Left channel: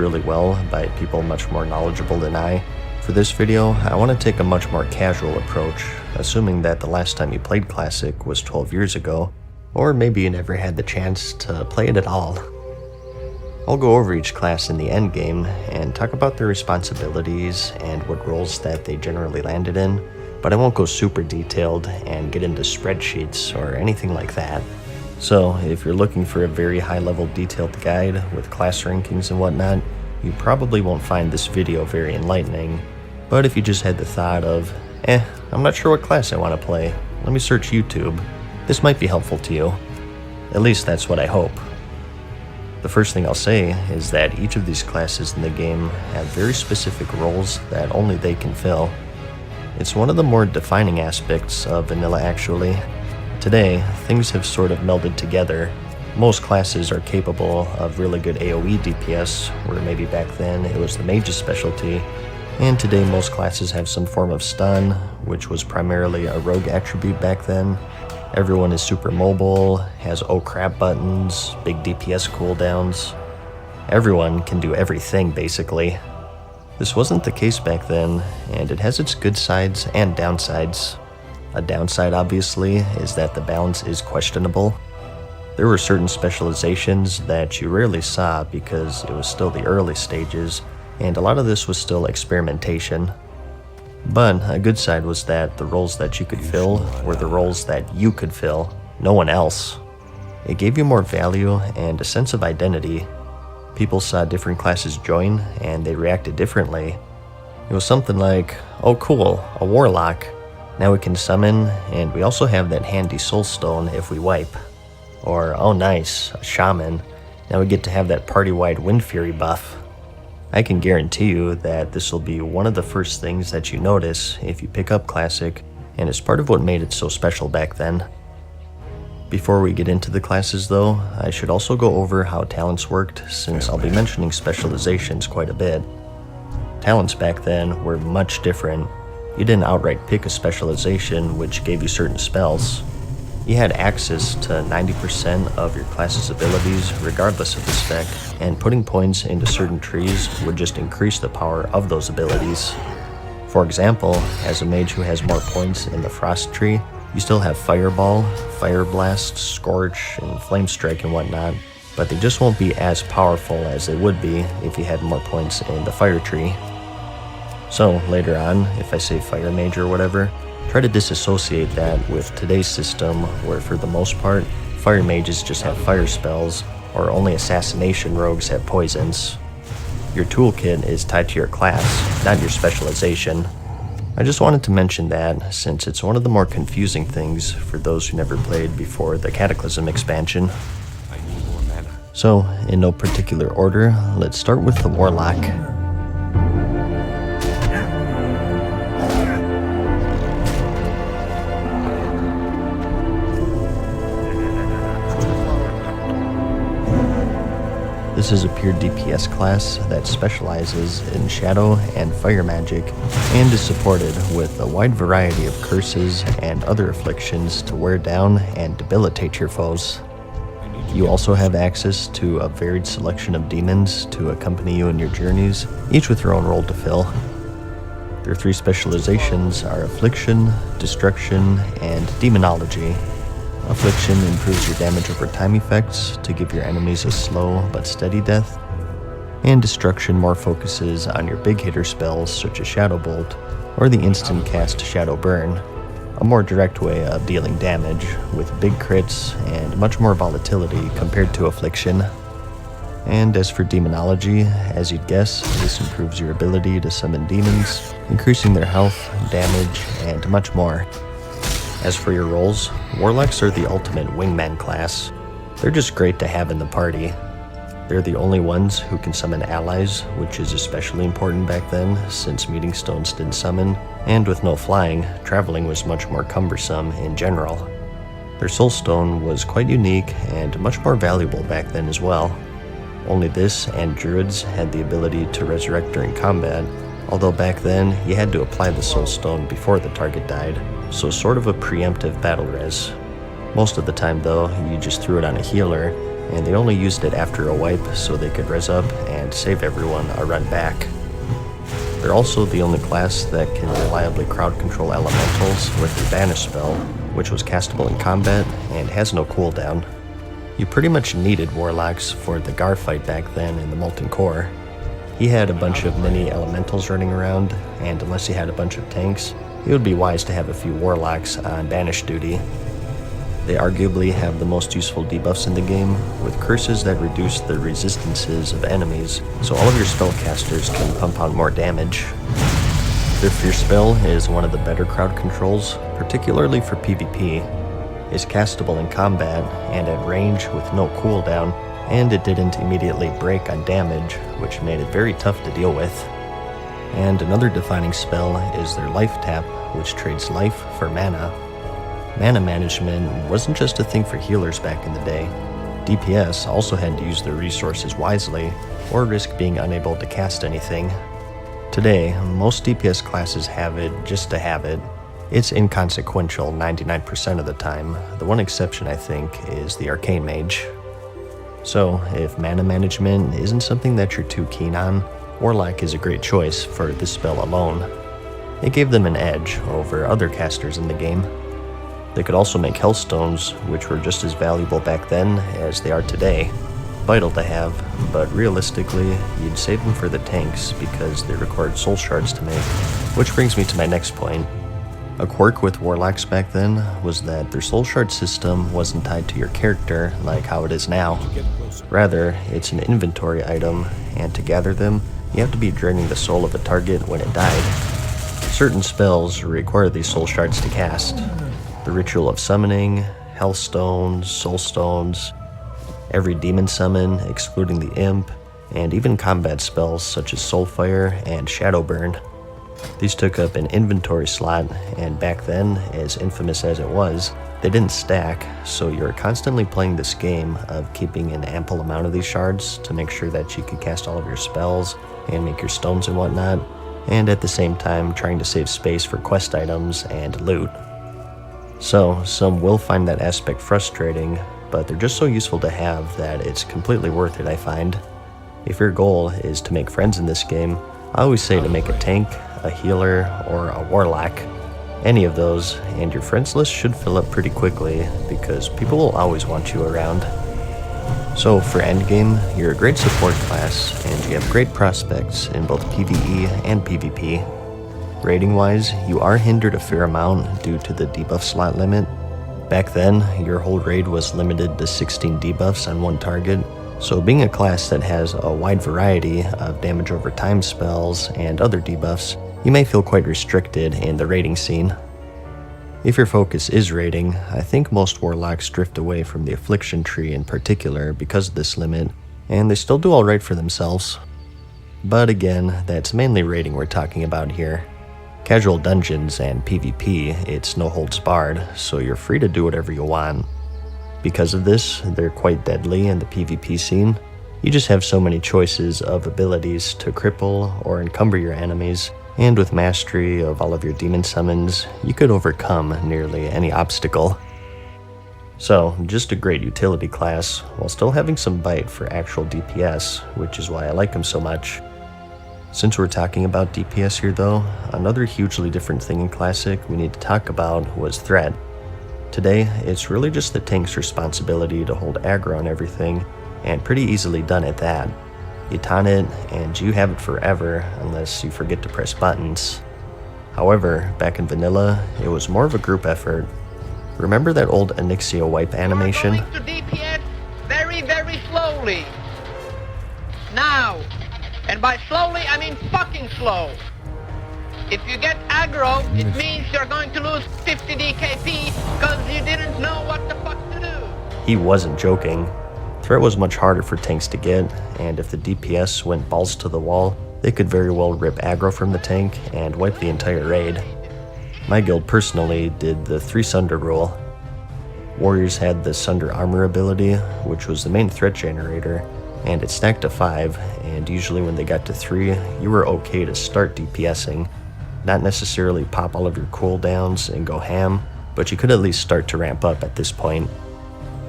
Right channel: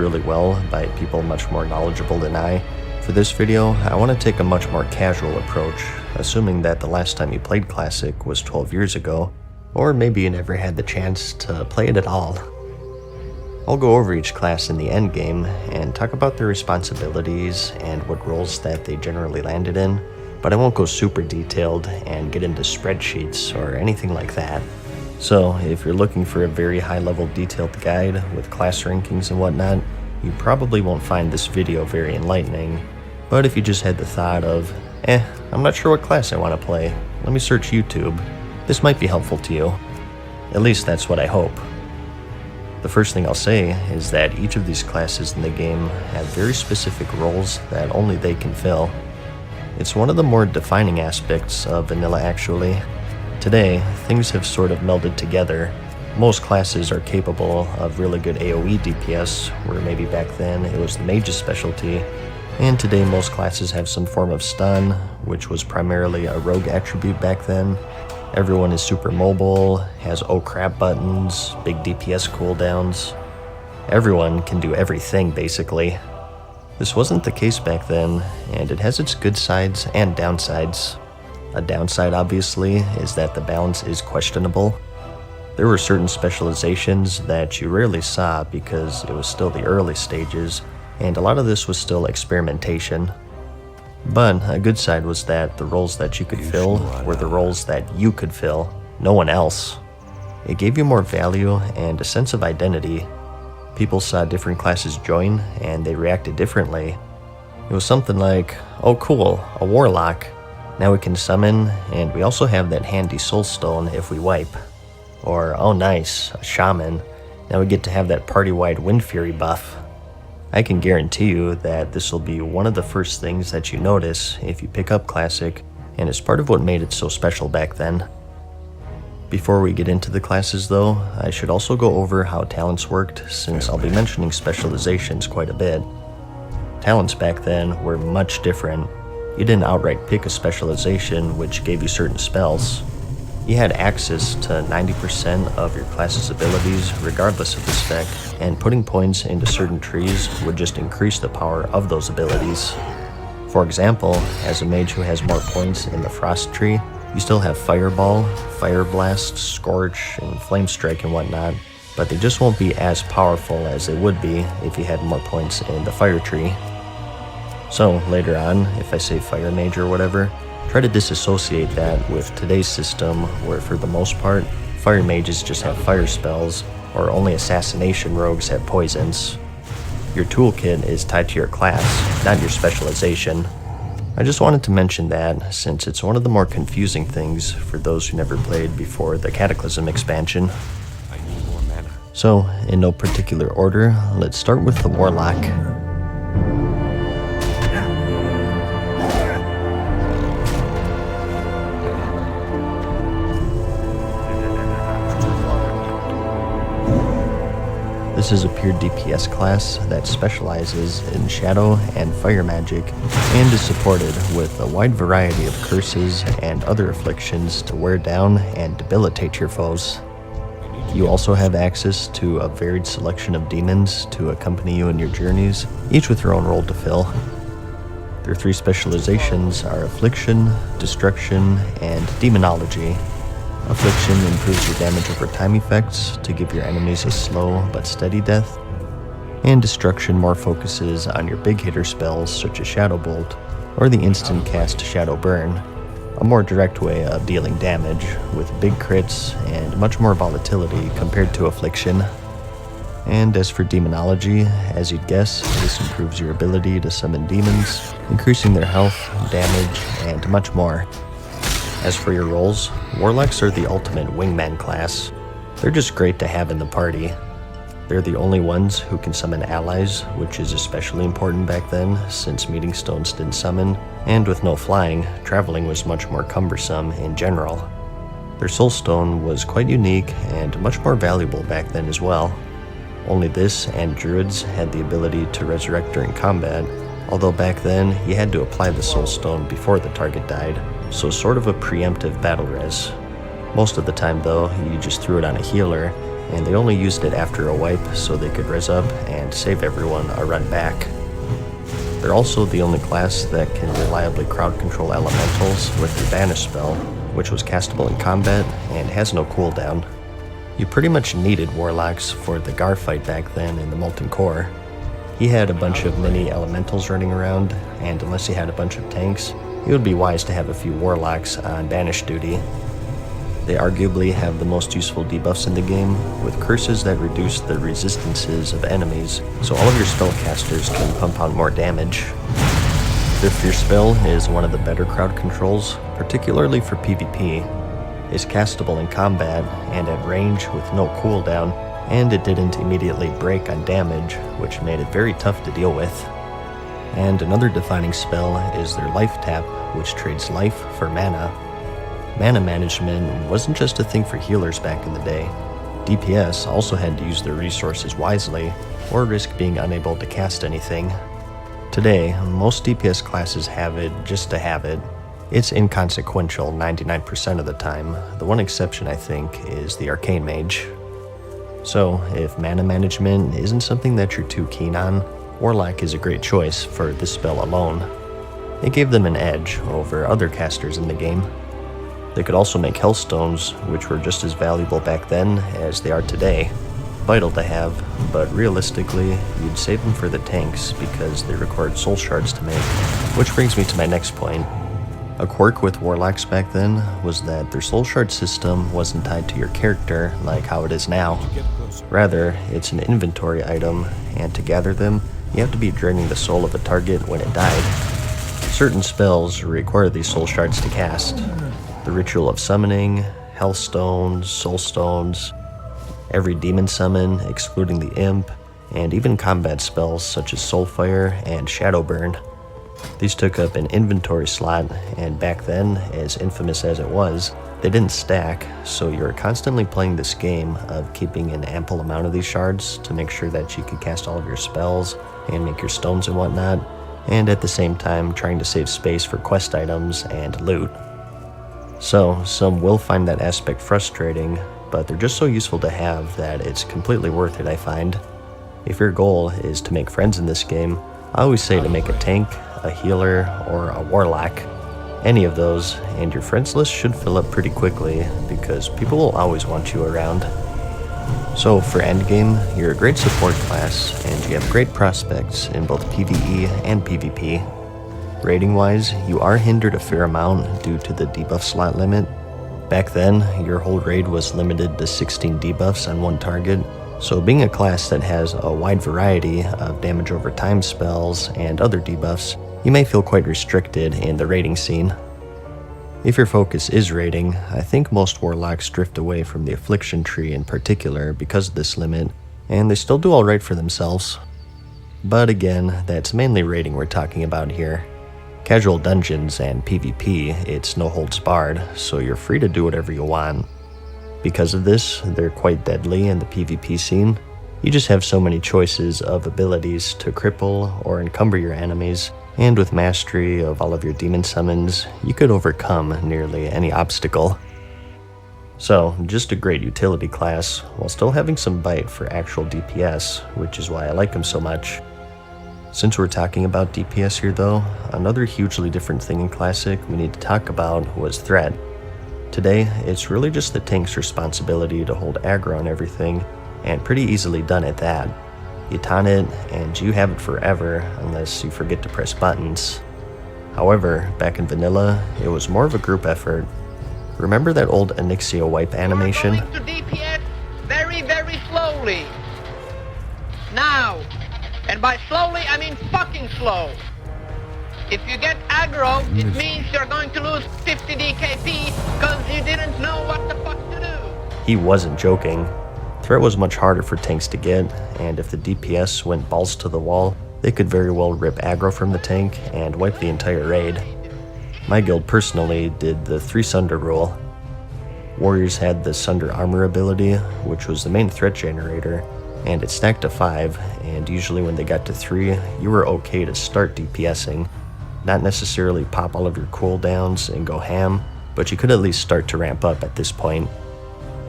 really well by people much more knowledgeable than I. For this video, I want to take a much more casual approach, assuming that the last time you played Classic was 12 years ago, or maybe you never had the chance to play it at all. I'll go over each class in the endgame and talk about their responsibilities and what roles that they generally landed in, but I won't go super detailed and get into spreadsheets or anything like that. So if you're looking for a very high-level detailed guide with class rankings and whatnot, you probably won't find this video very enlightening. But if you just had the thought of, I'm not sure what class I want to play, let me search YouTube, this might be helpful to you. At least that's what I hope. The first thing I'll say is that each of these classes in the game have very specific roles that only they can fill. It's one of the more defining aspects of vanilla actually. Today, things have sort of melded together. Most classes are capable of really good AoE DPS, where maybe back then it was the mage's specialty, and today most classes have some form of stun, which was primarily a rogue attribute back then. Everyone is super mobile, has oh crap buttons, big DPS cooldowns. Everyone can do everything basically. This wasn't the case back then, and it has its good sides and downsides. A downside, obviously, is that the balance is questionable. There were certain specializations that you rarely saw because it was still the early stages, and a lot of this was still experimentation. But a good side was that the roles that you could fill were the roles that you could fill, no one else. It gave you more value and a sense of identity. People saw different classes join, and they reacted differently. It was something like, oh cool, a warlock. Now we can summon, and we also have that handy soul stone if we wipe. Or, oh nice, a shaman. Now we get to have that party-wide wind fury buff. I can guarantee you that this will be one of the first things that you notice if you pick up Classic, and it's part of what made it so special back then. Before we get into the classes though, I should also go over how talents worked, since I'll be mentioning specializations quite a bit. Talents back then were much different. You didn't outright pick a specialization which gave you certain spells. You had access to 90% of your class's abilities regardless of the spec, and putting points into certain trees would just increase the power of those abilities. For example, as a mage who has more points in the Frost tree, you still have Fireball, Fire Blast, Scorch, and Flame Strike and whatnot, but they just won't be as powerful as they would be if you had more points in the Fire tree. So later on, if I say Fire Mage or whatever, try to disassociate that with today's system where for the most part, Fire Mages just have fire spells, or only Assassination Rogues have poisons. Your toolkit is tied to your class, not your specialization. I just wanted to mention that since it's one of the more confusing things for those who never played before the Cataclysm expansion. So, in no particular order, let's start with the Warlock. This is a pure DPS class that specializes in shadow and fire magic and is supported with a wide variety of curses and other afflictions to wear down and debilitate your foes. You also have access to a varied selection of demons to accompany you in your journeys, each with their own role to fill. Their three specializations are Affliction, Destruction, and Demonology. Affliction improves your damage over time effects to give your enemies a slow but steady death, and Destruction more focuses on your big hitter spells such as Shadow Bolt or the instant cast Shadow Burn, a more direct way of dealing damage with big crits and much more volatility compared to Affliction. And as for Demonology, as you'd guess, this improves your ability to summon demons, increasing their health, damage, and much more. As for your roles, Warlocks are the ultimate wingman class. They're just great to have in the party. They're the only ones who can summon allies, which is especially important back then since meeting stones didn't summon, and with no flying, traveling was much more cumbersome in general. Their soul stone was quite unique and much more valuable back then as well. Only this and druids had the ability to resurrect during combat, although back then you had to apply the soul stone before the target died, so sort of a preemptive battle res. Most of the time though, you just threw it on a healer, and they only used it after a wipe so they could res up and save everyone a run back. They're also the only class that can reliably crowd control elementals with their banish spell, which was castable in combat and has no cooldown. You pretty much needed warlocks for the Gar fight back then in the Molten Core. He had a bunch of mini elementals running around, and unless he had a bunch of tanks, it would be wise to have a few warlocks on banish duty. They arguably have the most useful debuffs in the game, with curses that reduce the resistances of enemies, so all of your spellcasters can pump out more damage. Their Fierce spell is one of the better crowd controls, particularly for PvP. It's castable in combat and at range with no cooldown, and it didn't immediately break on damage, which made it very tough to deal with. And another defining spell is their Life Tap, which trades life for mana. Mana management wasn't just a thing for healers back in the day. DPS also had to use their resources wisely, or risk being unable to cast anything. Today, most DPS classes have it just to have it. It's inconsequential 99% of the time. The one exception, I think, is the Arcane Mage. So, if mana management isn't something that you're too keen on, Warlock is a great choice for this spell alone. It gave them an edge over other casters in the game. They could also make Hellstones, which were just as valuable back then as they are today. Vital to have, but realistically, you'd save them for the tanks because they required soul shards to make. Which brings me to my next point. A quirk with Warlocks back then was that their soul shard system wasn't tied to your character like how it is now. Rather, it's an inventory item, and to gather them, you have to be draining the soul of a target when it died. Certain spells require these soul shards to cast. The Ritual of Summoning, Hellstones, Soulstones, every demon summon, excluding the Imp, and even combat spells such as Soulfire and Shadowburn. These took up an inventory slot, and back then, as infamous as it was, they didn't stack, so you were constantly playing this game of keeping an ample amount of these shards to make sure that you could cast all of your spells and make your stones and whatnot, and at the same time trying to save space for quest items and loot. So, some will find that aspect frustrating, but they're just so useful to have that it's completely worth it, I find. If your goal is to make friends in this game, I always say to make a tank, a healer, or a warlock. Any of those, and your friends list should fill up pretty quickly, because people will always want you around. So for endgame, you're a great support class, and you have great prospects in both PvE and PvP. Rating-wise, you are hindered a fair amount due to the debuff slot limit. Back then, your whole raid was limited to 16 debuffs on one target, so being a class that has a wide variety of damage over time spells and other debuffs, you may feel quite restricted in the raiding scene. If your focus is raiding, I think most warlocks drift away from the affliction tree in particular because of this limit, and they still do alright for themselves. But again, that's mainly raiding we're talking about here. Casual dungeons and PvP, it's no holds barred, so you're free to do whatever you want. Because of this, they're quite deadly in the PvP scene. You just have so many choices of abilities to cripple or encumber your enemies, and with mastery of all of your demon summons, you could overcome nearly any obstacle. So, just a great utility class, while still having some bite for actual DPS, which is why I like him so much. Since we're talking about DPS here though, another hugely different thing in Classic we need to talk about was threat. Today, it's really just the tank's responsibility to hold aggro on everything, and pretty easily done at that. You taunt it, and you have it forever unless you forget to press buttons. However, back in vanilla, it was more of a group effort. Remember that old Onyxia wipe animation? You're going to DPS very, very slowly. Now. And by slowly, I mean fucking slow. If you get aggro, it means you're going to lose 50 DKP because you didn't know what the fuck to do. He wasn't joking. Threat was much harder for tanks to get, and if the DPS went balls to the wall, they could very well rip aggro from the tank and wipe the entire raid. My guild personally did the 3 Sunder rule. Warriors had the Sunder armor ability, which was the main threat generator, and it stacked to 5, and usually when they got to 3, you were okay to start DPSing. Not necessarily pop all of your cooldowns and go ham, but you could at least start to ramp up at this point.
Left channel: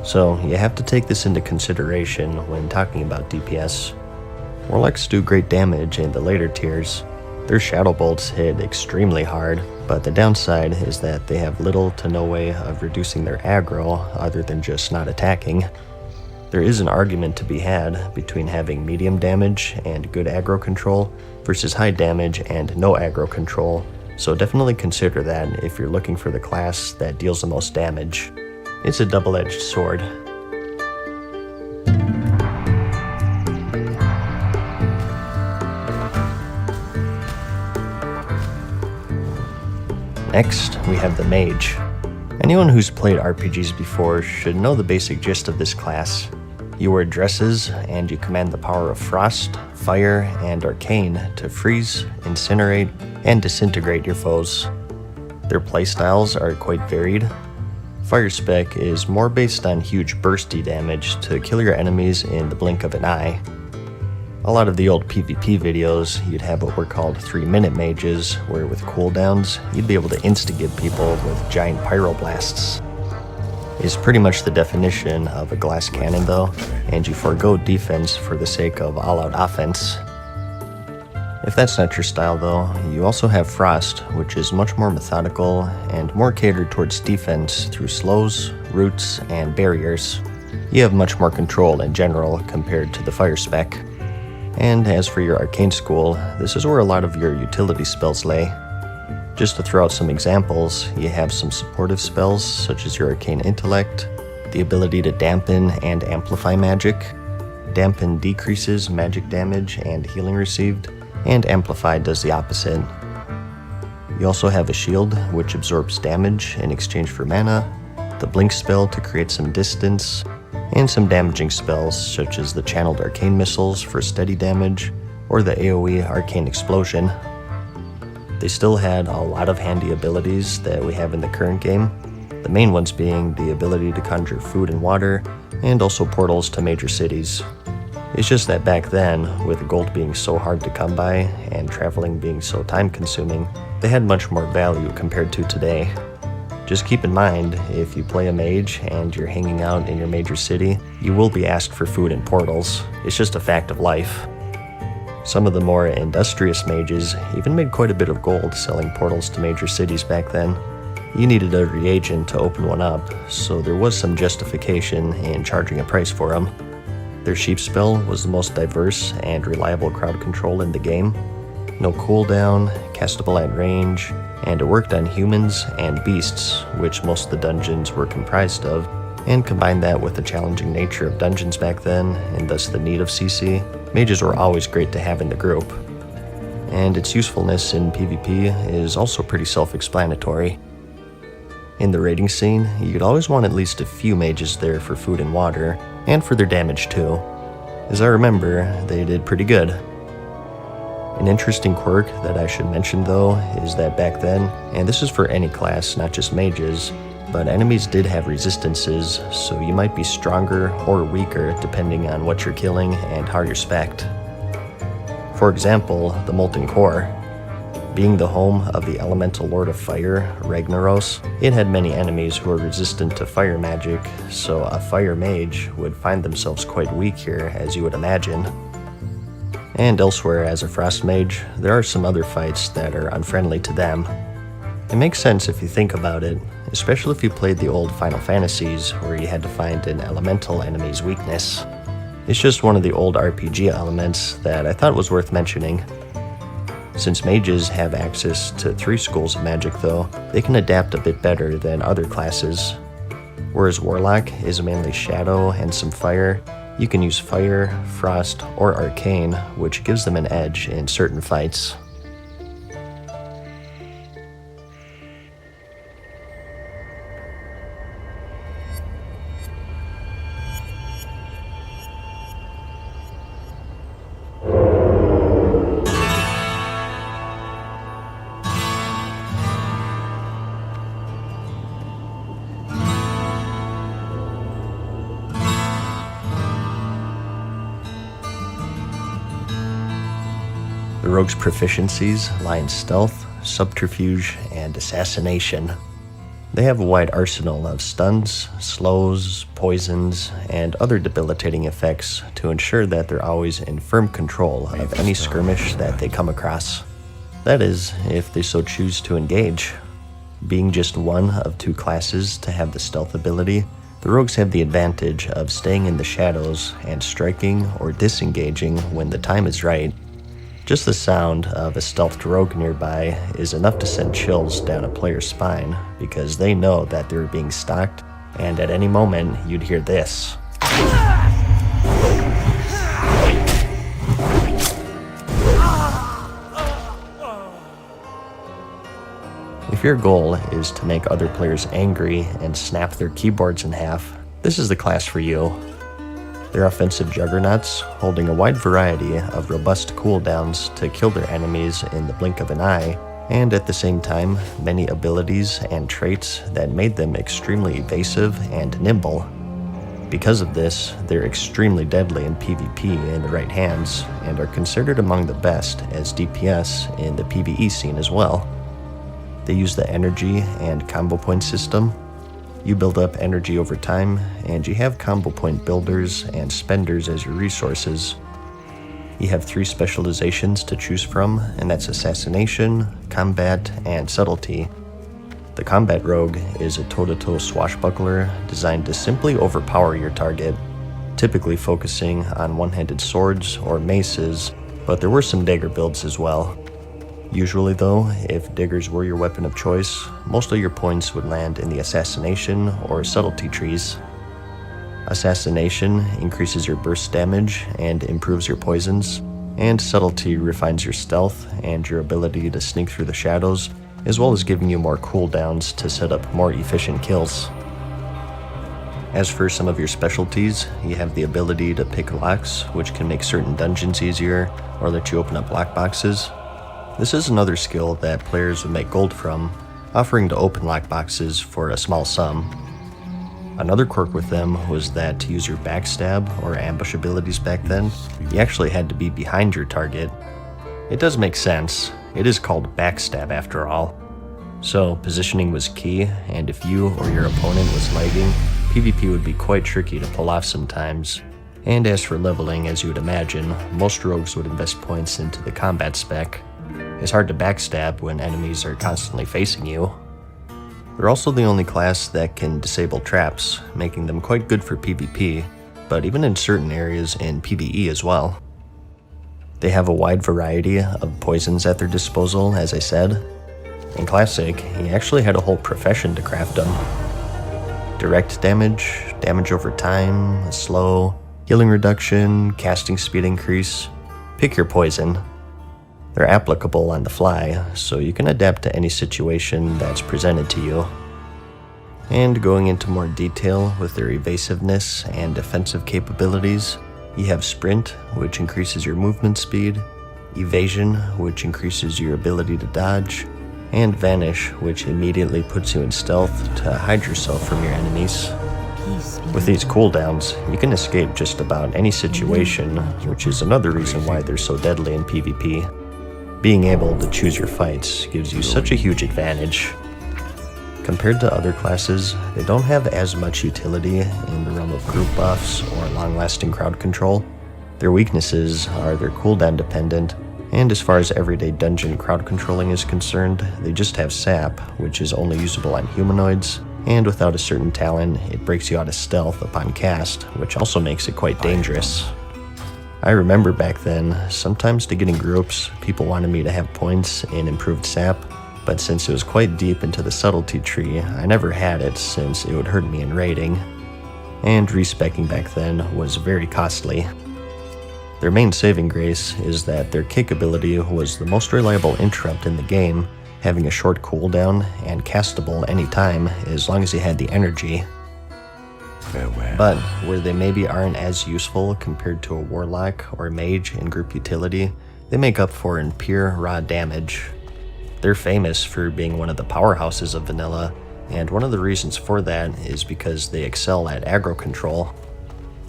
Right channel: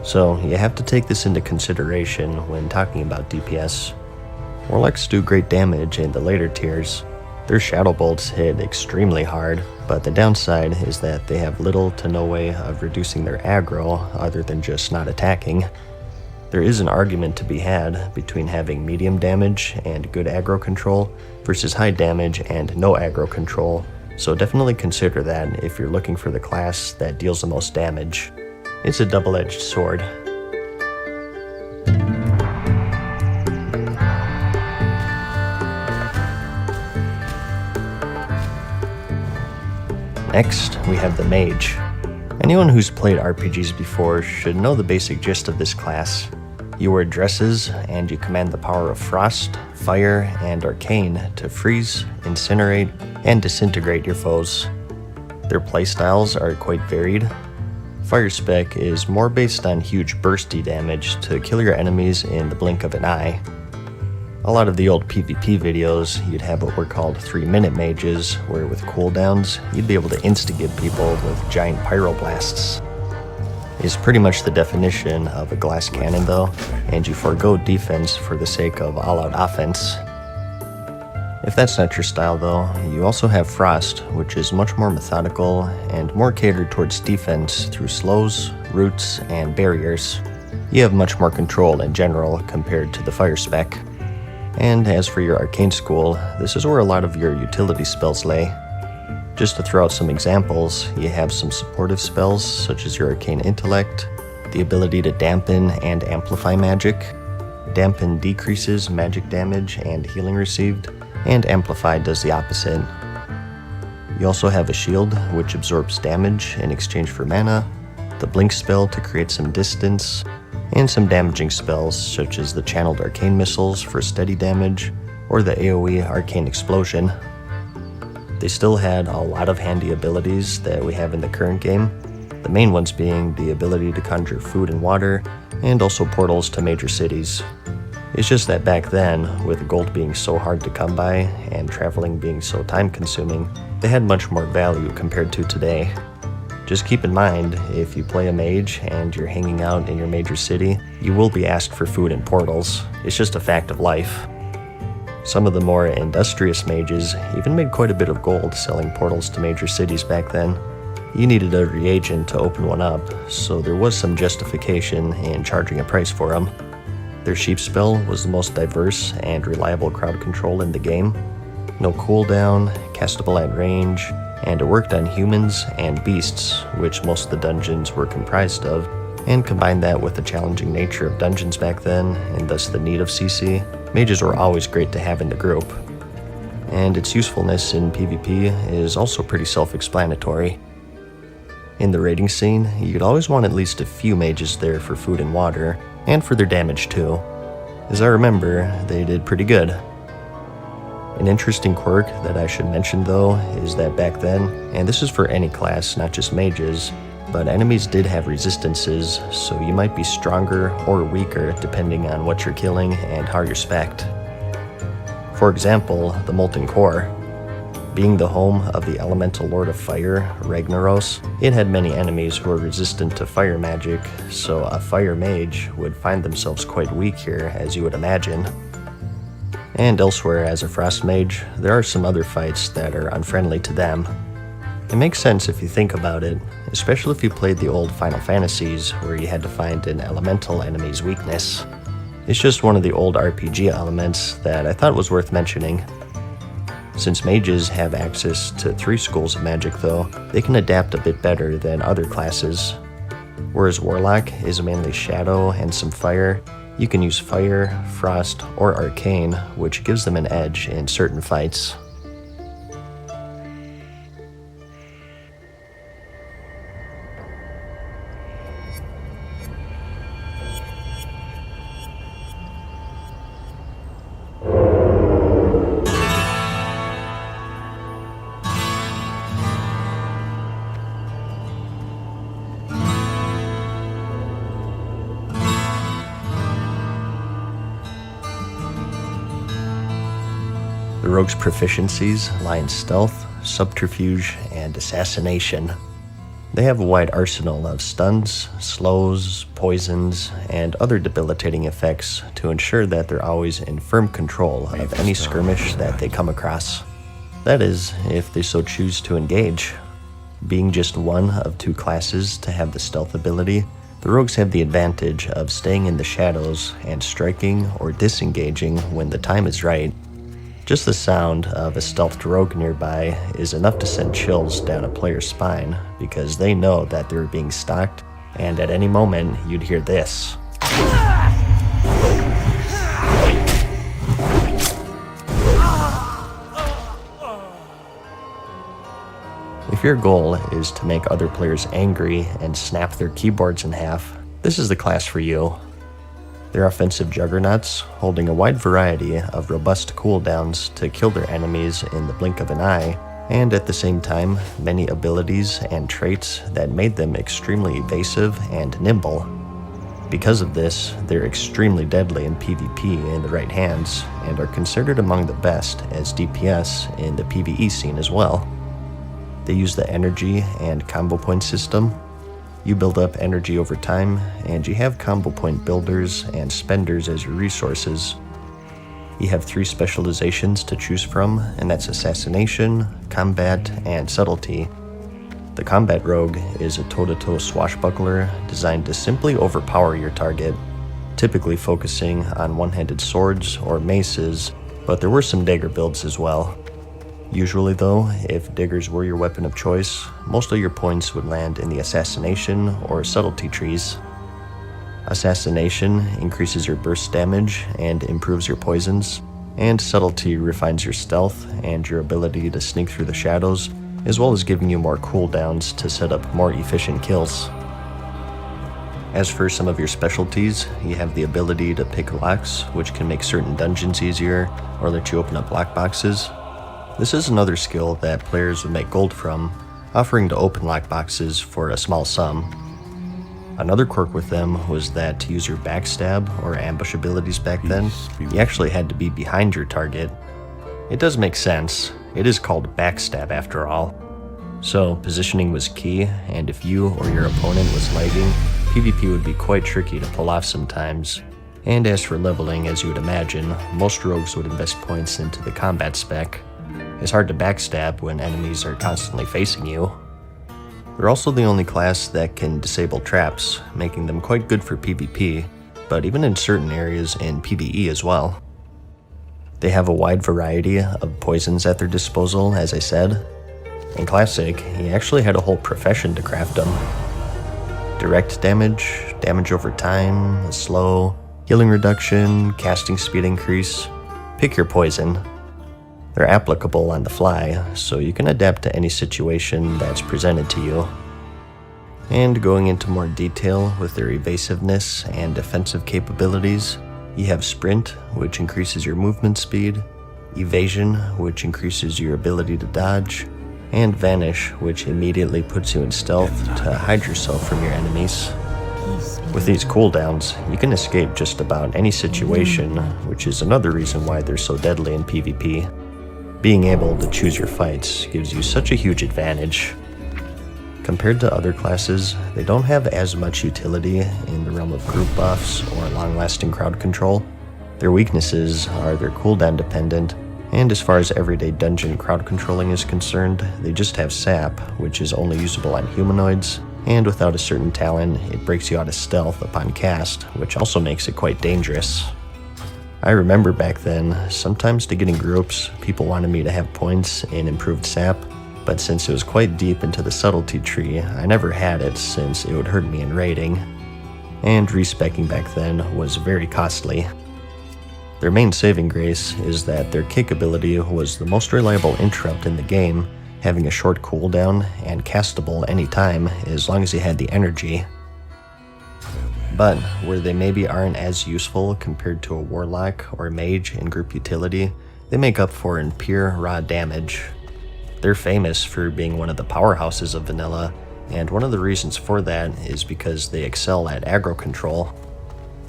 So you have to take this into consideration when talking about DPS. Warlocks do great damage in the later tiers. Their shadow bolts hit extremely hard, but the downside is that they have little to no way of reducing their aggro other than just not attacking. There is an argument to be had between having medium damage and good aggro control versus high damage and no aggro control, so definitely consider that if you're looking for the class that deals the most damage. It's a double-edged sword. Next, we have the Mage. Anyone who's played RPGs before should know the basic gist of this class. You wear dresses, and you command the power of Frost, Fire, and Arcane to freeze, incinerate, and disintegrate your foes. Their playstyles are quite varied. Fire Spec is more based on huge bursty damage to kill your enemies in the blink of an eye. A lot of the old PvP videos, you'd have what were called 3-minute mages, where with cooldowns, you'd be able to insta-give people with giant pyroblasts. It's pretty much the definition of a glass cannon though, and you forego defense for the sake of all-out offense. If that's not your style though, you also have Frost, which is much more methodical and more catered towards defense through slows, roots, and barriers. You have much more control in general compared to the Fire Spec. And as for your Arcane School, this is where a lot of your utility spells lay. Just to throw out some examples, you have some supportive spells such as your Arcane Intellect, the ability to dampen and amplify magic. Dampen decreases magic damage and healing received, and Amplify does the opposite. You also have a shield, which absorbs damage in exchange for mana, the Blink spell to create some distance, and some damaging spells such as the Channeled Arcane Missiles for steady damage, or the AoE Arcane Explosion. They still had a lot of handy abilities that we have in the current game, the main ones being the ability to conjure food and water, and also portals to major cities. It's just that back then, with gold being so hard to come by and traveling being so time consuming, they had much more value compared to today. Just keep in mind, if you play a mage and you're hanging out in your major city, you will be asked for food and portals. It's just a fact of life. Some of the more industrious mages even made quite a bit of gold selling portals to major cities back then. You needed a reagent to open one up, so there was some justification in charging a price for them. Their sheep spell was the most diverse and reliable crowd control in the game. No cooldown, castable at range, and it worked on humans and beasts, which most of the dungeons were comprised of, and combine that with the challenging nature of dungeons back then, and thus the need of CC, mages were always great to have in the group. And its usefulness in PvP is also pretty self-explanatory. In the raiding scene, you'd always want at least a few mages there for food and water, and for their damage too. As I remember, they did pretty good. An interesting quirk that I should mention though is that back then, and this is for any class, not just mages, but enemies did have resistances, so you might be stronger or weaker depending on what you're killing and how you're spec'd. For example, the Molten Core. Being the home of the elemental lord of fire, Ragnaros, it had many enemies who were resistant to fire magic, so a fire mage would find themselves quite weak here, as you would imagine. And elsewhere as a frost mage, there are some other fights that are unfriendly to them. It makes sense if you think about it, especially if you played the old Final Fantasies where you had to find an elemental enemy's weakness. It's just one of the old RPG elements that I thought was worth mentioning. Since mages have access to 3 schools of magic though, they can adapt a bit better than other classes. Whereas Warlock is mainly shadow and some fire, you can use fire, frost, or arcane, which gives them an edge in certain fights. The rogue's proficiencies lie in stealth, subterfuge, and assassination. They have a wide arsenal of stuns, slows, poisons, and other debilitating effects to ensure that they're always in firm control of any skirmish that they come across. That is, if they so choose to engage. Being just one of two classes to have the stealth ability, the rogues have the advantage of staying in the shadows and striking or disengaging when the time is right. Just the sound of a stealthed rogue nearby is enough to send chills down a player's spine because they know that they're being stalked, and at any moment you'd hear this. If your goal is to make other players angry and snap their keyboards in half, this is the class for you. They're offensive juggernauts, holding a wide variety of robust cooldowns to kill their enemies in the blink of an eye, and at the same time, many abilities and traits that made them extremely evasive and nimble. Because of this, they're extremely deadly in PvP in the right hands, and are considered among the best as DPS in the PvE scene as well. They use the energy and combo point system. You build up energy over time, and you have combo point builders and spenders as your resources. You have 3 specializations to choose from, and that's Assassination, Combat, and Subtlety. The Combat Rogue is a toe-to-toe swashbuckler designed to simply overpower your target, typically focusing on one-handed swords or maces, but there were some dagger builds as well. Usually though, if daggers were your weapon of choice, most of your points would land in the Assassination or Subtlety trees. Assassination increases your burst damage and improves your poisons, and Subtlety refines your stealth and your ability to sneak through the shadows, as well as giving you more cooldowns to set up more efficient kills. As for some of your specialties, you have the ability to pick locks, which can make certain dungeons easier or let you open up lockboxes. This is another skill that players would make gold from, offering to open lockboxes for a small sum. Another quirk with them was that to use your backstab or ambush abilities back then, you actually had to be behind your target. It does make sense, it is called backstab after all. So positioning was key, and if you or your opponent was lagging, PvP would be quite tricky to pull off sometimes. And as for leveling, as you would imagine, most rogues would invest points into the combat spec. It's hard to backstab when enemies are constantly facing you. They're also the only class that can disable traps, making them quite good for PvP, but even in certain areas in PvE as well. They have a wide variety of poisons at their disposal, as I said. In Classic, he actually had a whole profession to craft them. Direct damage, damage over time, slow, healing reduction, casting speed increase. Pick your poison. They're applicable on the fly, so you can adapt to any situation that's presented to you. And going into more detail with their evasiveness and defensive capabilities, you have Sprint, which increases your movement speed, Evasion, which increases your ability to dodge, and Vanish, which immediately puts you in stealth to hide yourself from your enemies. With these cooldowns, you can escape just about any situation, which is another reason why they're so deadly in PvP. Being able to choose your fights gives you such a huge advantage. Compared to other classes, they don't have as much utility in the realm of group buffs or long-lasting crowd control. Their weaknesses are they're cooldown dependent, and as far as everyday dungeon crowd controlling is concerned, they just have sap, which is only usable on humanoids, and without a certain talent, it breaks you out of stealth upon cast, which also makes it quite dangerous. I remember back then, sometimes to get in groups, people wanted me to have points in improved sap, but since it was quite deep into the subtlety tree, I never had it since it would hurt me in raiding. And respeccing back then was very costly. Their main saving grace is that their kick ability was the most reliable interrupt in the game, having a short cooldown and castable anytime as long as you had the energy. But where they maybe aren't as useful compared to a warlock or mage in group utility, they make up for in pure raw damage. They're famous for being one of the powerhouses of vanilla, and one of the reasons for that is because they excel at aggro control.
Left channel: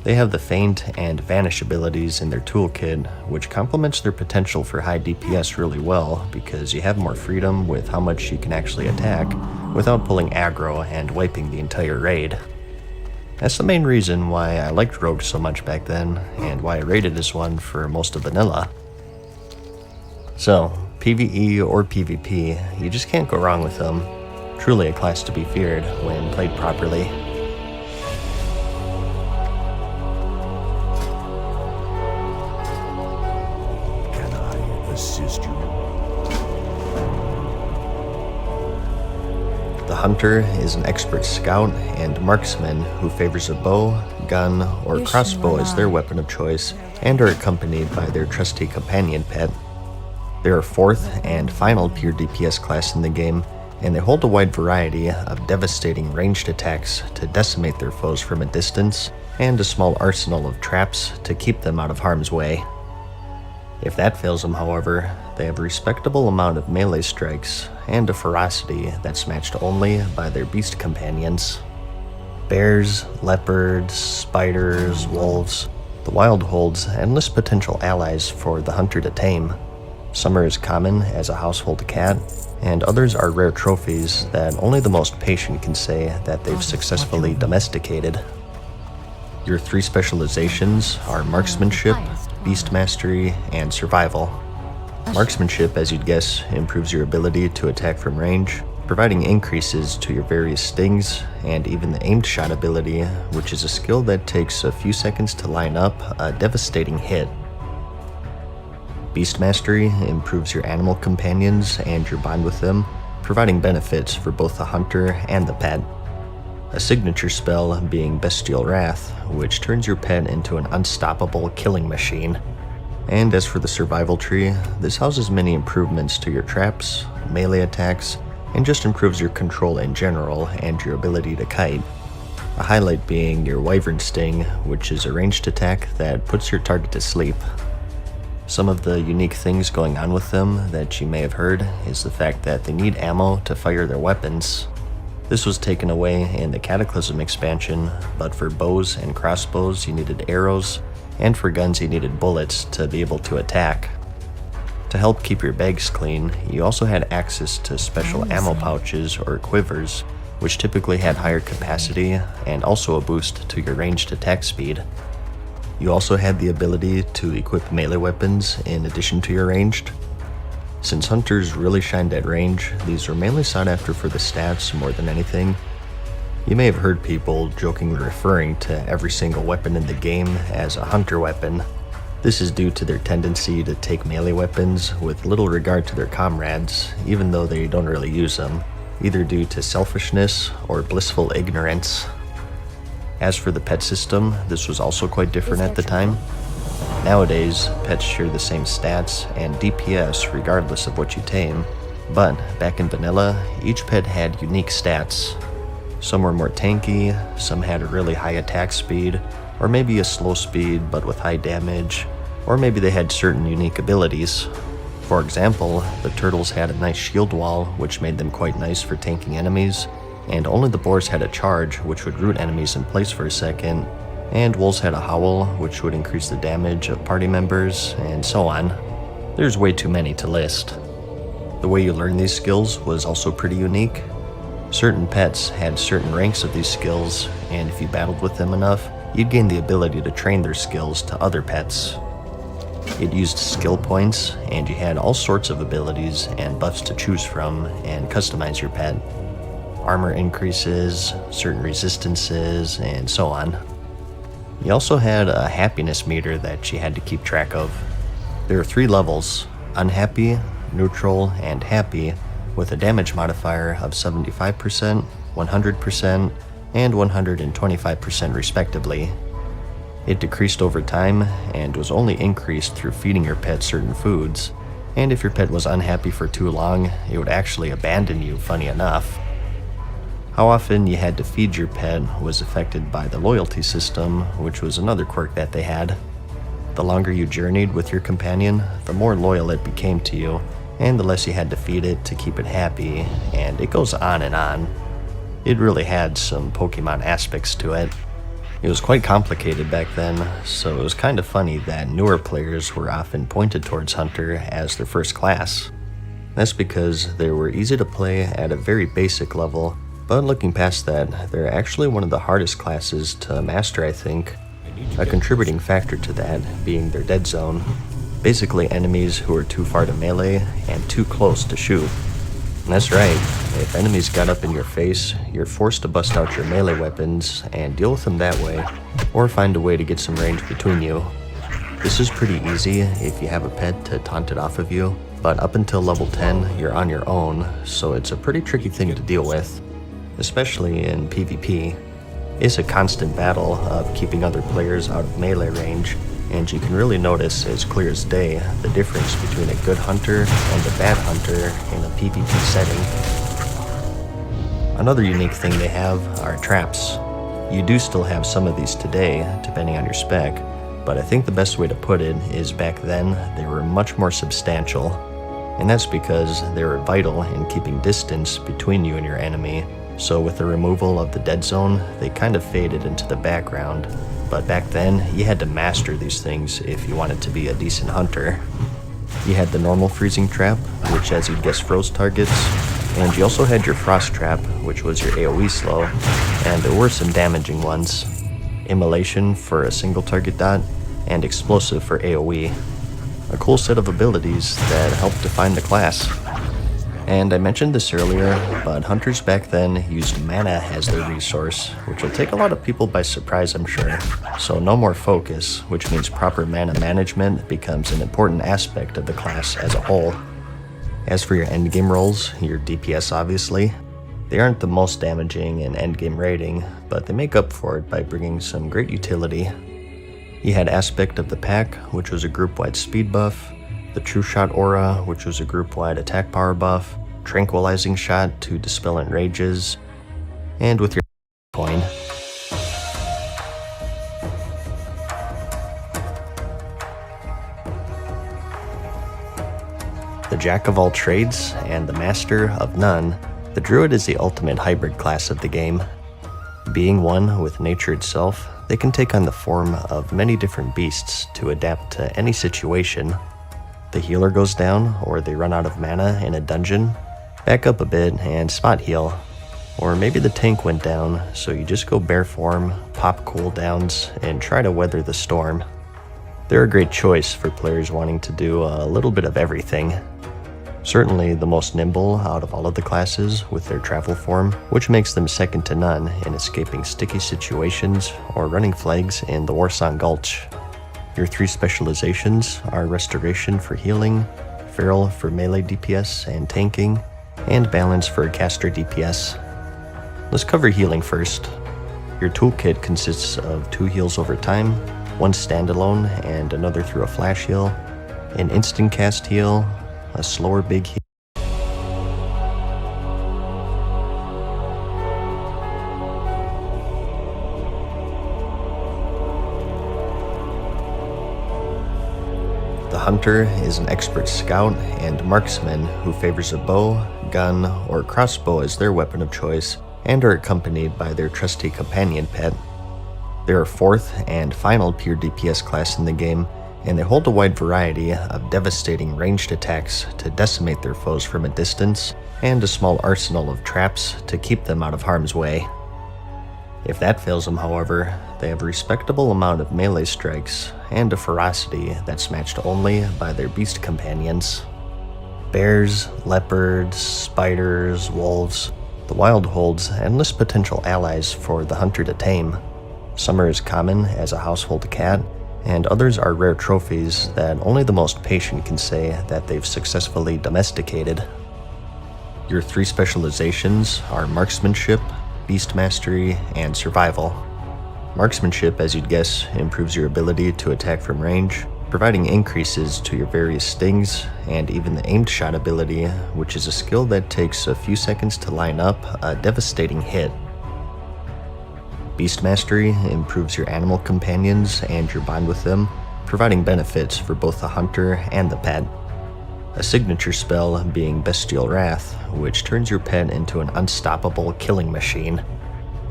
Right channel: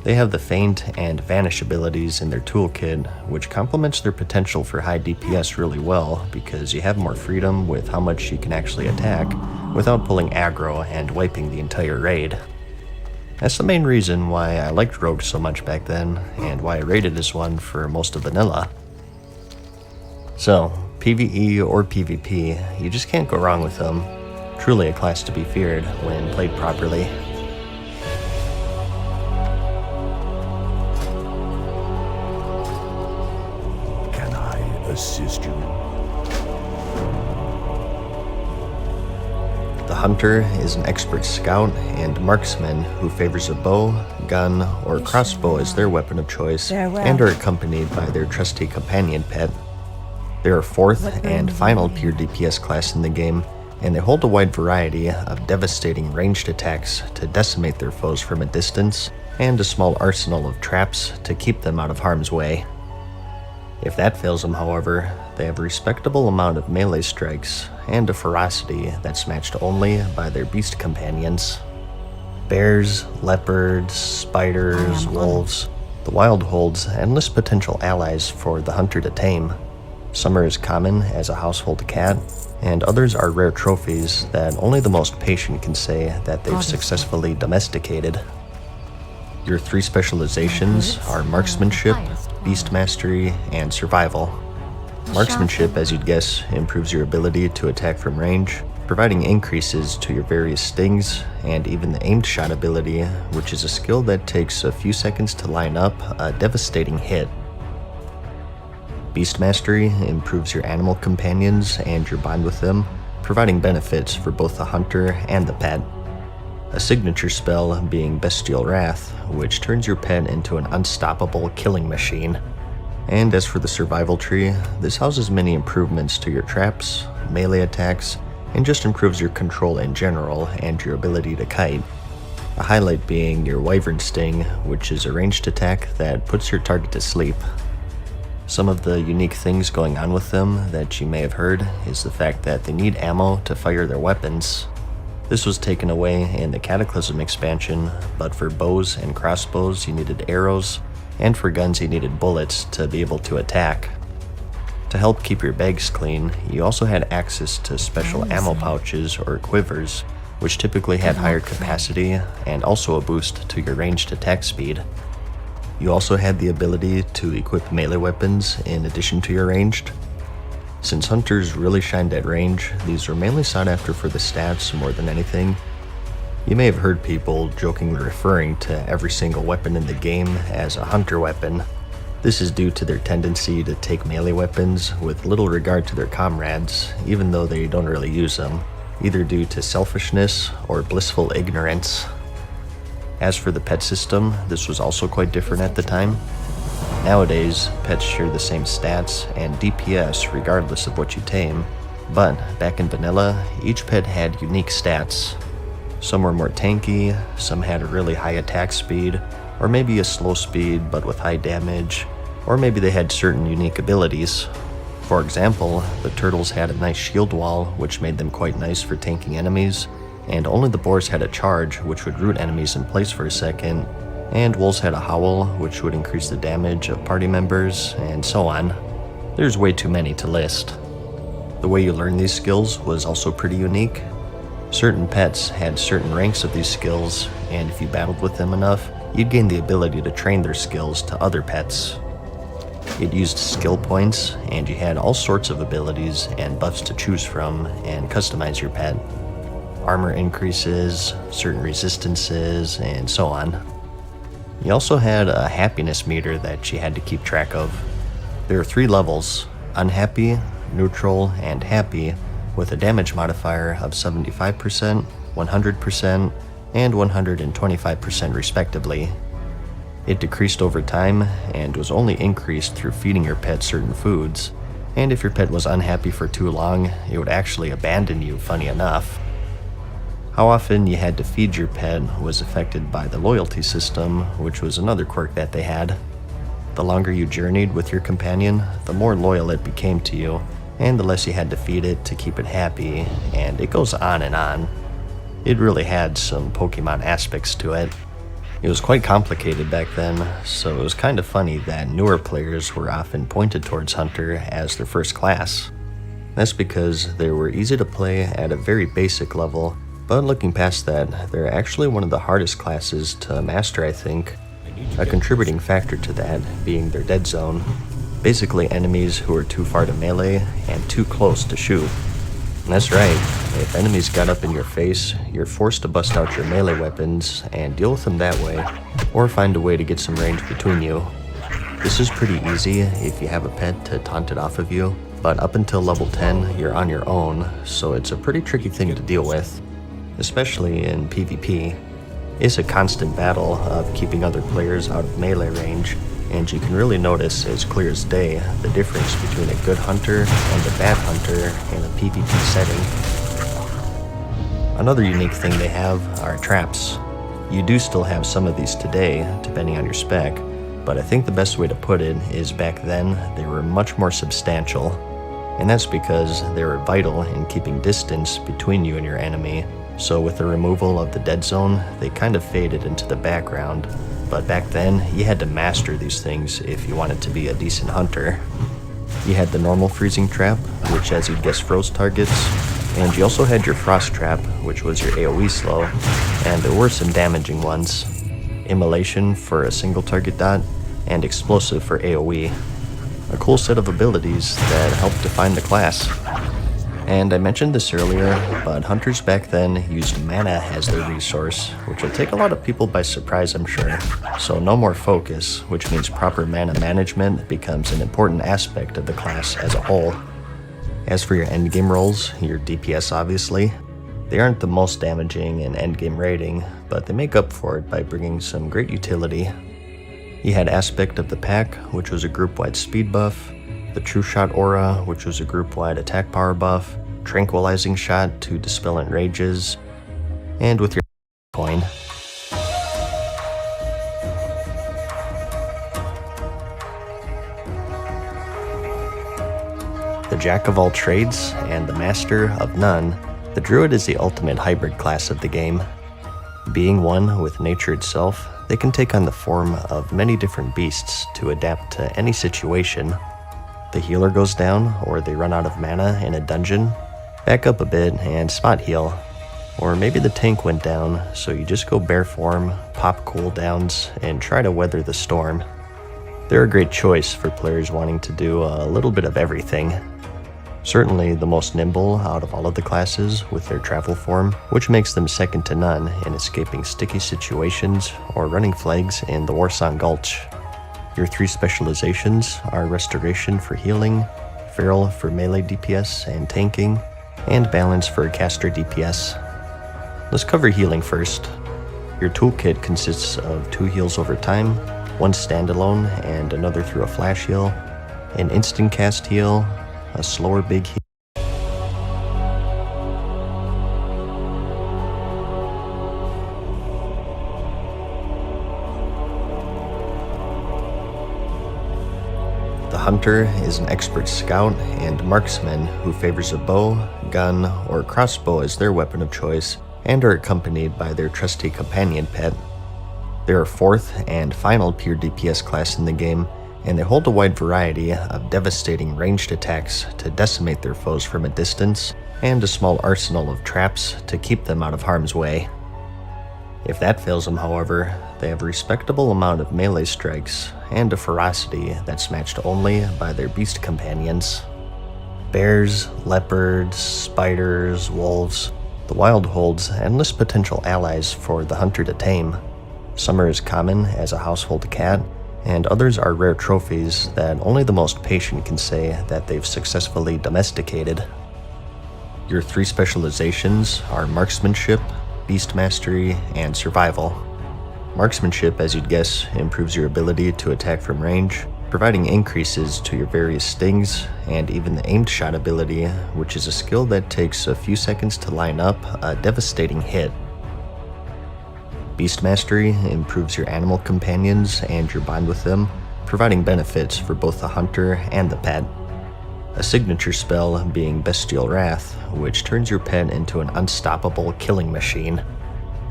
They have the Feint and Vanish abilities in their toolkit, which complements their potential for high DPS really well because you have more freedom with how much you can actually attack without pulling aggro and wiping the entire raid. That's the main reason why I liked rogues so much back then, and why I rated this one for most of vanilla. So, PvE or PvP, you just can't go wrong with them. Truly a class to be feared when played properly. Can I assist you? The Hunter is an expert scout and marksman who favors a bow, gun, or crossbow as their weapon of choice, and are accompanied by their trusty companion pet. They are fourth and final pure DPS class in the game, and they hold a wide variety of devastating ranged attacks to decimate their foes from a distance, and a small arsenal of traps to keep them out of harm's way. If that fails them, however, they have a respectable amount of melee strikes and a ferocity that's matched only by their beast companions. Bears, leopards, spiders, wolves, the wild holds endless potential allies for the hunter to tame. Some are as common as a household cat, and others are rare trophies that only the most patient can say that they've successfully domesticated. Your three specializations are marksmanship, beast mastery, and survival. Marksmanship, as you'd guess, improves your ability to attack from range, providing increases to your various stings, and even the aimed shot ability, which is a skill that takes a few seconds to line up a devastating hit. Beast mastery improves your animal companions and your bond with them, providing benefits for both the hunter and the pet. A signature spell being Bestial Wrath, which turns your pet into an unstoppable killing machine. And as for the survival tree, this houses many improvements to your traps, melee attacks, and just improves your control in general and your ability to kite. A highlight being your Wyvern Sting, which is a ranged attack that puts your target to sleep. Some of the unique things going on with them that you may have heard is the fact that they need ammo to fire their weapons. This was taken away in the Cataclysm expansion, but for bows and crossbows you needed arrows, and for guns you needed bullets to be able to attack. To help keep your bags clean, you also had access to special ammo pouches or quivers, which typically had higher capacity and also a boost to your ranged attack speed. You also had the ability to equip melee weapons in addition to your ranged. Since hunters really shined at range, these were mainly sought after for the stats more than anything. You may have heard people jokingly referring to every single weapon in the game as a hunter weapon. This is due to their tendency to take melee weapons with little regard to their comrades, even though they don't really use them, either due to selfishness or blissful ignorance. As for the pet system, this was also quite different at the time. Nowadays, pets share the same stats and DPS regardless of what you tame, but back in vanilla, each pet had unique stats. Some were more tanky, some had a really high attack speed, or maybe a slow speed but with high damage, or maybe they had certain unique abilities. For example, the turtles had a nice shield wall, which made them quite nice for tanking enemies, and only the boars had a charge, which would root enemies in place for a second, and wolves had a howl, which would increase the damage of party members, and so on. There's way too many to list. The way you learn these skills was also pretty unique. Certain pets had certain ranks of these skills, and if you battled with them enough, you'd gain the ability to train their skills to other pets. It used skill points, and you had all sorts of abilities and buffs to choose from and customize your pet. Armor increases, certain resistances, and so on. You also had a happiness meter that you had to keep track of. There are 3 levels: unhappy, neutral, and happy, with a damage modifier of 75%, 100%, and 125% respectively. It decreased over time and was only increased through feeding your pet certain foods, and if your pet was unhappy for too long, it would actually abandon you, funny enough. How often you had to feed your pet was affected by the loyalty system, which was another quirk that they had. The longer you journeyed with your companion, the more loyal it became to you, and the less you had to feed it to keep it happy, and it goes on and on. It really had some Pokemon aspects to it. It was quite complicated back then, so it was kind of funny that newer players were often pointed towards Hunter as their first class. That's because they were easy to play at a very basic level, but looking past that, they're actually one of the hardest classes to master, I think. A contributing factor to that being their dead zone. Basically enemies who are too far to melee and too close to shoot. And that's right, if enemies got up in your face, you're forced to bust out your melee weapons and deal with them that way, or find a way to get some range between you. This is pretty easy if you have a pet to taunt it off of you, but up until level 10, you're on your own, so it's a pretty tricky thing to deal with. Especially in PvP. It's a constant battle of keeping other players out of melee range, and you can really notice as clear as day the difference between a good hunter and a bad hunter in a PvP setting. Another unique thing they have are traps. You do still have some of these today, depending on your spec, but I think the best way to put it is back then they were much more substantial, and that's because they were vital in keeping distance between you and your enemy. So with the removal of the dead zone, they kind of faded into the background. But back then, you had to master these things if you wanted to be a decent hunter. You had the normal freezing trap, which as you'd guess froze targets, and you also had your frost trap, which was your AoE slow, and there were some damaging ones. Immolation for a single target dot, and explosive for AoE. A cool set of abilities that helped define the class. And I mentioned this earlier, but hunters back then used mana as their resource, which will take a lot of people by surprise, I'm sure. So no more focus, which means proper mana management becomes an important aspect of the class as a whole. As for your endgame rolls, your DPS obviously, they aren't the most damaging in endgame rating, but they make up for it by bringing some great utility. You had Aspect of the Pack, which was a group-wide speed buff, the True Shot Aura, which was a group-wide attack power buff, Tranquilizing Shot to dispel enrages, and with your coin. The Jack of all trades and the Master of none, the Druid is the ultimate hybrid class of the game. Being one with nature itself, they can take on the form of many different beasts to adapt to any situation. The healer goes down, or they run out of mana in a dungeon, back up a bit and spot heal. Or maybe the tank went down, so you just go bare form, pop cooldowns, and try to weather the storm. They're a great choice for players wanting to do a little bit of everything. Certainly the most nimble out of all of the classes with their travel form, which makes them second to none in escaping sticky situations or running flags in the Warsong Gulch. Your 3 specializations are Restoration for healing, Feral for melee DPS and tanking, and Balance for caster DPS. Let's cover healing first. Your toolkit consists of 2 heals over time, 1 standalone and another through a flash heal, an instant cast heal, a slower big heal, The hunter is an expert scout and marksman who favors a bow, gun, or crossbow as their weapon of choice, and are accompanied by their trusty companion pet. They're a 4th and final pure DPS class in the game, and they hold a wide variety of devastating ranged attacks to decimate their foes from a distance, and a small arsenal of traps to keep them out of harm's way. If that fails them, however, they have a respectable amount of melee strikes and a ferocity that's matched only by their beast companions. Bears, leopards, spiders, wolves, the wild holds endless potential allies for the hunter to tame. Some are as common as a household cat, and others are rare trophies that only the most patient can say that they've successfully domesticated. Your 3 specializations are Marksmanship, Beast Mastery, and Survival. Marksmanship, as you'd guess, improves your ability to attack from range, providing increases to your various stings, and even the aimed shot ability, which is a skill that takes a few seconds to line up a devastating hit. Beast Mastery improves your animal companions and your bond with them, providing benefits for both the hunter and the pet. A signature spell being Bestial Wrath, which turns your pet into an unstoppable killing machine.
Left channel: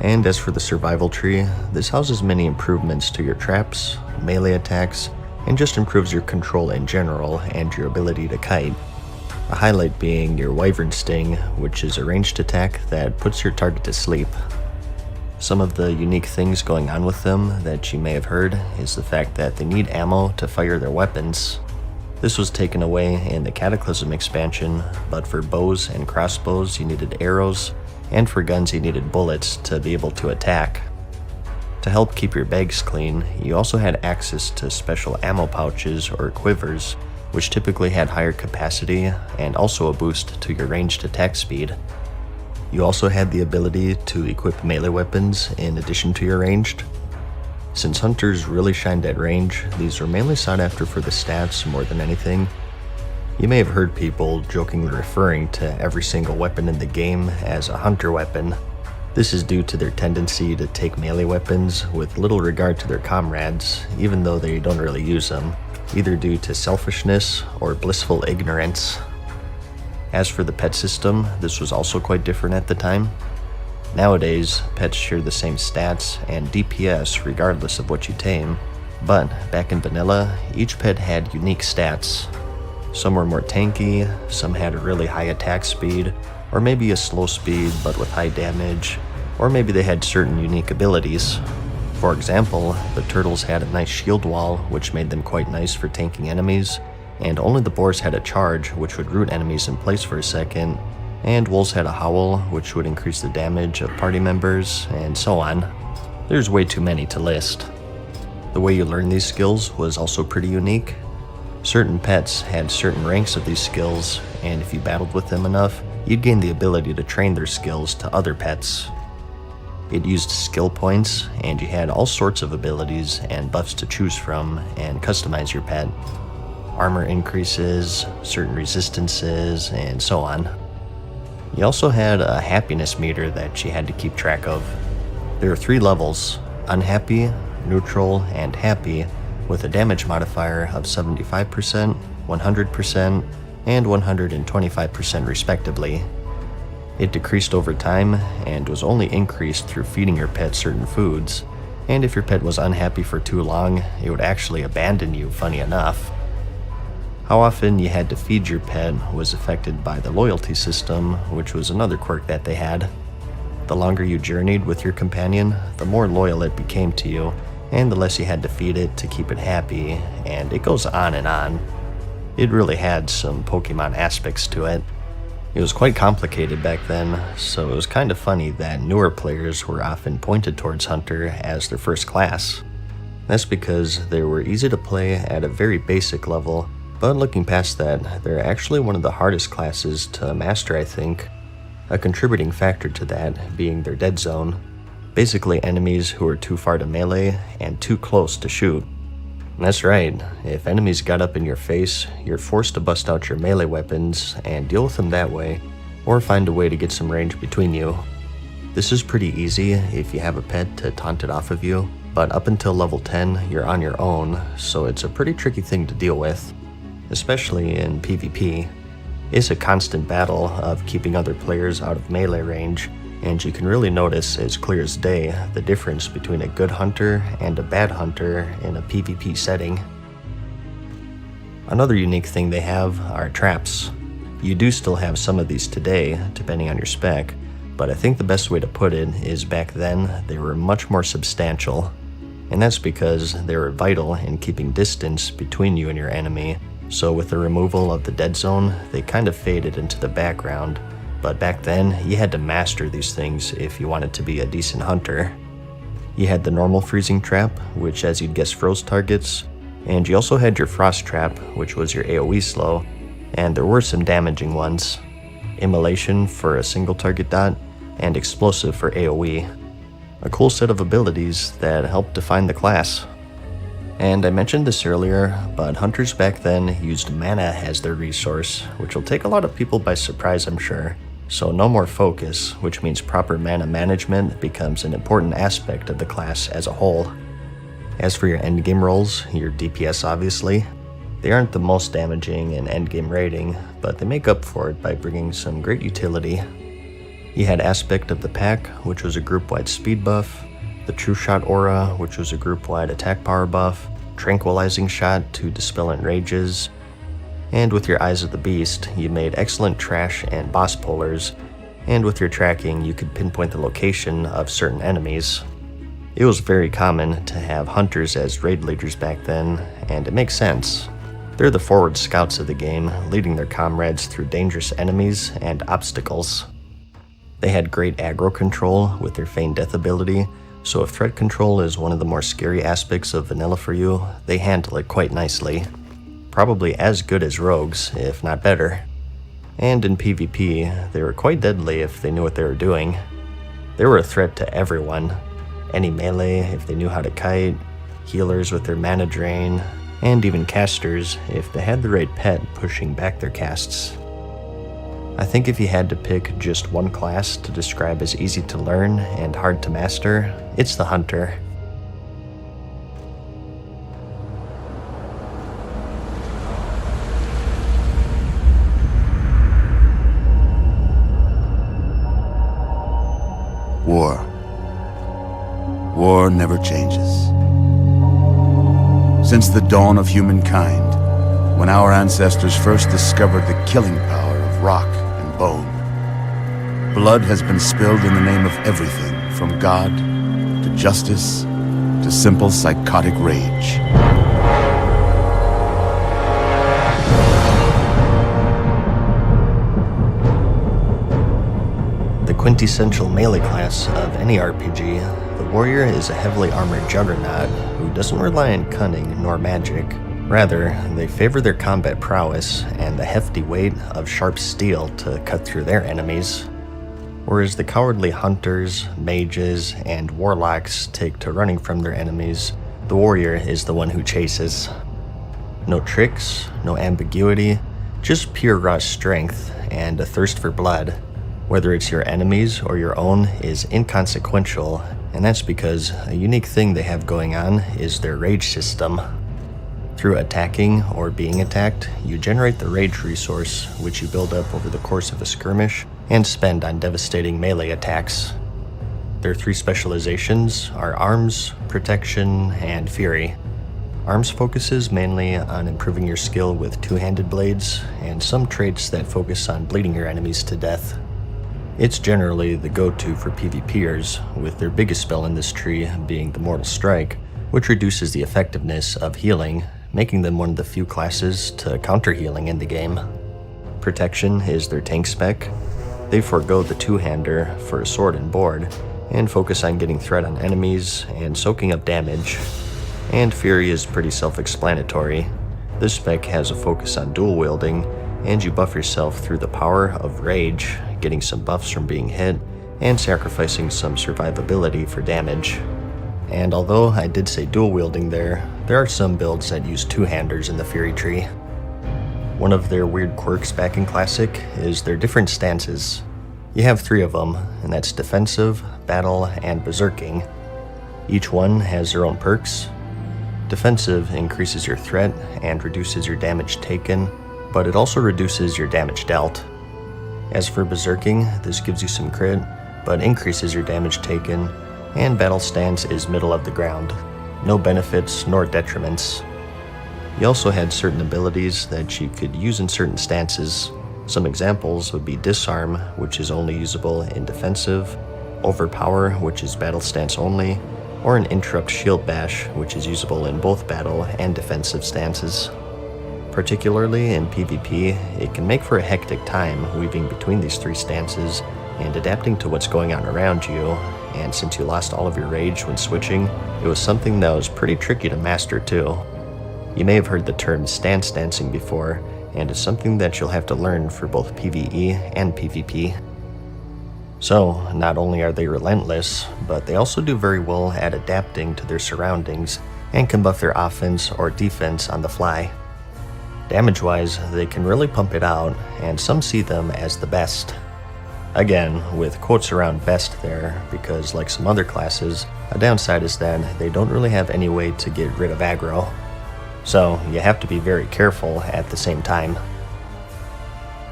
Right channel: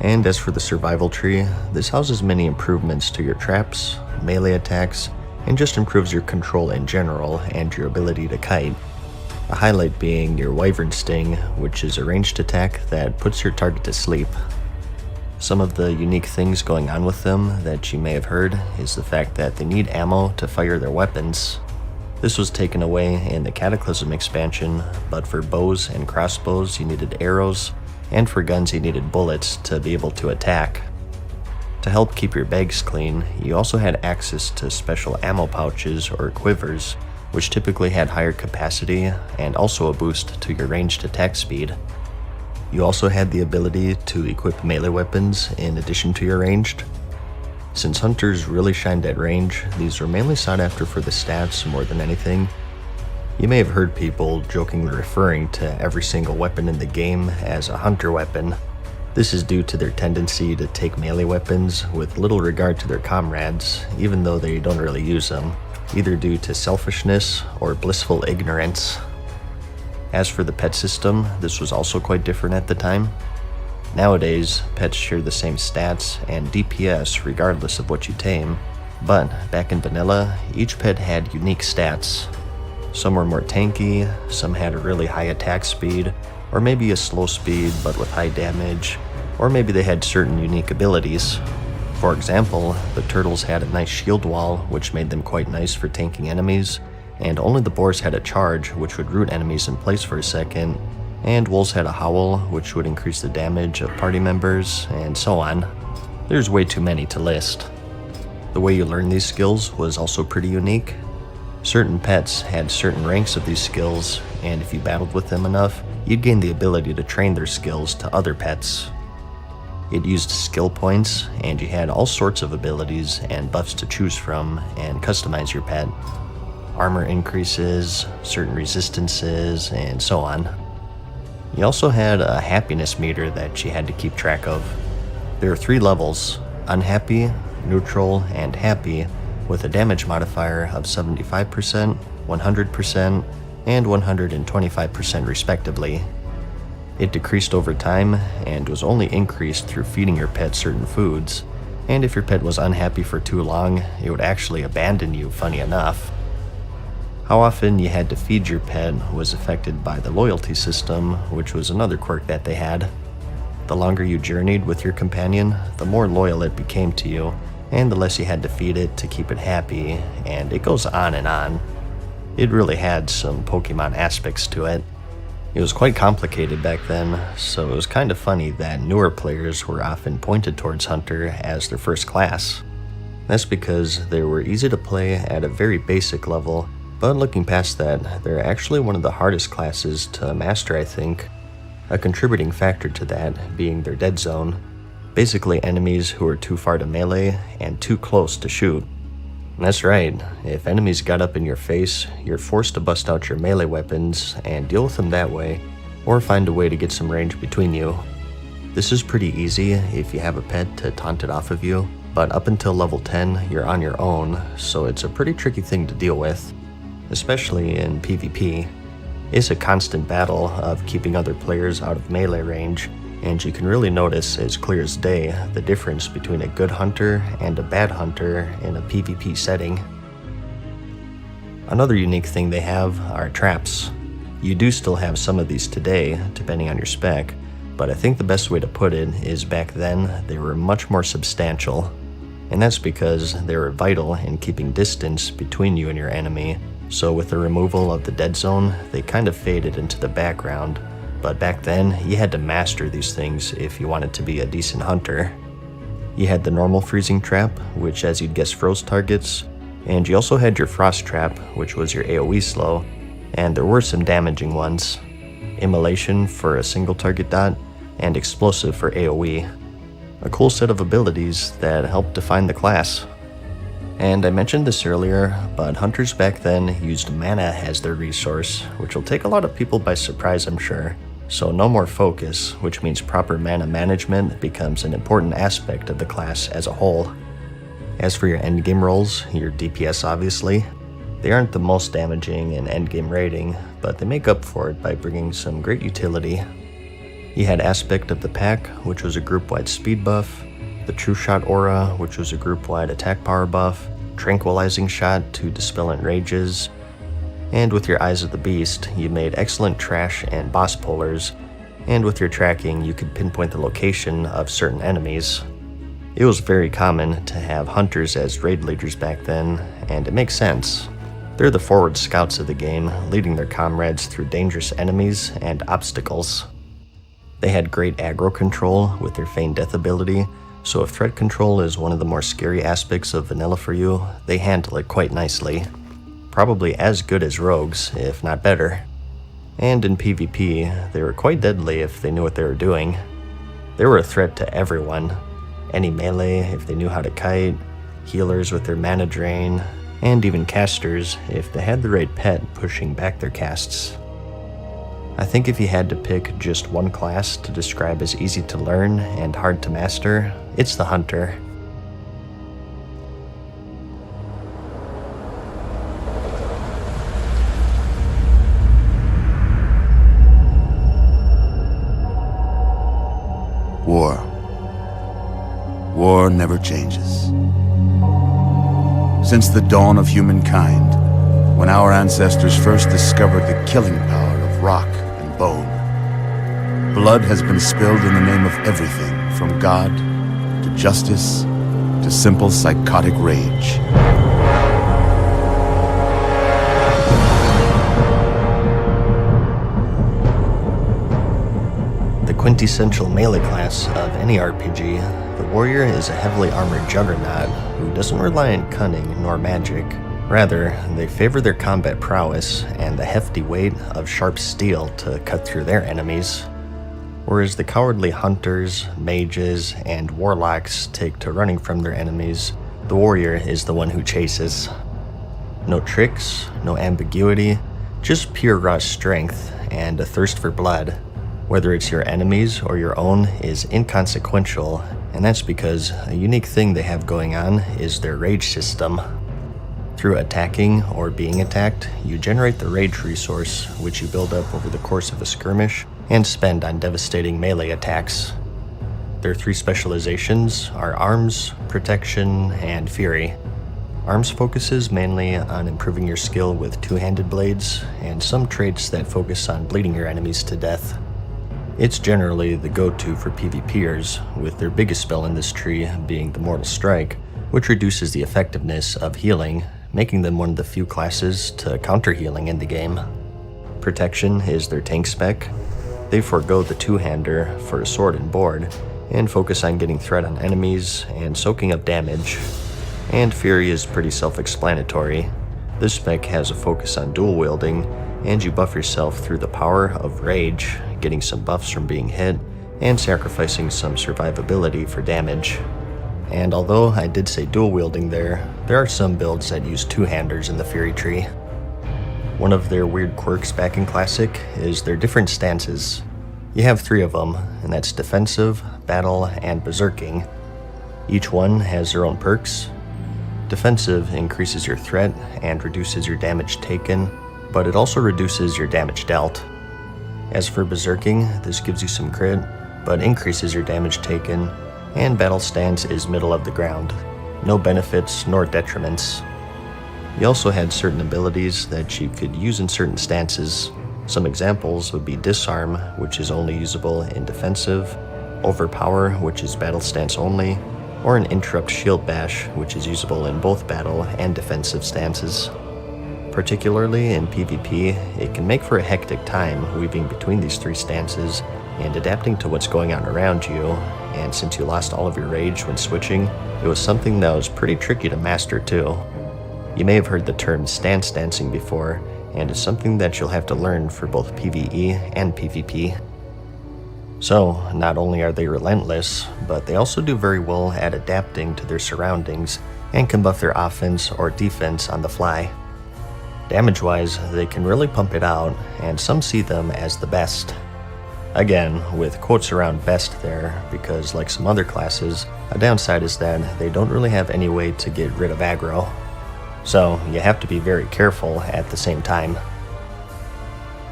And as for the survival tree, this houses many improvements to your traps, melee attacks, and just improves your control in general and your ability to kite. A highlight being your Wyvern Sting, which is a ranged attack that puts your target to sleep. Some of the unique things going on with them that you may have heard is the fact that they need ammo to fire their weapons. This was taken away in the Cataclysm expansion, but for bows and crossbows you needed arrows, and for guns you needed bullets to be able to attack. To help keep your bags clean, you also had access to special ammo pouches or quivers, which typically had higher capacity and also a boost to your ranged attack speed. You also had the ability to equip melee weapons in addition to your ranged. Since hunters really shined at range, these were mainly sought after for the stats more than anything. You may have heard people jokingly referring to every single weapon in the game as a hunter weapon. This is due to their tendency to take melee weapons with little regard to their comrades, even though they don't really use them, either due to selfishness or blissful ignorance. As for the pet system, this was also quite different at the time. Nowadays, pets share the same stats and DPS regardless of what you tame, but back in vanilla, each pet had unique stats. Some were more tanky, some had a really high attack speed, or maybe a slow speed but with high damage, or maybe they had certain unique abilities. For example, the turtles had a nice shield wall, which made them quite nice for tanking enemies, and only the boars had a charge, which would root enemies in place for a second, and wolves had a howl, which would increase the damage of party members, and so on. There's way too many to list. The way you learn these skills was also pretty unique. Certain pets had certain ranks of these skills, and if you battled with them enough, you'd gain the ability to train their skills to other pets. It used skill points, and you had all sorts of abilities and buffs to choose from and customize your pet. Armor increases, certain resistances, and so on. You also had a happiness meter that you had to keep track of. There are 3 levels: unhappy, neutral, and happy, with a damage modifier of 75%, 100%, and 125% respectively. It decreased over time and was only increased through feeding your pet certain foods, and if your pet was unhappy for too long, it would actually abandon you, funny enough. How often you had to feed your pet was affected by the loyalty system, which was another quirk that they had. The longer you journeyed with your companion, the more loyal it became to you, and the less you had to feed it to keep it happy, and it goes on and on. It really had some Pokemon aspects to it. It was quite complicated back then, so it was kind of funny that newer players were often pointed towards Hunter as their first class. That's because they were easy to play at a very basic level, but looking past that, they're actually one of the hardest classes to master, I think. A contributing factor to that being their dead zone. Basically enemies who are too far to melee and too close to shoot. And that's right, if enemies got up in your face, you're forced to bust out your melee weapons and deal with them that way, or find a way to get some range between you. This is pretty easy if you have a pet to taunt it off of you, but up until level 10, you're on your own, so it's a pretty tricky thing to deal with, especially in PvP. It's a constant battle of keeping other players out of melee range, and you can really notice as clear as day the difference between a good hunter and a bad hunter in a PvP setting. Another unique thing they have are traps. You do still have some of these today, depending on your spec, but I think the best way to put it is back then they were much more substantial, and that's because they were vital in keeping distance between you and your enemy. So with the removal of the dead zone, they kind of faded into the background. But back then, you had to master these things if you wanted to be a decent hunter. You had the normal freezing trap, which as you'd guess froze targets, and you also had your frost trap, which was your AoE slow, and there were some damaging ones. Immolation for a single target dot, and explosive for AoE. A cool set of abilities that helped define the class. And I mentioned this earlier, but hunters back then used mana as their resource, which will take a lot of people by surprise, I'm sure. So no more focus, which means proper mana management becomes an important aspect of the class as a whole. As for your endgame rolls, your DPS obviously, they aren't the most damaging in endgame rating, but they make up for it by bringing some great utility. You had Aspect of the Pack, which was a group-wide speed buff, the True Shot Aura, which was a group-wide attack power buff, Tranquilizing Shot to dispel enrages, and with your Eyes of the Beast, you made excellent trash and boss pullers, and with your tracking, you could pinpoint the location of certain enemies. It was very common to have hunters as raid leaders back then, and it makes sense. They're the forward scouts of the game, leading their comrades through dangerous enemies and obstacles. They had great aggro control with their Feign Death ability, so if threat control is one of the more scary aspects of vanilla for you, they handle it quite nicely. Probably as good as rogues, if not better. And in PvP, they were quite deadly if they knew what they were doing. They were a threat to everyone. Any melee if they knew how to kite, healers with their mana drain, and even casters if they had the right pet pushing back their casts. I think if you had to pick just one class to describe as easy to learn and hard to master, it's the Hunter. War. War never changes. Since the dawn of humankind, when our ancestors first discovered the killing power of rock and bone, blood has been spilled in the name of everything from God to justice to simple psychotic rage. The quintessential melee class of any RPG, the warrior is a heavily armored juggernaut who doesn't rely on cunning nor magic. Rather, they favor their combat prowess and the hefty weight of sharp steel to cut through their enemies. Whereas the cowardly hunters, mages, and warlocks take to running from their enemies, the warrior is the one who chases. No tricks, no ambiguity, just pure raw strength and a thirst for blood. Whether it's your enemies or your own is inconsequential, and that's because a unique thing they have going on is their rage system. Through attacking or being attacked, you generate the rage resource, which you build up over the course of a skirmish and spend on devastating melee attacks. Their three specializations are Arms, Protection, and Fury. Arms focuses mainly on improving your skill with two-handed blades, and some traits that focus on bleeding your enemies to death. It's generally the go-to for PvPers, with their biggest spell in this tree being the Mortal Strike, which reduces the effectiveness of healing, making them one of the few classes to counter healing in the game. Protection is their tank spec. They forego the two-hander for a sword and board, and focus on getting threat on enemies and soaking up damage. And Fury is pretty self-explanatory. This spec has a focus on dual wielding, and you buff yourself through the power of rage, getting some buffs from being hit, and sacrificing some survivability for damage. And although I did say dual wielding there are some builds that use two-handers in the Fury tree. One of their weird quirks back in Classic is their different stances. You have 3 of them, and that's Defensive, Battle, and Berserking. Each one has their own perks. Defensive increases your threat and reduces your damage taken, but it also reduces your damage dealt. As for Berserking, this gives you some crit, but increases your damage taken, and Battle Stance is middle of the ground. No benefits nor detriments. You also had certain abilities that you could use in certain stances. Some examples would be Disarm, which is only usable in Defensive, Overpower, which is Battle Stance only, or an Interrupt Shield Bash, which is usable in both Battle and Defensive stances. Particularly in PvP, it can make for a hectic time weaving between these 3 stances and adapting to what's going on around you, and since you lost all of your rage when switching, it was something that was pretty tricky to master too. You may have heard the term stance dancing before, and it's something that you'll have to learn for both PvE and PvP. So, not only are they relentless, but they also do very well at adapting to their surroundings and can buff their offense or defense on the fly. Damage-wise, they can really pump it out, and some see them as the best. Again, with quotes around best there, because like some other classes, a downside is that they don't really have any way to get rid of aggro. So, you have to be very careful at the same time.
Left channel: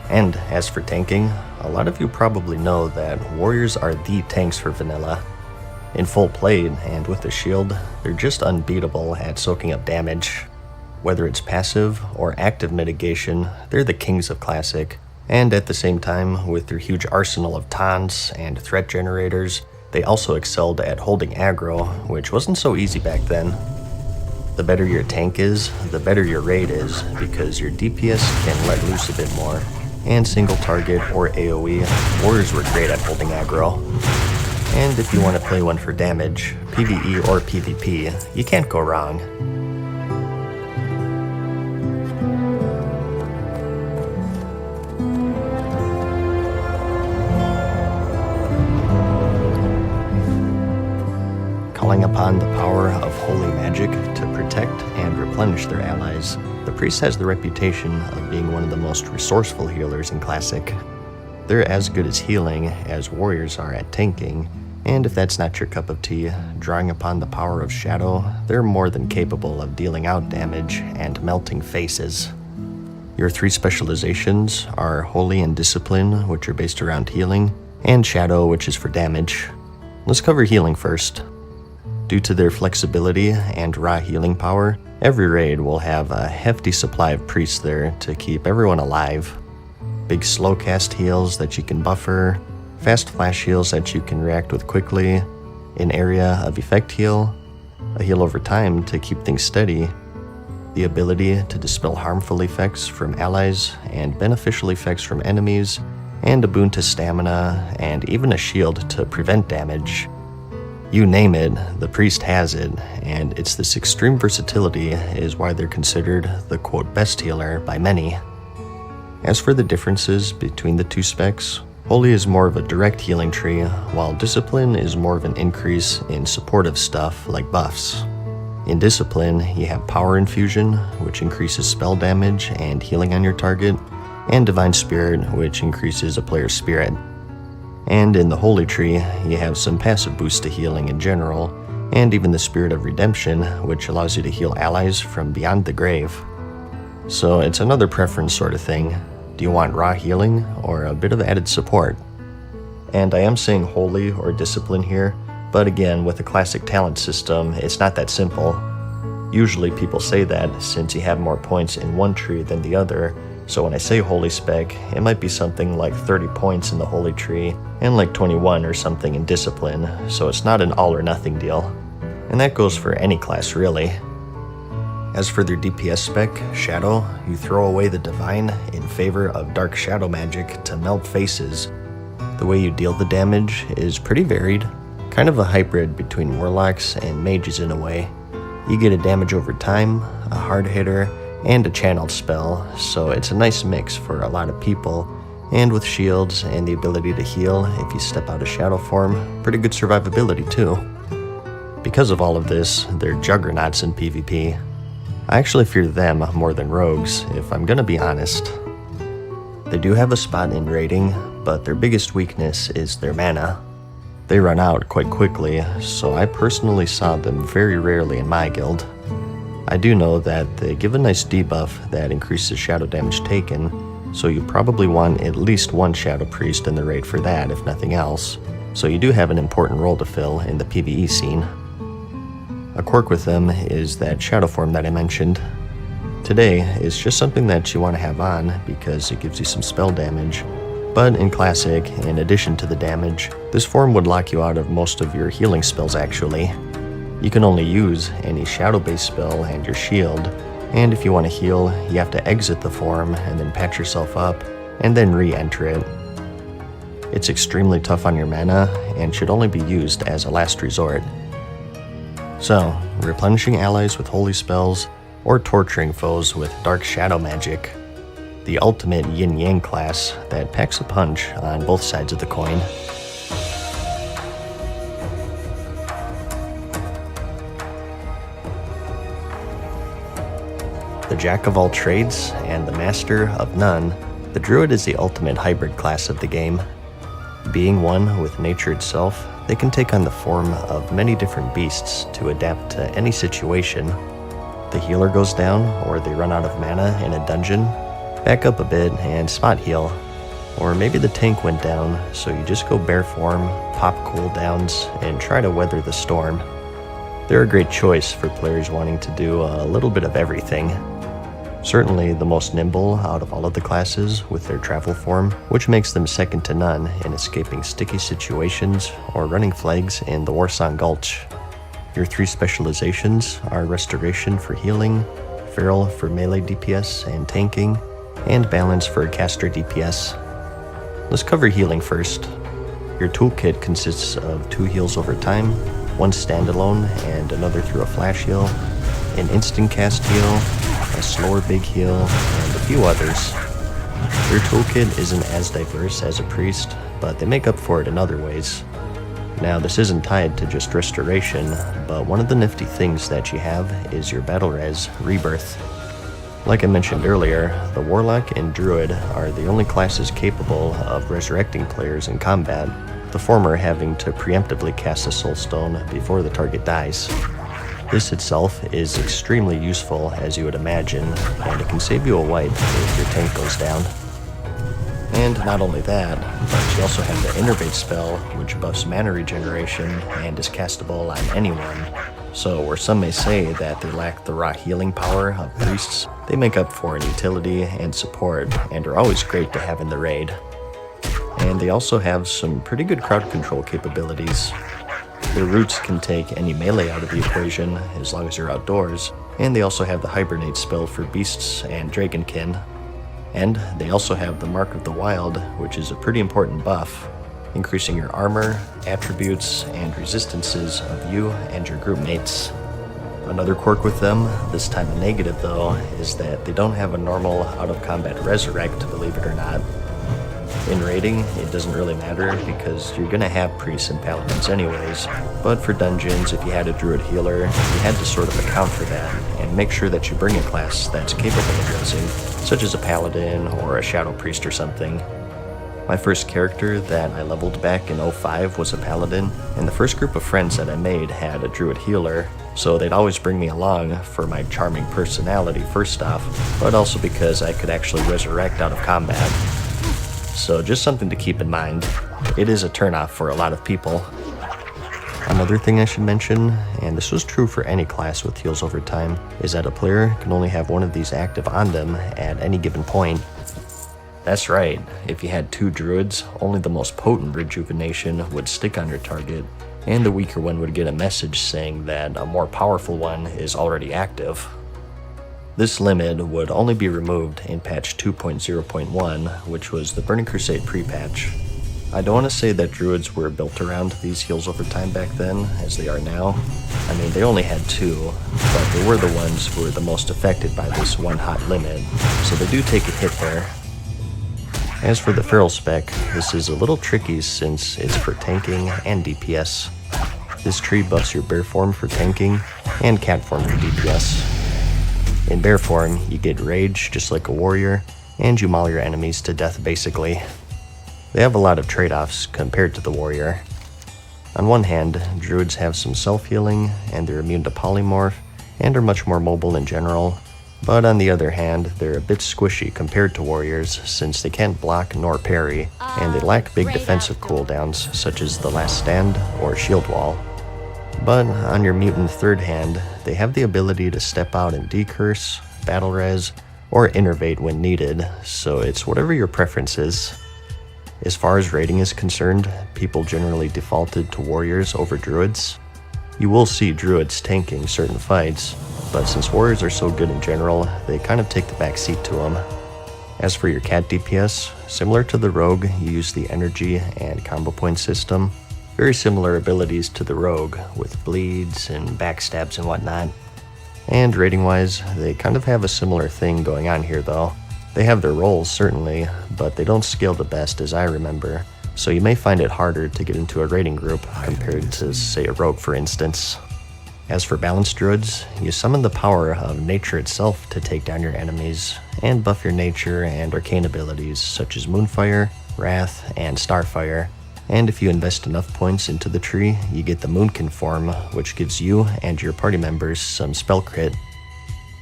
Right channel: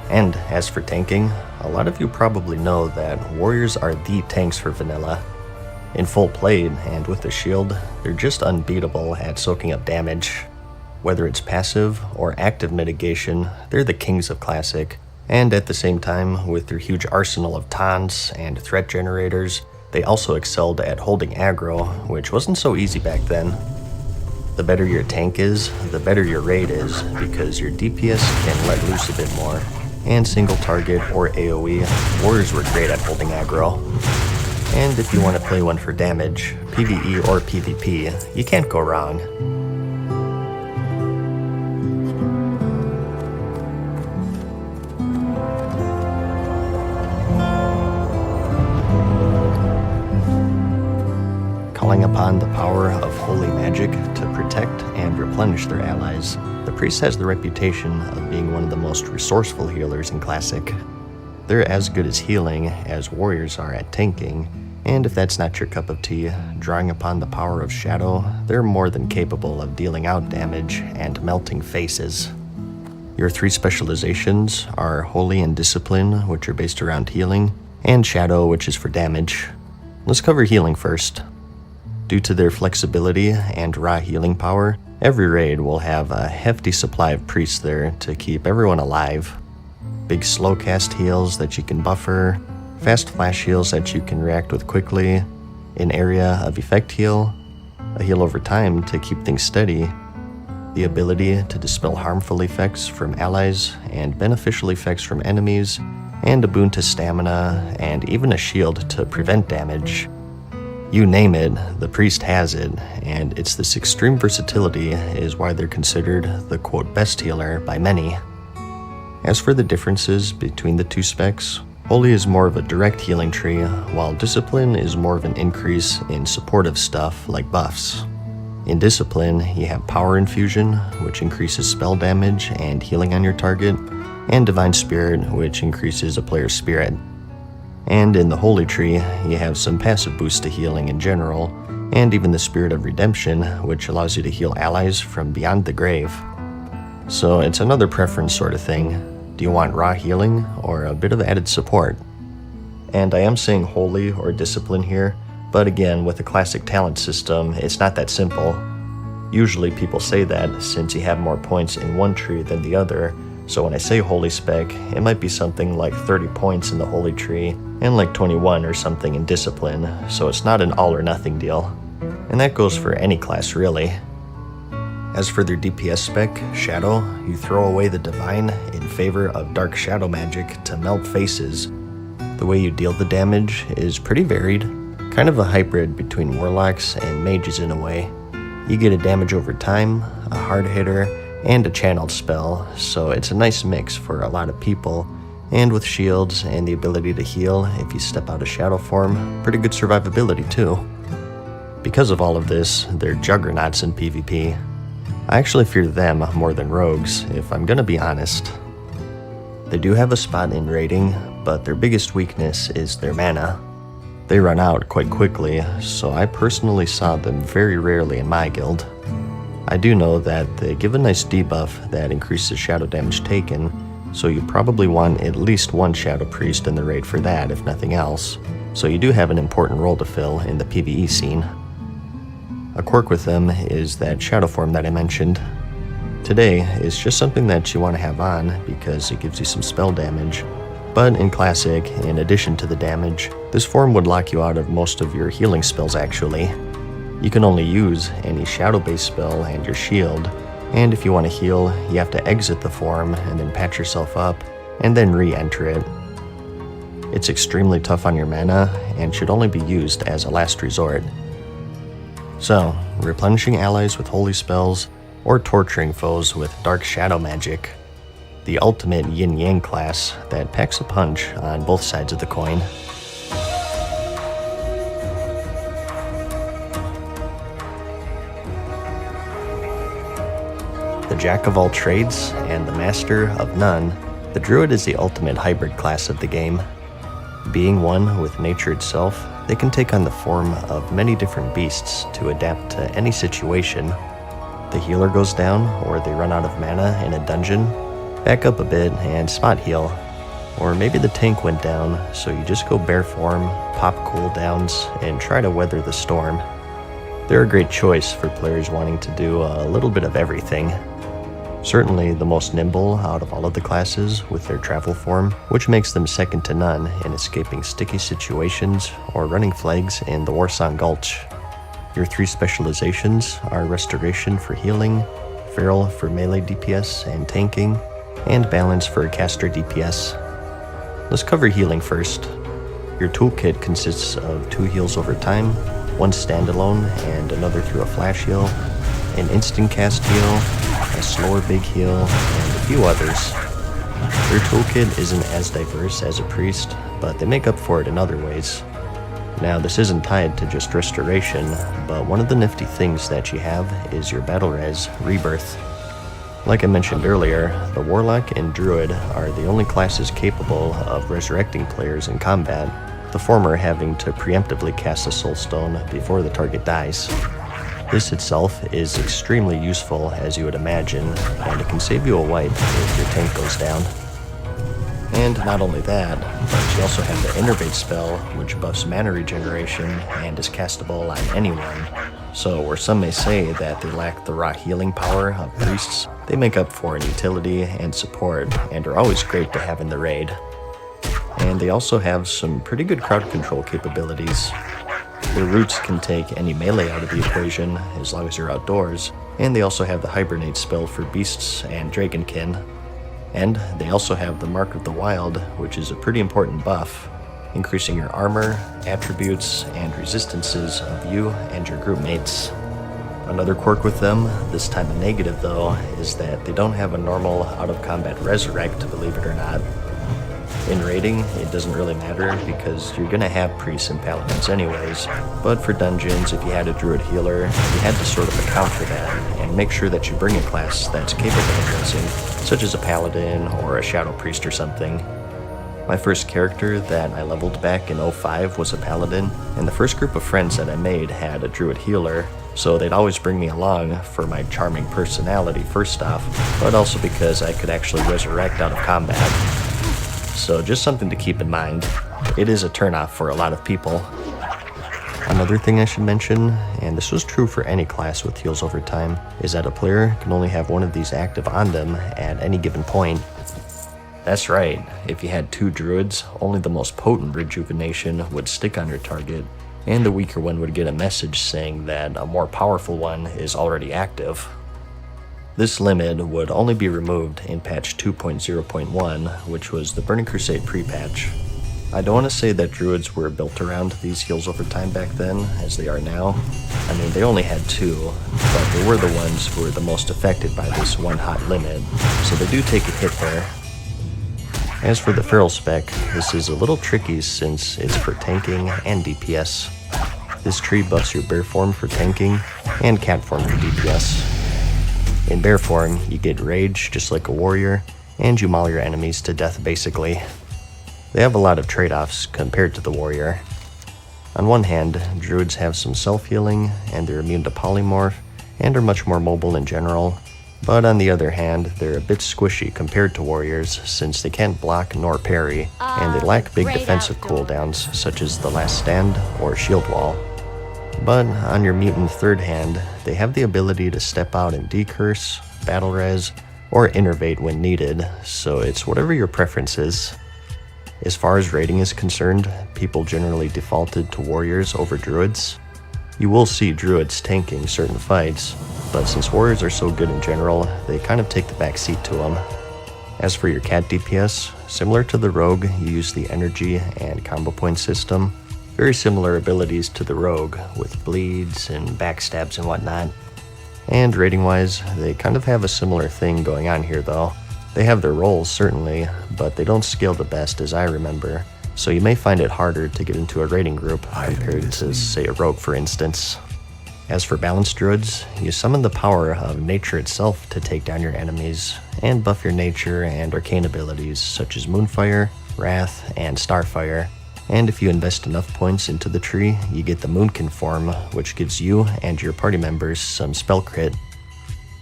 And as for tanking, a lot of you probably know that warriors are the tanks for vanilla. In full play and with a shield, they're just unbeatable at soaking up damage. Whether it's passive or active mitigation, they're the kings of Classic. And at the same time, with their huge arsenal of taunts and threat generators, they also excelled at holding aggro, which wasn't so easy back then. The better your tank is, the better your raid is, because your DPS can let loose a bit more. And single target or AoE, warriors were great at holding aggro. And if you want to play one for damage, PvE or PvP, you can't go wrong. Calling upon the power of holy magic to protect and replenish their allies, the priest has the reputation of being one of the most resourceful healers in Classic. They're as good as healing as warriors are at tanking, and if that's not your cup of tea, drawing upon the power of shadow, they're more than capable of dealing out damage and melting faces. Your three specializations are Holy and Discipline, which are based around healing, and Shadow, which is for damage. Let's cover healing first. Due to their flexibility and raw healing power, every raid will have a hefty supply of priests there to keep everyone alive. Big slow cast heals that you can buffer, fast flash heals that you can react with quickly, an area of effect heal, a heal over time to keep things steady, the ability to dispel harmful effects from allies and beneficial effects from enemies, and a boon to stamina, and even a shield to prevent damage. You name it, the priest has it, and it's this extreme versatility is why they're considered the quote best healer by many. As for the differences between the two specs, Holy is more of a direct healing tree, while Discipline is more of an increase in supportive stuff like buffs. In Discipline, you have Power Infusion, which increases spell damage and healing on your target, and Divine Spirit, which increases a player's spirit. And in the Holy Tree, you have some passive boosts to healing in general, and even the Spirit of Redemption, which allows you to heal allies from beyond the grave. So it's another preference sort of thing. Do you want raw healing or a bit of added support? And I am saying Holy or Discipline here, but again, with a Classic talent system, it's not that simple. Usually people say that since you have more points in one tree than the other, so when I say Holy spec, it might be something like 30 points in the Holy Tree and like 21 or something in Discipline, so it's not an all or nothing deal. And that goes for any class really. As for their DPS spec, Shadow, you throw away the Divine in favor of Dark Shadow magic to melt faces. The way you deal the damage is pretty varied, kind of a hybrid between Warlocks and Mages in a way. You get a damage over time, a hard hitter, and a channeled spell, so it's a nice mix for a lot of people, and with shields and the ability to heal if you step out of shadow form, pretty good survivability too. Because of all of this, they're juggernauts in PvP. I actually fear them more than rogues, if I'm gonna be honest. They do have a spot in raiding, but their biggest weakness is their mana. They run out quite quickly, so I personally saw them very rarely in my guild. I do know that they give a nice debuff that increases shadow damage taken, so you probably want at least one Shadow Priest in the raid for that, if nothing else, so you do have an important role to fill in the PvE scene. A quirk with them is that shadow form that I mentioned. Today is just something that you want to have on because it gives you some spell damage, but in Classic, in addition to the damage, this form would lock you out of most of your healing spells actually. You can only use any shadow-based spell and your shield, and if you want to heal, you have to exit the form and then patch yourself up, and then re-enter it. It's extremely tough on your mana, and should only be used as a last resort. So, replenishing allies with holy spells, or torturing foes with dark shadow magic. The ultimate yin-yang class that packs a punch on both sides of the coin. The jack of all trades and the master of none, the druid is the ultimate hybrid class of the game. Being one with nature itself, they can take on the form of many different beasts to adapt to any situation. The healer goes down or they run out of mana in a dungeon, Back up a bit and spot heal. Or maybe the tank went down, so you just go bear form, pop cooldowns, and try to weather the storm. They're a great choice for players wanting to do a little bit of everything. Certainly the most nimble out of all of the classes with their travel form, which makes them second to none in escaping sticky situations or running flags in the Warsong Gulch. Your 3 specializations are Restoration for healing, Feral for melee DPS and tanking, and Balance for caster DPS. Let's cover healing first. Your toolkit consists of 2 heals over time, 1 standalone and another through a flash heal, an instant cast heal, a slower big heal, and a few others. Your toolkit isn't as diverse as a priest, but they make up for it in other ways. Now, this isn't tied to just restoration, but one of the nifty things that you have is your battle res rebirth. Like I mentioned earlier, the Warlock and Druid are the only classes capable of resurrecting players in combat, the former having to preemptively cast a soul stone before the target dies. This itself is extremely useful, as you would imagine, and it can save you a wipe if your tank goes down. And not only that, but you also have the Innervate spell, which buffs mana regeneration and is castable on anyone. So where some may say that they lack the raw healing power of priests, they make up for in utility and support and are always great to have in the raid. And they also have some pretty good crowd control capabilities. Their roots can take any melee out of the equation as long as you're outdoors, and they also have the Hibernate spell for beasts and dragonkin. And they also have the Mark of the Wild, which is a pretty important buff, increasing your armor, attributes, and resistances of you and your group mates. Another quirk with them, this time a negative though, is that they don't have a normal out-of-combat resurrect, believe it or not. In raiding, it doesn't really matter because you're gonna have priests and paladins anyways, but for dungeons, if you had a druid healer, you had to sort of account for that and make sure that you bring a class that's capable of resing, such as a paladin or a shadow priest or something. My first character that I leveled back in 05 was a paladin, and the first group of friends that I made had a druid healer, so they'd always bring me along for my charming personality first off, but also because I could actually resurrect out of combat. So just something to keep in mind. It is a turnoff for a lot of people. Another thing I should mention, and this was true for any class with heals over time, is that a player can only have one of these active on them at any given point. That's right, if you had 2 druids, only the most potent rejuvenation would stick on your target, and the weaker one would get a message saying that a more powerful one is already active. This limit would only be removed in patch 2.0.1, which was the Burning Crusade pre-patch. I don't want to say that druids were built around these heals over time back then, as they are now. I mean, they only had 2, but they were the ones who were the most affected by this one hot limit, so they do take a hit there. As for the Feral spec, this is a little tricky since it's for tanking and DPS. This tree buffs your bear form for tanking and cat form for DPS. In bear form, you get rage just like a warrior, and you maul your enemies to death basically. They have a lot of trade-offs compared to the warrior. On one hand, druids have some self-healing, and they're immune to polymorph, and are much more mobile in general, but on the other hand, they're a bit squishy compared to warriors since they can't block nor parry, and they lack big defensive cooldowns such as the Last Stand or Shield Wall. But on your mutant third hand, they have the ability to step out and decurse, battle res, or innervate when needed, so it's whatever your preference is. As far as raiding is concerned, people generally defaulted to warriors over druids. You will see druids tanking certain fights, but since warriors are so good in general, they kind of take the back seat to them. As for your cat DPS, similar to the rogue, you use the energy and combo point system. Very similar abilities to the rogue, with bleeds and backstabs and whatnot. And rating-wise, they kind of have a similar thing going on here though. They have their roles certainly, but they don't scale the best as I remember, so you may find it harder to get into a raiding group compared to, say, a rogue for instance. As for balanced druids, you summon the power of nature itself to take down your enemies, and buff your nature and arcane abilities such as Moonfire, Wrath, and Starfire. And if you invest enough points into the tree, you get the Moonkin form, which gives you and your party members some spell crit.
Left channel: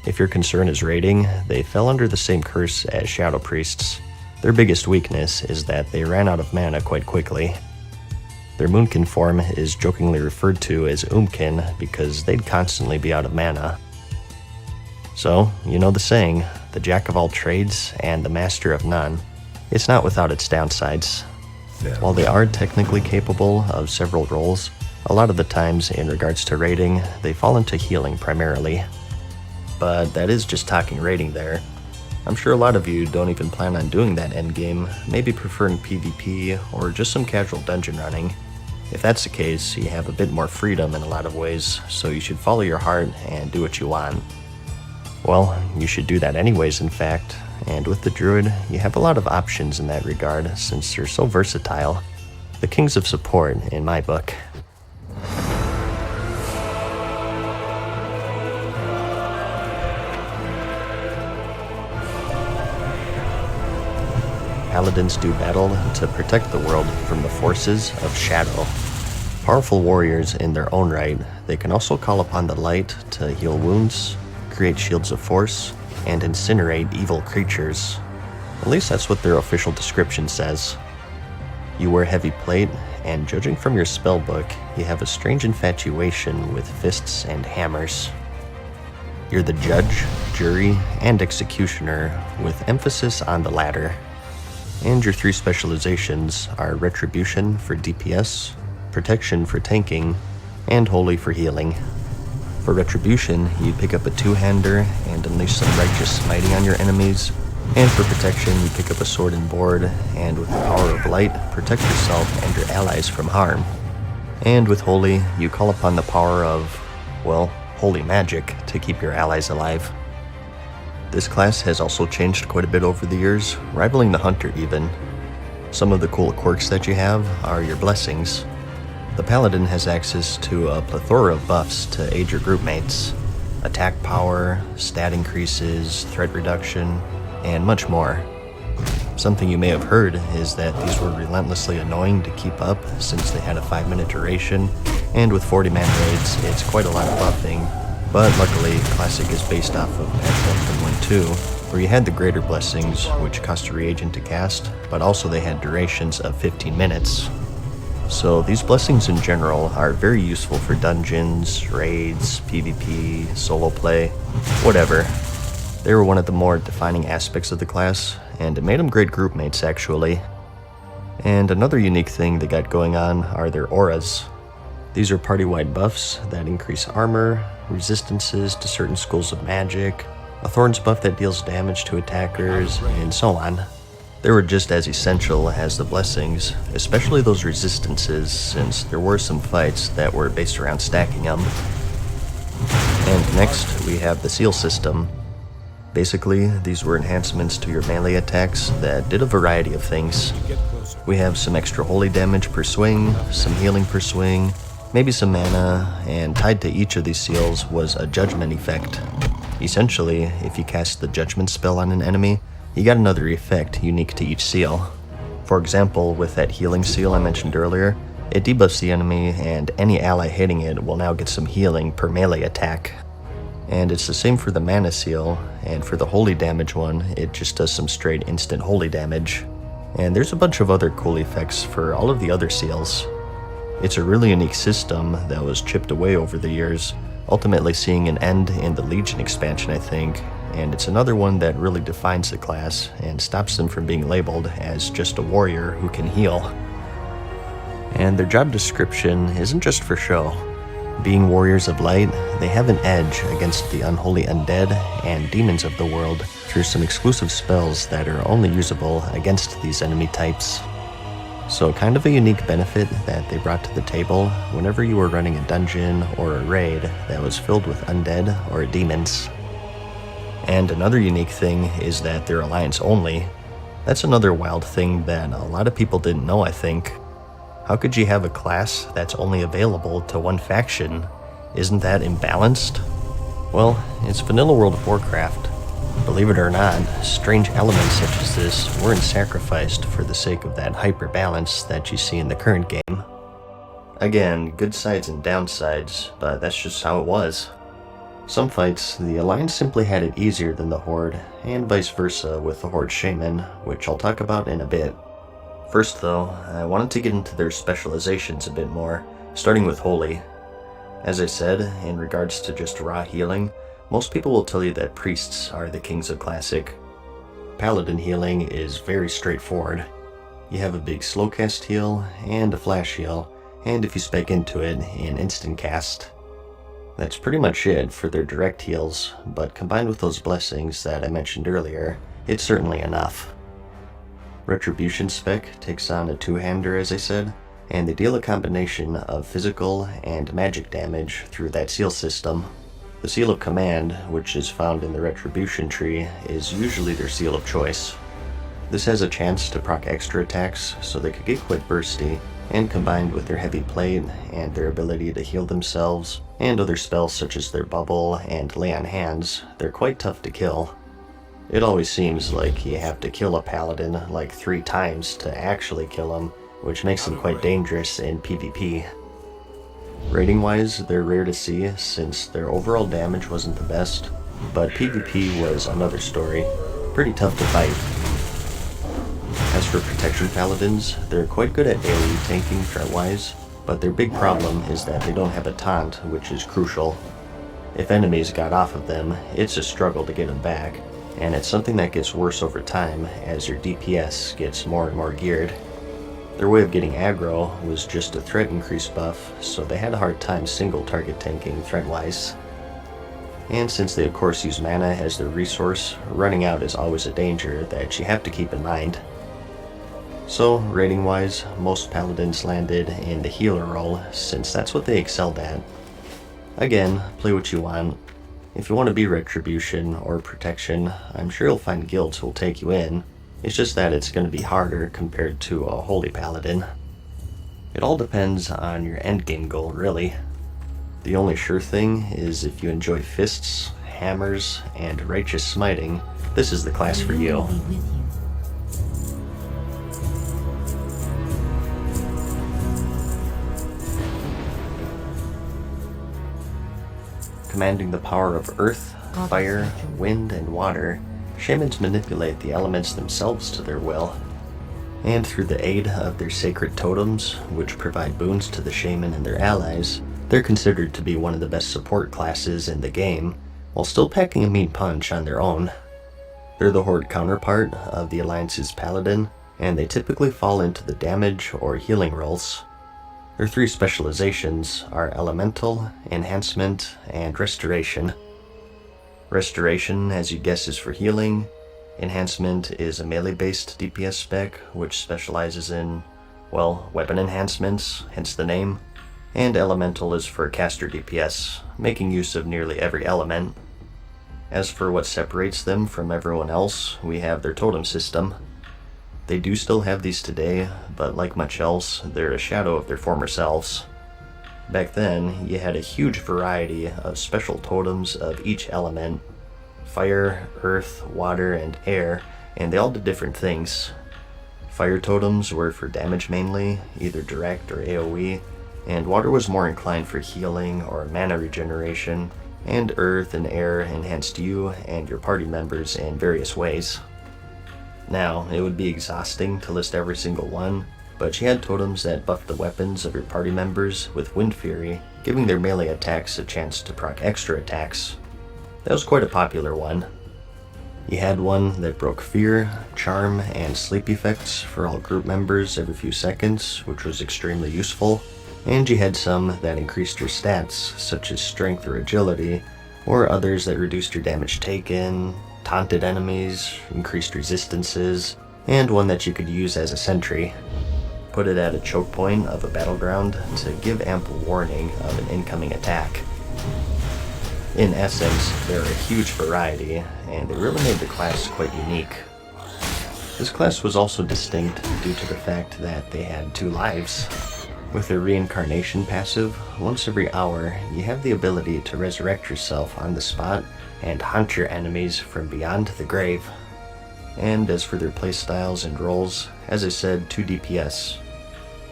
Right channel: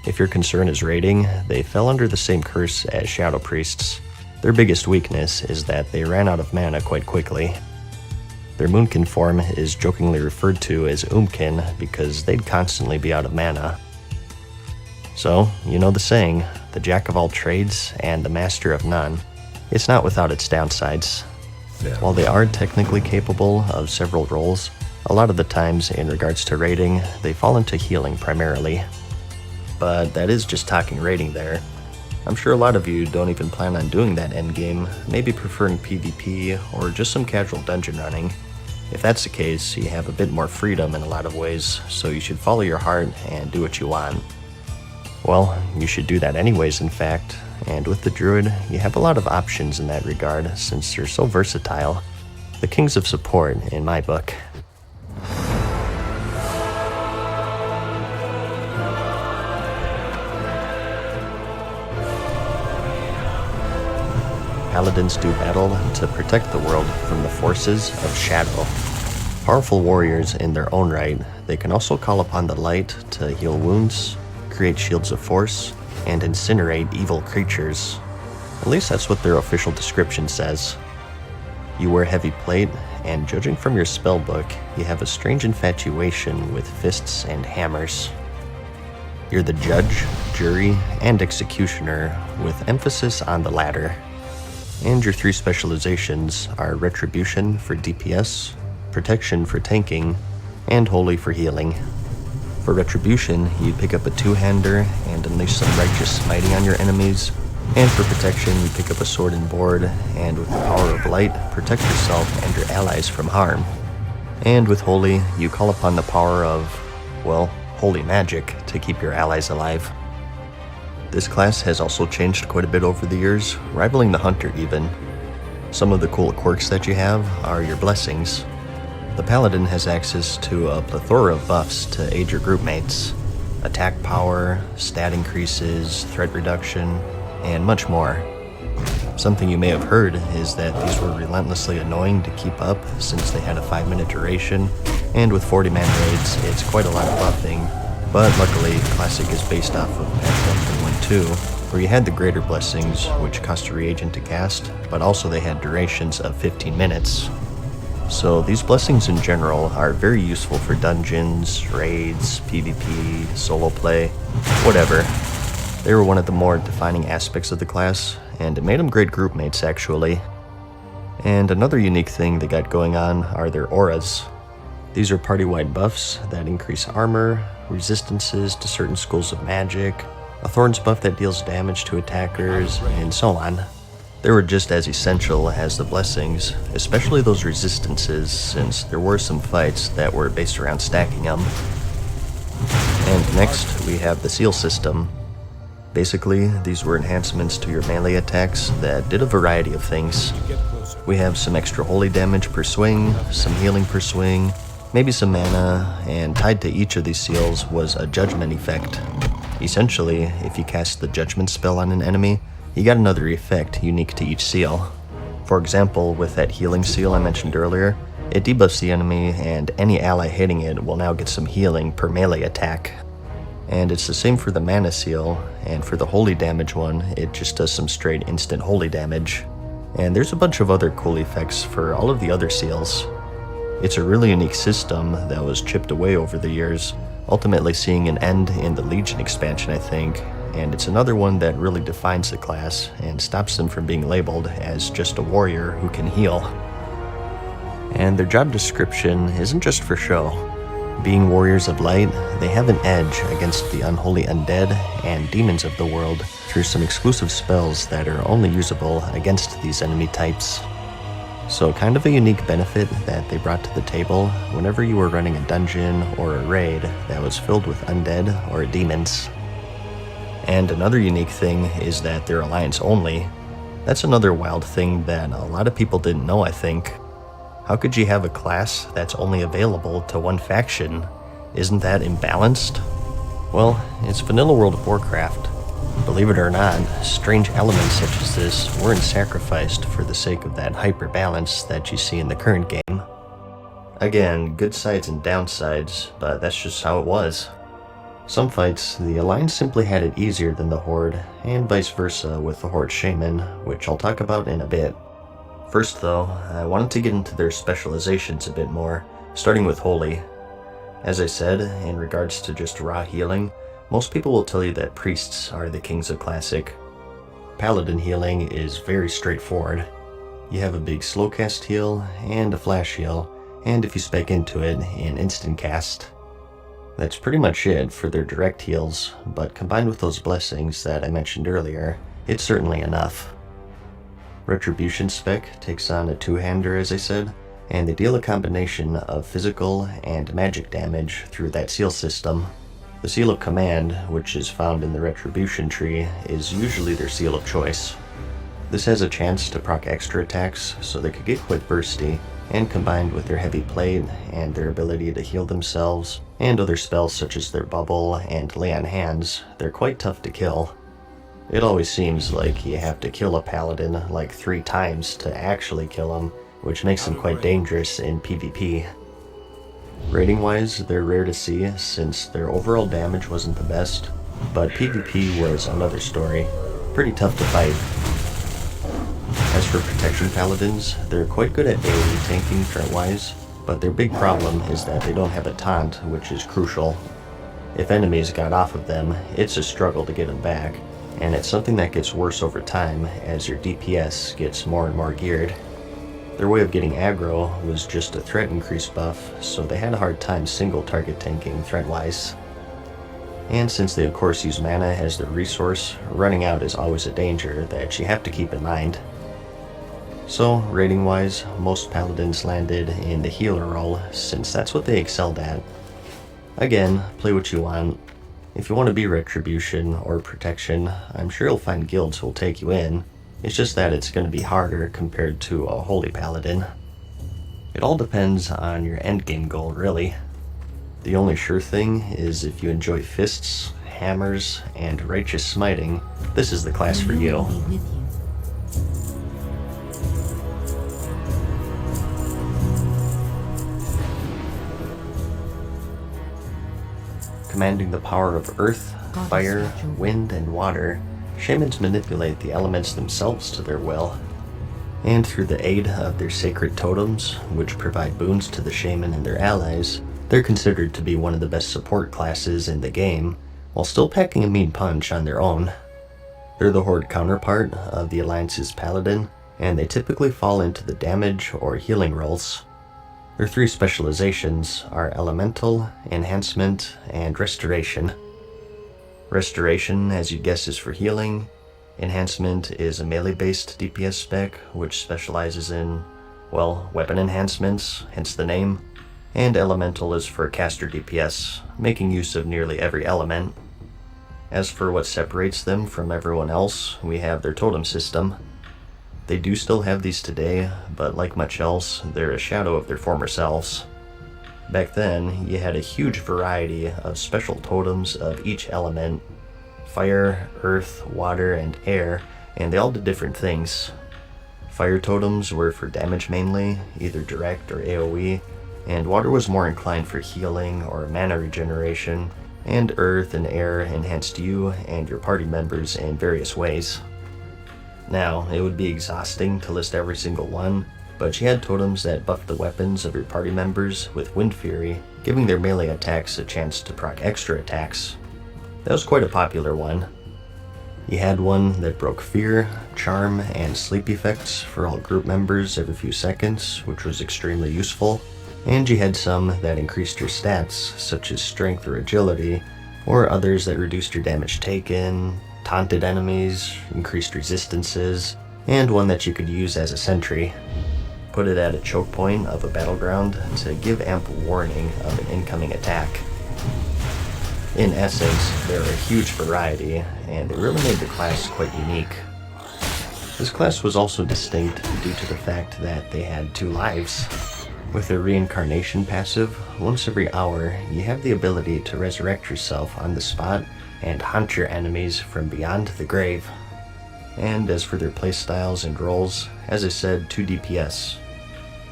If your concern is raiding, they fell under the same curse as Shadow Priests. Their biggest weakness is that they ran out of mana quite quickly. Their Moonkin form is jokingly referred to as Oomkin because they'd constantly be out of mana. So, you know the saying, the jack of all trades and the master of none. It's not without its downsides. While they are technically capable of several roles, a lot of the times in regards to raiding, they fall into healing primarily. But that is just talking raiding there. I'm sure a lot of you don't even plan on doing that endgame, maybe preferring PvP or just some casual dungeon running. If that's the case, you have a bit more freedom in a lot of ways, so you should follow your heart and do what you want. Well, you should do that anyways, in fact, and with the Druid, you have a lot of options in that regard since they're so versatile. The kings of support, in my book. Paladins do battle to protect the world from the forces of shadow. Powerful warriors in their own right, they can also call upon the light to heal wounds, create shields of force, and incinerate evil creatures. At least that's what their official description says. You wear heavy plate, and judging from your spellbook, you have a strange infatuation with fists and hammers. You're the judge, jury, and executioner, with emphasis on the latter. And your 3 specializations are Retribution for DPS, Protection for tanking, and Holy for healing. For Retribution, you pick up a 2-hander and unleash some righteous smiting on your enemies, and for Protection, you pick up a sword and board, and with the power of light, protect yourself and your allies from harm. And with Holy, you call upon the power of, well, holy magic to keep your allies alive. This class has also changed quite a bit over the years, rivaling the Hunter even. Some of the cool quirks that you have are your blessings. The Paladin has access to a plethora of buffs to aid your group mates. Attack power, stat increases, threat reduction, and much more. Something you may have heard is that these were relentlessly annoying to keep up since they had a 5-minute duration, and with 40-man raids, it's quite a lot of buffing. But luckily, Classic is based off of patch 1.1.2, where you had the greater blessings, which cost a reagent to cast, but also they had durations of 15 minutes. So these blessings in general are very useful for dungeons, raids, PvP, solo play, whatever. They were one of the more defining aspects of the class, and it made them great group mates actually. And another unique thing they got going on are their auras. These are party-wide buffs that increase armor, resistances to certain schools of magic, a thorns buff that deals damage to attackers, and so on. They were just as essential as the blessings, especially those resistances, since there were some fights that were based around stacking them. And next, we have the seal system. Basically, these were enhancements to your melee attacks that did a variety of things. We have some extra holy damage per swing, some healing per swing, maybe some mana, and tied to each of these seals was a judgment effect. Essentially, if you cast the judgment spell on an enemy, you got another effect unique to each seal. For example, with that healing seal I mentioned earlier, it debuffs the enemy and any ally hitting it will now get some healing per melee attack. And it's the same for the mana seal, and for the holy damage one, it just does some straight instant holy damage. And there's a bunch of other cool effects for all of the other seals. It's a really unique system that was chipped away over the years, ultimately seeing an end in the Legion expansion, I think, and it's another one that really defines the class and stops them from being labeled as just a warrior who can heal. And their job description isn't just for show. Being warriors of light, they have an edge against the unholy undead and demons of the world through some exclusive spells that are only usable against these enemy types. So kind of a unique benefit that they brought to the table whenever you were running a dungeon or a raid that was filled with undead or demons. And another unique thing is that they're alliance only. That's another wild thing that a lot of people didn't know, I think. How could you have a class that's only available to one faction? Isn't that imbalanced? Well, it's vanilla World of Warcraft. Believe it or not, strange elements such as this weren't sacrificed for the sake of that hyper-balance that you see in the current game. Again, good sides and downsides, but that's just how it was. Some fights, the Alliance simply had it easier than the Horde, and vice versa with the Horde Shaman, which I'll talk about in a bit. First though, I wanted to get into their specializations a bit more, starting with Holy. As I said, in regards to just raw healing, most people will tell you that priests are the kings of Classic. Paladin healing is very straightforward. You have a big slow cast heal and a flash heal, and if you spec into it, an instant cast. That's pretty much it for their direct heals, but combined with those blessings that I mentioned earlier, it's certainly enough. Retribution spec takes on a two-hander as I said, and they deal a combination of physical and magic damage through that seal system. The Seal of Command, which is found in the Retribution tree, is usually their seal of choice. This has a chance to proc extra attacks, so they could get quite bursty, and combined with their heavy plate and their ability to heal themselves, and other spells such as their bubble and lay on hands, they're quite tough to kill. It always seems like you have to kill a paladin like 3 times to actually kill him, which makes them quite dangerous in PvP. Rating wise, they're rare to see since their overall damage wasn't the best, but PvP was another story. Pretty tough to fight. As for protection paladins, they're quite good at AoE tanking front-wise, but their big problem is that they don't have a taunt, which is crucial. If enemies got off of them, it's a struggle to get them back, and it's something that gets worse over time as your DPS gets more and more geared. Their way of getting aggro was just a threat increase buff, so they had a hard time single target tanking threat-wise. And since they of course use mana as their resource, running out is always a danger that you have to keep in mind. So, rating-wise, most paladins landed in the healer role, since that's what they excelled at. Again, play what you want. If you want to be Retribution or Protection, I'm sure you'll find guilds who'll take you in. It's just that it's going to be harder compared to a Holy Paladin. It all depends on your endgame goal, really. The only sure thing is if you enjoy fists, hammers, and righteous smiting, this is the class for you. Commanding the power of earth, fire, wind, and water, shamans manipulate the elements themselves to their will. And through the aid of their sacred totems, which provide boons to the shaman and their allies, they're considered to be one of the best support classes in the game, while still packing a mean punch on their own. They're the Horde counterpart of the Alliance's Paladin, and they typically fall into the damage or healing roles. Their 3 specializations are Elemental, Enhancement, and Restoration. Restoration, as you'd guess, is for healing. Enhancement is a melee-based DPS spec, which specializes in, well, weapon enhancements, hence the name. And Elemental is for caster DPS, making use of nearly every element. As for what separates them from everyone else, we have their totem system. They do still have these today, but like much else, they're a shadow of their former selves. Back then, you had a huge variety of special totems of each element: fire, earth, water, and air, and they all did different things. Fire totems were for damage mainly, either direct or AoE, and water was more inclined for healing or mana regeneration, and earth and air enhanced you and your party members in various ways. Now, it would be exhausting to list every single one, but you had totems that buffed the weapons of your party members with Wind Fury, giving their melee attacks a chance to proc extra attacks. That was quite a popular one. You had one that broke fear, charm, and sleep effects for all group members every few seconds, which was extremely useful, and you had some that increased your stats, such as strength or agility, or others that reduced your damage taken, taunted enemies, increased resistances, and one that you could use as a sentry. Put it at a choke point of a battleground to give ample warning of an incoming attack. In essence, they're a huge variety, and they really made the class quite unique. This class was also distinct due to the fact that they had 2 lives. With their reincarnation passive, once every hour, you have the ability to resurrect yourself on the spot and hunt your enemies from beyond the grave. And as for their playstyles and roles, as I said, 2 DPS.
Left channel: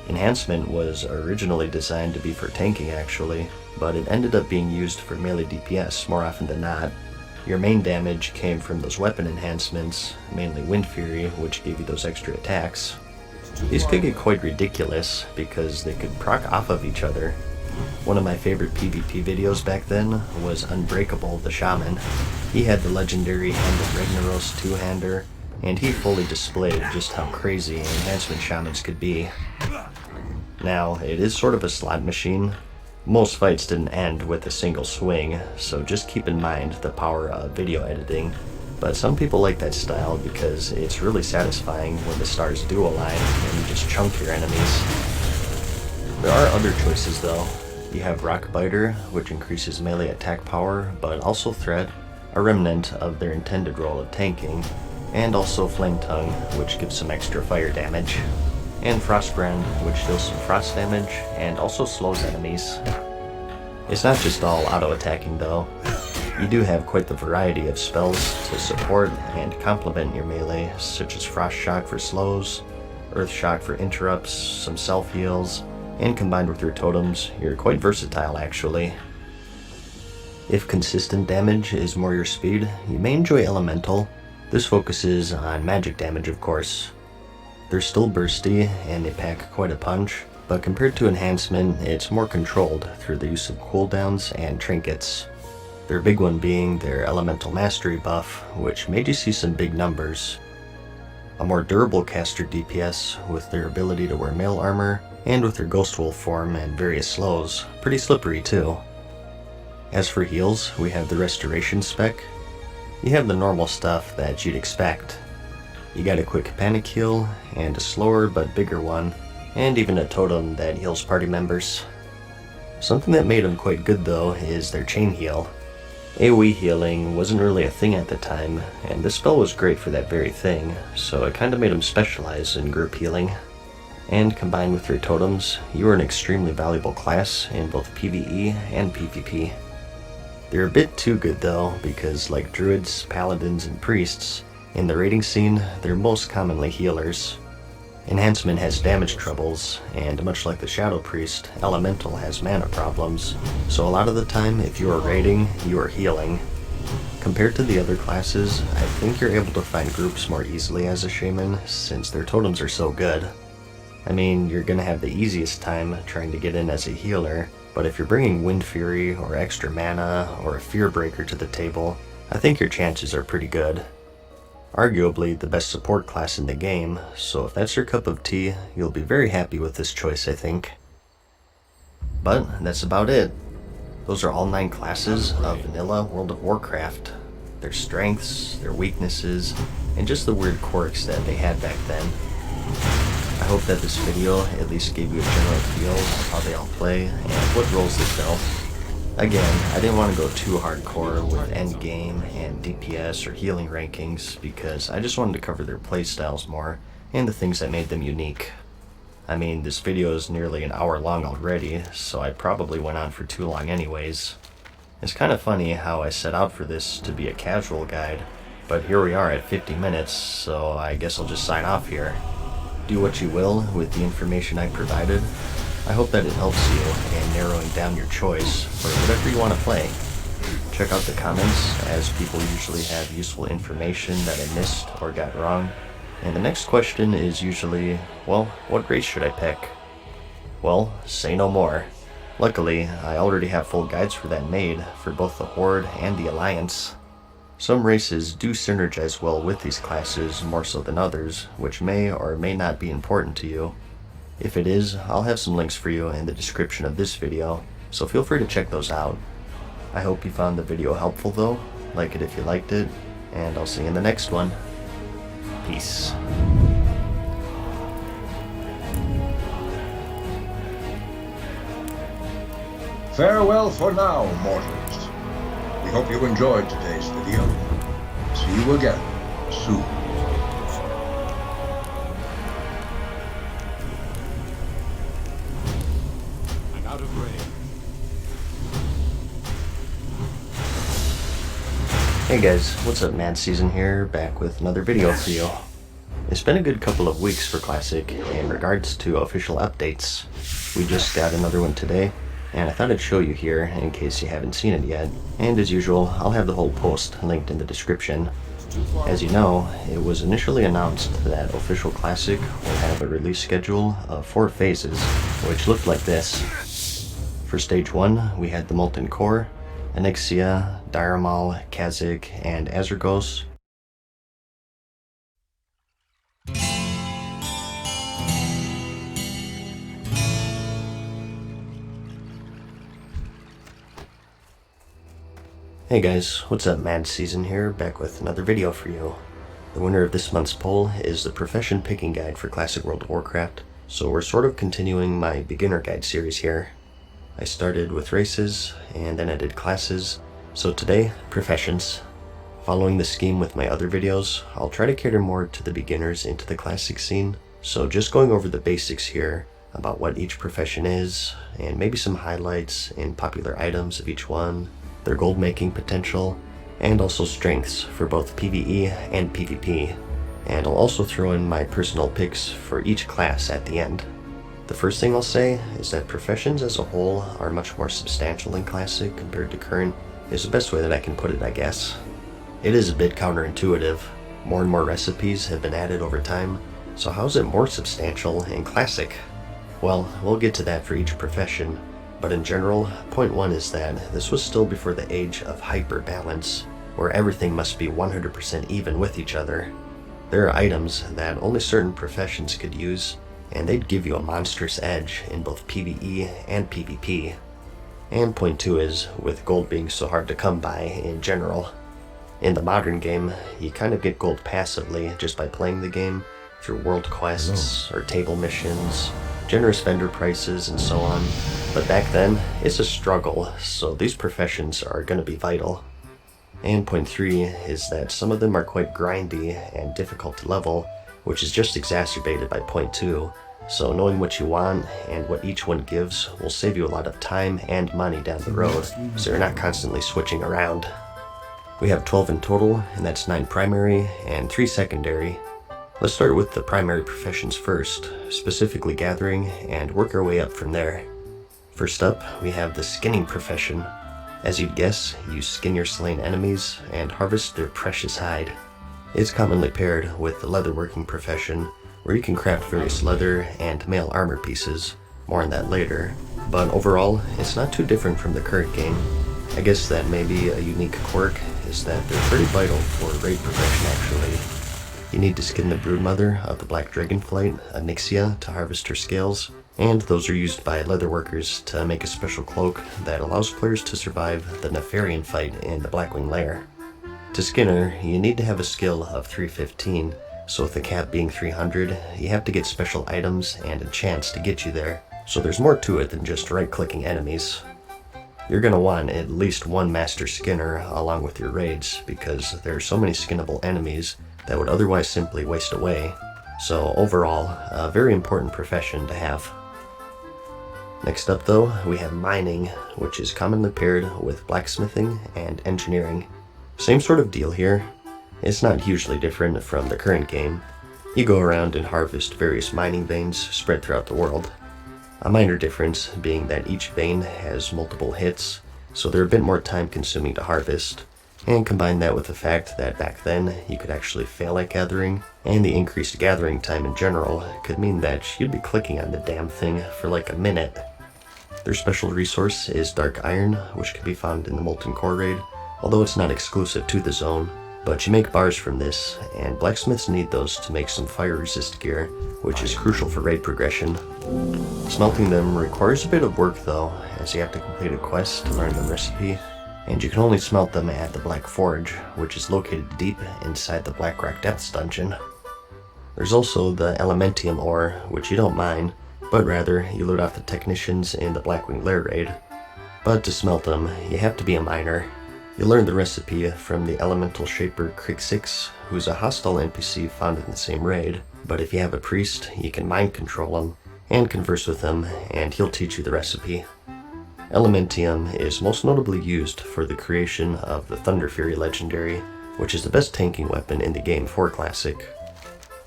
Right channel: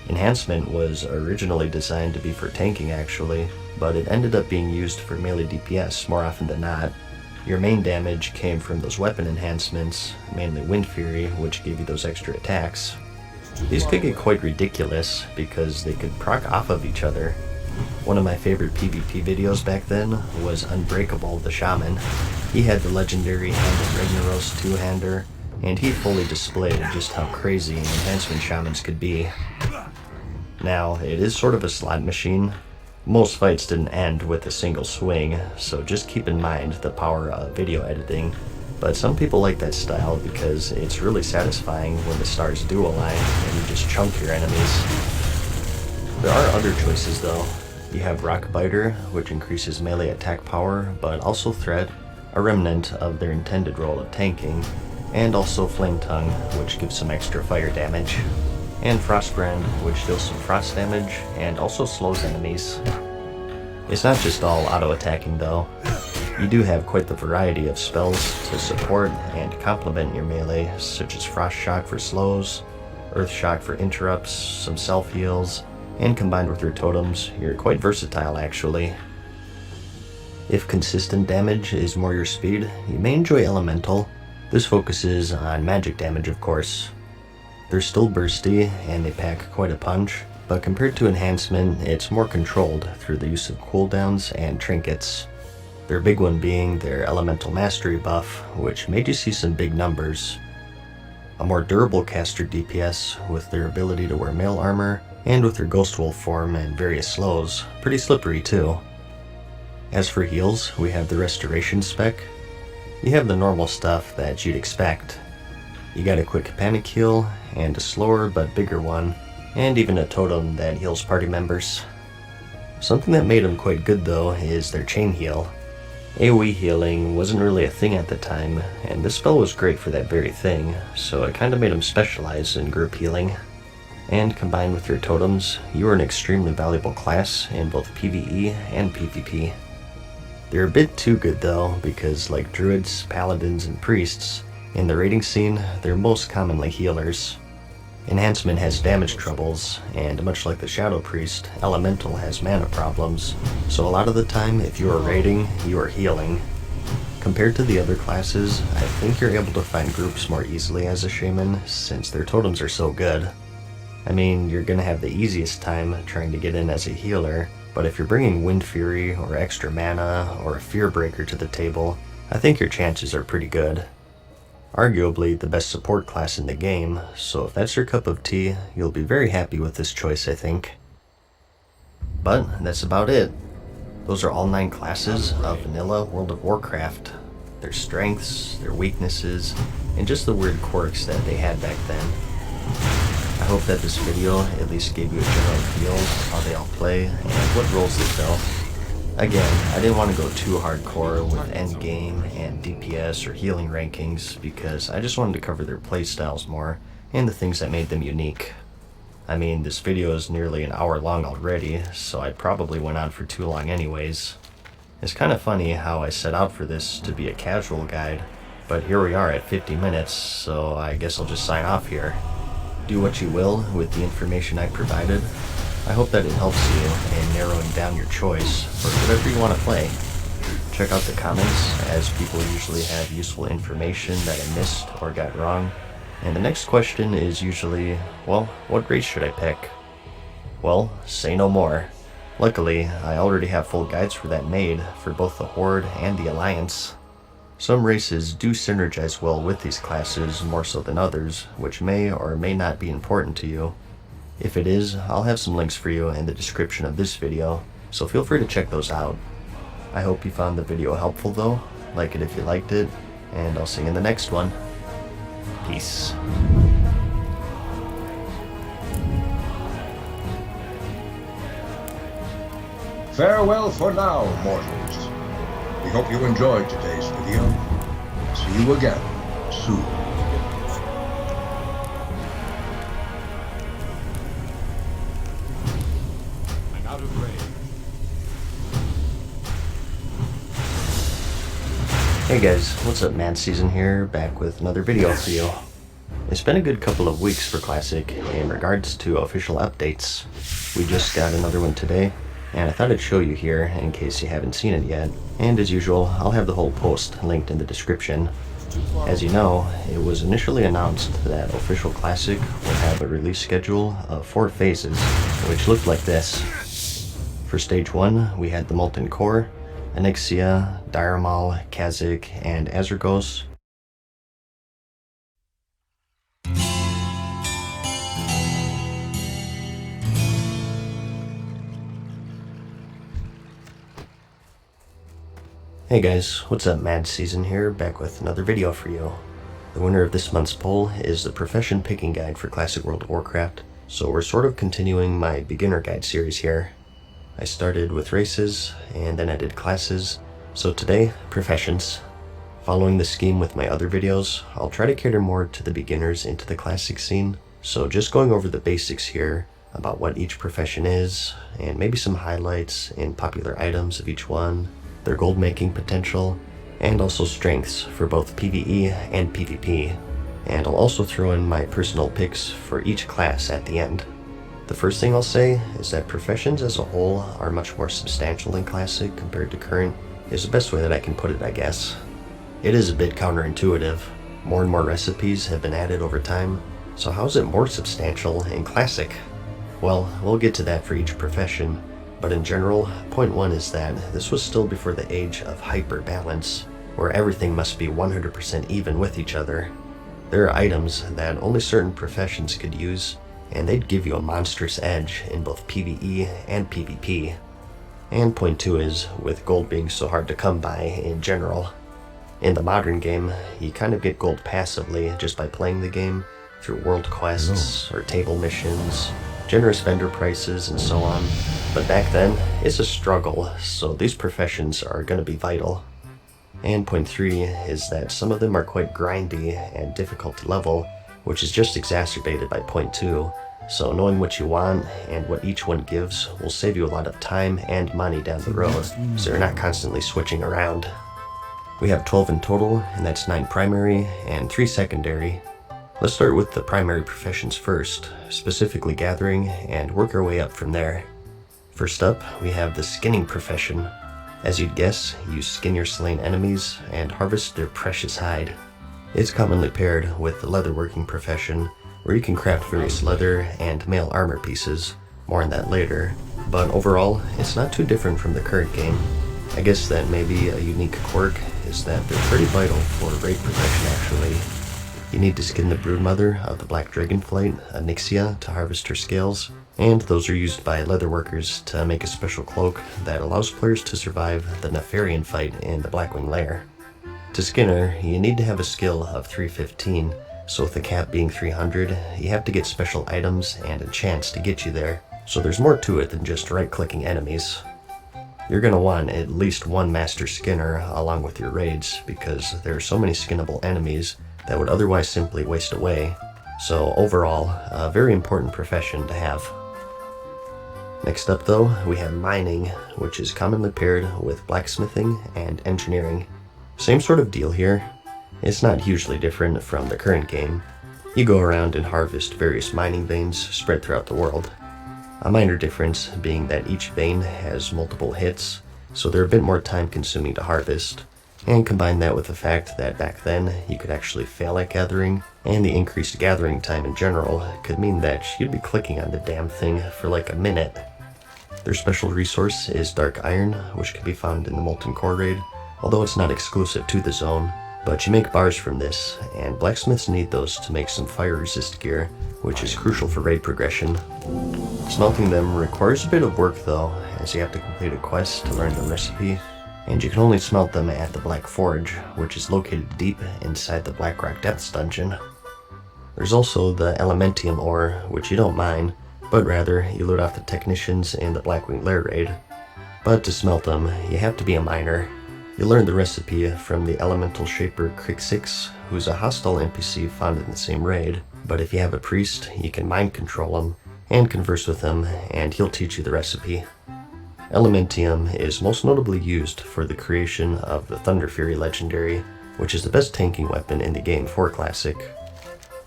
Enhancement was originally designed to be for tanking actually, but it ended up being used for melee DPS more often than not. Your main damage came from those weapon enhancements, mainly Wind Fury, which gave you those extra attacks. These could get quite ridiculous because they could proc off of each other. One of my favorite PvP videos back then was Unbreakable the Shaman. He had the legendary Hand of Ragnaros two-hander, and he fully displayed just how crazy enhancement shamans could be. Now, it is sort of a slot machine. Most fights didn't end with a single swing, so just keep in mind the power of video editing. But some people like that style because it's really satisfying when the stars do align and you just chunk your enemies. There are other choices though. You have Rock Biter, which increases melee attack power, but also threat, a remnant of their intended role of tanking, and also Flame Tongue, which gives some extra fire damage, and Frostbrand, which deals some frost damage and also slows enemies. It's not just all auto-attacking though. You do have quite the variety of spells to support and complement your melee, such as Frost Shock for slows, Earth Shock for interrupts, some self-heals, and combined with your totems, you're quite versatile actually. If consistent damage is more your speed, you may enjoy Elemental. This focuses on magic damage of course. They're still bursty and they pack quite a punch, but compared to Enhancement, it's more controlled through the use of cooldowns and trinkets. Their big one being their Elemental Mastery buff, which made you see some big numbers. A more durable caster DPS with their ability to wear mail armor, and with their Ghost Wolf form and various slows, pretty slippery too. As for heals, we have the Restoration spec. You have the normal stuff that you'd expect. You got a quick panic heal, and a slower but bigger one, and even a totem that heals party members. Something that made them quite good though is their chain heal. AoE healing wasn't really a thing at the time, and this spell was great for that very thing, so it kinda made them specialize in group healing. And combined with your totems, you are an extremely valuable class in both PvE and PvP. They're a bit too good though, because like druids, paladins, and priests, in the raiding scene, they're most commonly healers. Enhancement has damage troubles, and much like the Shadow Priest, Elemental has mana problems, so a lot of the time if you are raiding, you are healing. Compared to the other classes, I think you're able to find groups more easily as a shaman, since their totems are so good. I mean, you're gonna have the easiest time trying to get in as a healer, but if you're bringing Wind Fury or extra mana or a Fear Breaker to the table, I think your chances are pretty good. Arguably the best support class in the game, so if that's your cup of tea, you'll be very happy with this choice, I think. But that's about it. Those are all 9 classes of vanilla World of Warcraft. Their strengths, their weaknesses, and just the weird quirks that they had back then. I hope that this video at least gave you a general feel of how they all play and what roles they fill. Again, I didn't want to go too hardcore with endgame and DPS or healing rankings because I just wanted to cover their playstyles more and the things that made them unique. I mean, this video is nearly an hour long already, so I probably went on for too long anyways. It's kind of funny how I set out for this to be a casual guide, but here we are at 50 minutes, so I guess I'll just sign off here. Do what you will with the information I provided. I hope that it helps you in narrowing down your choice for whatever you want to play. Check out the comments, as people usually have useful information that I missed or got wrong. And the next question is usually, well, what race should I pick? Well, say no more. Luckily, I already have full guides for that made for both the Horde and the Alliance. Some races do synergize well with these classes more so than others, which may or may not be important to you. If it is, I'll have some links for you in the description of this video, so feel free to check those out. I hope you found the video helpful though, like it if you liked it, and I'll see you in the next one. Peace. Farewell for now, mortals. We hope you enjoyed today's video. See you again soon. I'm out of range. Hey guys, what's up, Man Season here, back with another video for you. It's been a good couple of weeks for Classic in regards to official updates. We just got another one today, and I thought I'd show you here in case you haven't seen it yet. And as usual, I'll have the whole post linked in the description. As you know, it was initially announced that official Classic will have a release schedule of 4 phases, which looked like this. For Stage 1, we had the Molten Core, Onyxia, Diremal, Kha'Zix, and Azergos. Hey guys, what's up? Mad Season here, back with another video for you. The winner of this month's poll is the Profession Picking Guide for Classic World of Warcraft, so we're sort of continuing my beginner guide series here. I started with races, and then I did classes, so today, professions. Following the scheme with my other videos, I'll try to cater more to the beginners into the classic scene, so just going over the basics here about what each profession is, and maybe some highlights and popular items of each one, their gold making potential, and also strengths for both PvE and PvP. And I'll also throw in my personal picks for each class at the end. The first thing I'll say is that professions as a whole are much more substantial in Classic compared to current, is the best way that I can put it, I guess. It is a bit counterintuitive. More and more recipes have been added over time, so how is it more substantial in Classic? Well, we'll get to that for each profession, but in general, point 1 is that this was still before the age of hyper-balance, where everything must be 100% even with each other. There are items that only certain professions could use, and they'd give you a monstrous edge in both PvE and PvP. And point 2 is, with gold being so hard to come by in general. In the modern game, you kind of get gold passively just by playing the game, through world quests or table missions, generous vendor prices, and so on. But back then, it's a struggle, so these professions are going to be vital. And point 3 is that some of them are quite grindy and difficult to level, which is just exacerbated by point 2, so knowing what you want and what each one gives will save you a lot of time and money down the road, so you're not constantly switching around. We have 12 in total, and that's 9 primary and 3 secondary. Let's start with the primary professions first, specifically gathering, and work our way up from there. First up, we have the skinning profession. As you'd guess, you skin your slain enemies and harvest their precious hide. It's commonly paired with the leatherworking profession, where you can craft various leather and mail armor pieces, more on that later, but overall, it's not too different from the current game. I guess that maybe a unique quirk is that they're pretty vital for raid progression actually. You need to skin the broodmother of the black dragonflight, Onyxia, to harvest her scales, and those are used by leatherworkers to make a special cloak that allows players to survive the Nefarian fight in the Blackwing Lair. To skin her, you need to have a skill of 315, so with the cap being 300, you have to get special items and enchants to get you there, so there's more to it than just right-clicking enemies. You're going to want at least one Master Skinner along with your raids, because there are so many skinnable enemies that would otherwise simply waste away, so overall, a very important profession to have. Next up though, we have mining, which is commonly paired with blacksmithing and engineering. Same sort of deal here. It's not hugely different from the current game. You go around and harvest various mining veins spread throughout the world. A minor difference being that each vein has multiple hits, so they're a bit more time consuming to harvest. And combine that with the fact that back then you could actually fail at gathering, and the increased gathering time in general could mean that you'd be clicking on the damn thing for like a minute. Their special resource is Dark Iron, which can be found in the Molten Core raid, although it's not exclusive to the zone. But you make bars from this, and blacksmiths need those to make some fire resist gear, which is crucial for raid progression. Smelting them requires a bit of work though, as you have to complete a quest to learn the recipe, and you can only smelt them at the Black Forge, which is located deep inside the Blackrock Depths dungeon. There's also the Elementium ore, which you don't mine, but rather you loot off the technicians in the Blackwing Lair raid. But to smelt them, you have to be a miner. You learn the recipe from the elemental shaper Crixix, who's a hostile NPC found in the same raid, but if you have a priest, you can mind control him and converse with him, and he'll teach you the recipe. Elementium is most notably used for the creation of the Thunder Fury legendary, which is the best tanking weapon in the game for Classic.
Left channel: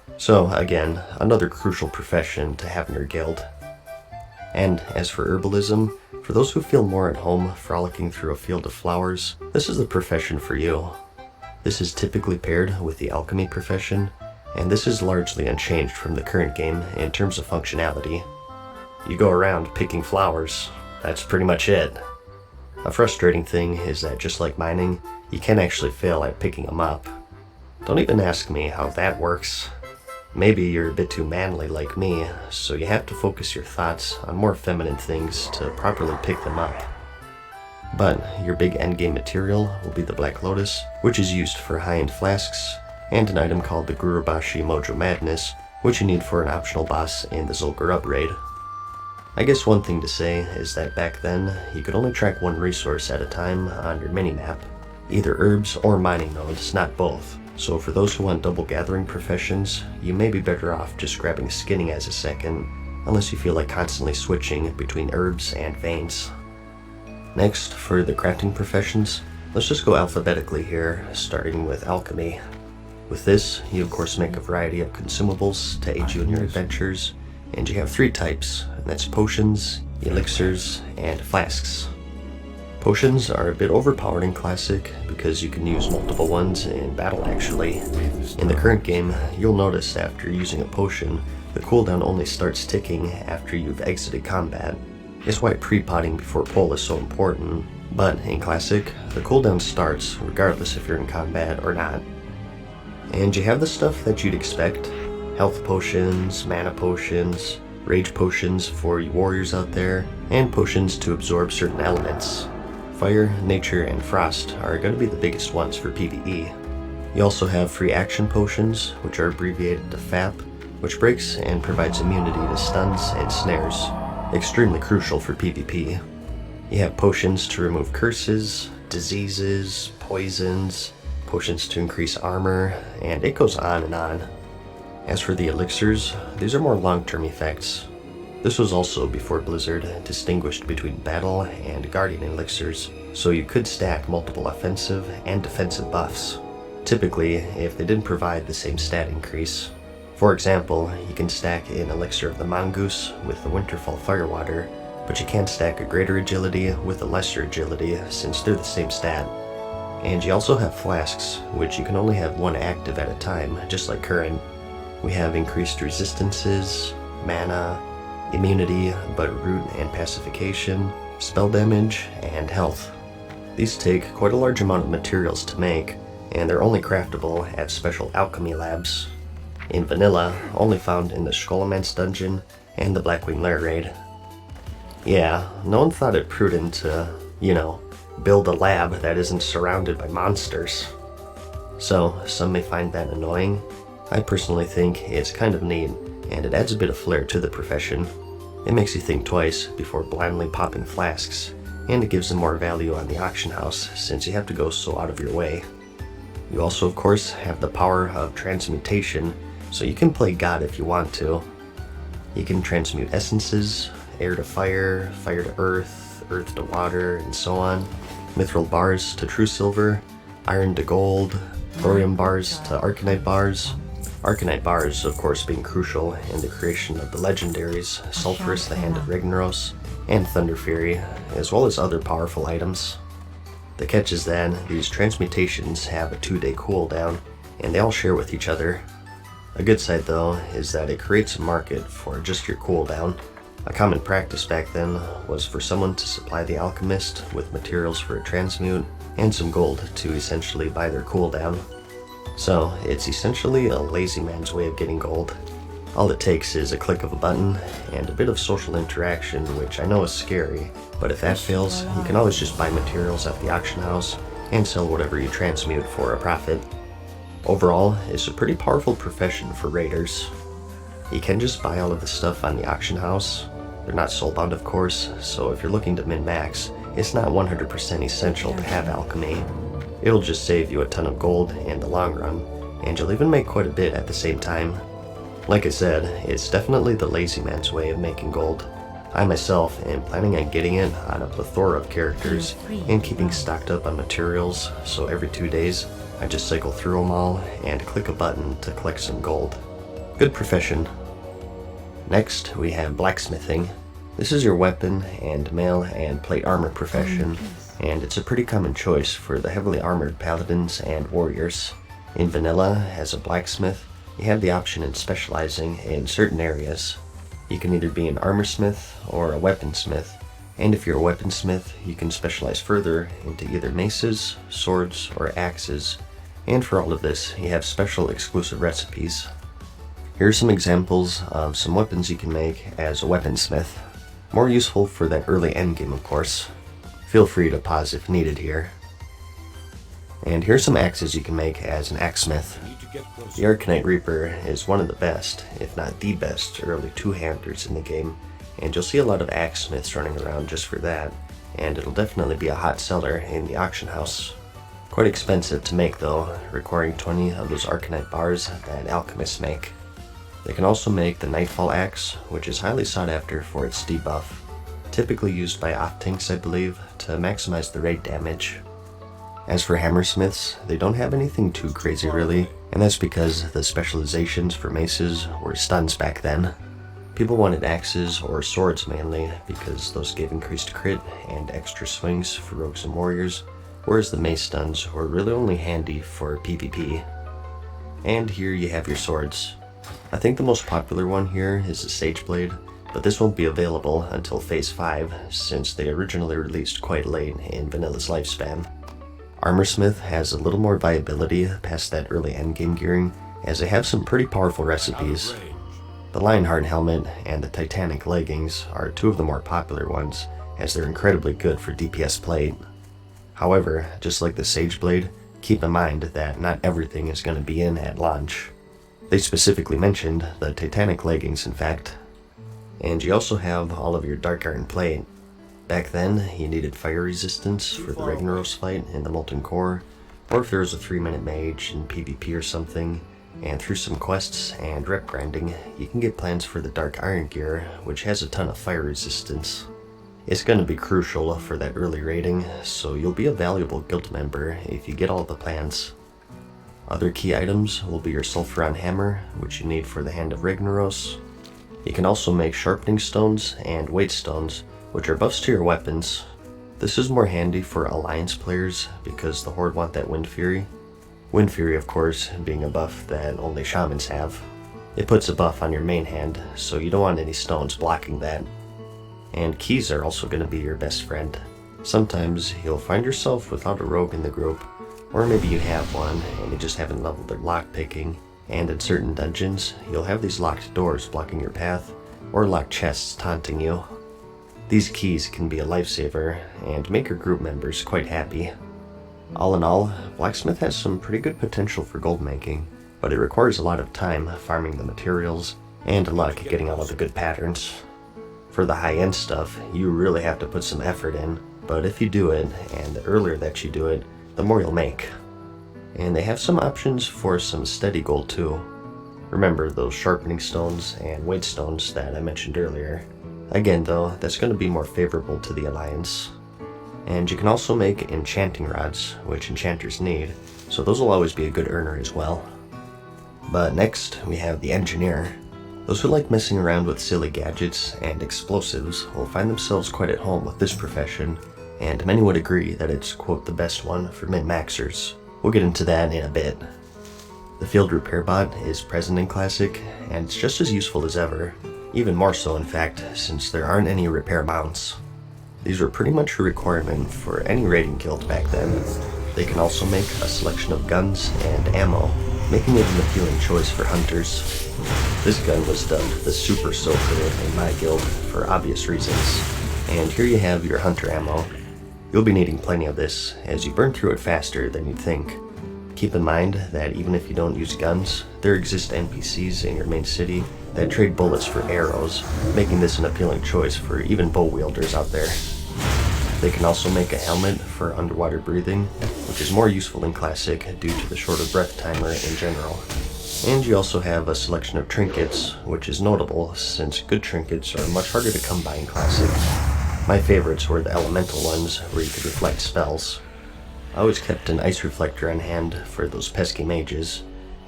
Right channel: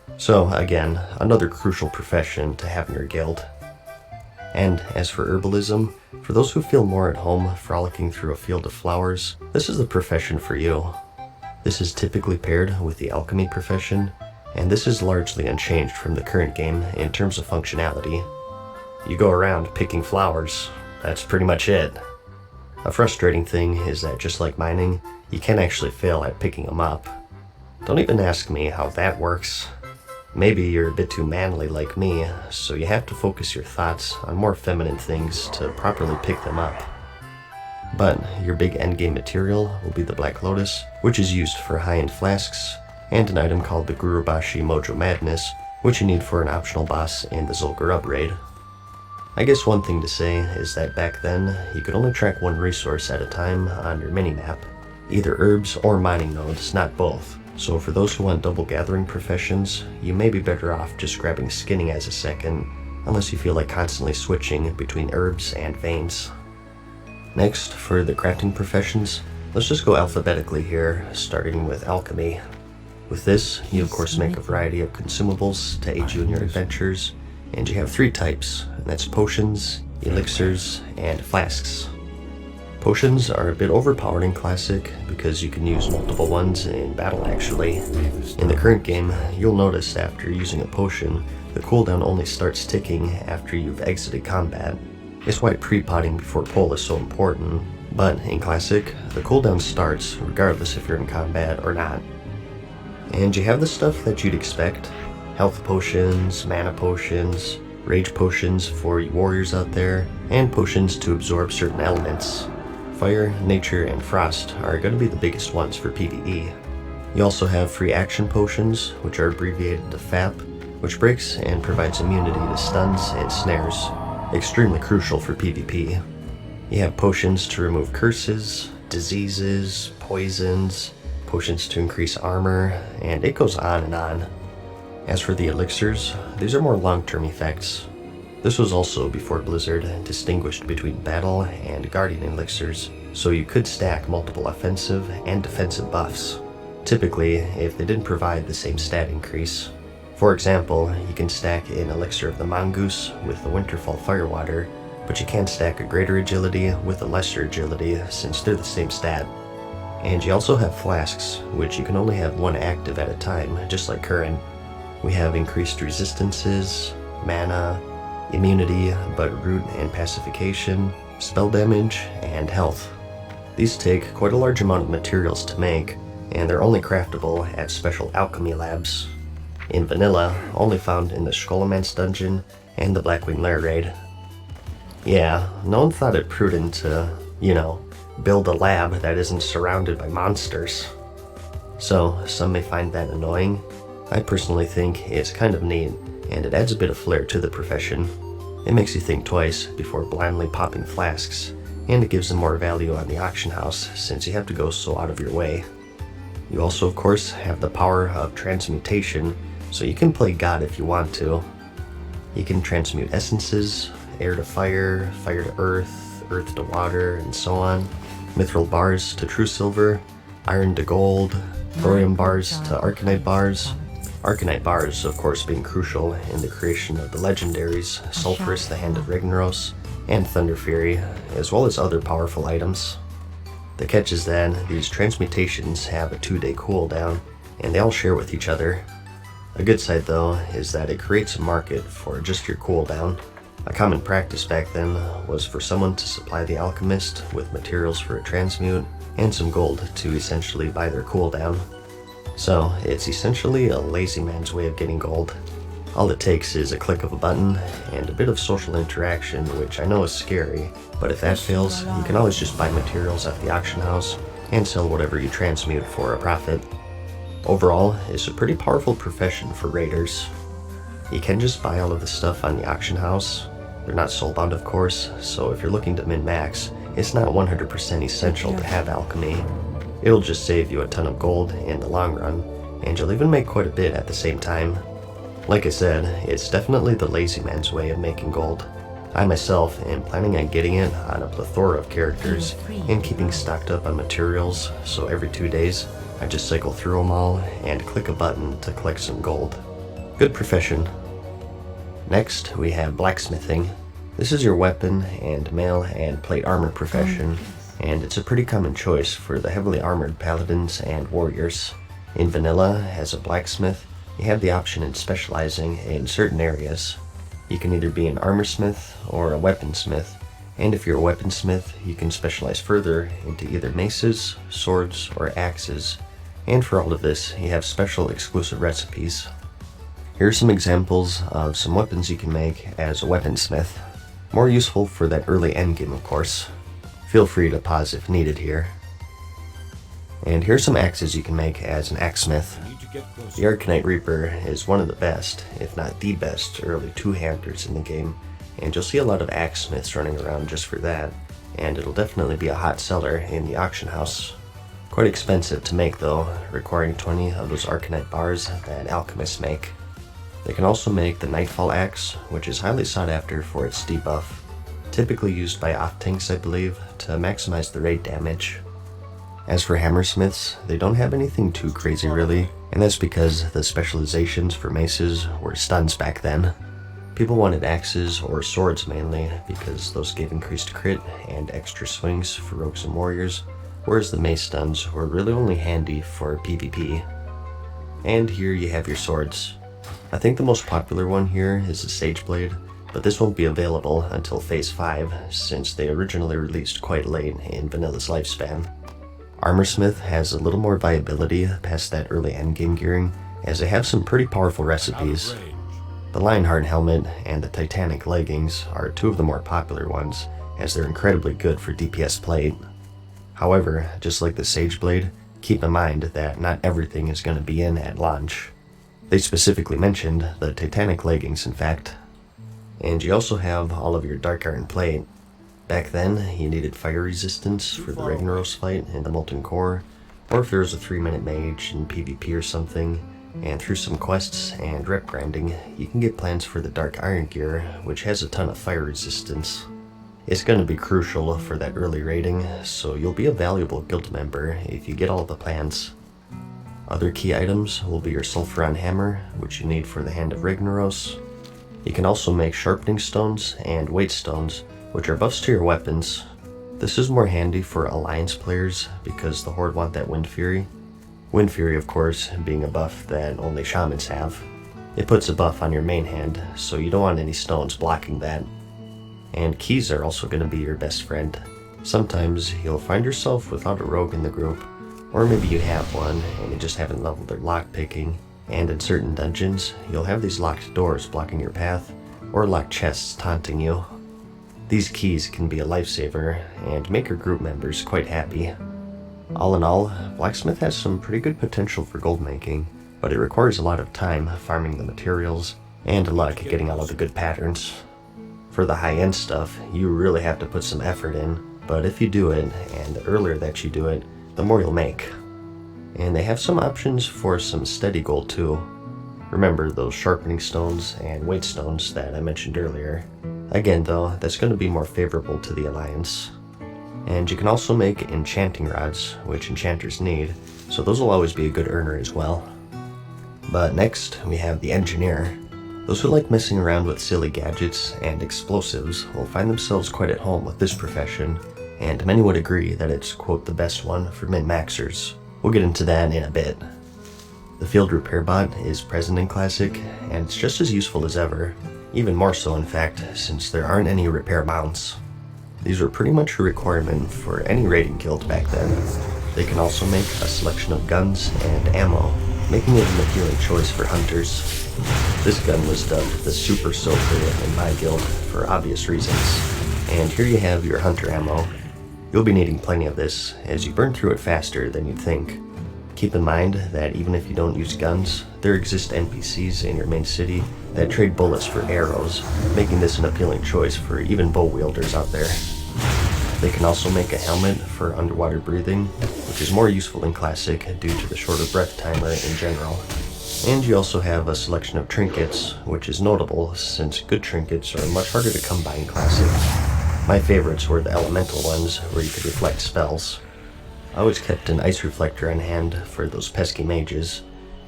So again, another crucial profession to have in your guild. And as for herbalism, for those who feel more at home frolicking through a field of flowers, this is the profession for you. This is typically paired with the alchemy profession, and this is largely unchanged from the current game in terms of functionality. You go around picking flowers, that's pretty much it. A frustrating thing is that just like mining, you can actually fail at picking them up. Don't even ask me how that works. Maybe you're a bit too manly like me, so you have to focus your thoughts on more feminine things to properly pick them up. But your big endgame material will be the Black Lotus, which is used for high-end flasks, and an item called the Gurubashi Mojo Madness, which you need for an optional boss in the Zulgur upgrade. I guess one thing to say is that back then, you could only track one resource at a time on your minimap, either herbs or mining nodes, not both. So for those who want double gathering professions, you may be better off just grabbing skinning as a second, unless you feel like constantly switching between herbs and veins. Next, for the crafting professions, let's just go alphabetically here, starting with alchemy. With this, you of course make a variety of consumables to aid you in your adventures, and you have 3 types, and that's potions, elixirs, and flasks. Potions are a bit overpowered in Classic because you can use multiple ones in battle actually. In the current game, you'll notice after using a potion, the cooldown only starts ticking after you've exited combat. It's why pre-potting before pull is so important, but in Classic, the cooldown starts regardless if you're in combat or not. And you have the stuff that you'd expect: health potions, mana potions, rage potions for you warriors out there, and potions to absorb certain elements. Fire, nature, and frost are going to be the biggest ones for PvE. You also have free action potions, which are abbreviated to FAP, which breaks and provides immunity to stuns and snares, extremely crucial for PvP. You have potions to remove curses, diseases, poisons, potions to increase armor, and it goes on and on. As for the elixirs, these are more long-term effects. This was also before Blizzard distinguished between battle and guardian elixirs, so you could stack multiple offensive and defensive buffs, typically if they didn't provide the same stat increase. For example, you can stack an elixir of the mongoose with the Winterfall Firewater, but you can't stack a greater agility with a lesser agility since they're the same stat. And you also have flasks, which you can only have one active at a time, just like current. We have increased resistances, mana, immunity, but root and pacification, spell damage, and health. These take quite a large amount of materials to make, and they're only craftable at special alchemy labs. In vanilla, only found in the Skolemance dungeon and the Blackwing Lair raid. Yeah, no one thought it prudent to, build a lab that isn't surrounded by monsters. So, some may find that annoying. I personally think it's kind of neat, and it adds a bit of flair to the profession. It makes you think twice before blindly popping flasks, and it gives them more value on the auction house since you have to go so out of your way. You also of course have the power of transmutation, so you can play God if you want to. You can transmute essences, air to fire, fire to earth, earth to water, and so on, mithril bars to true silver, iron to gold, thorium bars to arcanite bars. Arcanite bars, of course, being crucial in the creation of the legendaries Sulphurus, the Hand of Ragnaros, and Thunder Fury, as well as other powerful items. The catch is that these transmutations have a 2-day cooldown, and they all share with each other. A good side, though, is that it creates a market for just your cooldown. A common practice back then was for someone to supply the alchemist with materials for a transmute and some gold to essentially buy their cooldown. So, it's essentially a lazy man's way of getting gold. All it takes is a click of a button and a bit of social interaction, which I know is scary, but if that fails, you can always just buy materials at the auction house and sell whatever you transmute for a profit. Overall, it's a pretty powerful profession for raiders. You can just buy all of the stuff on the auction house. They're not soulbound, of course, so if you're looking to min-max, it's not 100% essential to have alchemy. It'll just save you a ton of gold in the long run, and you'll even make quite a bit at the same time. Like I said, it's definitely the lazy man's way of making gold. I myself am planning on getting it on a plethora of characters and keeping stocked up on materials, so every 2 days I just cycle through them all and click a button to collect some gold. Good profession. Next, we have blacksmithing. This is your weapon and mail and plate armor profession, and it's a pretty common choice for the heavily armored paladins and warriors. In vanilla, as a blacksmith, you have the option in specializing in certain areas. You can either be an armorsmith or a weaponsmith, and if you're a weaponsmith, you can specialize further into either maces, swords, or axes. And for all of this, you have special exclusive recipes. Here are some examples of some weapons you can make as a weaponsmith. More useful for that early endgame, of course. Feel free to pause if needed here. And here's some axes you can make as an axesmith. The Arcanite Reaper is one of the best, if not the best, early two-handers in the game, and you'll see a lot of axesmiths running around just for that, and it'll definitely be a hot seller in the auction house. Quite expensive to make though, requiring 20 of those Arcanite bars that alchemists make. They can also make the Nightfall Axe, which is highly sought after for its debuff, typically used by off-tanks I believe, to maximize the raid damage. As for hammersmiths, they don't have anything too crazy really, and that's because the specializations for maces were stuns back then. People wanted axes or swords mainly, because those gave increased crit and extra swings for rogues and warriors, whereas the mace stuns were really only handy for PvP. And here you have your swords. I think the most popular one here is the Sageblade, but this won't be available until Phase 5, since they originally released quite late in Vanilla's lifespan. Armorsmith has a little more viability past that early endgame gearing, as they have some pretty powerful recipes. The Lionheart helmet and the Titanic leggings are two of the more popular ones, as they're incredibly good for DPS plate. However, just like the Sageblade, keep in mind that not everything is going to be in at launch. They specifically mentioned the Titanic leggings, in fact. And you also have all of your Dark Iron plate. Back then, you needed fire resistance for the Ragnaros fight in the Molten Core, or if there was a 3-minute mage in PvP or something, and through some quests and rep grinding, you can get plans for the Dark Iron gear, which has a ton of fire resistance. It's going to be crucial for that early raiding, so you'll be a valuable guild member if you get all the plans. Other key items will be your Sulfuron Hammer, which you need for the Hand of Ragnaros. You can also make Sharpening Stones and Weight Stones, which are buffs to your weapons. This is more handy for Alliance players because the Horde want that Wind Fury. Wind Fury, of course, being a buff that only Shamans have. It puts a buff on your main hand, so you don't want any stones blocking that. And keys are also going to be your best friend. Sometimes you'll find yourself without a rogue in the group, or maybe you have one and you just haven't leveled their lockpicking, and in certain dungeons, you'll have these locked doors blocking your path, or locked chests taunting you. These keys can be a lifesaver and make your group members quite happy. All in all, Blacksmith has some pretty good potential for gold making, but it requires a lot of time farming the materials and luck getting all of the good patterns. For the high-end stuff, you really have to put some effort in, but if you do it, and the earlier that you do it, the more you'll make. And they have some options for some steady gold too. Remember those sharpening stones and weight stones that I mentioned earlier. Again though, that's going to be more favorable to the Alliance. And you can also make enchanting rods, which enchanters need, so those will always be a good earner as well. But next, we have the Engineer. Those who like messing around with silly gadgets and explosives will find themselves quite at home with this profession, and many would agree that it's, quote, the best one for min-maxers. We'll get into that in a bit. The Field Repair Bot is present in Classic, and it's just as useful as ever, even more so in fact, since there aren't any repair mounts. These were pretty much a requirement for any raiding guild back then. They can also make a selection of guns and ammo, making it an appealing choice for hunters. This gun was dubbed the Super Soaker in my guild for obvious reasons. And here you have your hunter ammo. You'll be needing plenty of this, as you burn through it faster than you'd think. Keep in mind that even if you don't use guns, there exist NPCs in your main city that trade bullets for arrows, making this an appealing choice for even bow wielders out there. They can also make a helmet for underwater breathing, which is more useful in Classic due to the shorter breath timer in general. And you also have a selection of trinkets, which is notable since good trinkets are much harder to come by in Classic. My favorites were the elemental ones, where you could reflect spells. I always kept an ice reflector on hand for those pesky mages,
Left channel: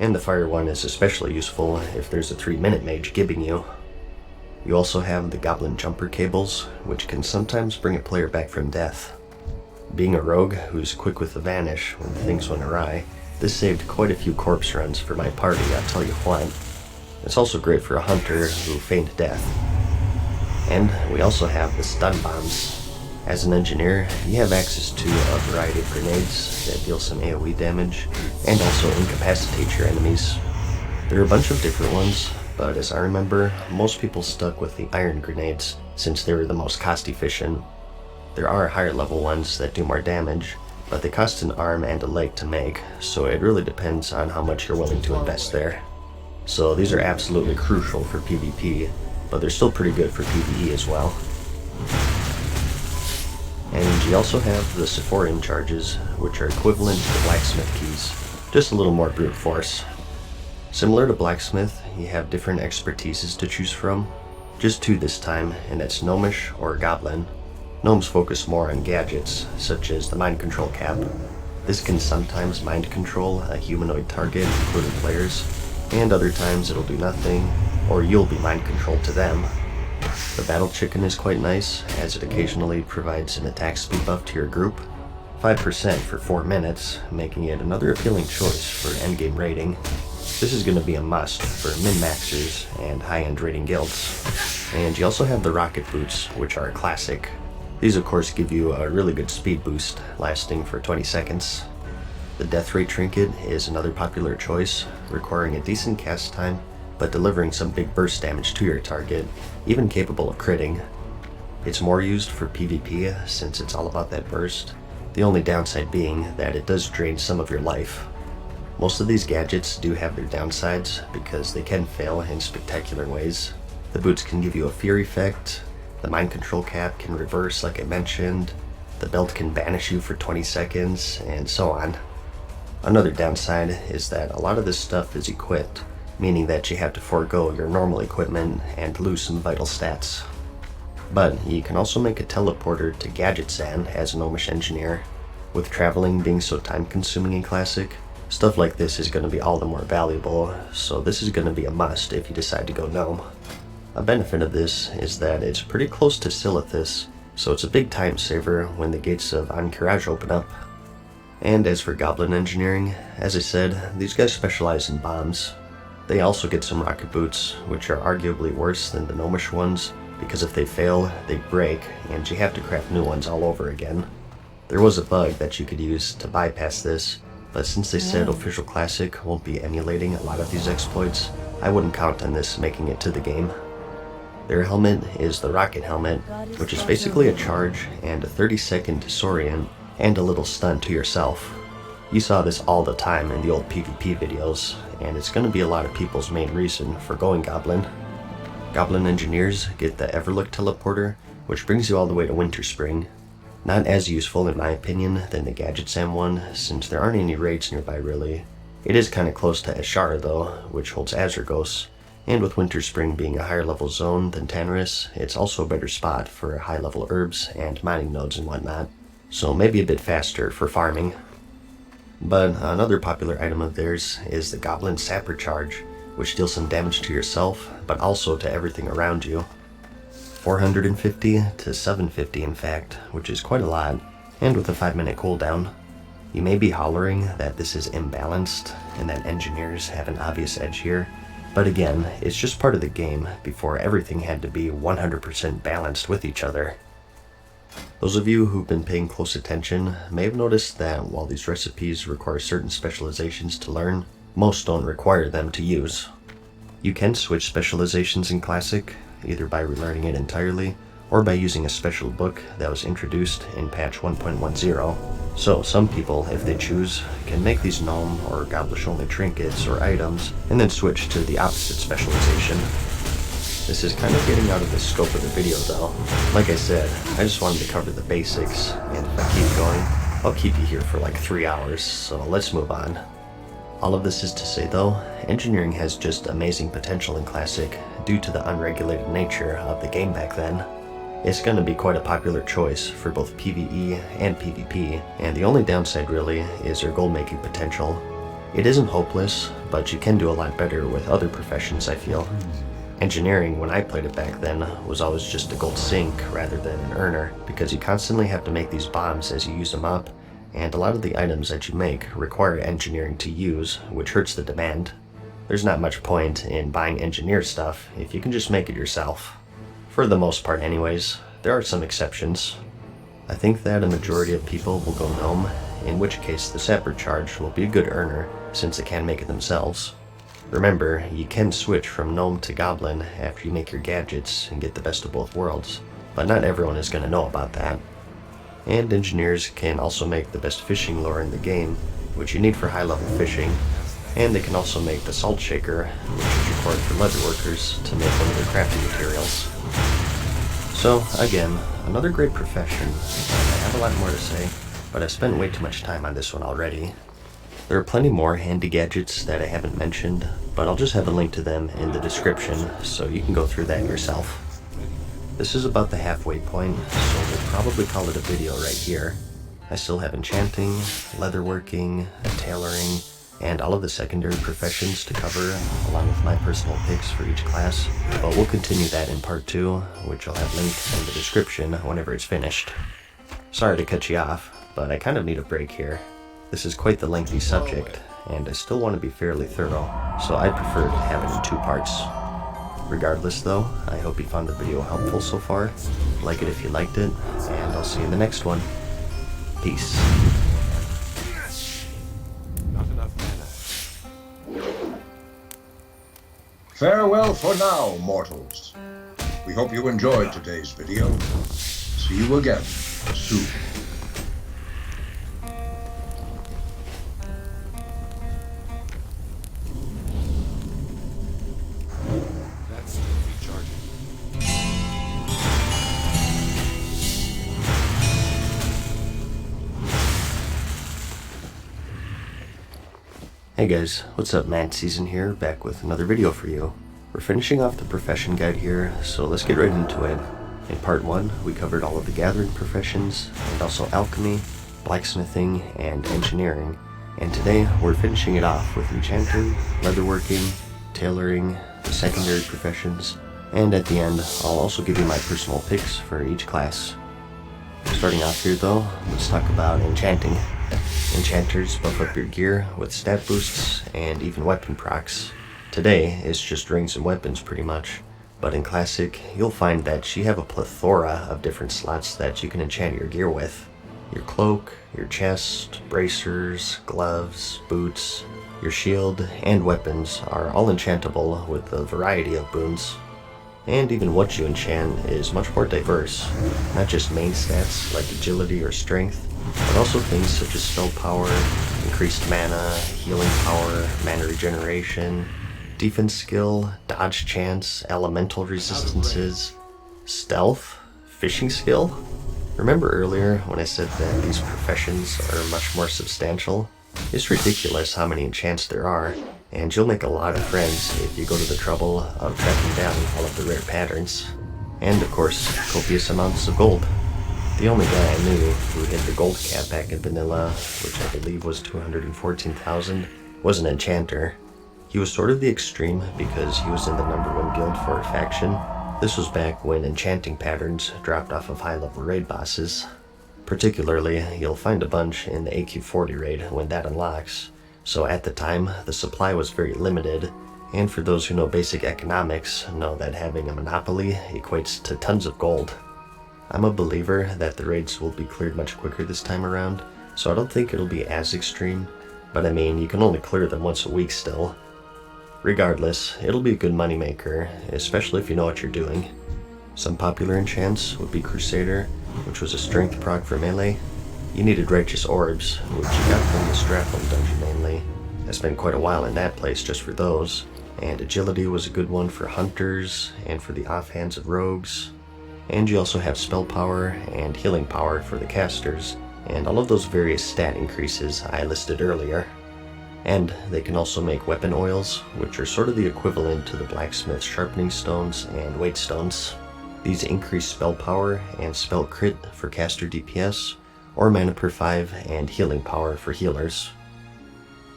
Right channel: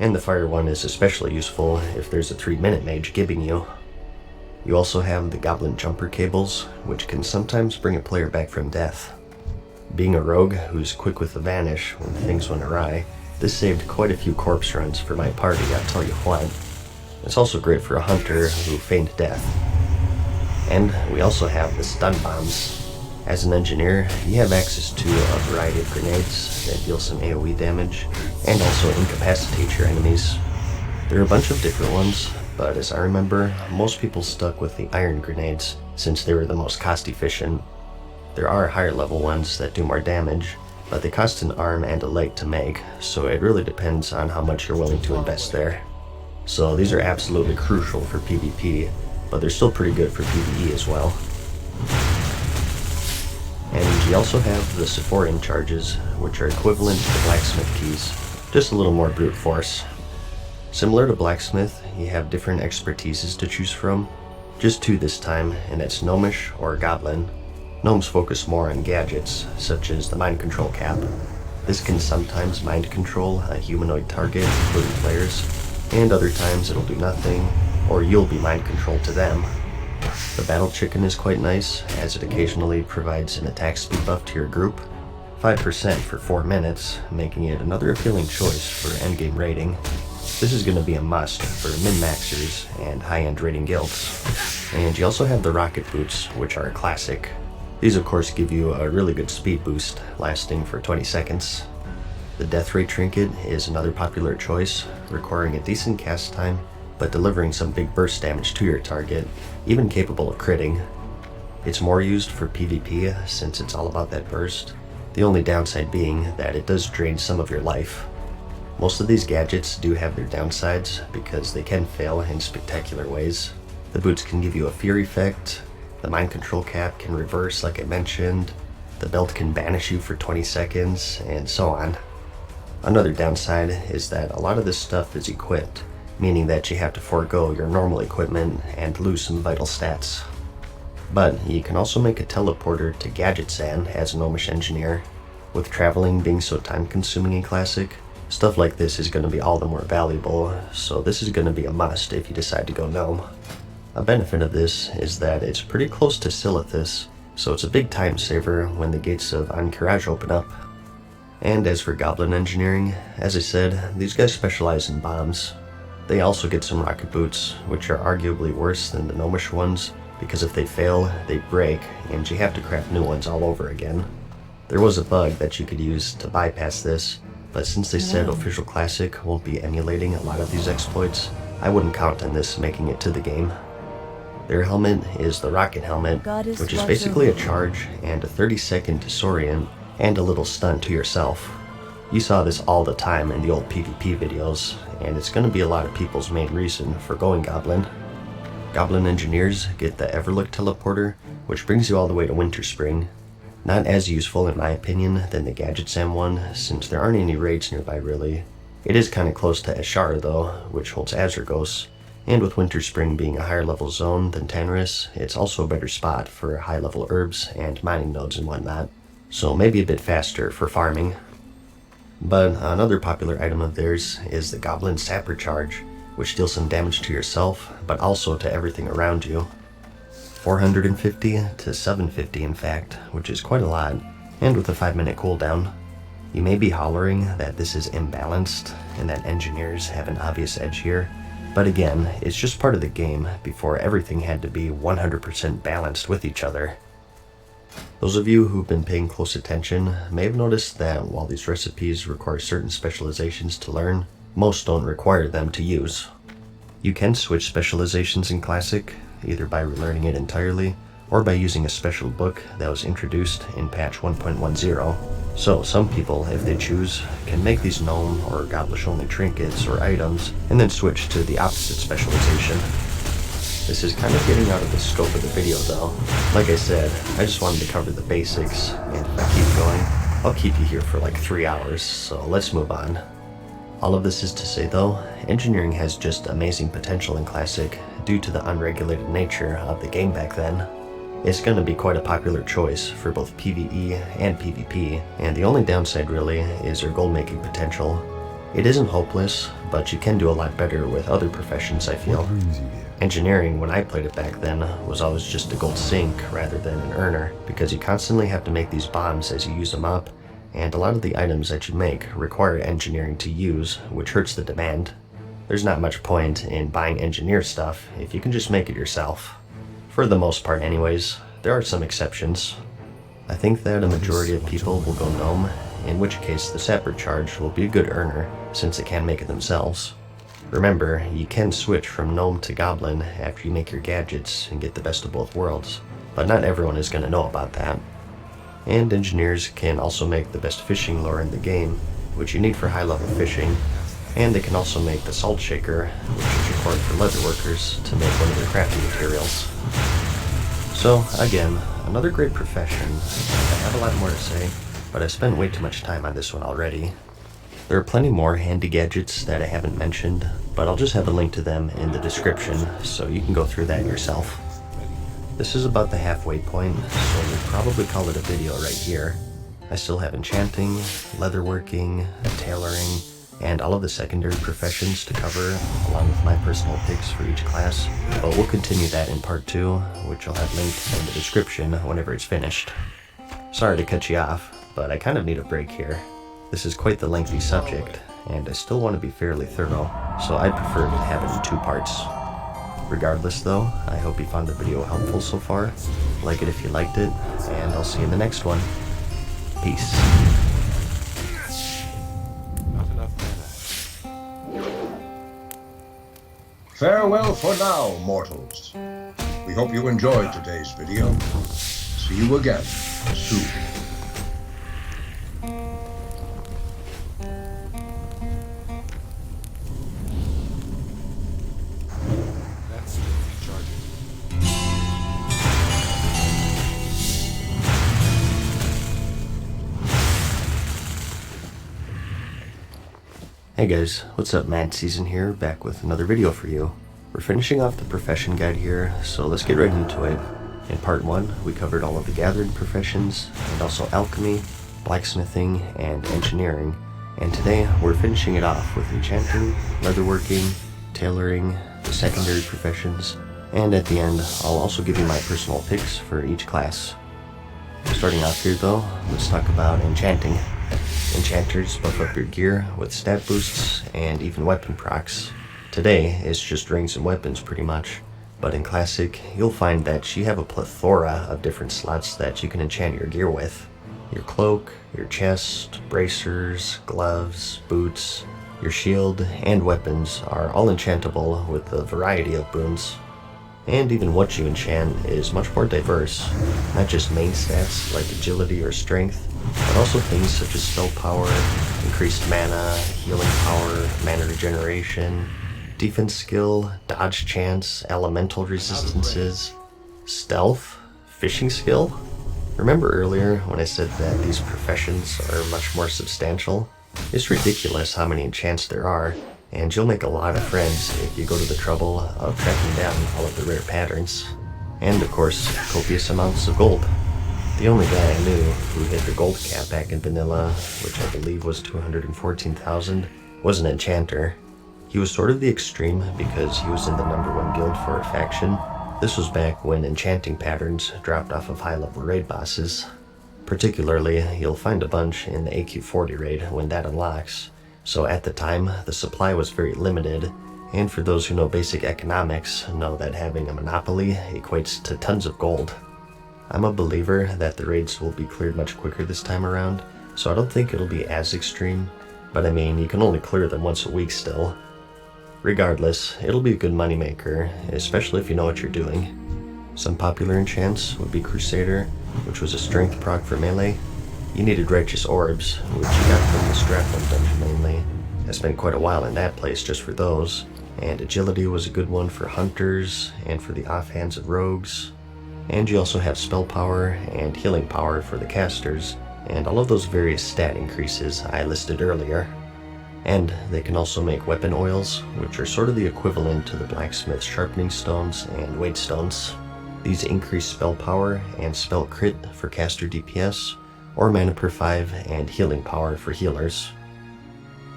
and the fire one is especially useful if there's a 3-minute mage gibbing you. You also have the goblin jumper cables, which can sometimes bring a player back from death. Being a rogue who's quick with the vanish when things went awry, this saved quite a few corpse runs for my party, I'll tell you what. It's also great for a hunter who feigned death. And we also have the stun bombs. As an engineer, you have access to a variety of grenades that deal some AoE damage and also incapacitate your enemies. There are a bunch of different ones, but as I remember, most people stuck with the iron grenades since they were the most cost efficient. There are higher level ones that do more damage, but they cost an arm and a leg to make, so it really depends on how much you're willing to invest there. So these are absolutely crucial for PvP, but they're still pretty good for PvE as well. And you also have the Sephorian charges, which are equivalent to the blacksmith keys, just a little more brute force. Similar to blacksmith, you have different expertises to choose from, just 2 this time, and that's gnomish or goblin. Gnomes focus more on gadgets, such as the mind control cap. This can sometimes mind control a humanoid target, including players, and other times it'll do nothing, or you'll be mind controlled to them. The battle chicken is quite nice, as it occasionally provides an attack speed buff to your group, 5% for 4 minutes, making it another appealing choice for endgame raiding. This is going to be a must for min-maxers and high-end raiding guilds. And you also have the rocket boots, which are a classic. These of course give you a really good speed boost, lasting for 20 seconds. The death ray trinket is another popular choice, requiring a decent cast time, but delivering some big burst damage to your target, even capable of critting. It's more used for PvP since it's all about that burst, the only downside being that it does drain some of your life. Most of these gadgets do have their downsides because they can fail in spectacular ways. The boots can give you a fear effect, the mind control cap can reverse like I mentioned, the belt can banish you for 20 seconds, and so on. Another downside is that a lot of this stuff is equipped, meaning that you have to forego your normal equipment and lose some vital stats. But you can also make a teleporter to Gadgetzan as a gnomish engineer. With traveling being so time consuming in Classic, stuff like this is going to be all the more valuable, so this is going to be a must if you decide to go gnome. A benefit of this is that it's pretty close to Silithus, so it's a big time saver when the gates of Ahn'Qiraj open up. And as for goblin engineering, as I said, these guys specialize in bombs. They also get some rocket boots, which are arguably worse than the gnomish ones, because if they fail, they break, and you have to craft new ones all over again. There was a bug that you could use to bypass this, but since they said Official Classic won't be emulating a lot of these exploits, I wouldn't count on this making it to the game. Their helmet is the rocket helmet, which is basically a charge and a 30-second disorient and a little stun to yourself. You saw this all the time in the old PvP videos, and it's going to be a lot of people's main reason for going Goblin. Goblin engineers get the Everlook teleporter, which brings you all the way to Winterspring. Not as useful in my opinion than the Gadgetzan one, since there aren't any raids nearby really. It is kinda close to Ashara though, which holds Azurgos, and with Winterspring being a higher level zone than Tanarus, it's also a better spot for high level herbs and mining nodes and whatnot, so maybe a bit faster for farming. But another popular item of theirs is the Goblin Sapper Charge, which deals some damage to yourself, but also to everything around you. 450 to 750 in fact, which is quite a lot, and with a 5-minute cooldown. You may be hollering that this is imbalanced, and that engineers have an obvious edge here, but again, it's just part of the game before everything had to be 100% balanced with each other. Those of you who've been paying close attention may have noticed that while these recipes require certain specializations to learn, most don't require them to use. You can switch specializations in Classic, either by relearning it entirely, or by using a special book that was introduced in patch 1.10. So some people, if they choose, can make these gnome or goblish only trinkets or items, and then switch to the opposite specialization. This is kind of getting out of the scope of the video though. Like I said, I just wanted to cover the basics, and if I keep going, I'll keep you here for like 3 hours, so let's move on. All of this is to say though, engineering has just amazing potential in Classic due to the unregulated nature of the game back then. It's going to be quite a popular choice for both PvE and PvP, and the only downside really is your gold making potential. It isn't hopeless, but you can do a lot better with other professions, I feel. Engineering, when I played it back then, was always just a gold sink rather than an earner, because you constantly have to make these bombs as you use them up, and a lot of the items that you make require engineering to use, which hurts the demand. There's not much point in buying engineer stuff if you can just make it yourself. For the most part anyways, there are some exceptions. I think that a majority of people will go gnome, in which case the sapper charge will be a good earner, since it can make it themselves. Remember, you can switch from gnome to goblin after you make your gadgets and get the best of both worlds, but not everyone is going to know about that. And engineers can also make the best fishing lure in the game, which you need for high level fishing, and they can also make the salt shaker, which is required for leather workers to make one of their crafting materials. So again, another great profession, and I have a lot more to say, but I've spent way too much time on this one already. There are plenty more handy gadgets that I haven't mentioned, but I'll just have a link to them in the description so you can go through that yourself. This is about the halfway point, so we'll probably call it a video right here. I still have enchanting, leatherworking, tailoring, and all of the secondary professions to cover, along with my personal picks for each class, but we'll continue that in part 2, which I'll have linked in the description whenever it's finished. Sorry to cut you off, but I kind of need a break here. This is quite the lengthy subject, and I still want to be fairly thorough, so I prefer to have it in 2 parts. Regardless though, I hope you found the video helpful so far. Like it if you liked it, and I'll see you in the next one. Peace. Not enough mana. Farewell for now, mortals. We hope you enjoyed today's video. See you again soon. That's recharging. Hey guys, what's up? Mad Season here, back with another video for you. We're finishing off the profession guide here, so let's get right into it. In part 1, we covered all of the gathering professions, and also alchemy, blacksmithing, and engineering. And today, we're finishing it off with enchanting, leatherworking, tailoring, the secondary professions, and at the end, I'll also give you my personal picks for each class. Starting off here though, let's talk about enchanting. Enchanters buff up your gear with stat boosts and even weapon procs. Today, it's just rings and weapons pretty much, but in Classic, you'll find that you have a plethora of different slots that you can enchant your gear with. Your cloak, your chest, bracers, gloves, boots, your shield, and weapons are all enchantable with a variety of boons. And even what you enchant is much more diverse, not just main stats like agility or strength, but also things such as spell power, increased mana, healing power, mana regeneration, defense skill, dodge chance, elemental resistances, stealth, fishing skill. Remember earlier when I said that these professions are much more substantial? It's ridiculous how many enchants there are, and you'll make a lot of friends if you go to the trouble of tracking down all of the rare patterns. And of course, copious amounts of gold. The only guy I knew who hit the gold cap back in vanilla, which I believe was 214,000, was an enchanter. He was sort of the extreme because he was in the #1 guild for a faction. This was back when enchanting patterns dropped off of high-level raid bosses. Particularly, you'll find a bunch in the AQ40 raid when that unlocks. So at the time, the supply was very limited, and for those who know basic economics, know that having a monopoly equates to tons of gold. I'm a believer that the raids will be cleared much quicker this time around, so I don't think it'll be as extreme, but I mean, you can only clear them once a week still. Regardless, it'll be a good moneymaker, especially if you know what you're doing. Some popular enchants would be Crusader, which was a strength proc for melee. You needed Righteous Orbs, which you got from the Stratholm dungeon mainly. I spent quite a while in that place just for those, and Agility was a good one for hunters and for the offhands of rogues. And you also have spell power and healing power for the casters, and all of those various stat increases I listed earlier. And they can also make weapon oils, which are sort of the equivalent to the blacksmith's sharpening stones and weight stones. These increase spell power and spell crit for caster DPS, or mana per 5 and healing power for healers.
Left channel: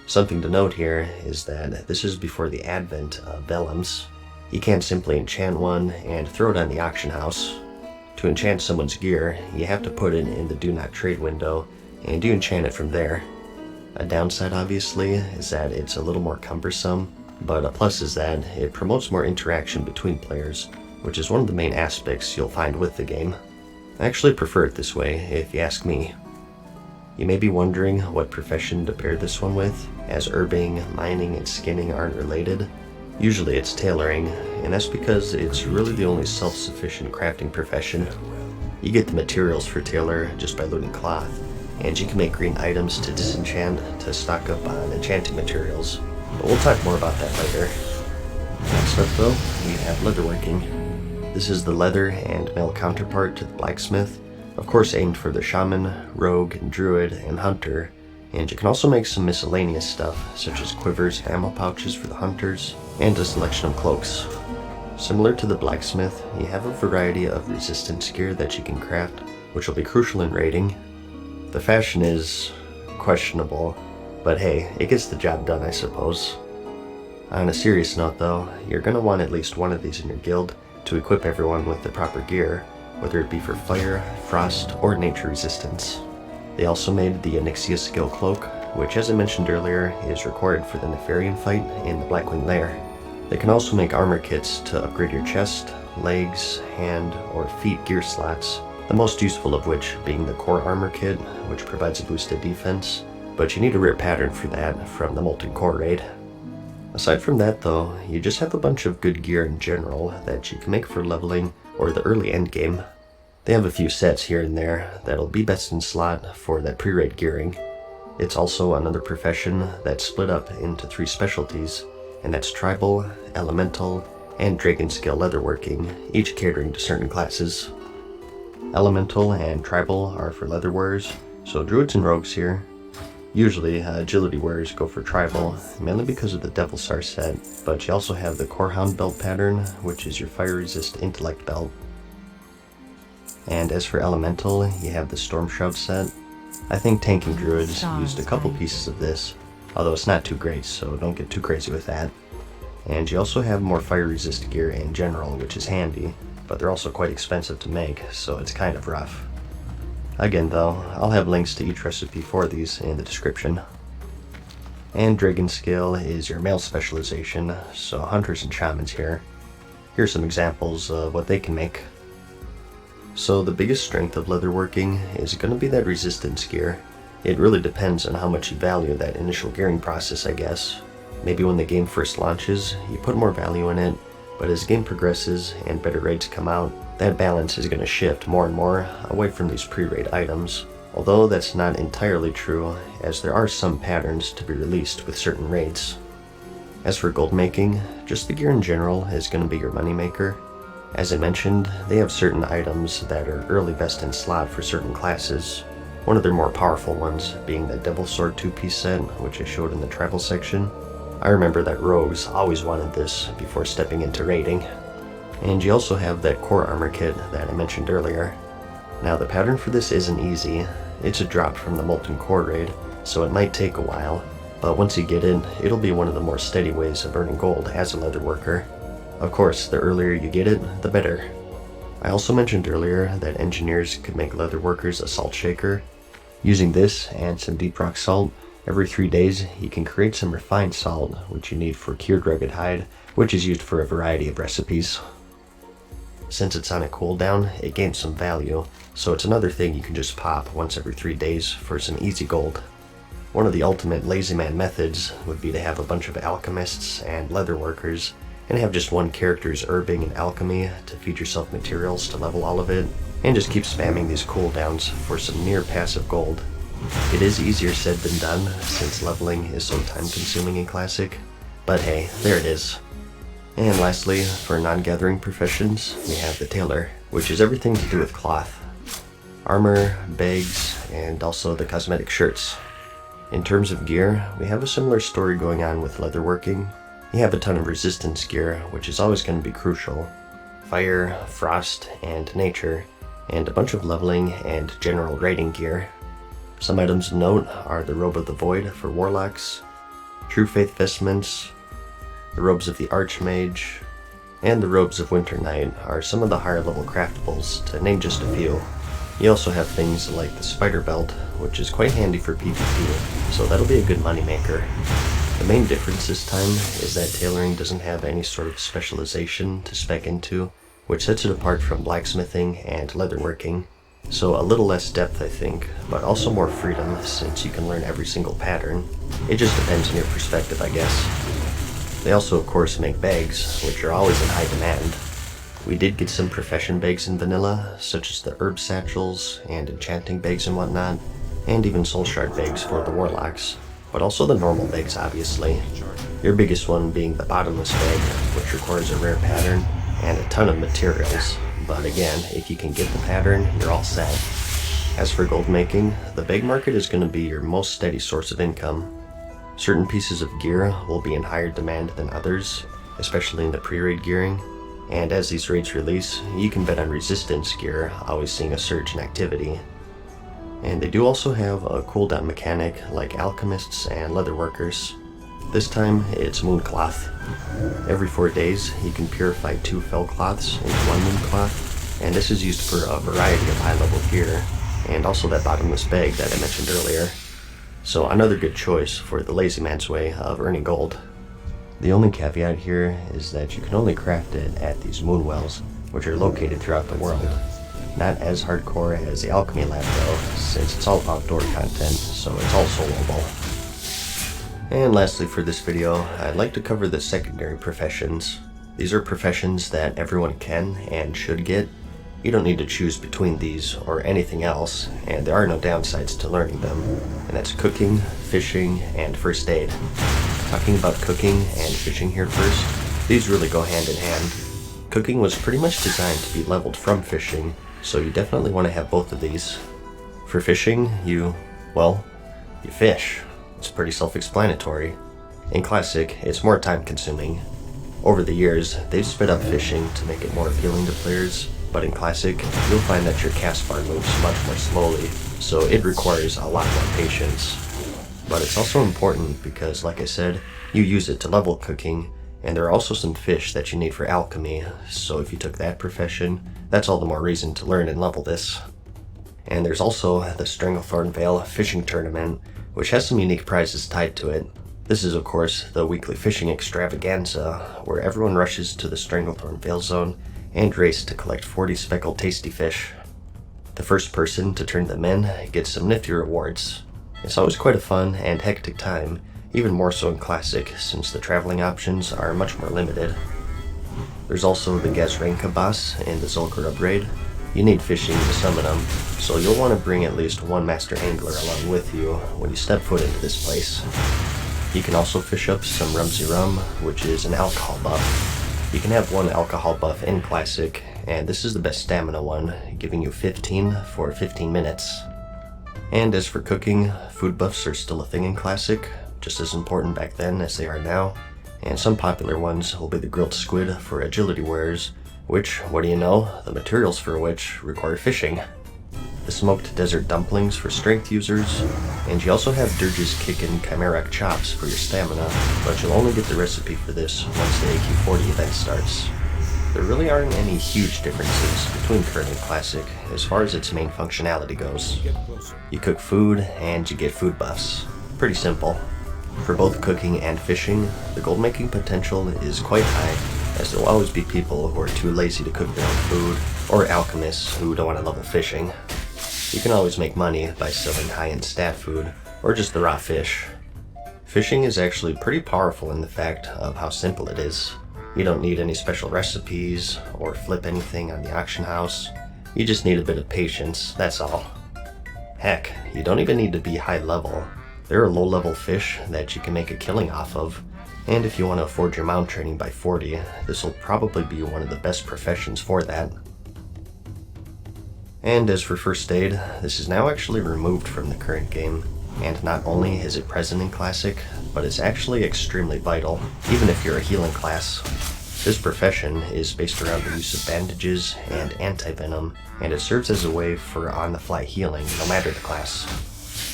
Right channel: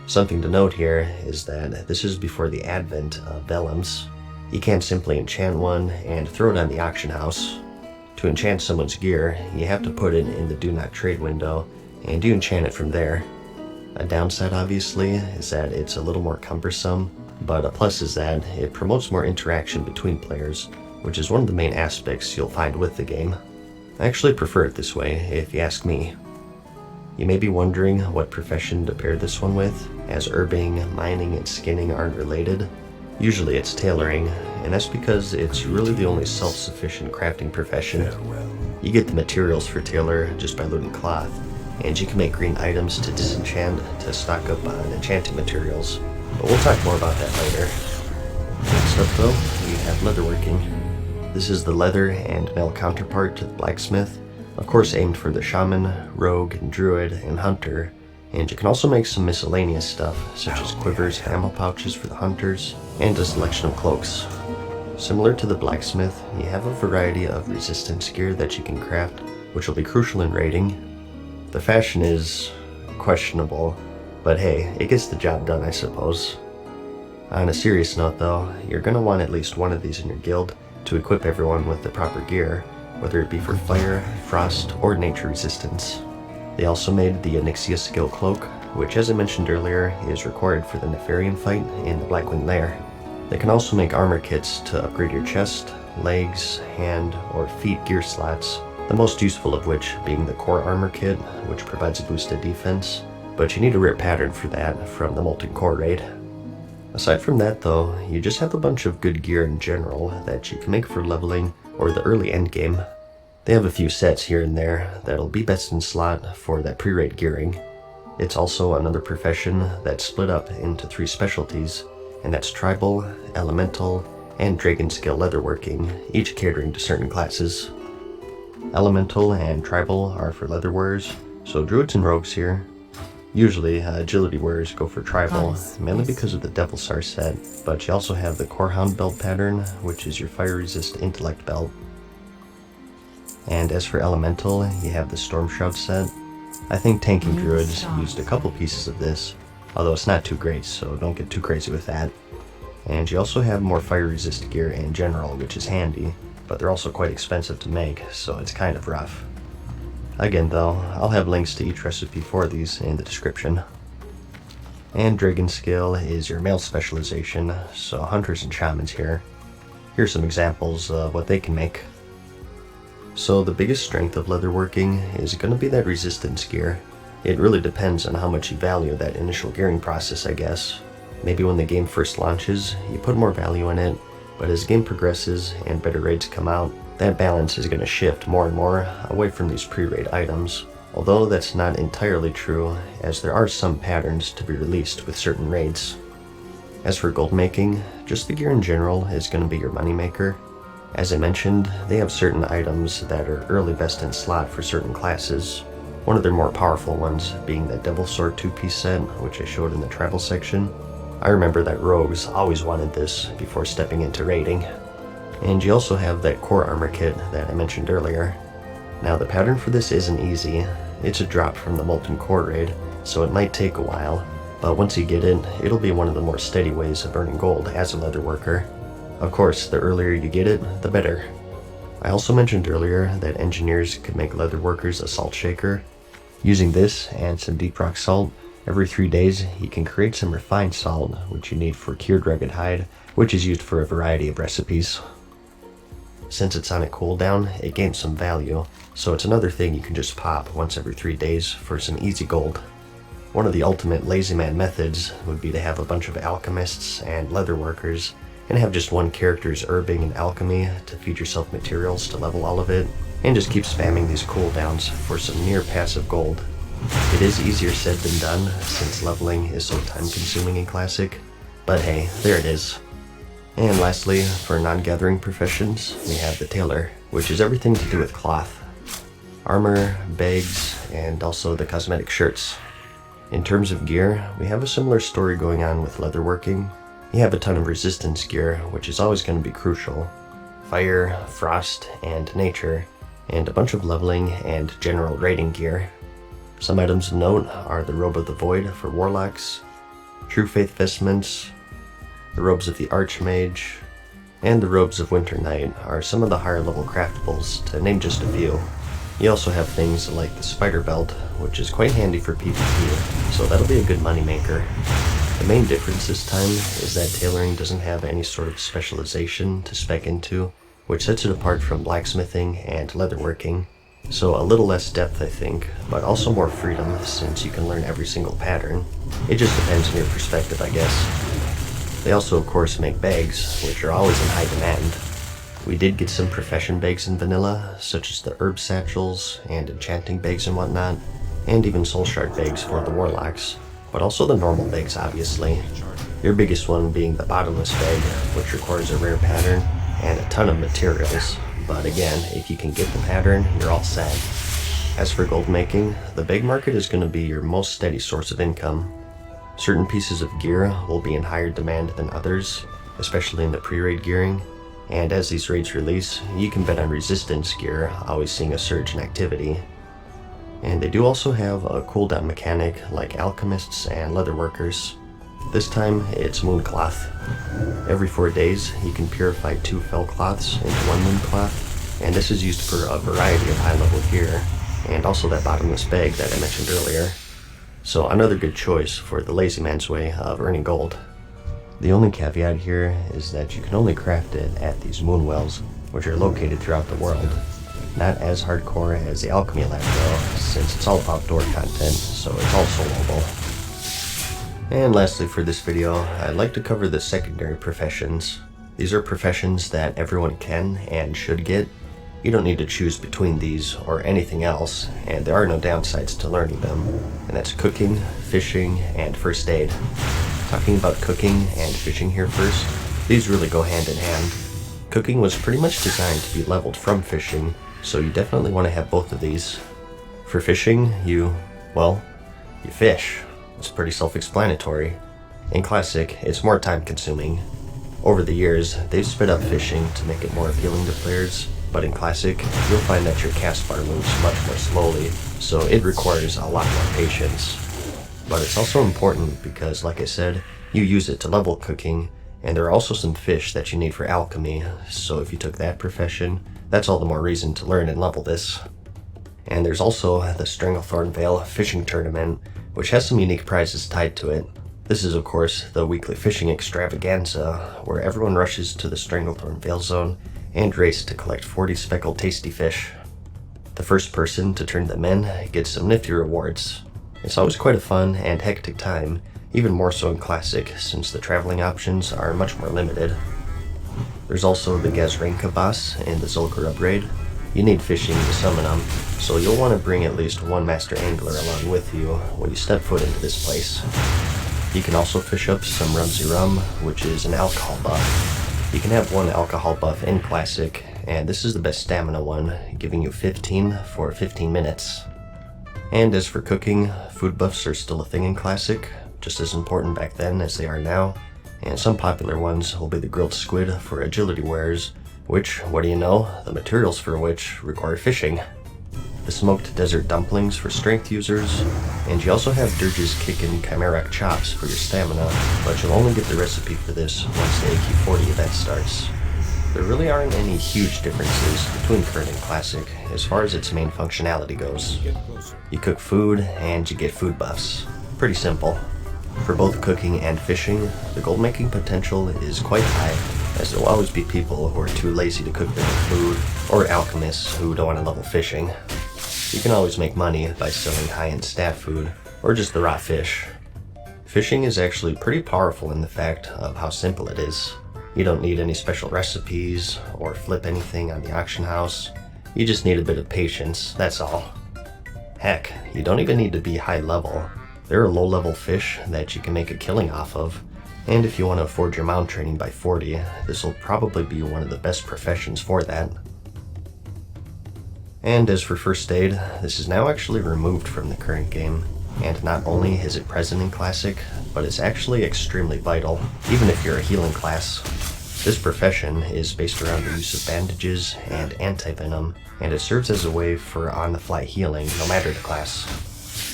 Something to note here is that this is before the advent of vellums. You can't simply enchant one and throw it on the auction house. To enchant someone's gear, you have to put it in the do not trade window, and you enchant it from there. A downside, obviously, is that it's a little more cumbersome, but a plus is that it promotes more interaction between players, which is one of the main aspects you'll find with the game. I actually prefer it this way, if you ask me. You may be wondering what profession to pair this one with, as herbing, mining, and skinning aren't related. Usually it's tailoring, and that's because it's really the only self-sufficient crafting profession. You get the materials for tailor just by looting cloth, and you can make green items to disenchant to stock up on enchanting materials, but we'll talk more about that later. Next up though, we have leatherworking. This is the leather and metal counterpart to the blacksmith, of course aimed for the shaman, rogue, druid, and hunter, and you can also make some miscellaneous stuff, such as quivers, ammo pouches for the hunters, and a selection of cloaks. Similar to the blacksmith, you have a variety of resistance gear that you can craft, which will be crucial in raiding. The fashion is questionable, but hey, it gets the job done, I suppose. On a serious note though, you're going to want at least one of these in your guild to equip everyone with the proper gear, whether it be for fire, frost, or nature resistance. They also made the Onyxia skill cloak, which as I mentioned earlier is required for the Nefarian fight in the Blackwing Lair. They can also make armor kits to upgrade your chest, legs, hand, or feet gear slots, the most useful of which being the core armor kit, which provides a boosted defense, but you need a rare pattern for that from the Molten Core raid. Aside from that though, you just have a bunch of good gear in general that you can make for leveling or the early endgame. They have a few sets here and there that'll be best in slot for that pre-raid gearing. It's also another profession that's split up into 3 specialties, and that's tribal, elemental, and dragon scale leatherworking, each catering to certain classes. Elemental and tribal are for leather wearers, so druids and rogues here. Usually, agility wearers go for tribal, mainly because of the Devil Star set, but you also have the Corehound belt pattern, which is your fire resist intellect belt. And as for elemental, you have the Storm Shroud set. I think tanking druids used a couple pieces of this, although it's not too great, so don't get too crazy with that. And you also have more fire resist gear in general, which is handy, but they're also quite expensive to make, so it's kind of rough. Again though, I'll have links to each recipe for these in the description. And dragon scale is your male specialization, so hunters and shamans here. Here's some examples of what they can make. So the biggest strength of leatherworking is going to be that resistance gear. It really depends on how much you value that initial gearing process, I guess. Maybe when the game first launches, you put more value in it, but as the game progresses and better raids come out, that balance is going to shift more and more away from these pre-raid items. Although that's not entirely true, as there are some patterns to be released with certain raids. As for gold making, just the gear in general is going to be your moneymaker. As I mentioned, they have certain items that are early best in slot for certain classes. One of their more powerful ones being the Devil Sword 2-piece set, which I showed in the tribal section. I remember that rogues always wanted this before stepping into raiding. And you also have that core armor kit that I mentioned earlier. Now the pattern for this isn't easy. It's a drop from the Molten Core raid, so it might take a while, but once you get it, it'll be one of the more steady ways of earning gold as a leatherworker. Of course, the earlier you get it, the better. I also mentioned earlier that engineers could make leatherworkers a salt shaker. Using this and some deep rock salt, every 3 days you can create some refined salt, which you need for cured rugged hide, which is used for a variety of recipes. Since it's on a cooldown, it gains some value, so it's another thing you can just pop once every 3 days for some easy gold. One of the ultimate lazy man methods would be to have a bunch of alchemists and leatherworkers, and have just one character's herbing and alchemy to feed yourself materials to level all of it, and just keep spamming these cooldowns for some near passive gold. It is easier said than done, since leveling is so time consuming in Classic, but hey, there it is. And lastly, for non-gathering professions, we have the tailor, which is everything to do with cloth. Armor, bags, and also the cosmetic shirts. In terms of gear, we have a similar story going on with leatherworking. You have a ton of resistance gear, which is always going to be crucial. Fire, frost, and nature, and a bunch of leveling and general raiding gear. Some items of note are the Robe of the Void for warlocks, True Faith vestments, the robes of the Archmage, and the robes of Winter Knight are some of the higher level craftables, to name just a few. You also have things like the Spider Belt, which is quite handy for PvP, so that'll be a good moneymaker. The main difference this time is that tailoring doesn't have any sort of specialization to spec into, which sets it apart from blacksmithing and leatherworking. So a little less depth, I think, but also more freedom since you can learn every single pattern. It just depends on your perspective, I guess. They also, of course, make bags, which are always in high demand. We did get some profession bags in vanilla, such as the herb satchels and enchanting bags and whatnot, and even soul shard bags for the warlocks, but also the normal bags, obviously. Your biggest one being the bottomless bag, which requires a rare pattern and a ton of materials, but again, if you can get the pattern, you're all set. As for gold making, the bag market is going to be your most steady source of income. Certain pieces of gear will be in higher demand than others, especially in the pre-raid gearing, and as these raids release, you can bet on resistance gear always seeing a surge in activity. And they do also have a cooldown mechanic like alchemists and leatherworkers. This time, it's moon cloth. Every 4 days, you can purify 2 fell cloths into 1 moon cloth, and this is used for a variety of high-level gear, and also that bottomless bag that I mentioned earlier. So another good choice for the lazy man's way of earning gold. The only caveat here is that you can only craft it at these moon wells, which are located throughout the world. Not as hardcore as the alchemy lab though, since it's all outdoor content, so it's all soloable. And lastly for this video, I'd like to cover the secondary professions. These are professions that everyone can and should get. You don't need to choose between these or anything else, and there are no downsides to learning them, and that's cooking, fishing, and first aid. Talking about cooking and fishing here first, these really go hand in hand. Cooking was pretty much designed to be leveled from fishing, so you definitely want to have both of these. For fishing, you fish. It's pretty self-explanatory. In Classic, it's more time consuming. Over the years, they've sped up fishing to make it more appealing to players, but in Classic, you'll find that your cast bar moves much more slowly, so it requires a lot more patience. But it's also important because, like I said, you use it to level cooking, and there are also some fish that you need for alchemy, so if you took that profession, that's all the more reason to learn and level this. And there's also the Stranglethorn Vale Fishing Tournament, which has some unique prizes tied to it. This is, of course, the weekly fishing extravaganza, where everyone rushes to the Stranglethorn Vale zone and race to collect 40 speckled tasty fish. The first person to turn them in gets some nifty rewards. It's always quite a fun and hectic time, even more so in Classic since the traveling options are much more limited. There's also the Gazranka boss in the Zul'Gurub raid. You need fishing to summon them, so you'll want to bring at least one master angler along with you when you step foot into this place. You can also fish up some Rumsey Rum, which is an alcohol buff. You can have one alcohol buff in Classic, and this is the best stamina one, giving you 15 for 15 minutes. And as for cooking, food buffs are still a thing in Classic, just as important back then as they are now, and some popular ones will be the grilled squid for agility wares, which, what do you know, the materials for which require fishing. The smoked desert dumplings for strength users, and you also have Dirge's Kickin' Chimeric chops for your stamina, but you'll only get the recipe for this once the AQ40 event starts. There really aren't any huge differences between current and Classic as far as its main functionality goes. You cook food and you get food buffs. Pretty simple. For both cooking and fishing, the gold making potential is quite high, as there will always be people who are too lazy to cook their own food, or alchemists who don't want to level fishing. You can always make money by selling high-end stat food, or just the raw fish. Fishing is actually pretty powerful in the fact of how simple it is. You don't need any special recipes, or flip anything on the auction house. You just need a bit of patience, that's all. Heck, you don't even need to be high level. There are low-level fish that you can make a killing off of, and if you want to afford your mount training by 40, this will probably be one of the best professions for that. And as for first aid, this is now actually removed from the current game, and not only is it present in Classic, but it's actually extremely vital, even if you're a healing class. This profession is based around the use of bandages and anti-venom, and it serves as a way for on-the-fly healing no matter the class.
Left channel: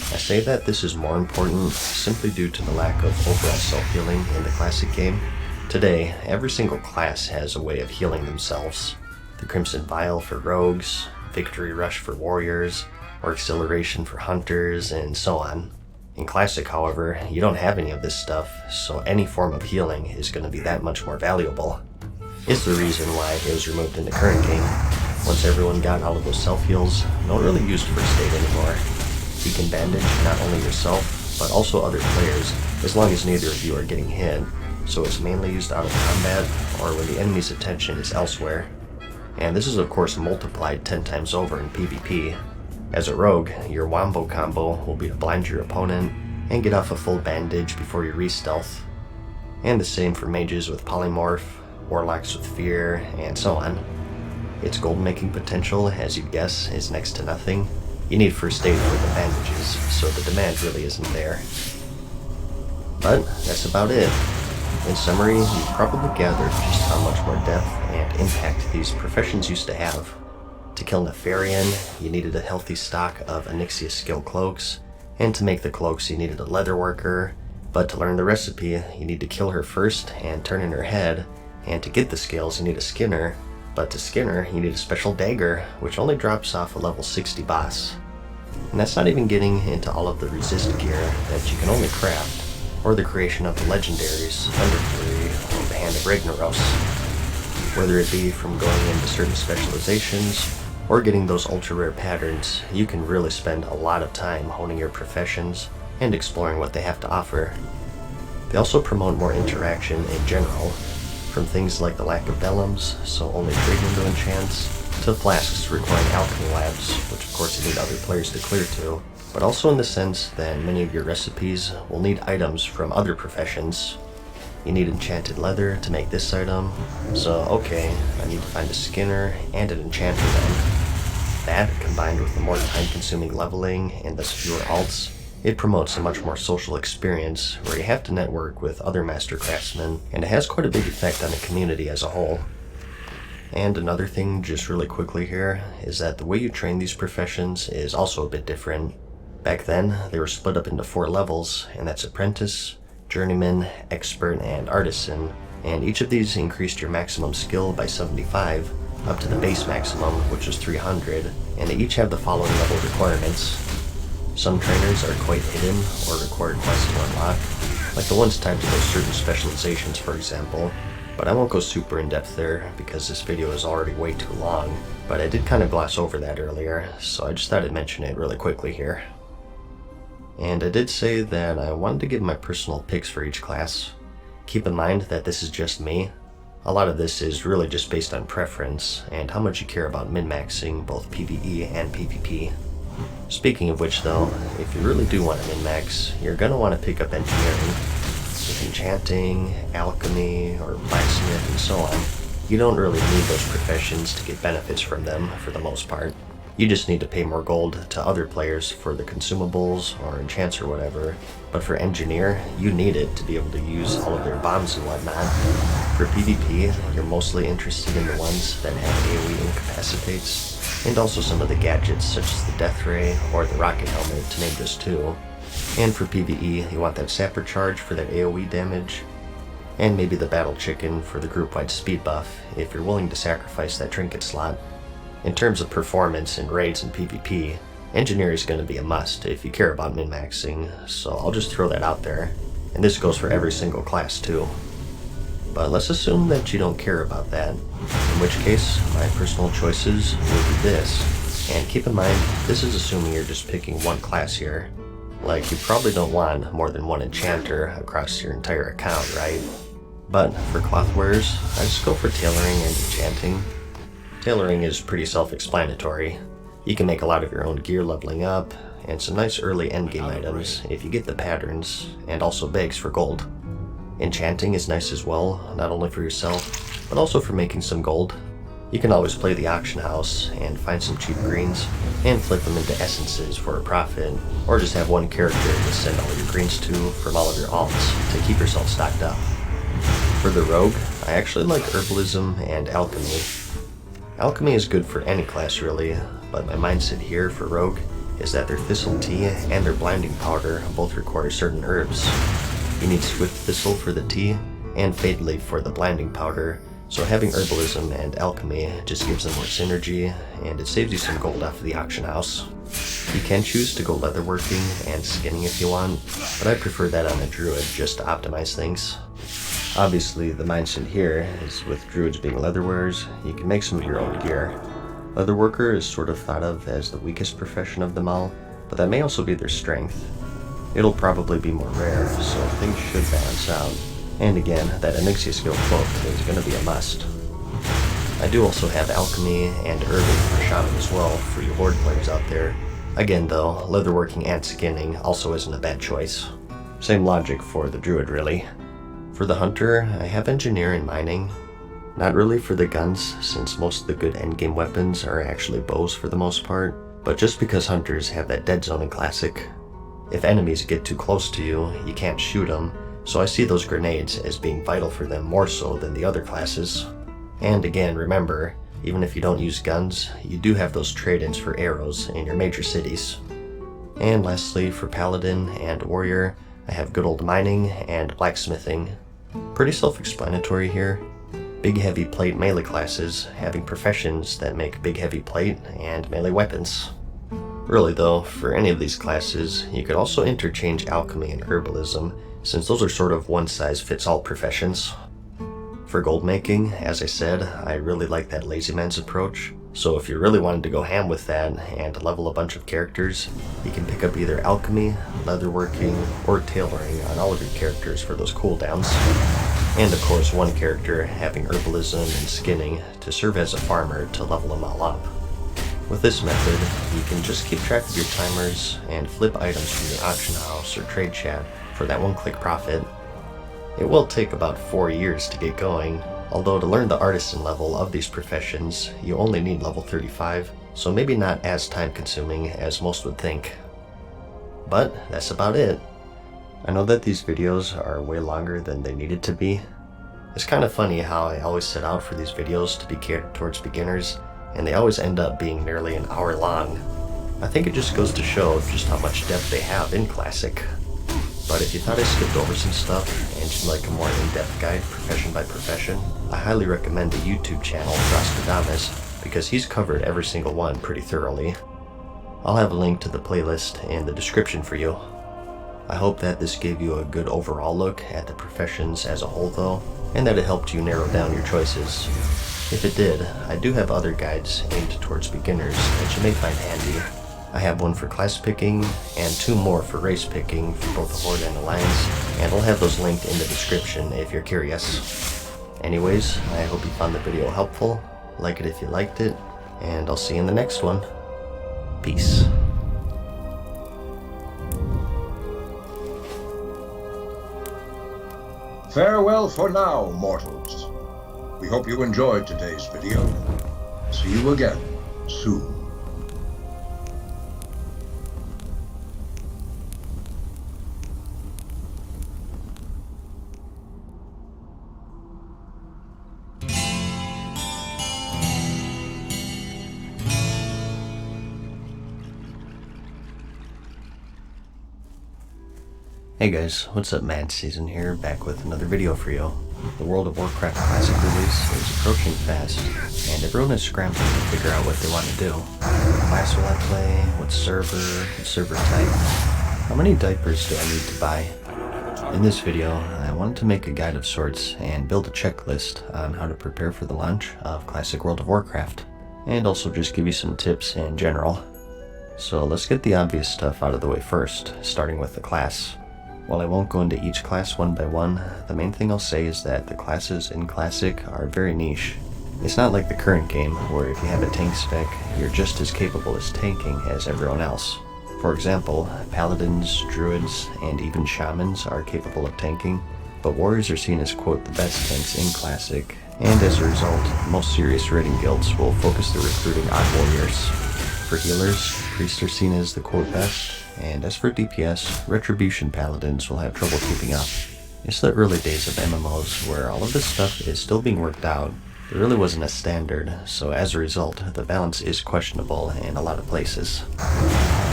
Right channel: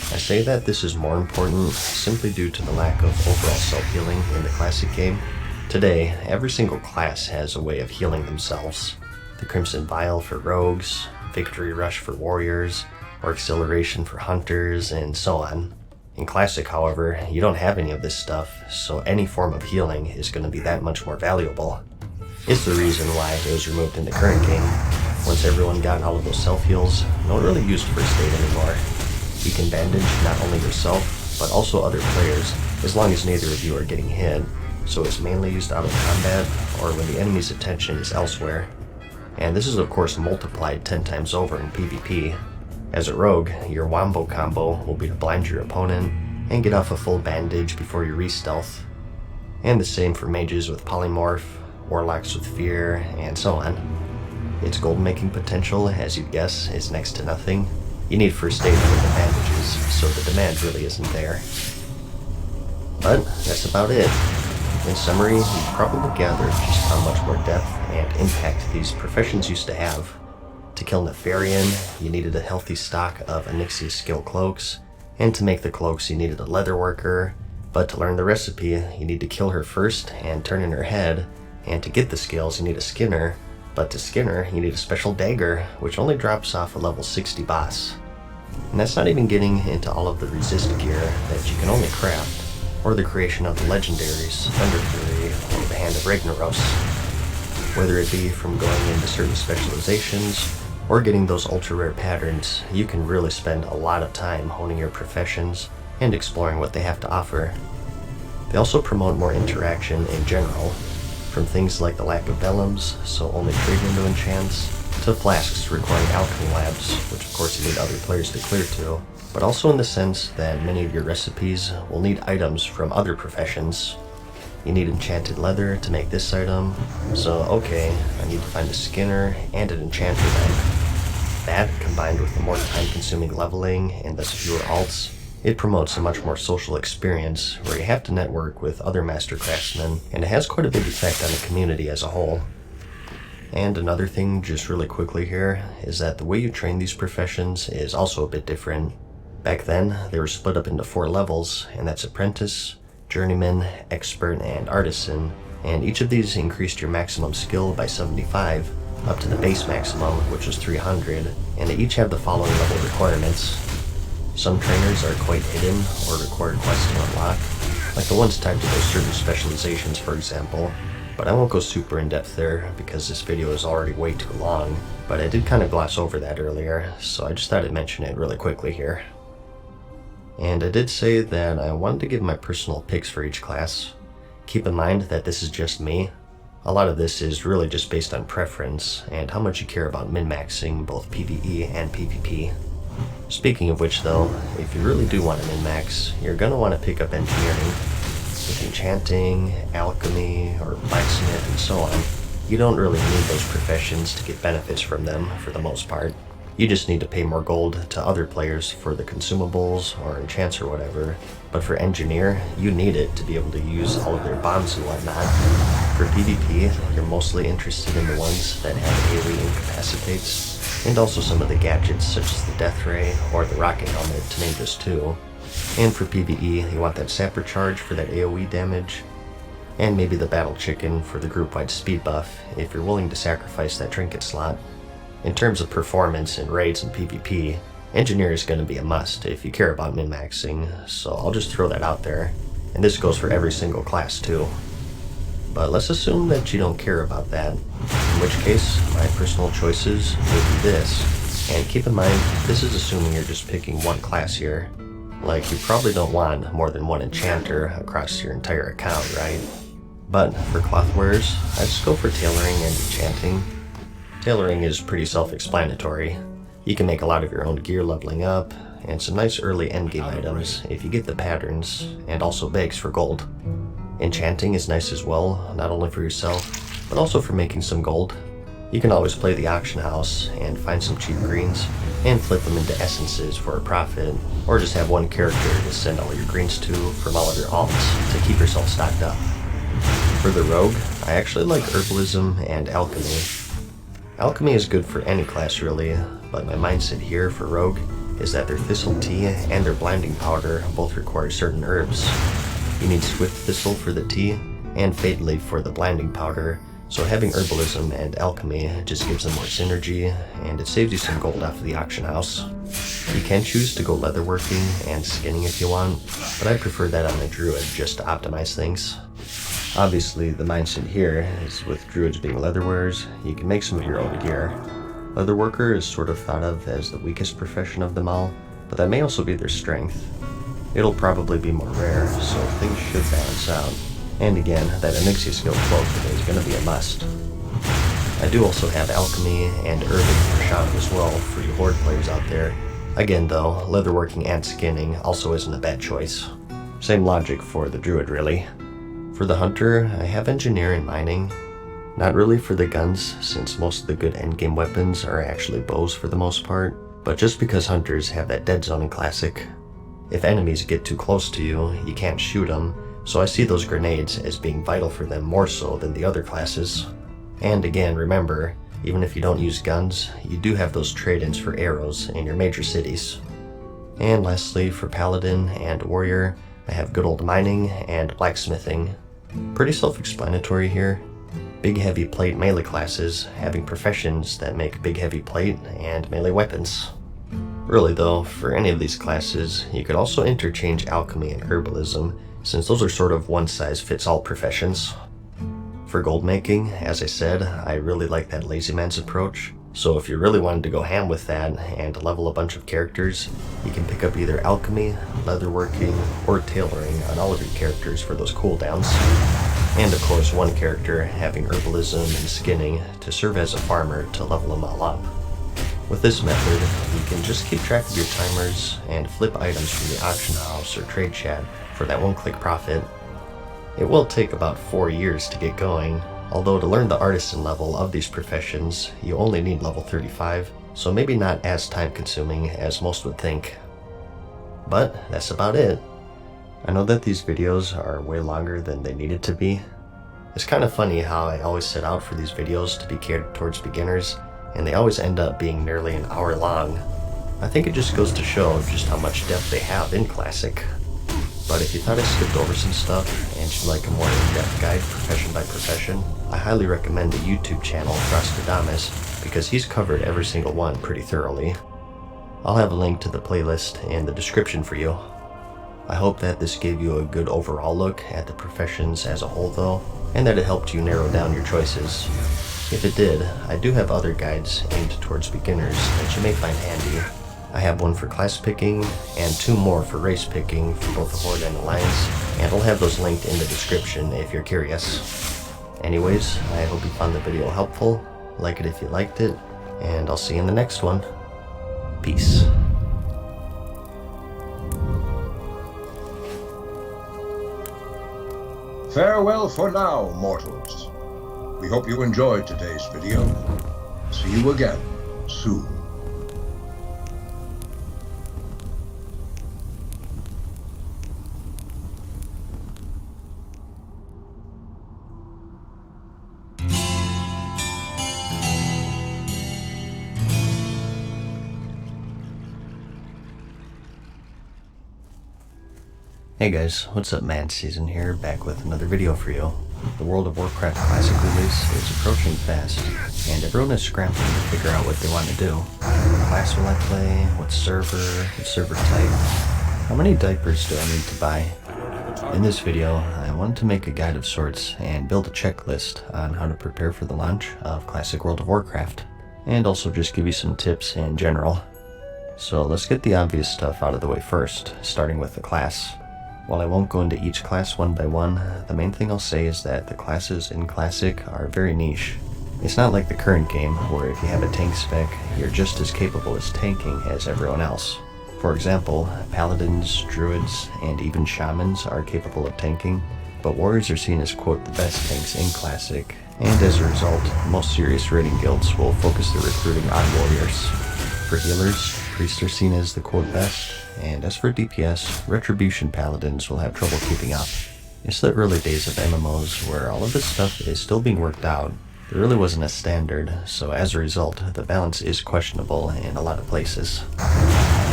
I say that this is more important simply due to the lack of overall self-healing in the classic game. Today, every single class has a way of healing themselves. The Crimson Vial for rogues, Victory Rush for warriors, or Acceleration for hunters, and so on. In Classic, however, you don't have any of this stuff, so any form of healing is going to be that much more valuable. It's the reason why it was removed in the current game. Once everyone got all of those self-heals, no one really used First Aid anymore. You can bandage not only yourself, but also other players, as long as neither of you are getting hit, so it's mainly used out of combat or when the enemy's attention is elsewhere. And this is of course multiplied 10 times over in PvP. As a rogue, your wombo combo will be to blind your opponent and get off a full bandage before you re-stealth. And the same for mages with polymorph, warlocks with fear, and so on. Its gold making potential, as you'd guess, is next to nothing. You need First Aid for the bandages, so the demand really isn't there. But that's about it. In summary, you've probably gathered just how much more depth and impact these professions used to have. To kill Nefarian, you needed a healthy stock of Onyxia skill cloaks, and to make the cloaks you needed a leather worker, but to learn the recipe you need to kill her first and turn in her head, and to get the skills you need a skinner, but to skin her you need a special dagger, which only drops off a level 60 boss. And that's not even getting into all of the resist gear that you can only craft, or the creation of the legendaries, Thunder Fury, or the Hand of Ragnaros. Whether it be from going into certain specializations, or getting those ultra rare patterns, you can really spend a lot of time honing your professions and exploring what they have to offer. They also promote more interaction in general, from things like the lack of vellums, so only trade window enchants, to flasks requiring alchemy labs, which of course you need other players to clear to, but also in the sense that many of your recipes will need items from other professions. You need enchanted leather to make this item, so okay, I need to find a skinner and an enchanter then. That, combined with the more time-consuming leveling and thus fewer alts, it promotes a much more social experience where you have to network with other master craftsmen, and it has quite a big effect on the community as a whole. And another thing, just really quickly here, is that the way you train these professions is also a bit different. Back then, they were split up into 4 levels, and that's Apprentice, Journeyman, Expert, and Artisan, and each of these increased your maximum skill by 75, up to the base maximum, which was 300, and they each have the following level requirements. Some trainers are quite hidden, or require quests to unlock, like the ones tied to those certain specializations for example, but I won't go super in depth there because this video is already way too long, but I did kind of gloss over that earlier, so I just thought I'd mention it really quickly here. And I did say that I wanted to give my personal picks for each class. Keep in mind that this is just me. A lot of this is really just based on preference and how much you care about min-maxing both PvE and PvP. Speaking of which though, if you really do want to min-max, you're going to want to pick up engineering. With enchanting, alchemy, or blacksmith and so on, you don't really need those professions to get benefits from them for the most part. You just need to pay more gold to other players for the consumables or enchants or whatever, but for engineer, you need it to be able to use all of their bombs and whatnot. For PvP, you're mostly interested in the ones that have AoE incapacitates, and also some of the gadgets such as the Death Ray or the Rocket Helmet, to name just 2. And for PvE, you want that Sapper Charge for that AoE damage, and maybe the Battle Chicken for the group-wide speed buff if you're willing to sacrifice that trinket slot. In terms of performance in raids and PvP, Engineer is going to be a must if you care about min-maxing, so I'll just throw that out there, and this goes for every single class too. But let's assume that you don't care about that, in which case my personal choices will be this. And keep in mind, this is assuming you're just picking one class here. Like, you probably don't want more than one enchanter across your entire account, right? But for cloth wearers, I just go for tailoring and enchanting. Tailoring is pretty self-explanatory. You can make a lot of your own gear leveling up, and some nice early endgame items if you get the patterns, and also bags for gold. Enchanting is nice as well, not only for yourself, but also for making some gold. You can always play the auction house and find some cheap greens, and flip them into essences for a profit, or just have one character to send all your greens to from all of your alts to keep yourself stocked up. For the rogue, I actually like herbalism and alchemy. Alchemy is good for any class really, but my mindset here for rogue is that their Thistle Tea and their Blinding Powder both require certain herbs. You need Swift Thistle for the tea, and Fade Leaf for the Blinding Powder, so having Herbalism and Alchemy just gives them more synergy, and it saves you some gold off of the auction house. You can choose to go leatherworking and skinning if you want, but I prefer that on a druid just to optimize things. Obviously, the mindset here is with druids being leatherwearers, you can make some of your own gear. Leatherworker is sort of thought of as the weakest profession of them all, but that may also be their strength. It'll probably be more rare, so things should balance out. And again, that Onyxia skill cloak is going to be a must. I do also have Alchemy and Herbing for Shaman as well for you Horde players out there. Again though, leatherworking and skinning also isn't a bad choice. Same logic for the Druid really. For the Hunter, I have Engineer and Mining. Not really for the guns, since most of the good endgame weapons are actually bows for the most part, but just because Hunters have that dead zone in Classic. If enemies get too close to you, you can't shoot them, so I see those grenades as being vital for them more so than the other classes. And again, remember, even if you don't use guns, you do have those trade-ins for arrows in your major cities. And lastly, for Paladin and Warrior, I have good old Mining and Blacksmithing. Pretty self-explanatory here. Big heavy plate melee classes having professions that make big heavy plate and melee weapons. Really though, for any of these classes, you could also interchange Alchemy and Herbalism, since those are sort of one-size-fits-all professions. For gold making, as I said, I really like that lazy man's approach, so if you really wanted to go ham with that and level a bunch of characters, you can pick up either Alchemy, Leatherworking, or Tailoring on all of your characters for those cooldowns. And of course one character having Herbalism and Skinning to serve as a farmer to level them all up. With this method, you can just keep track of your timers and flip items from the auction house or trade chat for that one-click profit. It will take about 4 years to get going, although to learn the artisan level of these professions, you only need level 35, so maybe not as time-consuming as most would think. But that's about it. I know that these videos are way longer than they needed to be. It's kind of funny how I always set out for these videos to be catered towards beginners, and they always end up being nearly an hour long. I think it just goes to show just how much depth they have in Classic. But if you thought I skipped over some stuff and you'd like a more in-depth guide profession by profession, I highly recommend the YouTube channel Rostradamus, because he's covered every single one pretty thoroughly. I'll have a link to the playlist in the description for you. I hope that this gave you a good overall look at the professions as a whole though, and that it helped you narrow down your choices. If it did, I do have other guides aimed towards beginners that you may find handy. I have one for class picking, and 2 more for race picking for both the Horde and Alliance, and I'll have those linked in the description if you're curious. Anyways, I hope you found the video helpful, like it if you liked it, and I'll see you in the next one. Peace. Farewell for now, mortals. We hope you enjoyed today's video. See you again soon. Hey guys, what's up? Mad Season here, back with another video for you. The World of Warcraft Classic release is approaching fast, and everyone is scrambling to figure out what they want to do. What class will I play? What server? What server type? How many diapers do I need to buy? In this video, I wanted to make a guide of sorts and build a checklist on how to prepare for the launch of Classic World of Warcraft, and also just give you some tips in general. So let's get the obvious stuff out of the way first, starting with the class. While I won't go into each class one by one, the main thing I'll say is that the classes in Classic are very niche. It's not like the current game, where if you have a tank spec, you're just as capable as tanking as everyone else. For example, Paladins, Druids, and even Shamans are capable of tanking, but Warriors are seen as quote the best tanks in Classic, and as a result, most serious raiding guilds will focus their recruiting on Warriors. For healers, Priests are seen as the quote best, and as for DPS, Retribution Paladins will have trouble keeping up. It's the early days of MMOs where all of this stuff is still being worked out. There really wasn't a standard, so as a result, the balance is questionable in a lot of places.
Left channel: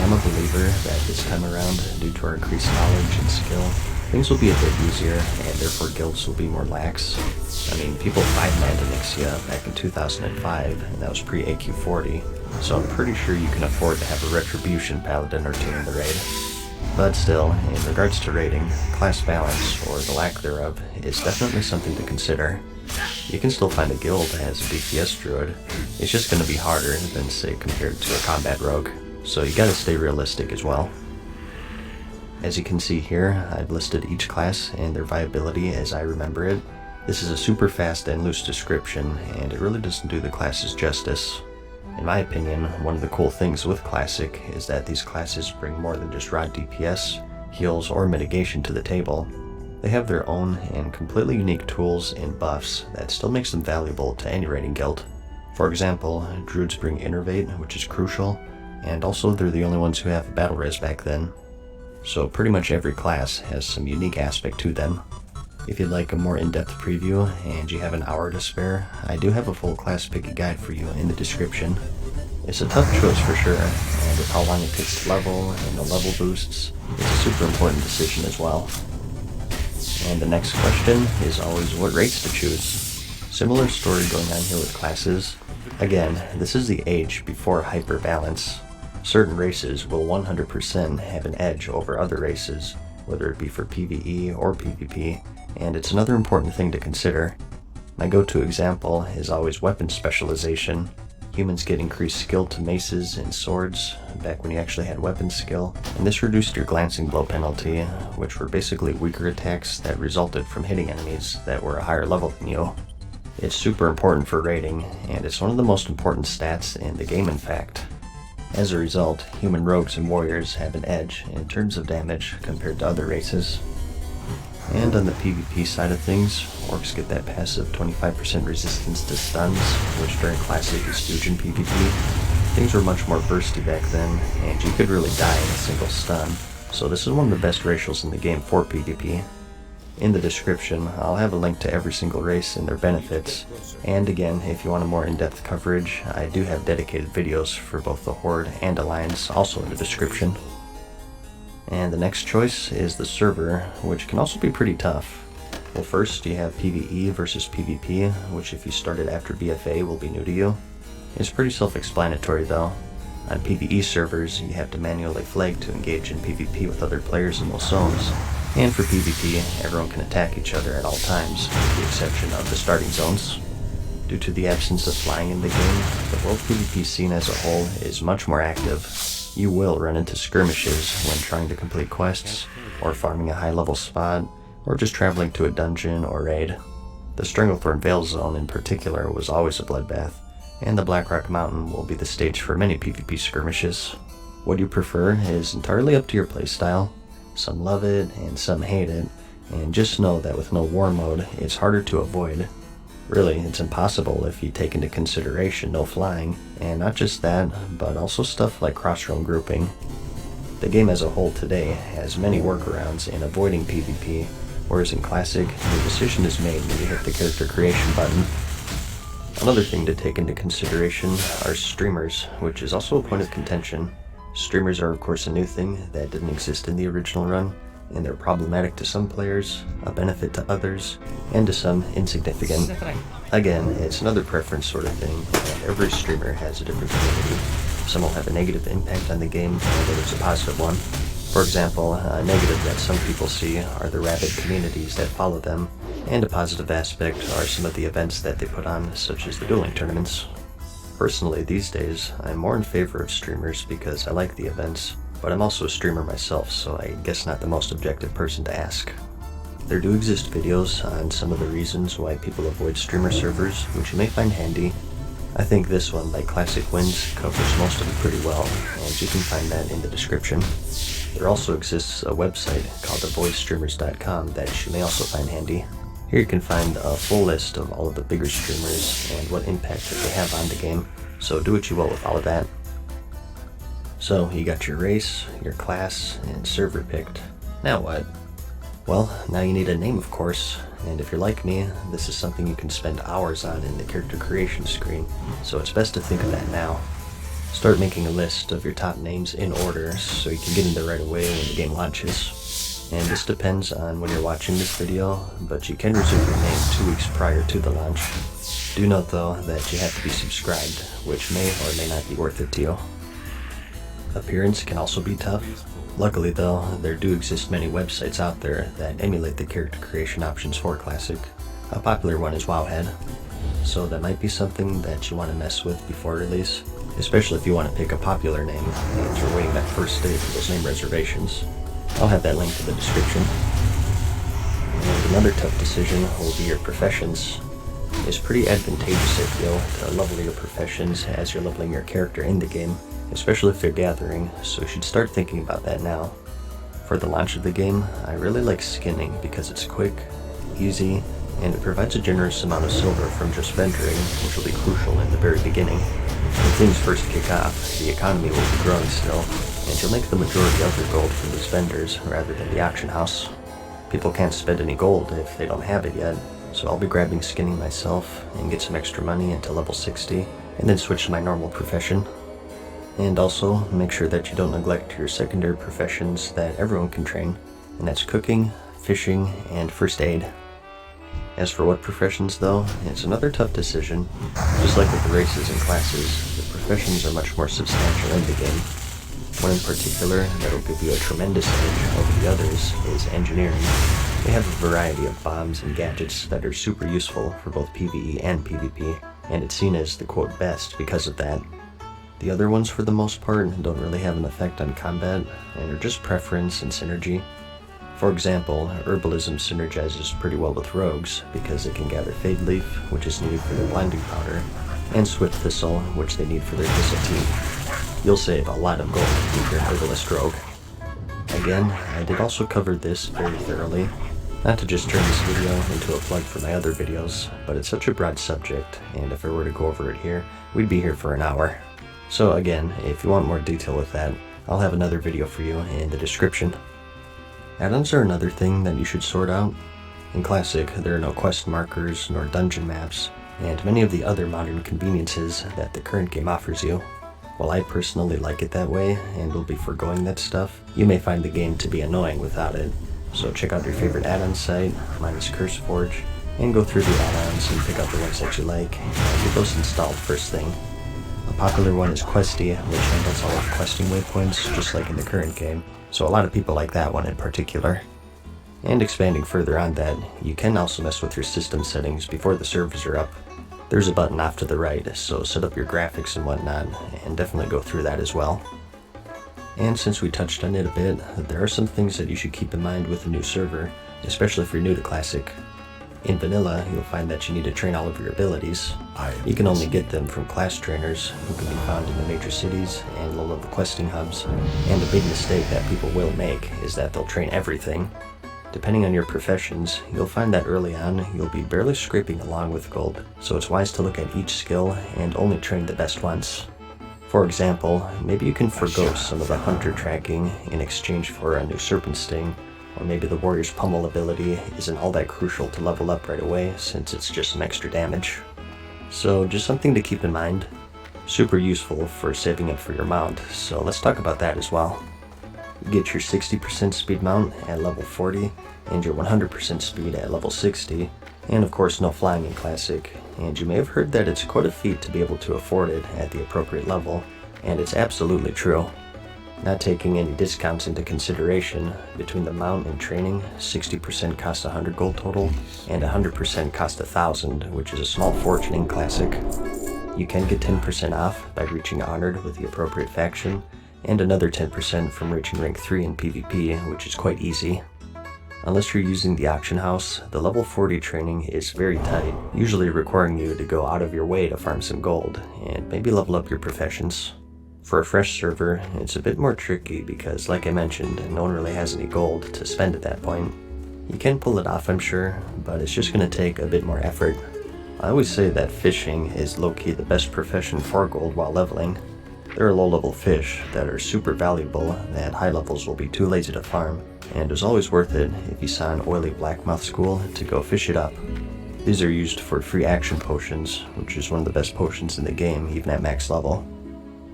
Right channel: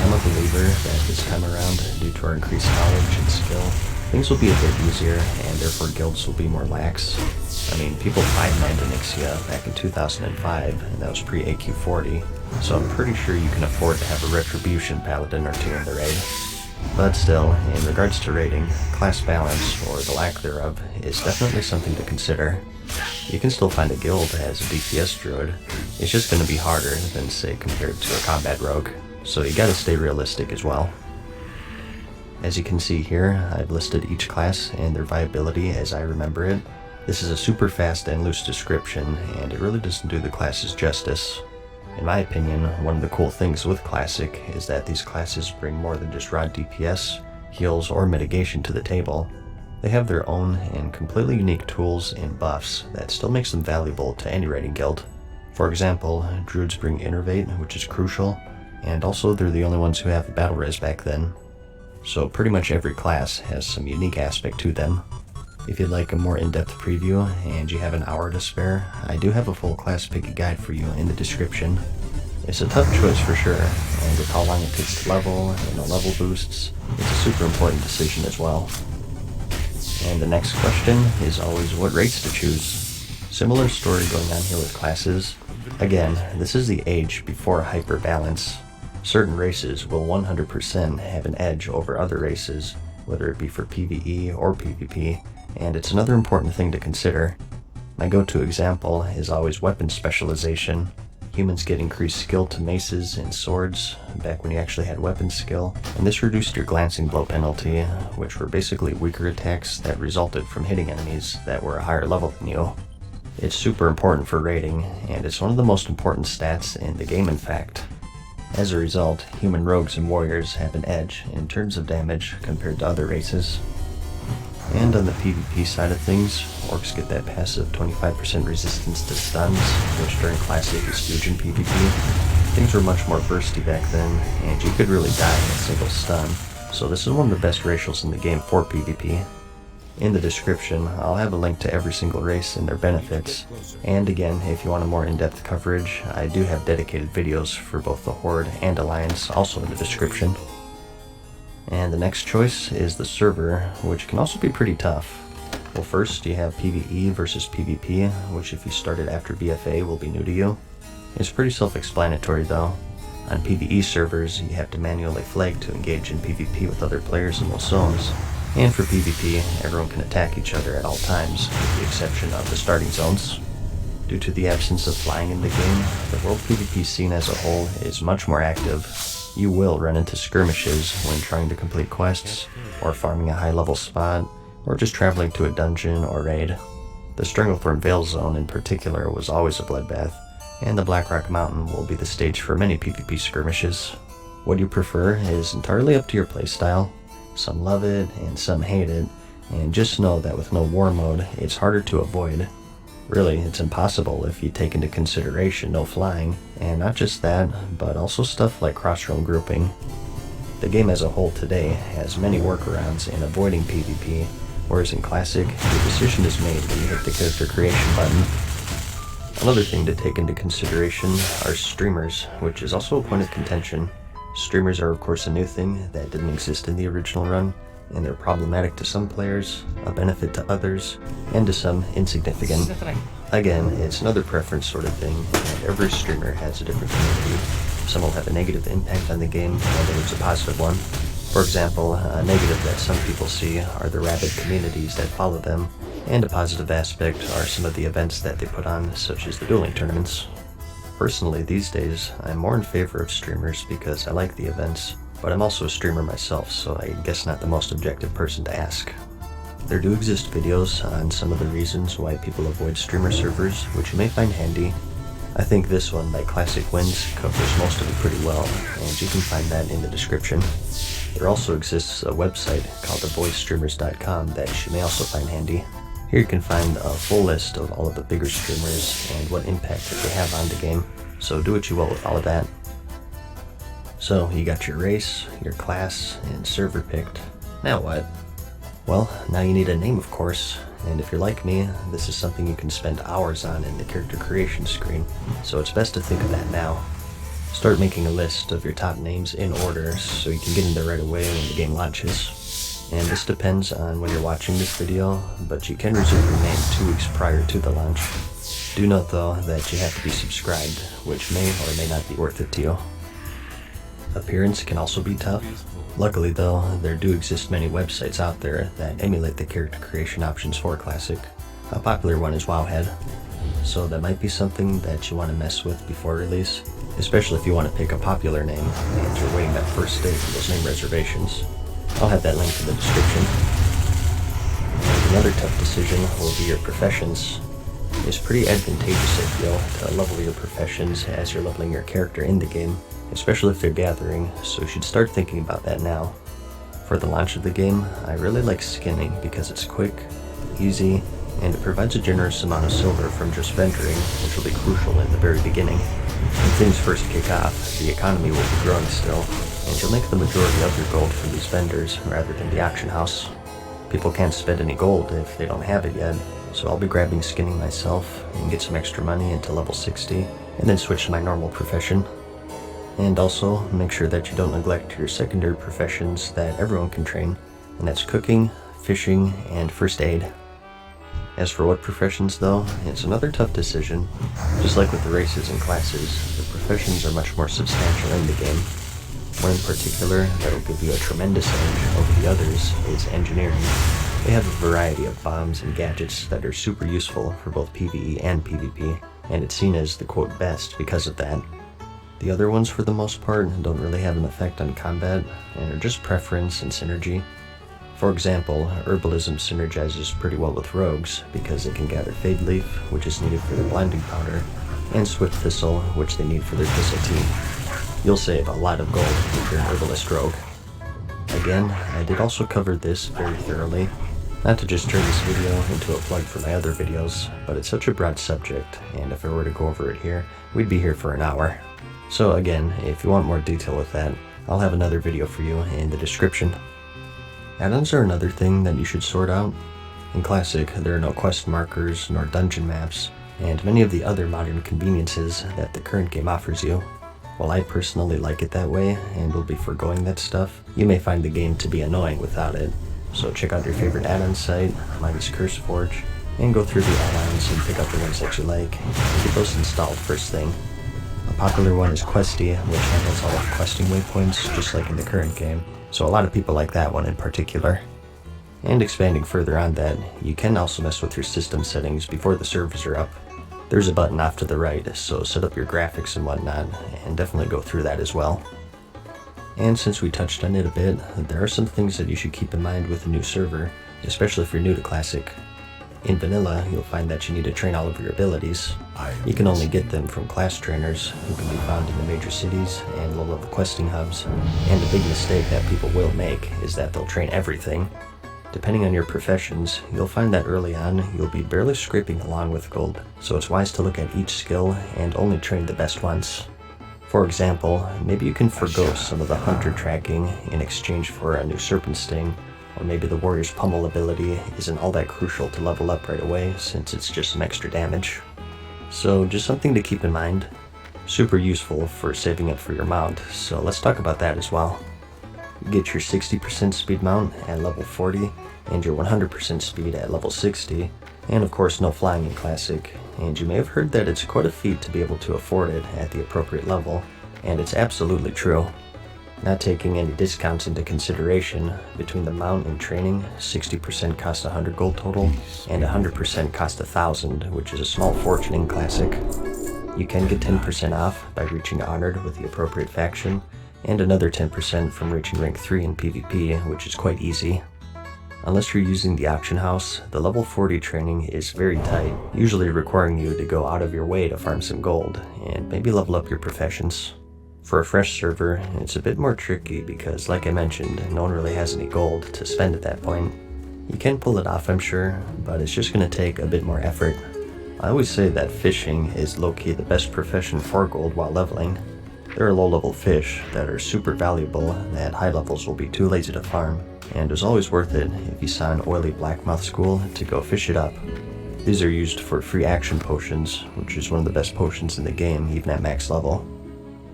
I'm a believer that this time around, due to our increased knowledge and skill, things will be a bit easier, and therefore guilds will be more lax. I mean, people fight Mandonyxia back in 2005, and that was pre-AQ40, so I'm pretty sure you can afford to have a Retribution Paladin or two in the raid. But still, in regards to raiding, class balance, or the lack thereof, is definitely something to consider. You can still find a guild that has a DPS druid, it's just going to be harder than, say, compared to a combat rogue, so you gotta stay realistic as well. As you can see here, I've listed each class and their viability as I remember it. This is a super fast and loose description, and it really doesn't do the classes justice. In my opinion, one of the cool things with Classic is that these classes bring more than just raw DPS, heals, or mitigation to the table. They have their own and completely unique tools and buffs that still makes them valuable to any raiding guild. For example, druids bring Innervate, which is crucial, and also they're the only ones who have battle res back then. So pretty much every class has some unique aspect to them. If you'd like a more in-depth preview and you have an hour to spare, I do have a full class picky guide for you in the description. It's a tough choice for sure, and with how long it takes to level and the level boosts, it's a super important decision as well. And the next question is always what race to choose. Similar story going on here with classes. Again, this is the age before hyper balance. Certain races will 100% have an edge over other races, whether it be for PvE or PvP, and it's another important thing to consider. My go-to example is always weapon specialization. Humans get increased skill to maces and swords, back when you actually had weapon skill, and this reduced your glancing blow penalty, which were basically weaker attacks that resulted from hitting enemies that were a higher level than you. It's super important for raiding, and it's one of the most important stats in the game in fact. As a result, human rogues and warriors have an edge in terms of damage compared to other races. And on the PvP side of things, orcs get that passive 25% resistance to stuns, which during Classic is huge in PvP. Things were much more bursty back then, and you could really die in a single stun, so this is one of the best racials in the game for PvP. In the description, I'll have a link to every single race and their benefits, and again, if you want a more in-depth coverage, I do have dedicated videos for both the Horde and Alliance also in the description. And the next choice is the server, which can also be pretty tough. Well, first you have PvE versus PvP, which if you started after BFA will be new to you. It's pretty self-explanatory though. On PvE servers, you have to manually flag to engage in PvP with other players in those zones. And for PvP, everyone can attack each other at all times, with the exception of the starting zones. Due to the absence of flying in the game, the world PvP scene as a whole is much more active. You will run into skirmishes when trying to complete quests, or farming a high-level spot, or just traveling to a dungeon or raid. The Stranglethorn Vale zone in particular was always a bloodbath, and the Blackrock Mountain will be the stage for many PvP skirmishes. What you prefer is entirely up to your playstyle. Some love it and some hate it, and just know that with no war mode, it's harder to avoid. Really, it's impossible if you take into consideration no flying, and not just that, but also stuff like cross-realm grouping. The game as a whole today has many workarounds in avoiding PvP, whereas in Classic, the decision is made when you hit the character creation button. Another thing to take into consideration are streamers, which is also a point of contention. Streamers are of course a new thing that didn't exist in the original run, and they're problematic to some players, a benefit to others, and to some insignificant. Again, it's another preference sort of thing, and every streamer has a different community. Some will have a negative impact on the game, whether it's a positive one. For example, a negative that some people see are the rabid communities that follow them, and a positive aspect are some of the events that they put on, such as the dueling tournaments. Personally, these days, I'm more in favor of streamers because I like the events, but I'm also a streamer myself, so I guess not the most objective person to ask. There do exist videos on some of the reasons why people avoid streamer servers, which you may find handy. I think this one by Classic Wins covers most of it pretty well, and you can find that in the description. There also exists a website called avoidstreamers.com that you may also find handy. Here you can find a full list of all of the bigger streamers and what impact that they have on the game, so do what you will with all of that. So, you got your race, your class, and server picked. Now what? Well, now you need a name of course, and if you're like me, this is something you can spend hours on in the character creation screen, so it's best to think of that now. Start making a list of your top names in order so you can get in there right away when the game launches. And this depends on when you're watching this video, but you can reserve your name 2 weeks prior to the launch. Do note though that you have to be subscribed, which may or may not be worth it to you. Appearance can also be tough. Luckily though, there do exist many websites out there that emulate the character creation options for Classic. A popular one is Wowhead, so that might be something that you want to mess with before release, especially if you want to pick a popular name and you're waiting that first day for those name reservations. I'll have that link in the description. And another tough decision will be your professions. It's pretty advantageous, I feel, to level your professions as you're leveling your character in the game, especially if they're gathering, so you should start thinking about that now. For the launch of the game, I really like skinning because it's quick, easy, and it provides a generous amount of silver from just venturing, which will be crucial in the very beginning. When things first kick off, the economy will be growing still, and you'll make the majority of your gold from these vendors rather than the auction house. People can't spend any gold if they don't have it yet, so I'll be grabbing skinning myself and get some extra money into level 60, and then switch to my normal profession. And also, make sure that you don't neglect your secondary professions that everyone can train, and that's cooking, fishing, and first aid. As for what professions though, it's another tough decision. Just like with the races and classes, the professions are much more substantial in the game. One in particular that will give you a tremendous edge over the others is engineering. They have a variety of bombs and gadgets that are super useful for both PvE and PvP, and it's seen as the quote best because of that. The other ones for the most part don't really have an effect on combat and are just preference and synergy. For example, herbalism synergizes pretty well with rogues because it can gather Fade Leaf, which is needed for their blinding powder, and Swift Thistle, which they need for their Thistle team. You'll save a lot of gold if you're an herbalist rogue. Again, I did also cover this very thoroughly. Not to just turn this video into a plug for my other videos, but it's such a broad subject, and if I were to go over it here, we'd be here for an hour. So again, if you want more detail with that, I'll have another video for you in the description. Add-ons are another thing that you should sort out. In Classic, there are no quest markers nor dungeon maps, and many of the other modern conveniences that the current game offers you. While I personally like it that way, and will be foregoing that stuff, you may find the game to be annoying without it. So check out your favorite add-on site, mine is CurseForge, and go through the add-ons and pick out the ones that you like, and get those installed first thing. A popular one is Questy, which handles all of questing waypoints, just like in the current game, so a lot of people like that one in particular. And expanding further on that, you can also mess with your system settings before the servers are up. There's a button off to the right, so set up your graphics and whatnot, and definitely go through that as well. And since we touched on it a bit, there are some things that you should keep in mind with a new server, especially if you're new to Classic. In Vanilla, you'll find that you need to train all of your abilities. You can only get them from class trainers, who can be found in the major cities and low-level questing hubs, and the big mistake that people will make is that they'll train everything. Depending on your professions, you'll find that early on you'll be barely scraping along with gold, so it's wise to look at each skill and only train the best ones. For example, maybe you can forgo some of the hunter tracking in exchange for a new serpent sting, or maybe the warrior's pummel ability isn't all that crucial to level up right away since it's just some extra damage. So just something to keep in mind. Super useful for saving up for your mount, so let's talk about that as well. You get your 60% speed mount at level 40, and your 100% speed at level 60, and of course no flying in Classic, and you may have heard that it's quite a feat to be able to afford it at the appropriate level, and it's absolutely true. Not taking any discounts into consideration, between the mount and training, 60% costs 100 gold total, and 100% costs 1,000, which is a small fortune in Classic. You can get 10% off by reaching Honored with the appropriate faction, and another 10% from reaching rank 3 in PvP, which is quite easy. Unless you're using the auction house, the level 40 training is very tight, usually requiring you to go out of your way to farm some gold, and maybe level up your professions. For a fresh server, it's a bit more tricky because, like I mentioned, no one really has any gold to spend at that point. You can pull it off, I'm sure, but it's just going to take a bit more effort. I always say that fishing is low-key the best profession for gold while leveling. There are low-level fish that are super valuable that high levels will be too lazy to farm, and it was always worth it if you saw an oily blackmouth school to go fish it up. These are used for free action potions, which is one of the best potions in the game, even at max level.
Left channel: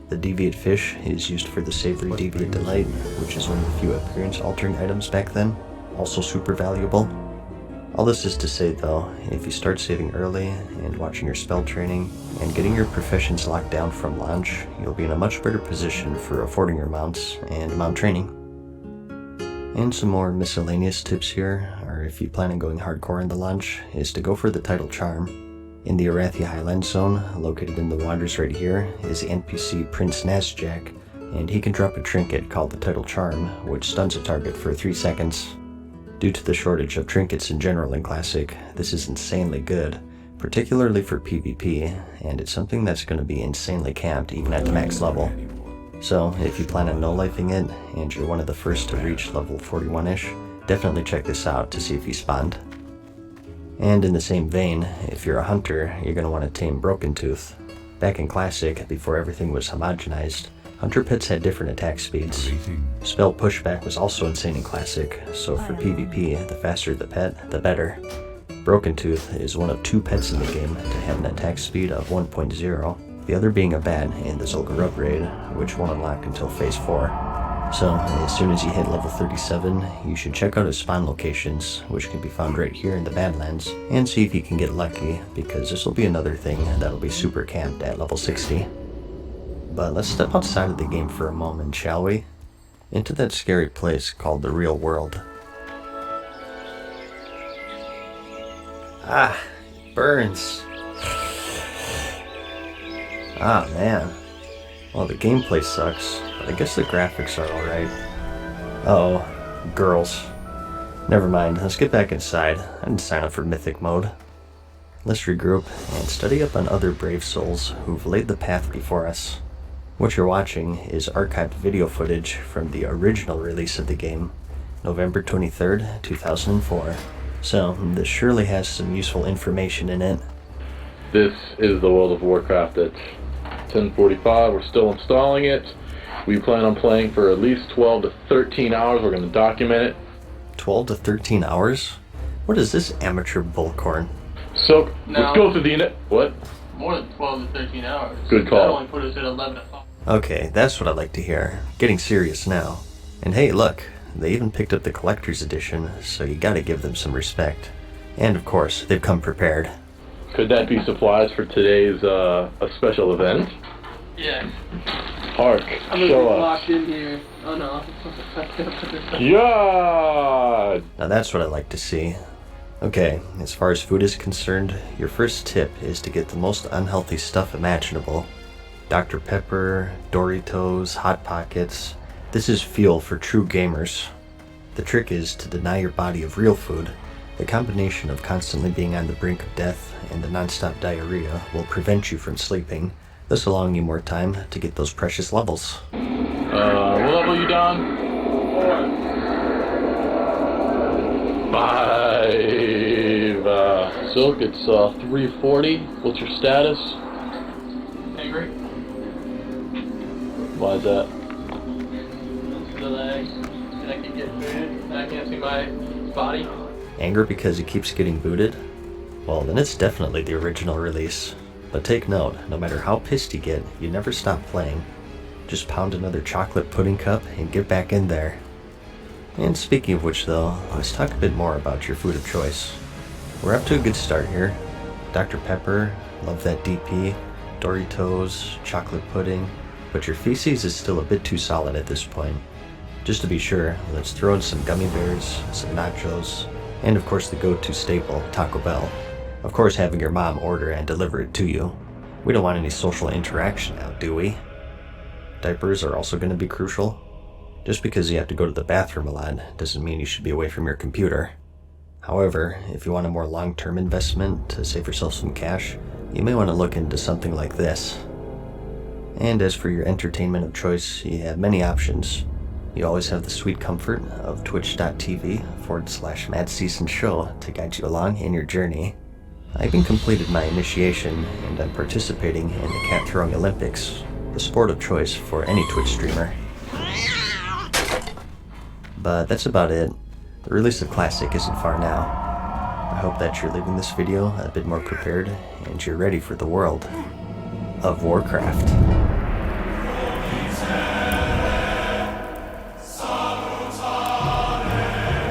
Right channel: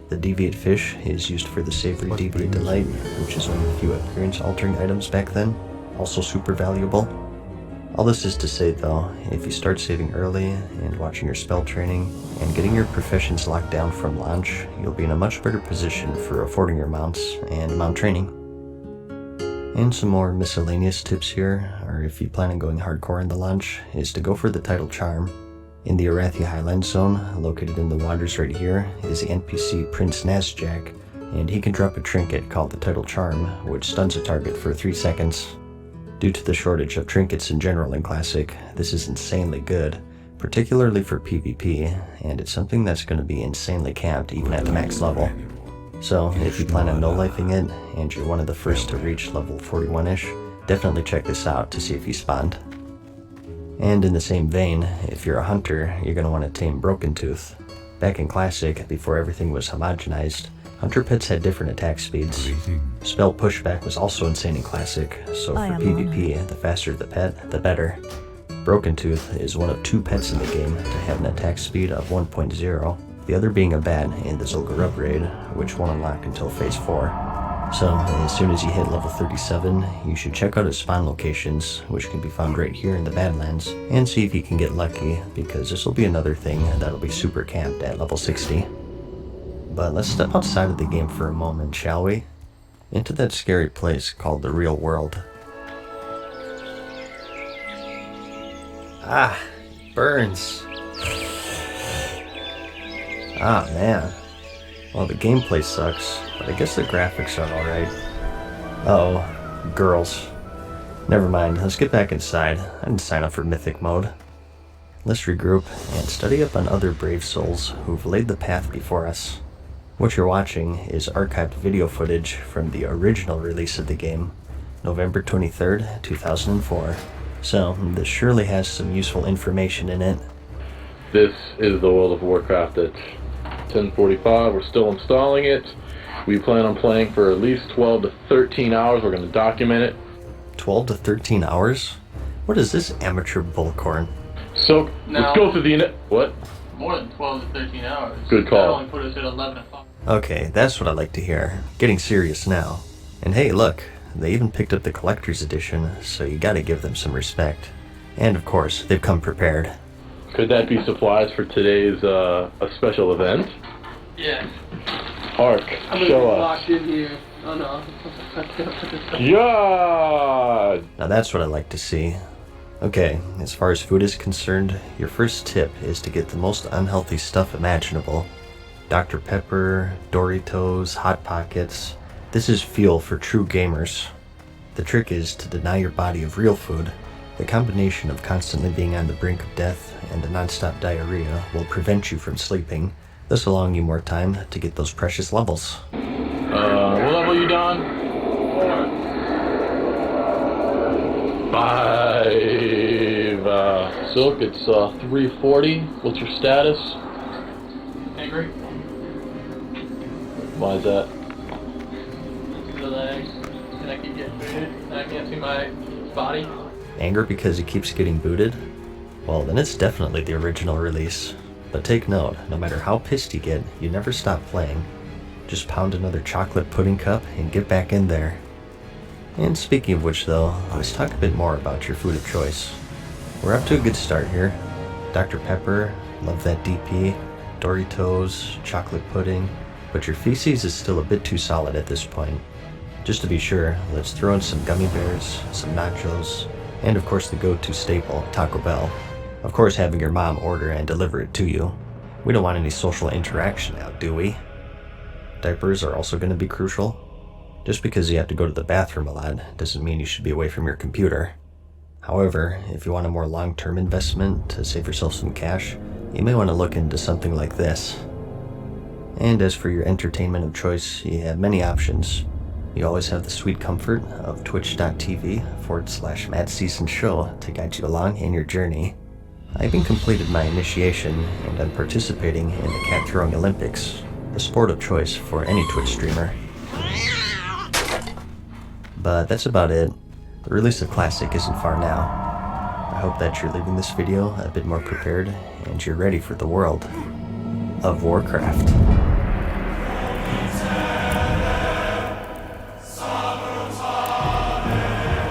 The Deviate Fish is used for the Savory Deviate Delight, which is one of the few appearance-altering items back then, also super valuable. All this is to say though, if you start saving early and watching your spell training and getting your professions locked down from launch, you'll be in a much better position for affording your mounts and mount training. And some more miscellaneous tips here, or if you plan on going hardcore in the launch, is to go for the title charm. In the Arathi Highland Zone, located in the Wanderers right here, is the NPC Prince Nazjack, and he can drop a trinket called the title charm, which stuns a target for 3 seconds. Due to the shortage of trinkets in general in Classic, this is insanely good, particularly for PvP, and it's something that's going to be insanely capped even at the max level. So, if you plan on no-lifing it, and you're one of the first to reach level 41-ish, definitely check this out to see if you spawned. And in the same vein, if you're a hunter, you're going to want to tame Broken Tooth. Back in Classic, before everything was homogenized, hunter pets had different attack speeds. Spell pushback was also insane in Classic, so for PvP, the faster the pet, the better. Broken Tooth is one of 2 pets in the game to have an attack speed of 1.0, the other being a bat in the Zul'Gurub raid, which won't unlock until Phase 4. So, as soon as you hit level 37, you should check out his spawn locations, which can be found right here in the Badlands, and see if you can get lucky, because this will be another thing that'll be super camped at level 60. But let's step outside of the game for a moment, shall we? Into that scary place called the real world. Ah, burns. Ah, man. Well, the gameplay sucks, but I guess the graphics are alright. Uh-oh, girls. Never mind, let's get back inside. I didn't sign up for Mythic mode. Let's regroup and study up on other brave souls who've laid the path before us. What you're watching is archived video footage from the original release of the game, November 23rd, 2004. So, this surely has some useful information in it. This is the World of Warcraft at 10:45. We're still installing it. We plan on playing for at least 12 to 13 hours. We're going to document it. 12 to 13 hours? What is this amateur bullcorn? So, let's go through the... What? More than 12 to 13 hours. Good call. That only put us at 11 o'clock. Okay, that's what I like to hear. Getting serious now. And hey, look, they even picked up the collector's edition, so you gotta give them some respect. And of course, they've come prepared. Could that be supplies for today's a special event? Yeah. Hark, I'm gonna show be us. locked in here. Oh no. Yeah! Now that's what I like to see. Okay, as far as food is concerned, your first tip is to get the most unhealthy stuff imaginable. Dr. Pepper, Doritos, Hot Pockets. This is fuel for true gamers. The trick is to deny your body of real food. The combination of constantly being on the brink of death and the non-stop diarrhea will prevent you from sleeping, thus allowing you more time to get those precious levels. What level you done? 5. Silk, it's 340. What's your status? Angry? Why is that? The legs. And I keep getting booted. And I can't see my body. Anger because he keeps getting booted? Well, then it's definitely the original release. But take note, no matter how pissed you get, you never stop playing. Just pound another chocolate pudding cup and get back in there. And speaking of which though, let's talk a bit more about your food of choice. We're up to a good start here. Dr. Pepper, love that DP, Doritos, chocolate pudding, but your feces is still a bit too solid at this point. Just to be sure, let's throw in some gummy bears, some nachos, and of course the go-to staple, Taco Bell. Of course having your mom order and deliver it to you. We don't want any social interaction now, do we? Diapers are also going to be crucial. Just because you have to go to the bathroom a lot doesn't mean you should be away from your computer. However, if you want a more long-term investment to save yourself some cash, you may want to look into something like this. And as for your entertainment of choice, you have many options. You always have the sweet comfort of twitch.tv/MadSeasonShow to guide you along in your journey. I even completed my initiation, and I'm participating in the Cat Throwing Olympics, the sport of choice for any Twitch streamer. But that's about it. The release of Classic isn't far now. I hope that you're leaving this video a bit more prepared, and you're ready for the world of Warcraft.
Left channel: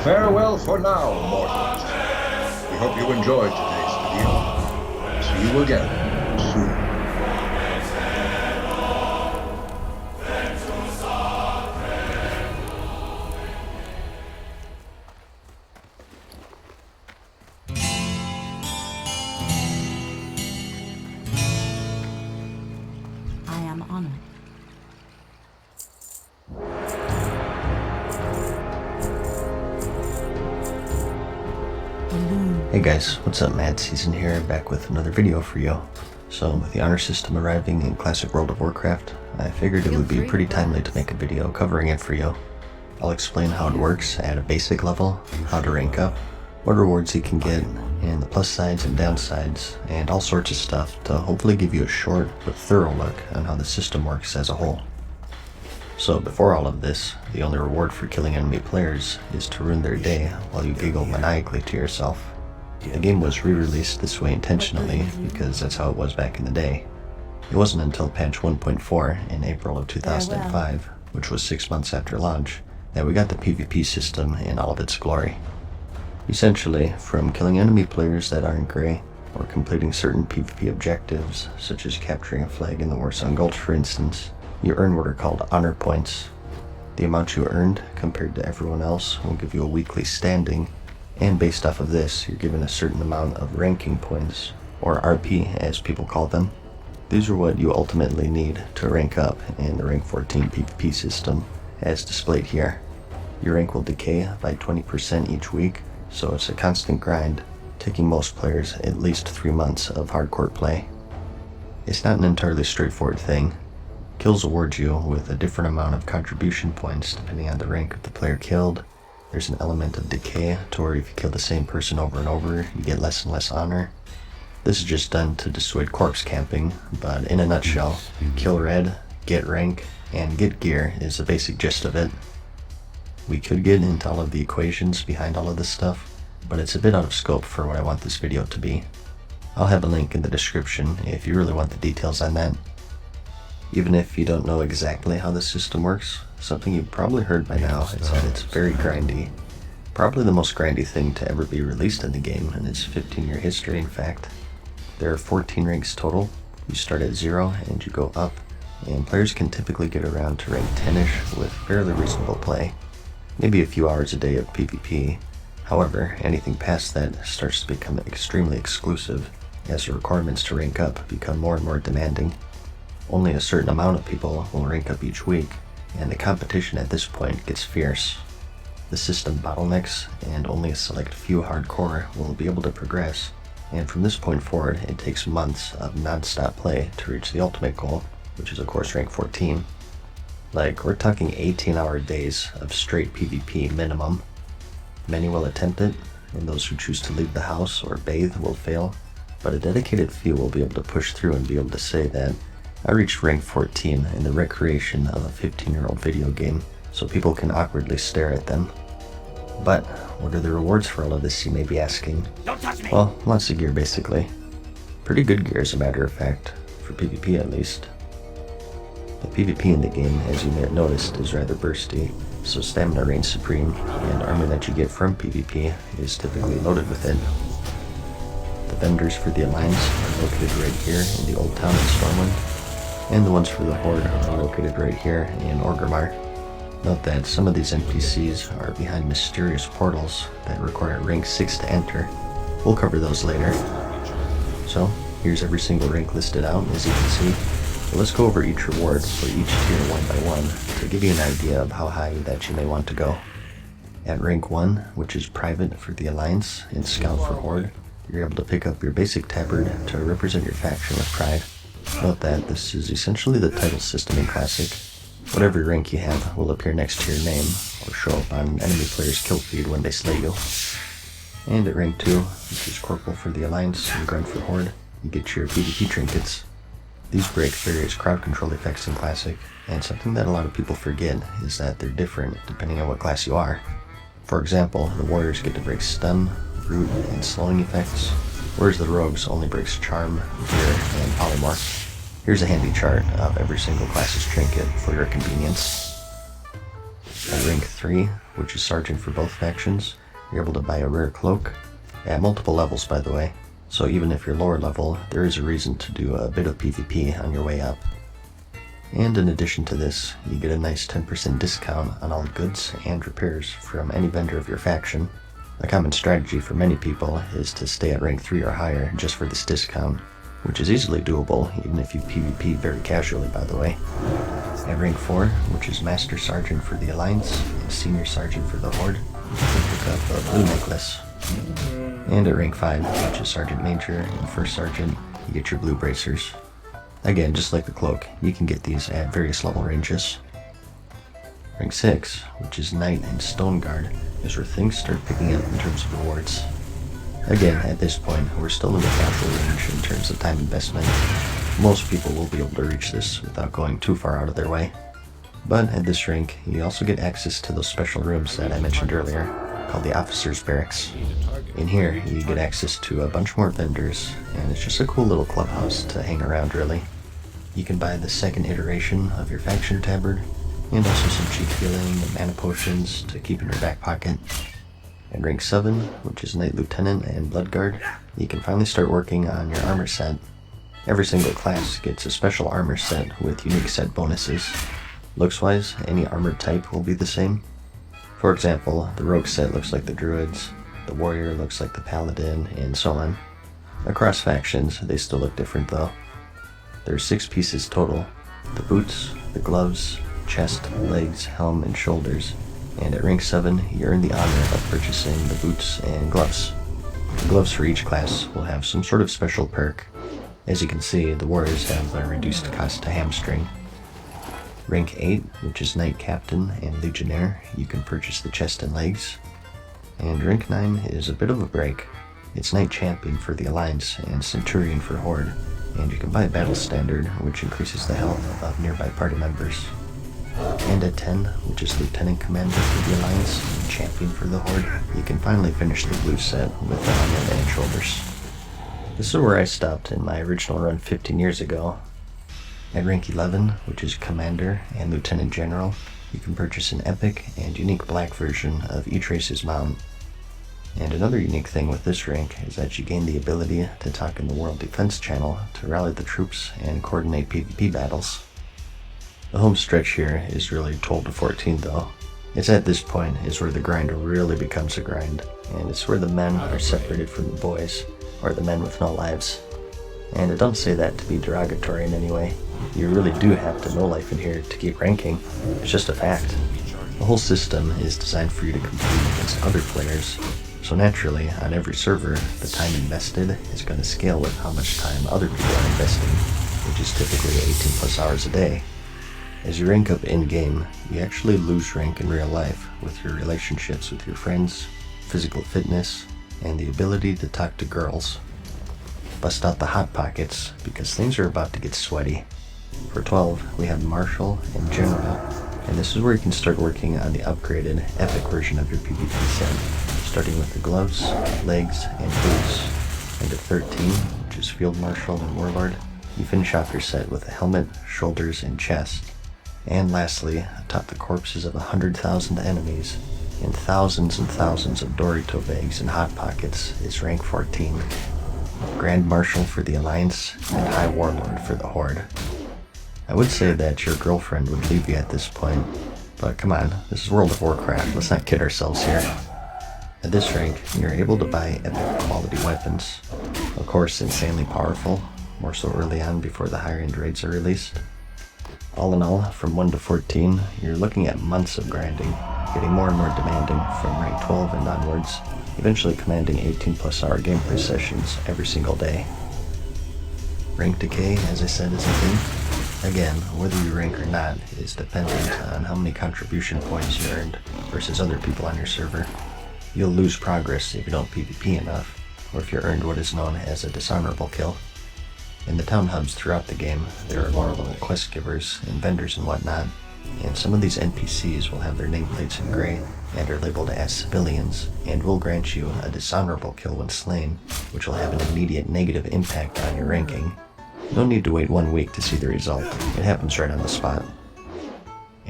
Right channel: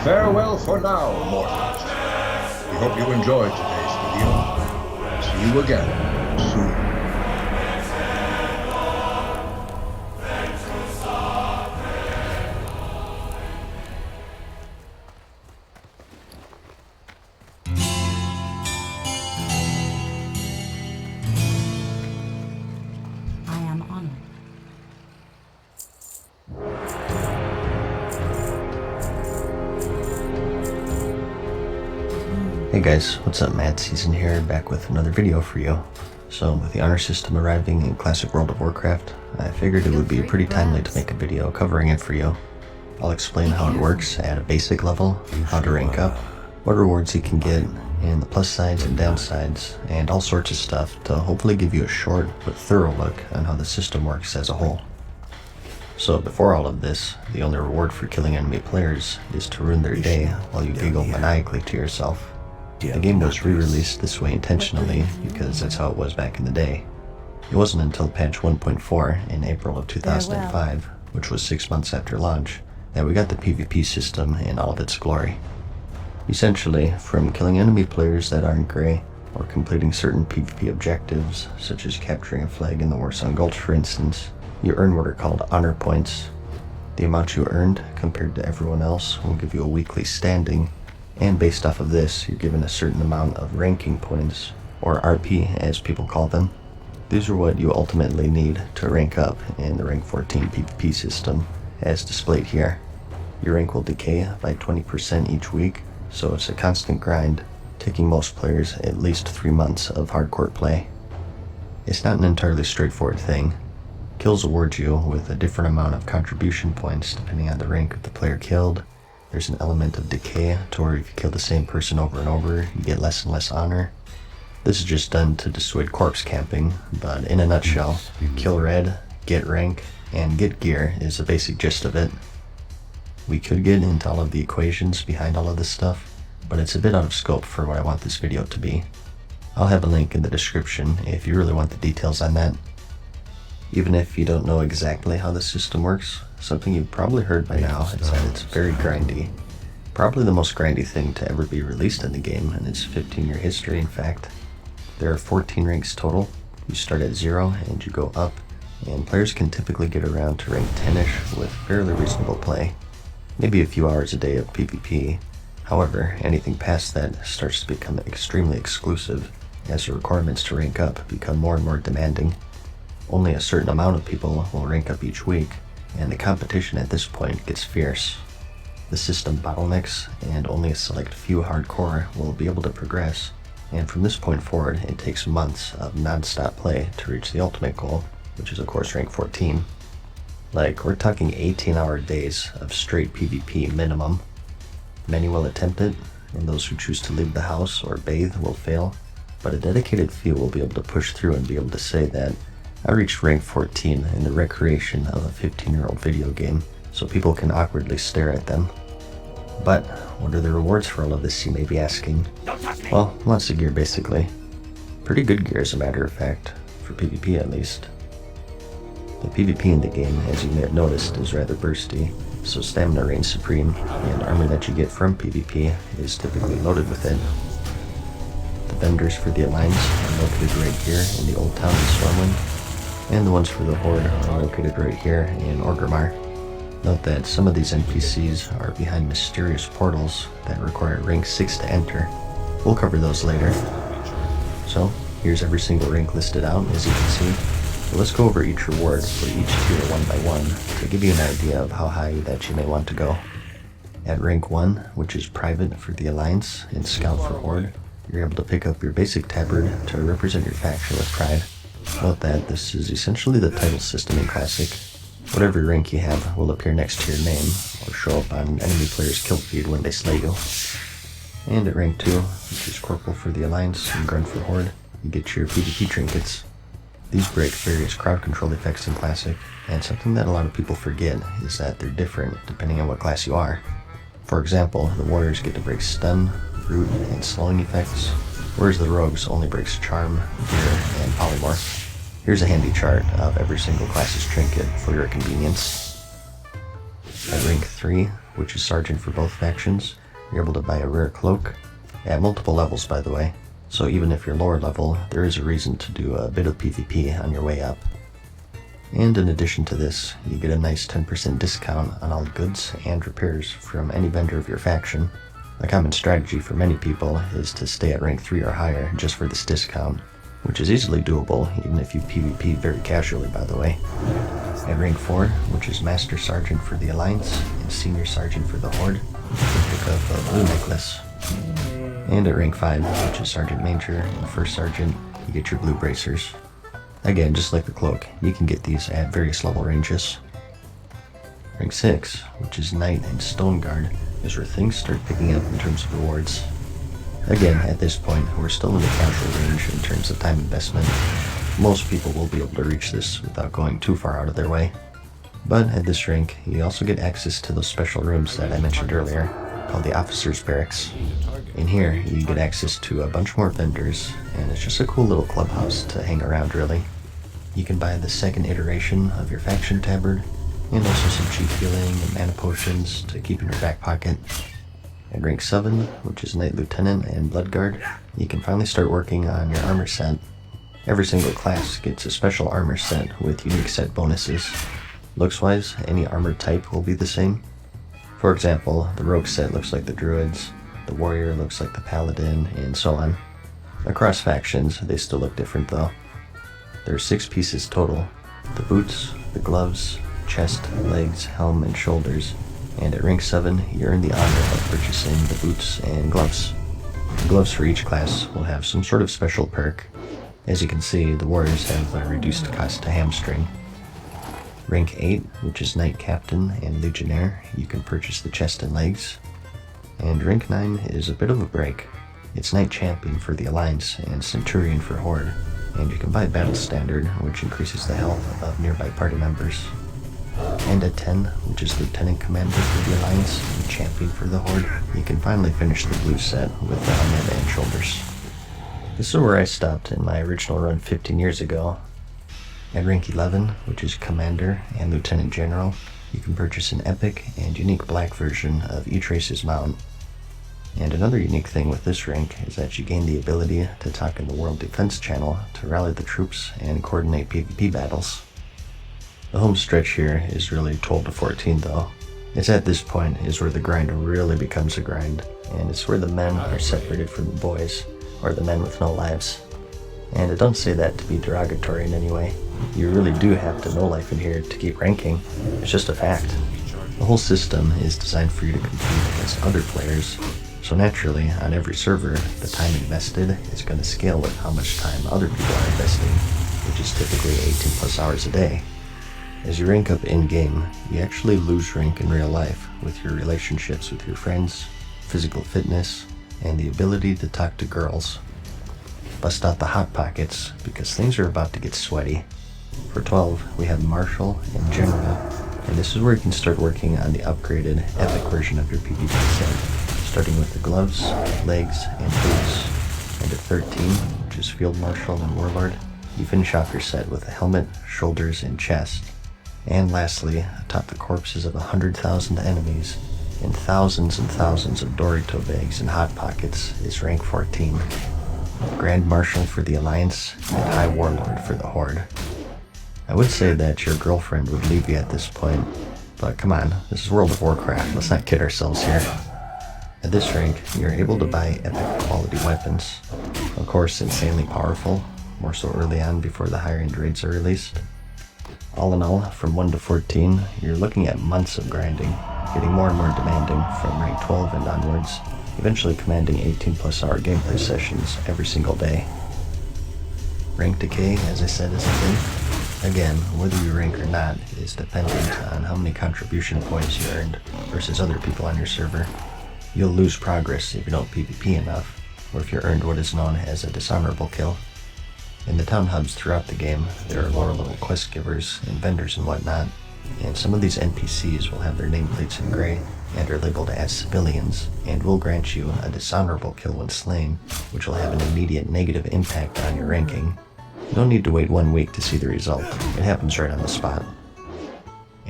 Farewell for now, mortals. We hope you enjoyed today's video. See you again soon. I am honored. Hey guys, what's up? Mad Season here, back with another video for you. So, with the honor system arriving in Classic World of Warcraft, I figured it would be pretty timely to make a video covering it for you. I'll explain how it works at a basic level, how to rank up, what rewards you can get, and the plus sides and downsides, and all sorts of stuff to hopefully give you a short but thorough look on how the system works as a whole. So before all of this, the only reward for killing enemy players is to ruin their day while you giggle maniacally to yourself. The game was re-released this way intentionally because that's how it was back in the day. It wasn't until patch 1.4 in April of 2005, which was 6 months after launch, that we got the PvP system in all of its glory. Essentially, from killing enemy players that aren't grey, or completing certain PvP objectives, such as capturing a flag in the Warsong Gulch for instance, you earn what are called honor points. The amount you earned compared to everyone else will give you a weekly standing, and based off of this, you're given a certain amount of ranking points, or RP as people call them. These are what you ultimately need to rank up in the rank 14 PvP system, as displayed here. Your rank will decay by 20% each week, so it's a constant grind, taking most players at least 3 months of hardcore play. It's not an entirely straightforward thing. Kills award you with a different amount of contribution points depending on the rank of the player killed. There's an element of decay to where if you kill the same person over and over, you get less and less honor. This is just done to dissuade corpse camping, but in a nutshell, kill red, get rank, and get gear is the basic gist of it. We could get into all of the equations behind all of this stuff, but it's a bit out of scope for what I want this video to be. I'll have a link in the description if you really want the details on that. Even if you don't know exactly how the system works, something you've probably heard by now is that it's very grindy. Probably the most grindy thing to ever be released in the game in its 15-year history, in fact. There are 14 ranks total. You start at 0 and you go up, and players can typically get around to rank 10ish with fairly reasonable play. Maybe a few hours a day of PvP. However, anything past that starts to become extremely exclusive, as the requirements to rank up become more and more demanding. Only a certain amount of people will rank up each week, and the competition at this point gets fierce. The system bottlenecks, and only a select few hardcore will be able to progress, and from this point forward it takes months of non-stop play to reach the ultimate goal, which is of course rank 14. Like, we're talking 18-hour days of straight PvP minimum. Many will attempt it, and those who choose to leave the house or bathe will fail, but a dedicated few will be able to push through and be able to say that I reached rank 14 in the recreation of a 15-year-old video game, so people can awkwardly stare at them. But what are the rewards for all of this, you may be asking? Well, lots of gear basically. Pretty good gear as a matter of fact, for PvP at least. The PvP in the game, as you may have noticed, is rather bursty, so stamina reigns supreme, and armor that you get from PvP is typically loaded with it. The vendors for the Alliance are located right here in the Old Town in Stormwind, and the ones for the Horde are located right here in Orgrimmar. Note that some of these NPCs are behind mysterious portals that require rank 6 to enter. We'll cover those later. So, here's every single rank listed out, as you can see. So let's go over each reward for each tier one by one to give you an idea of how high that you may want to go. At rank 1, which is private for the Alliance and Scout for Horde, you're able to pick up your basic tabard to represent your faction with pride. Note that this is essentially the title system in Classic. Whatever rank you have will appear next to your name, or show up on enemy players' kill feed when they slay you. And at rank 2, which is Corporal for the Alliance and Grunt for Horde, you get your PvP trinkets. These break various crowd control effects in Classic, and something that a lot of people forget is that they're different depending on what class you are. For example, the Warriors get to break stun, root, and slowing effects, whereas the Rogues only breaks charm, gear, and polymorph. Here's a handy chart of every single class's trinket for your convenience. At rank 3, which is Sergeant for both factions, you're able to buy a rare cloak, at multiple levels by the way, so even if you're lower level, there is a reason to do a bit of PvP on your way up. And in addition to this, you get a nice 10% discount on all goods and repairs from any vendor of your faction. A common strategy for many people is to stay at rank 3 or higher just for this discount, which is easily doable even if you PvP very casually by the way. At rank 4, which is Master Sergeant for the Alliance and Senior Sergeant for the Horde, you can pick up a blue necklace. And at rank 5, which is Sergeant Major and First Sergeant, you get your blue bracers. Again, just like the cloak, you can get these at various level ranges. Rank 6, which is Knight and Stone Guard, is where things start picking up in terms of rewards. Again, at this point, we're still in the casual range in terms of time investment. Most people will be able to reach this without going too far out of their way. But at this rank, you also get access to those special rooms that I mentioned earlier, called the Officers' Barracks. In here, you get access to a bunch more vendors, and it's just a cool little clubhouse to hang around really. You can buy the second iteration of your faction tabard, and also some cheap healing and mana potions to keep in your back pocket. At rank 7, which is Knight Lieutenant and Bloodguard, you can finally start working on your armor set. Every single class gets a special armor set with unique set bonuses. Looks-wise, any armor type will be the same. For example, the Rogue set looks like the Druids, the Warrior looks like the Paladin, and so on. Across factions, they still look different though. There are 6 pieces total: the boots, the gloves, chest, legs, helm, and shoulders. And at rank 7, you earn the honor of purchasing the boots and gloves. The gloves for each class will have some sort of special perk. As you can see, the Warriors have a reduced cost to hamstring. Rank 8, which is Knight Captain and Legionnaire, you can purchase the chest and legs. And rank 9 is a bit of a break. It's Knight Champion for the Alliance and Centurion for Horde, and you can buy Battle Standard, which increases the health of nearby party members. And at 10, which is Lieutenant Commander for the Alliance and Champion for the Horde, you can finally finish the blue set with the helmet and shoulders. This is where I stopped in my original run 15 years ago. At rank 11, which is Commander and Lieutenant General, you can purchase an epic and unique black version of each race's mount. And another unique thing with this rank is that you gain the ability to talk in the World Defense channel to rally the troops and coordinate PvP battles. The home stretch here is really 12 to 14 though. It's at this point is where the grind really becomes a grind, and it's where the men are separated from the boys, or the men with no lives. And I don't say that to be derogatory in any way. You really do have to know life in here to keep ranking. It's just a fact. The whole system is designed for you to compete against other players, so naturally, on every server, the time invested is going to scale with how much time other people are investing, which is typically 18 plus hours a day. As you rank up in-game, you actually lose rank in real life with your relationships with your friends, physical fitness, and the ability to talk to girls. Bust out the hot pockets, because things are about to get sweaty. For 12, we have Marshal and General, and this is where you can start working on the upgraded epic version of your PvP set, starting with the gloves, legs, and boots. And at 13, which is Field Marshal and Warlord, you finish off your set with a helmet, shoulders, and chest. And lastly, atop the corpses of 100,000 enemies and thousands of Dorito bags and hot pockets is rank 14. Grand Marshal for the Alliance and High Warlord for the Horde. I would say that your girlfriend would leave you at this point, but come on, this is World of Warcraft, let's not kid ourselves here. At this rank, you're able to buy epic quality weapons. Of course, insanely powerful, more so early on before the higher end raids are released. All in all, from 1 to 14, you're looking at months of grinding, getting more and more demanding from rank 12 and onwards, eventually commanding 18 plus hour gameplay sessions every single day. Rank decay, as I said, is a thing. Again, whether you rank or not is dependent on how many contribution points you earned versus other people on your server. You'll lose progress if you don't PvP enough, or if you earned what is known as a dishonorable kill. In the town hubs throughout the game, there are lower level quest givers and vendors and whatnot, and some of these NPCs will have their nameplates in gray and are labeled as civilians, and will grant you a dishonorable kill when slain, which will have an immediate negative impact on your ranking. No need to wait 1 week to see the result, it happens right on the spot.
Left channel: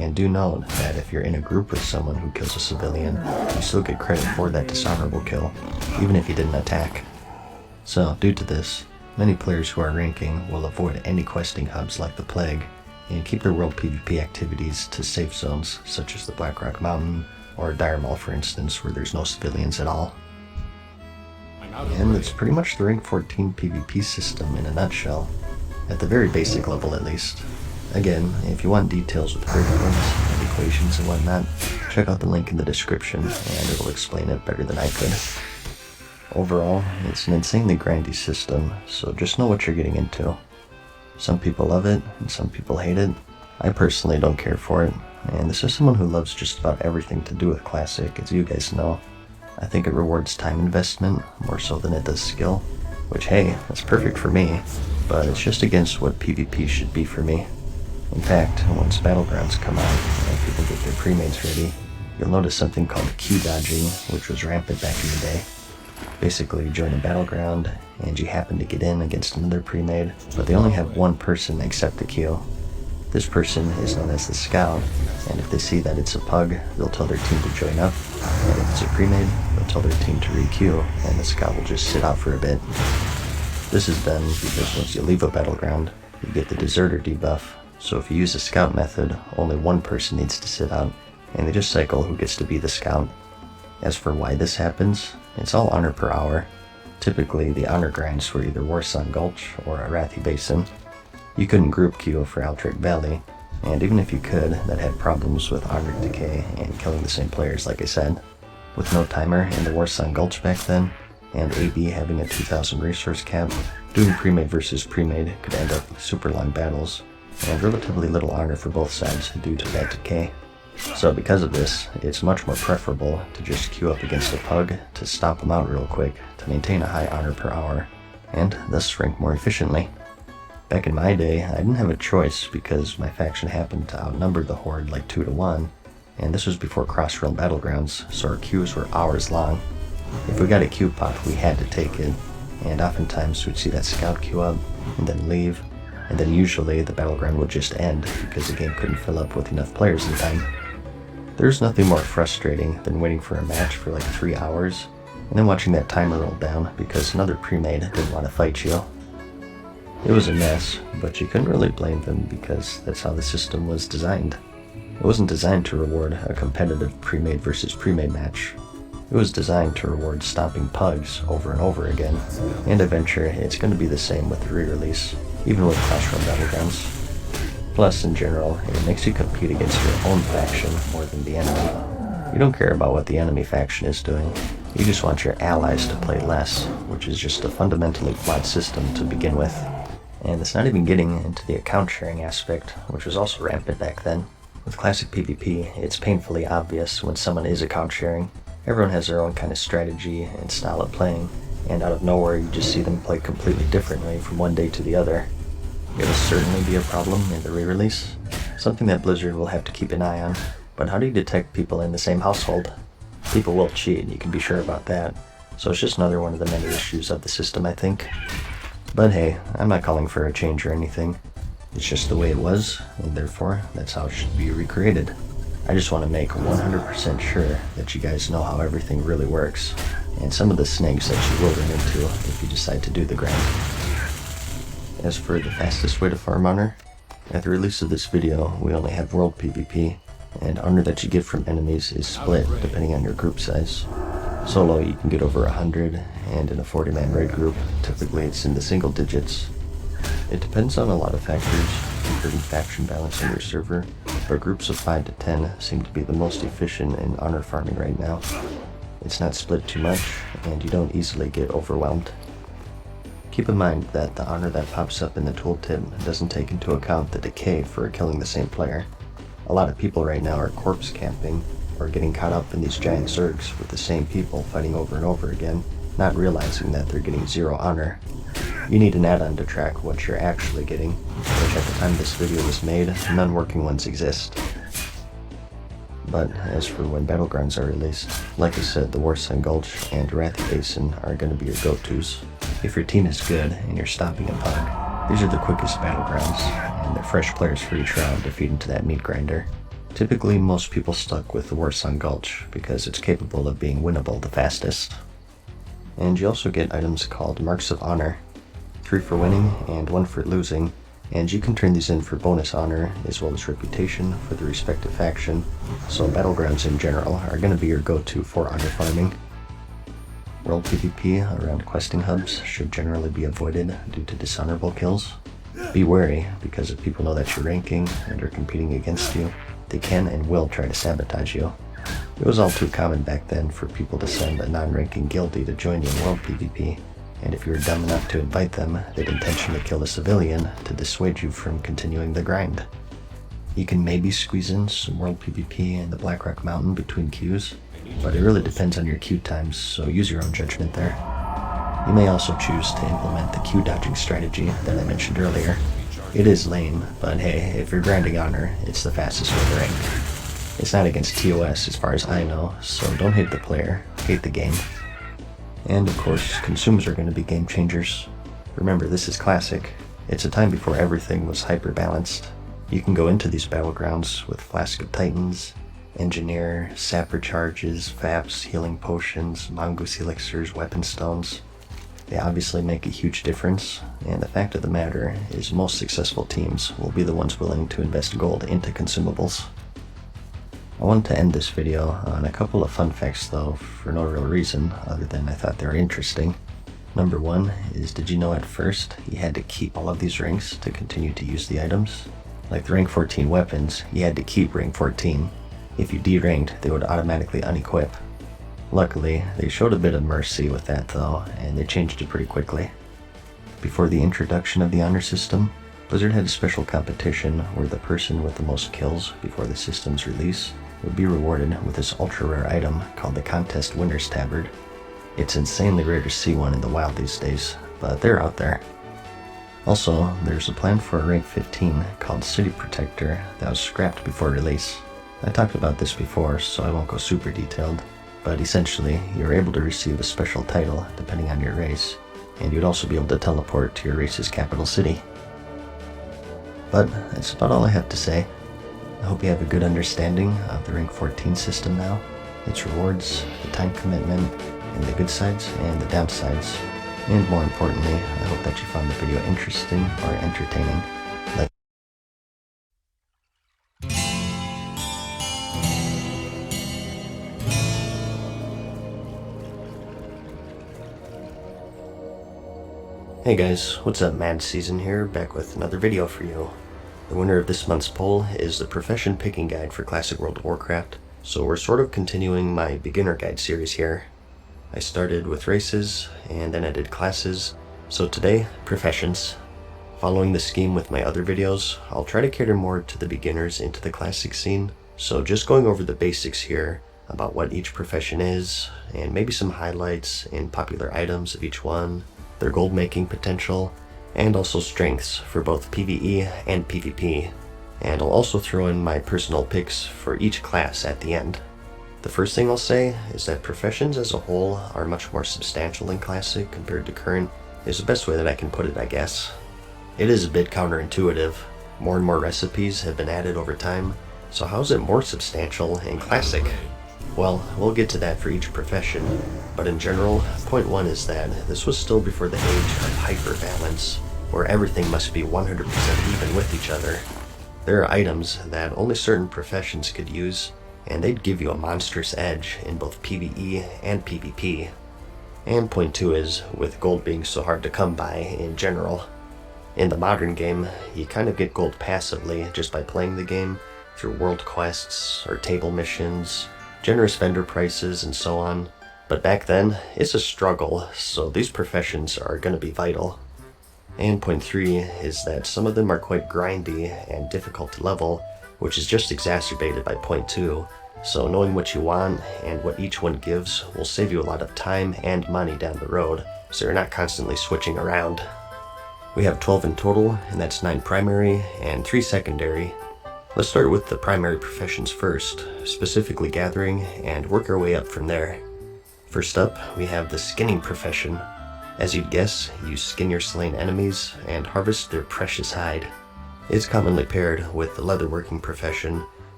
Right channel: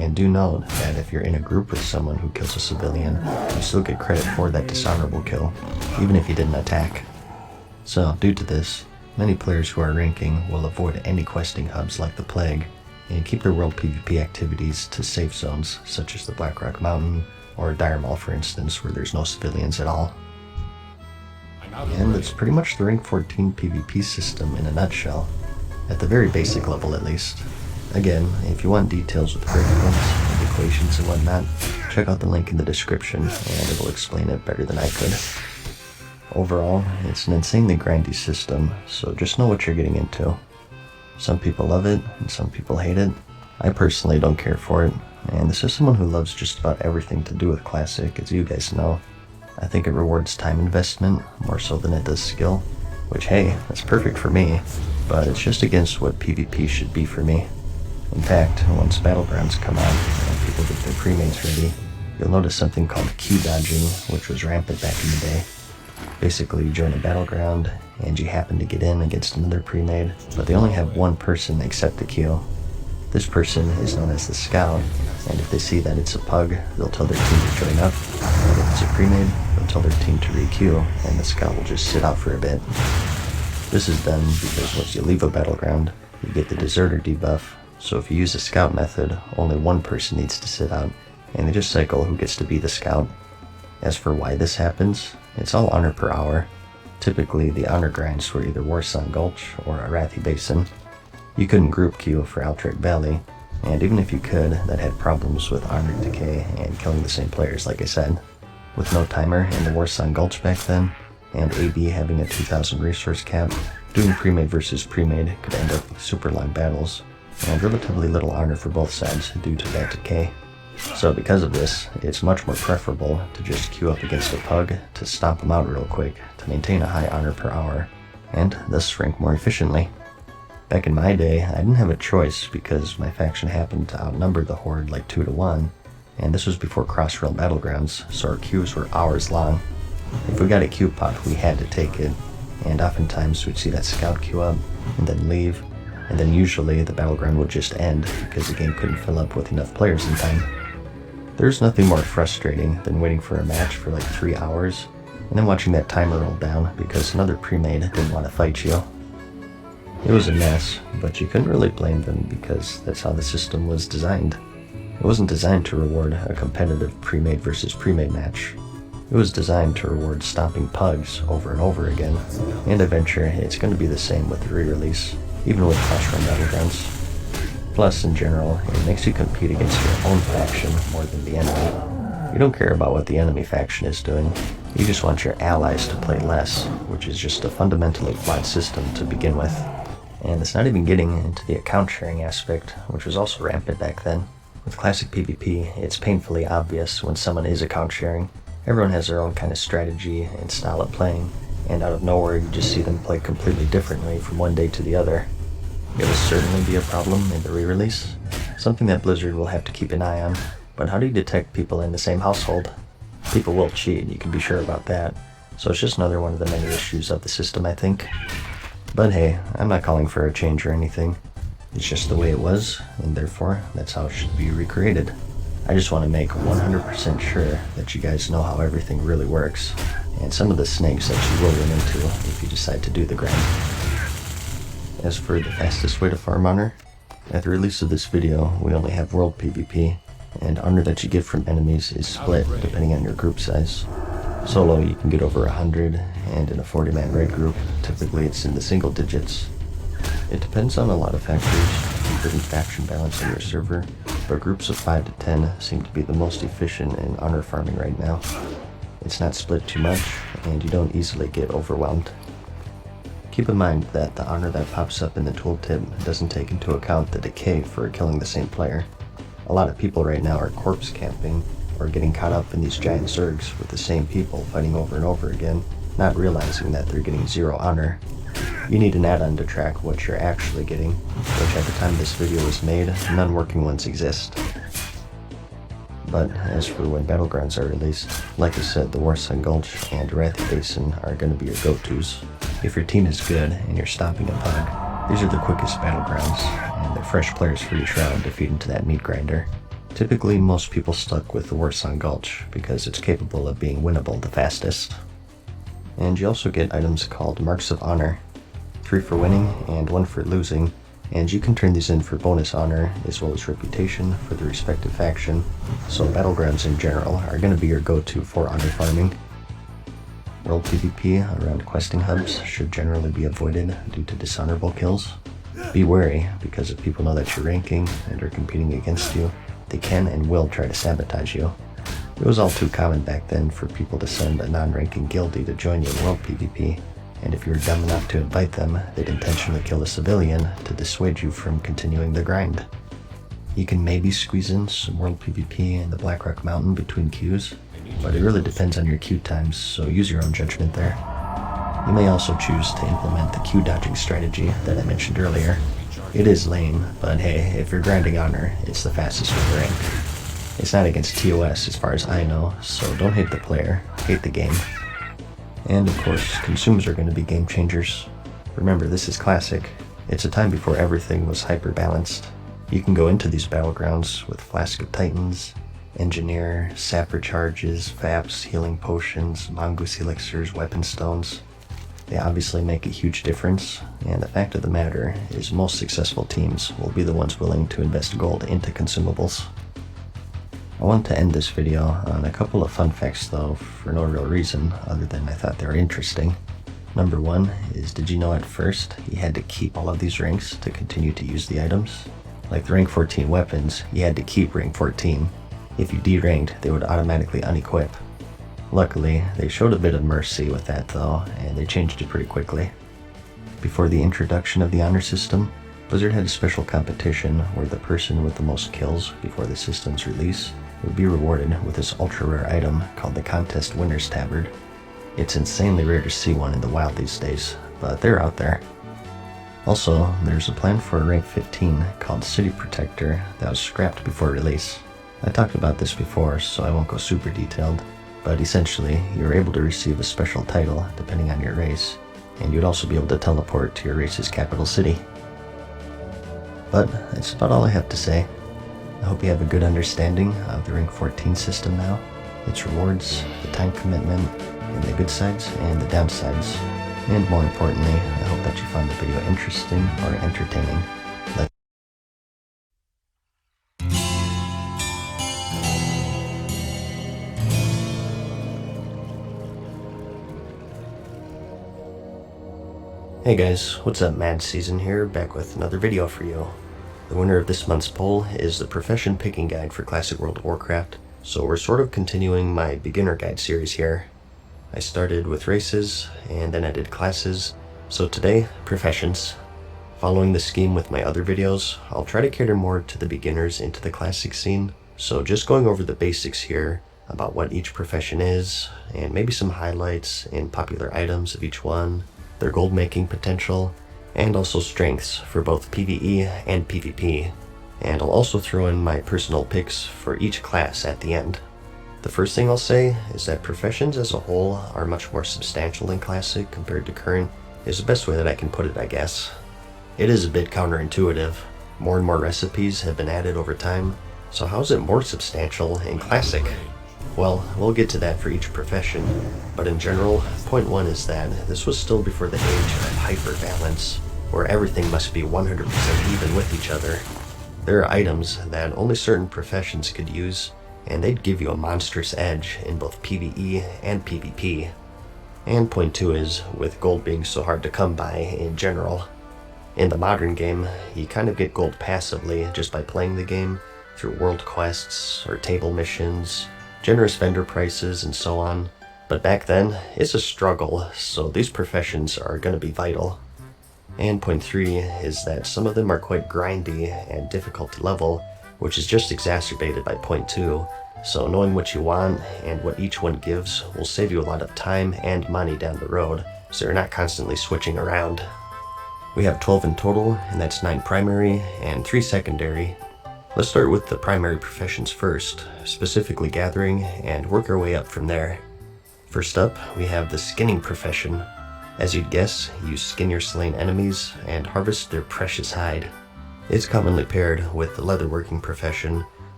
And do note that if you're in a group with someone who kills a civilian, you still get credit for that dishonorable kill, even if you didn't attack. So, due to this, many players who are ranking will avoid any questing hubs like the Plague, and keep their world PvP activities to safe zones such as the Blackrock Mountain or Dire Maul, for instance, where there's no civilians at all. And that's pretty much the rank 14 PvP system in a nutshell, at the very basic level at least. Again, if you want details with breakdowns and equations and whatnot, check out the link in the description and it will explain it better than I could. Overall, it's an insanely grindy system, so just know what you're getting into. Some people love it, and some people hate it. I personally don't care for it, and this is someone who loves just about everything to do with Classic, as you guys know. I think it rewards time investment, more so than it does skill, which hey, that's perfect for me, but it's just against what PvP should be for me. In fact, once Battlegrounds come out and people get their pre-mates ready, you'll notice something called queue dodging, which was rampant back in the day. Basically, you join a battleground, and you happen to get in against another pre-made, but they only have one person accept the queue. This person is known as the scout, and if they see that it's a pug, they'll tell their team to join up, and if it's a pre-made, they'll tell their team to re-queue, and the scout will just sit out for a bit. This is done because once you leave a battleground, you get the deserter debuff, so if you use the scout method, only one person needs to sit out, and they just cycle who gets to be the scout. As for why this happens, it's all honor per hour. Typically, the honor grinds were either Warsong Gulch or Arathi Basin. You couldn't group queue for Altrek Valley, and even if you could, that had problems with honor decay and killing the same players, like I said. With no timer in the Warsong Gulch back then, and AB having a 2000 resource cap, doing pre-made versus pre-made could end up with super long battles, and relatively little honor for both sides due to that decay. So because of this, it's much more preferable to just queue up against a pug to stomp them out real quick to maintain a high honor per hour, and thus rank more efficiently. Back in my day, I didn't have a choice because my faction happened to outnumber the Horde like 2 to 1, and this was before Crossrail Battlegrounds, so our queues were hours long. If we got a queue pop, we had to take it, and oftentimes we'd see that scout queue up, and then leave, and then usually the battleground would just end because the game couldn't fill up with enough players in time. There's nothing more frustrating than waiting for a match for like 3 hours, and then watching that timer roll down because another pre-made didn't want to fight you. It was a mess, but you couldn't really blame them because that's how the system was designed. It wasn't designed to reward a competitive pre-made versus pre-made match. It was designed to reward stopping pugs over and over again, and eventually it's going to be the same with the re-release, even with Crossrail Battlegrounds. Plus, in general, it makes you compete against your own faction more than the enemy. You don't care about what the enemy faction is doing, you just want your allies to play less, which is just a fundamentally flawed system to begin with. And it's not even getting into the account sharing aspect, which was also rampant back then. With classic PvP, it's painfully obvious when someone is account sharing. Everyone has their own kind of strategy and style of playing, and out of nowhere you just see them play completely differently from one day to the other. It'll certainly be a problem in the re-release, something that Blizzard will have to keep an eye on, but how do you detect people in the same household? People will cheat, you can be sure about that, so it's just another one of the many issues of the system, I think. But hey, I'm not calling for a change or anything. It's just the way it was, and therefore, that's how it should be recreated. I just want to make 100% sure that you guys know how everything really works, and some of the snags that you will run into if you decide to do the grind. As for the fastest way to farm honor, at the release of this video, we only have world PvP, and honor that you get from enemies is split depending on your group size. Solo, you can get over 100, and in a 40-man raid group, typically it's in the single digits. It depends on a lot of factors, including faction balance on your server, but groups of 5 to 10 seem to be the most efficient in honor farming right now. It's not split too much, and you don't easily get overwhelmed. Keep in mind that the honor that pops up in the tooltip doesn't take into account the decay for killing the same player. A lot of people right now are corpse camping, or getting caught up in these giant zergs with the same people fighting over and over again, not realizing that they're getting 0 honor. You need an add-on to track what you're actually getting, which at the time this video was made, none working ones exist. But as for when Battlegrounds are released, like I said, the Warsong Gulch and Arathi Basin are going to be your go-tos. If your team is good and you're stopping a pug, these are the quickest Battlegrounds, and they're fresh players for each round to feed into that meat grinder. Typically, most people stuck with the Warsong Gulch because it's capable of being winnable the fastest. And you also get items called Marks of Honor, 3 for winning and 1 for losing, and you can turn these in for bonus honor as well as reputation for the respective faction, so battlegrounds in general are going to be your go-to for honor farming. World PvP around questing hubs should generally be avoided due to dishonorable kills. Be wary, because if people know that you're ranking and are competing against you, they can and will try to sabotage you. It was all too common back then for people to send a non-ranking guildie to join you in World PvP, and if you were dumb enough to invite them, they'd intentionally kill a civilian to dissuade you from continuing the grind. You can maybe squeeze in some World PvP in the Blackrock Mountain between queues, but it really depends on your queue times, so use your own judgment there. You may also choose to implement the queue dodging strategy that I mentioned earlier. It is lame, but hey, if you're grinding honor, it's the fastest way to rank. It's not against TOS as far as I know, so don't hate the player, hate the game. And of course, consumes are going to be game changers. Remember, this is Classic. It's a time before everything was hyper-balanced. You can go into these battlegrounds with Flask of Titans, Engineer, Sapper Charges, Vaps, Healing Potions, Mongoose Elixirs, Weapon Stones. They obviously make a huge difference, and the fact of the matter is most successful teams will be the ones willing to invest gold into consumables. I want to end this video on a couple of fun facts though, for no real reason other than I thought they were interesting. Number 1 is, did you know at first you had to keep all of these ranks to continue to use the items? Like the rank 14 weapons, you had to keep rank 14. If you deranked, they would automatically unequip. Luckily, they showed a bit of mercy with that though, and they changed it pretty quickly. Before the introduction of the honor system, Blizzard had a special competition where the person with the most kills before the system's release would be rewarded with this ultra rare item called the Contest Winner's Tabard. It's insanely rare to see one in the wild these days, but they're out there. Also, there's a plan for a rank 15 called City Protector that was scrapped before release. I talked about this before, so I won't go super detailed, but essentially, you're able to receive a special title depending on your race, and you'd also be able to teleport to your race's capital city. But that's about all I have to say. I hope you have a good understanding of the rank 14 system now, its rewards, the time commitment, and the good sides and the downsides. And more importantly, I hope that you found the video interesting or entertaining. Hey guys, what's up? Mad Season here, back with another video for you. The winner of this month's poll is the Profession Picking Guide for Classic World of Warcraft, so we're sort of continuing my beginner guide series here. I started with races, and then I did classes, so today, professions. Following the scheme with my other videos, I'll try to cater more to the beginners into the classic scene, so just going over the basics here about what each profession is, and maybe some highlights and popular items of each one, their gold making potential, and also strengths for both PvE and PvP, and I'll also throw in my personal picks for each class at the end. The first thing I'll say is that professions as a whole are much more substantial in Classic compared to current, is the best way that I can put it, I guess. It is a bit counterintuitive. More and more recipes have been added over time, so how is it more substantial in Classic? Well, we'll get to that for each profession, but in general, point 1 is that this was still before the age of hyper-balance, where everything must be 100% even with each other. There are items that only certain professions could use, and they'd give you a monstrous edge in both PvE and PvP. And point 2 is, with gold being so hard to come by in general, in the modern game, you kind of get gold passively just by playing the game through world quests or table missions, generous vendor prices, and so on. But back then, it's a struggle, so these professions are going to be vital. And point 3 is that some of them are quite grindy and difficult to level, which is just exacerbated by point 2, so knowing what you want and what each one gives will save you a lot of time and money down the road, so you're not constantly switching around. We have 12 in total, and that's 9 primary and 3 secondary. Let's start with the primary professions first, specifically gathering, and work our way up from there. First up, we have the skinning profession. As you'd guess, you skin your slain enemies and harvest their precious hide. It's commonly paired with the leatherworking profession,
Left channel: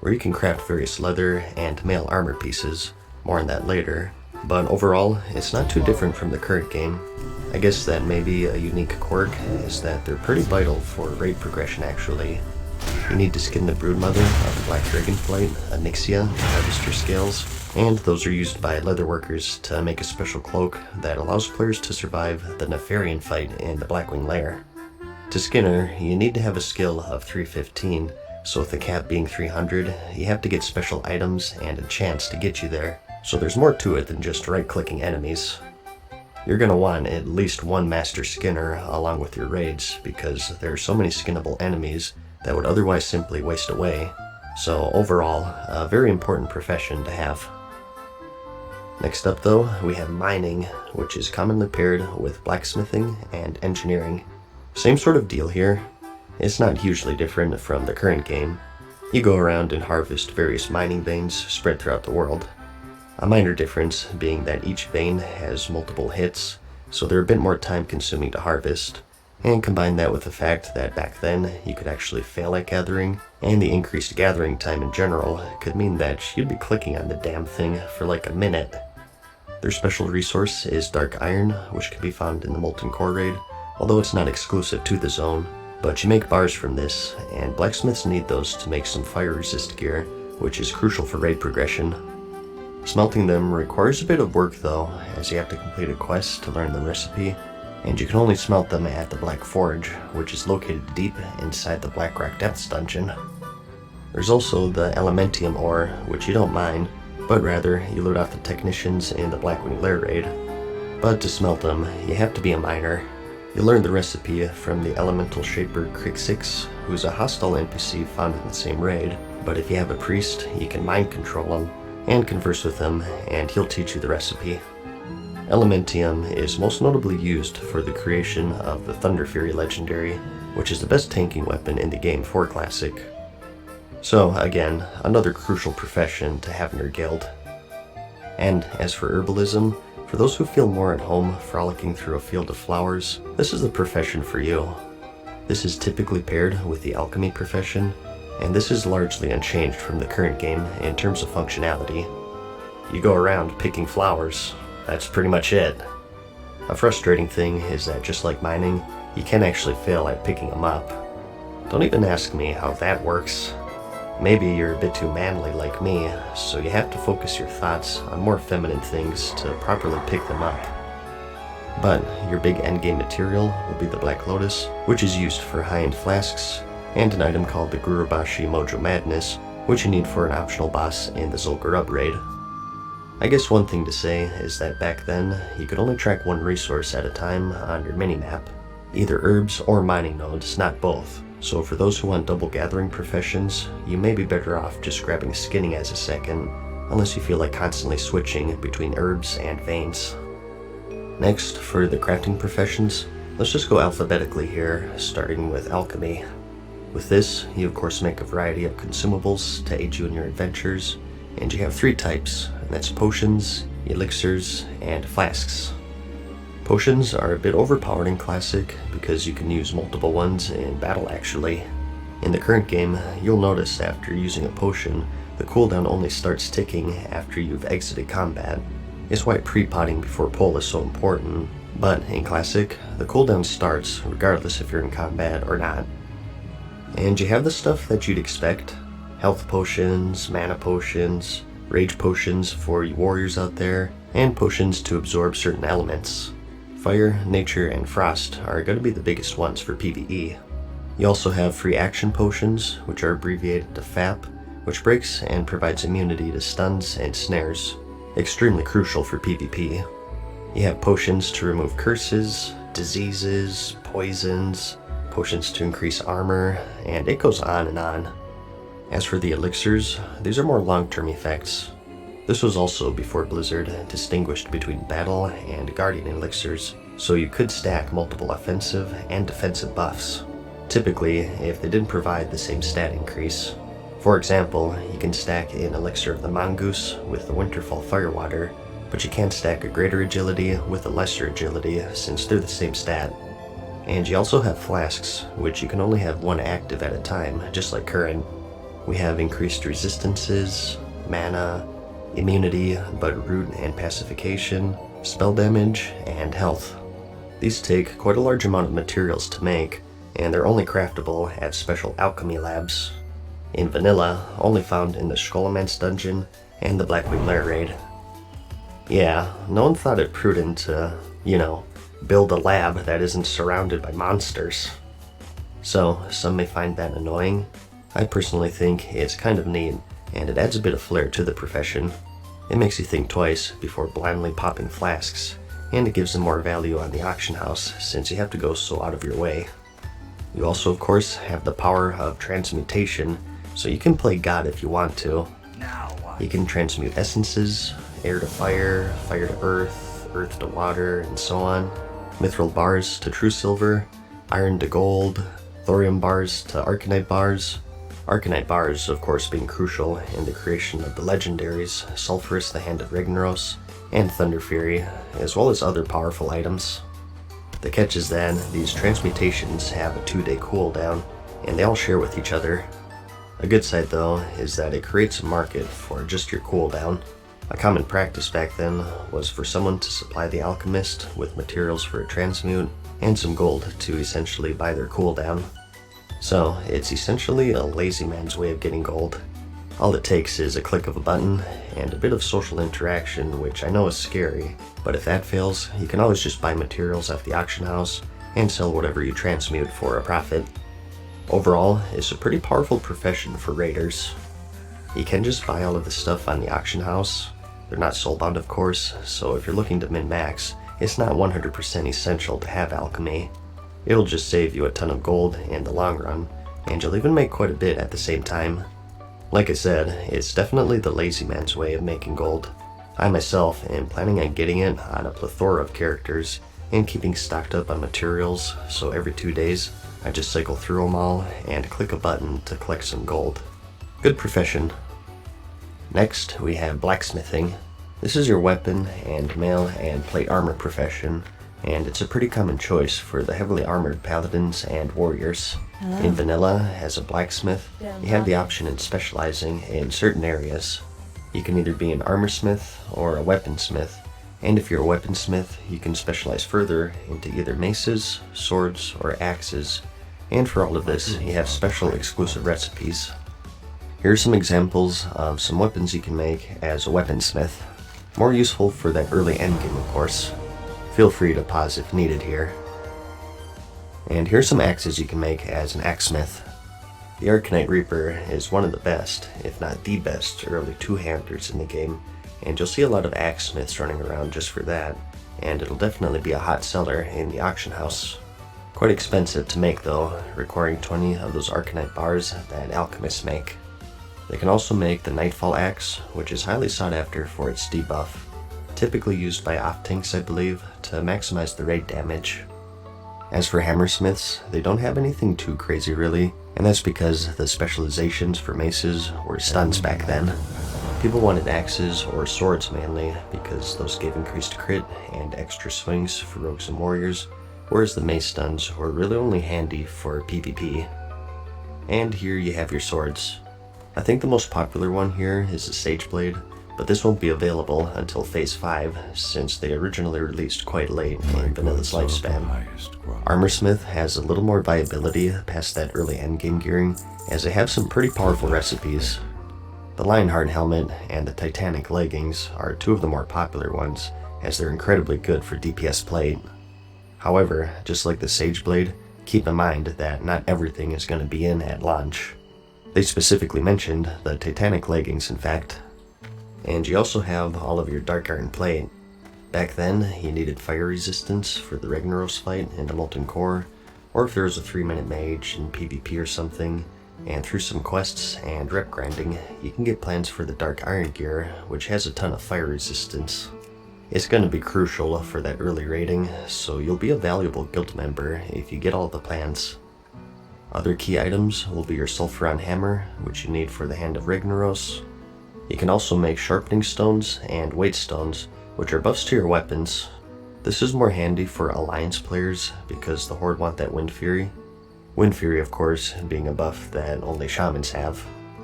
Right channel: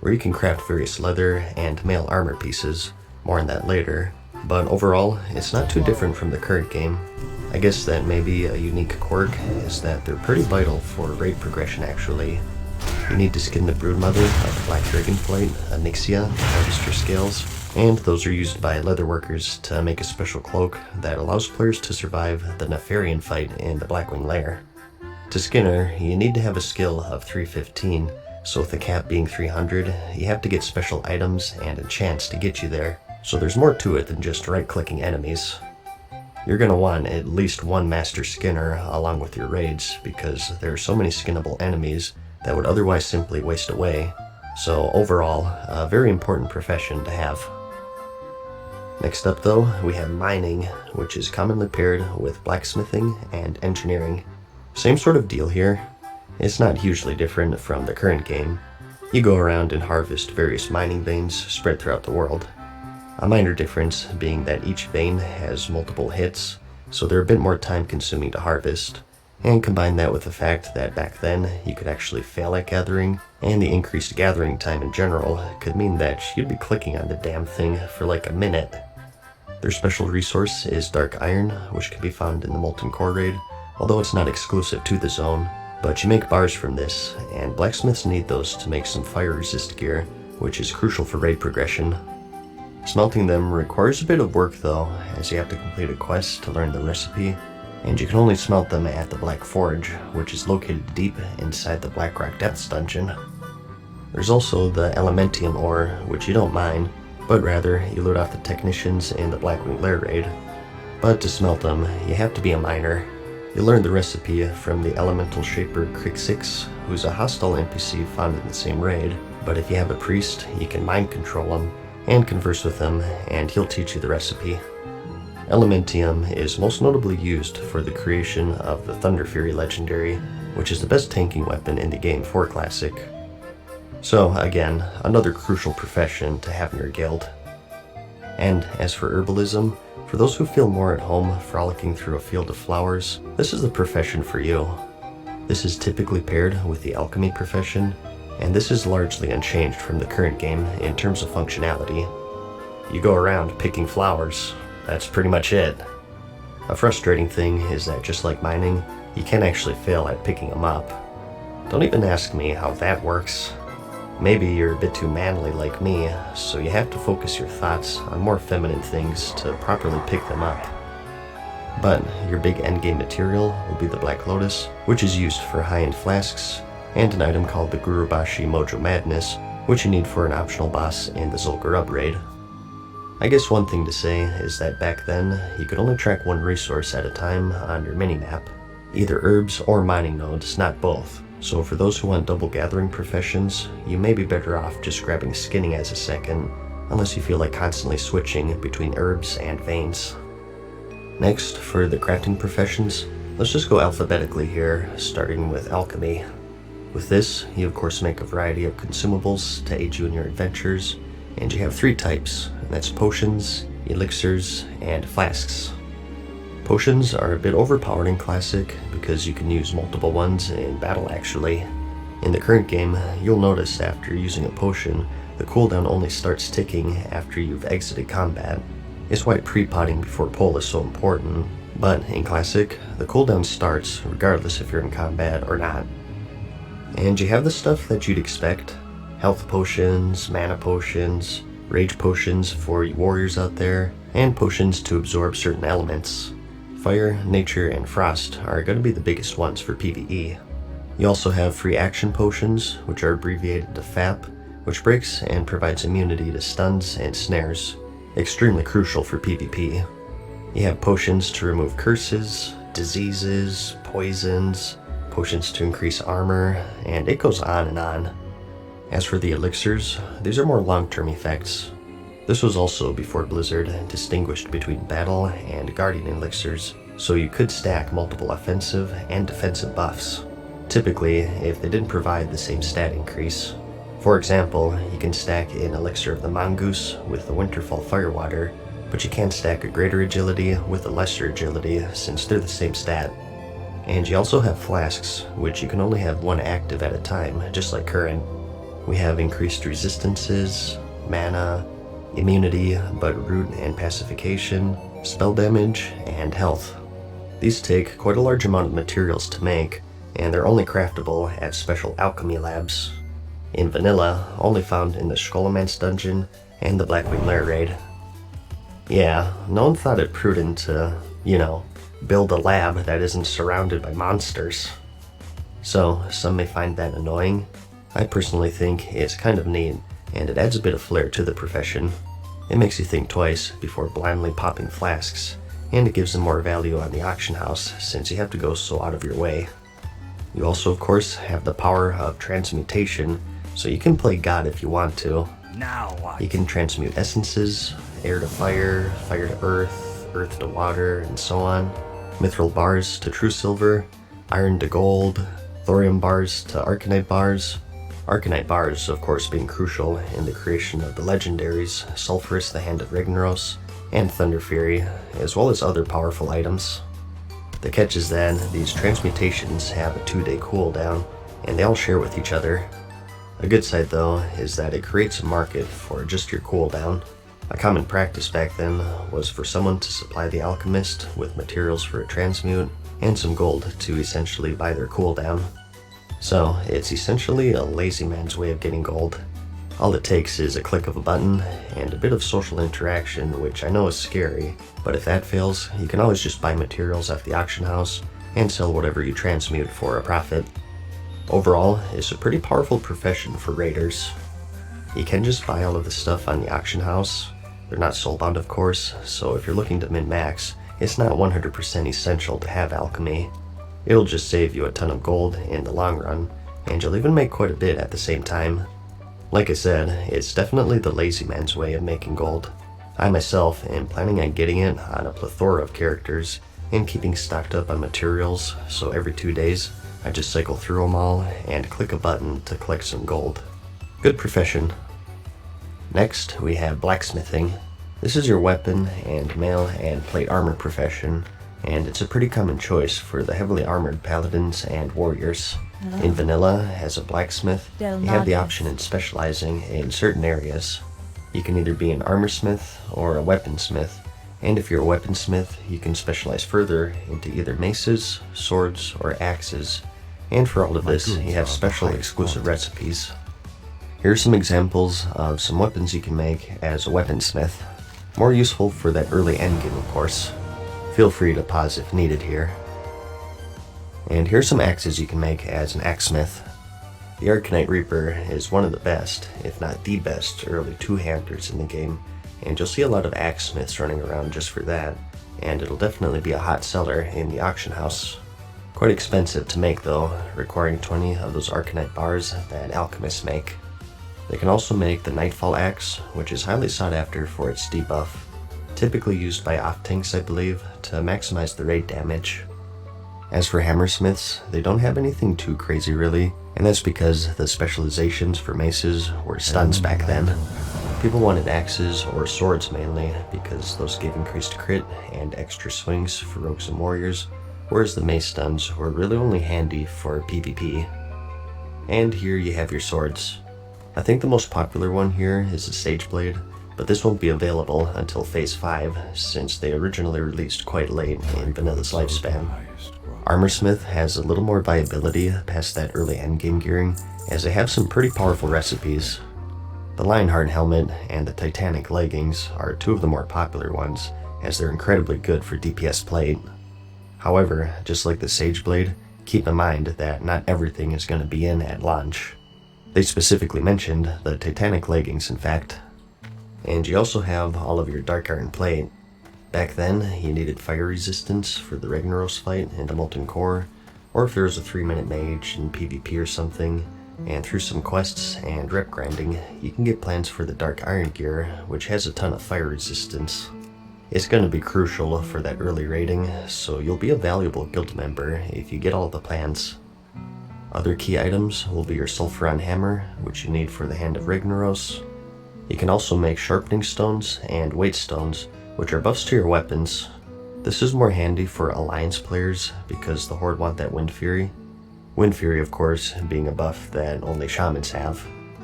where you can craft various leather and mail armor pieces. More on that later. But overall, it's not too different from the current game. I guess that maybe a unique quirk is that they're pretty vital for raid progression actually. You need to skin the broodmother of the black dragonflight, Onyxia, to harvest your scales, and those are used by leatherworkers to make a special cloak that allows players to survive the Nefarian fight in the Blackwing Lair. To skin her, you need to have a skill of 315, so with the cap being 300, you have to get special items and enchants to get you there, so there's more to it than just right-clicking enemies. You're going to want at least one Master Skinner along with your raids, because there are so many skinnable enemies that would otherwise simply waste away, so overall, a very important profession to have. Next up though, we have mining, which is commonly paired with blacksmithing and engineering. Same sort of deal here. It's not hugely different from the current game. You go around and harvest various mining veins spread throughout the world. A minor difference being that each vein has multiple hits, so they're a bit more time consuming to harvest, and combine that with the fact that back then you could actually fail at gathering, and the increased gathering time in general could mean that you'd be clicking on the damn thing for like a minute. Their special resource is dark iron, which can be found in the Molten Core raid, although it's not exclusive to the zone, but you make bars from this, and blacksmiths need those to make some fire resist gear, which is crucial for raid progression. Smelting them requires a bit of work though, as you have to complete a quest to learn the recipe, and you can only smelt them at the Black Forge, which is located deep inside the Blackrock Depths dungeon. There's also the Elementium ore, which you don't mine, but rather you loot off the technicians in the Blackwing Lair raid. But to smelt them, you have to be a miner. You learn the recipe from the Elemental Shaper Crixix, who's a hostile NPC found in the same raid, but if you have a priest, you can mind control him and converse with him, and he'll teach you the recipe. Elementium is most notably used for the creation of the Thunder Fury legendary, which is the best tanking weapon in the game for Classic. So again, another crucial profession to have in your guild. And as for herbalism, for those who feel more at home frolicking through a field of flowers, this is the profession for you. This is typically paired with the alchemy profession, and this is largely unchanged from the current game in terms of functionality. You go around picking flowers, that's pretty much it. A frustrating thing is that just like mining, you can actually fail at picking them up. Don't even ask me how that works. Maybe you're a bit too manly like me, so you have to focus your thoughts on more feminine things to properly pick them up. But your big endgame material will be the Black Lotus, which is used for high-end flasks, and an item called the Gurubashi Mojo Madness, which you need for an optional boss in the Zul'Gurub raid. I guess one thing to say is that back then, you could only track one resource at a time on your minimap, either herbs or mining nodes, not both. So for those who want double gathering professions, you may be better off just grabbing skinning as a second, unless you feel like constantly switching between herbs and veins. Next, for the crafting professions, let's just go alphabetically here, starting with alchemy. With this, you of course make a variety of consumables to aid you in your adventures, and you have 3 types, and that's potions, elixirs, and flasks. Potions are a bit overpowered in Classic because you can use multiple ones in battle actually. In the current game, you'll notice after using a potion, the cooldown only starts ticking after you've exited combat. It's why pre-potting before pull is so important, but in Classic, the cooldown starts regardless if you're in combat or not. And you have the stuff that you'd expect: health potions, mana potions, rage potions for you warriors out there, and potions to absorb certain elements. Fire, nature, and frost are going to be the biggest ones for PvE. You also have free action potions, which are abbreviated to FAP, which breaks and provides immunity to stuns and snares, extremely crucial for PvP. You have potions to remove curses, diseases, poisons, potions to increase armor, and it goes on and on. As for the elixirs, these are more long-term effects. This was also before Blizzard distinguished between battle and guardian elixirs, so you could stack multiple offensive and defensive buffs, typically if they didn't provide the same stat increase. For example, you can stack an elixir of the mongoose with the Winterfall Firewater, but you can't stack a greater agility with a lesser agility since they're the same stat. And you also have flasks, which you can only have one active at a time, just like current. We have increased resistances, mana, immunity, but root and pacification, spell damage, and health. These take quite a large amount of materials to make, and they're only craftable at special alchemy labs. In vanilla, only found in the Skullman's dungeon and the Blackwing Lair raid. Yeah, no one thought it prudent to, build a lab that isn't surrounded by monsters. So, some may find that annoying. I personally think it's kind of neat, and it adds a bit of flair to the profession. It makes you think twice before blindly popping flasks, and it gives them more value on the auction house since you have to go so out of your way. You also, of course, have the power of transmutation, so you can play God if you want to. You can transmute essences, air to fire, fire to earth, earth to water, and so on. Mithril bars to true silver, iron to gold, thorium bars to arcanite bars. Arcanite bars, of course, being crucial in the creation of the legendaries Sulphurus, the Hand of Ragnaros, and Thunder Fury, as well as other powerful items. The catch is that these transmutations have a 2-day cooldown, and they all share with each other. A good side, though, is that it creates a market for just your cooldown. A common practice back then was for someone to supply the alchemist with materials for a transmute and some gold to essentially buy their cooldown. So, it's essentially a lazy man's way of getting gold. All it takes is a click of a button and a bit of social interaction, which I know is scary, but if that fails, you can always just buy materials at the auction house and sell whatever you transmute for a profit. Overall, it's a pretty powerful profession for raiders. You can just buy all of the stuff on the auction house. They're not soulbound, of course, so if you're looking to min-max, it's not 100% essential to have alchemy. It'll just save you a ton of gold in the long run, and you'll even make quite a bit at the same time. Like I said, it's definitely the lazy man's way of making gold. I myself am planning on getting it on a plethora of characters and keeping stocked up on materials, so every 2 days I just cycle through them all and click a button to collect some gold. Good profession. Next, we have blacksmithing. This is your weapon and mail and plate armor profession, and it's a pretty common choice for the heavily armored paladins and warriors. In vanilla, as a blacksmith, you have the option in specializing in certain areas. You can either be an armorsmith or a weaponsmith, and if you're a weaponsmith, you can specialize further into either maces, swords, or axes. And for all of this, you have special exclusive recipes. Here are some examples of some weapons you can make as a weaponsmith. More useful for that early endgame, of course. Feel free to pause if needed here. And here's some axes you can make as an axesmith. The Arcanite Reaper is one of the best, if not the best, early two-handers in the game, and you'll see a lot of axesmiths running around just for that, and it'll definitely be a hot seller in the auction house. Quite expensive to make though, requiring 20 of those Arcanite bars that alchemists make. They can also make the Nightfall Axe, which is highly sought after for its debuff, typically used by off-tanks I believe, to maximize the raid damage. As for hammersmiths, they don't have anything too crazy really, and that's because the specializations for maces were stuns back then. People wanted axes or swords mainly, because those gave increased crit and extra swings for rogues and warriors, whereas the mace stuns were really only handy for PvP. And here you have your swords. I think the most popular one here is the Sageblade, but this won't be available until Phase 5, since they originally released quite late in Vanilla's lifespan. Armorsmith has a little more viability past that early endgame gearing, as they have some pretty powerful recipes. The Lionheart helmet and the Titanic leggings are two of the more popular ones, as they're incredibly good for DPS plate. However, just like the Sageblade, keep in mind that not everything is going to be in at launch. They specifically mentioned the Titanic leggings, in fact. And you also have all of your Dark Iron plate. Back then, you needed fire resistance for the Ragnaros fight and a Molten Core, or if there was a 3-minute mage in PvP or something, and through some quests and rep grinding, you can get plans for the Dark Iron gear, which has a ton of fire resistance. It's going to be crucial for that early raiding, so you'll be a valuable guild member if you get all the plans. Other key items will be your Sulfuron Hammer, which you need for the Hand of Ragnaros. You can also make Sharpening Stones and Weight Stones, which are buffs to your weapons. This is more handy for Alliance players because the Horde want that Wind Fury. Wind Fury, of course, being a buff that only Shamans have.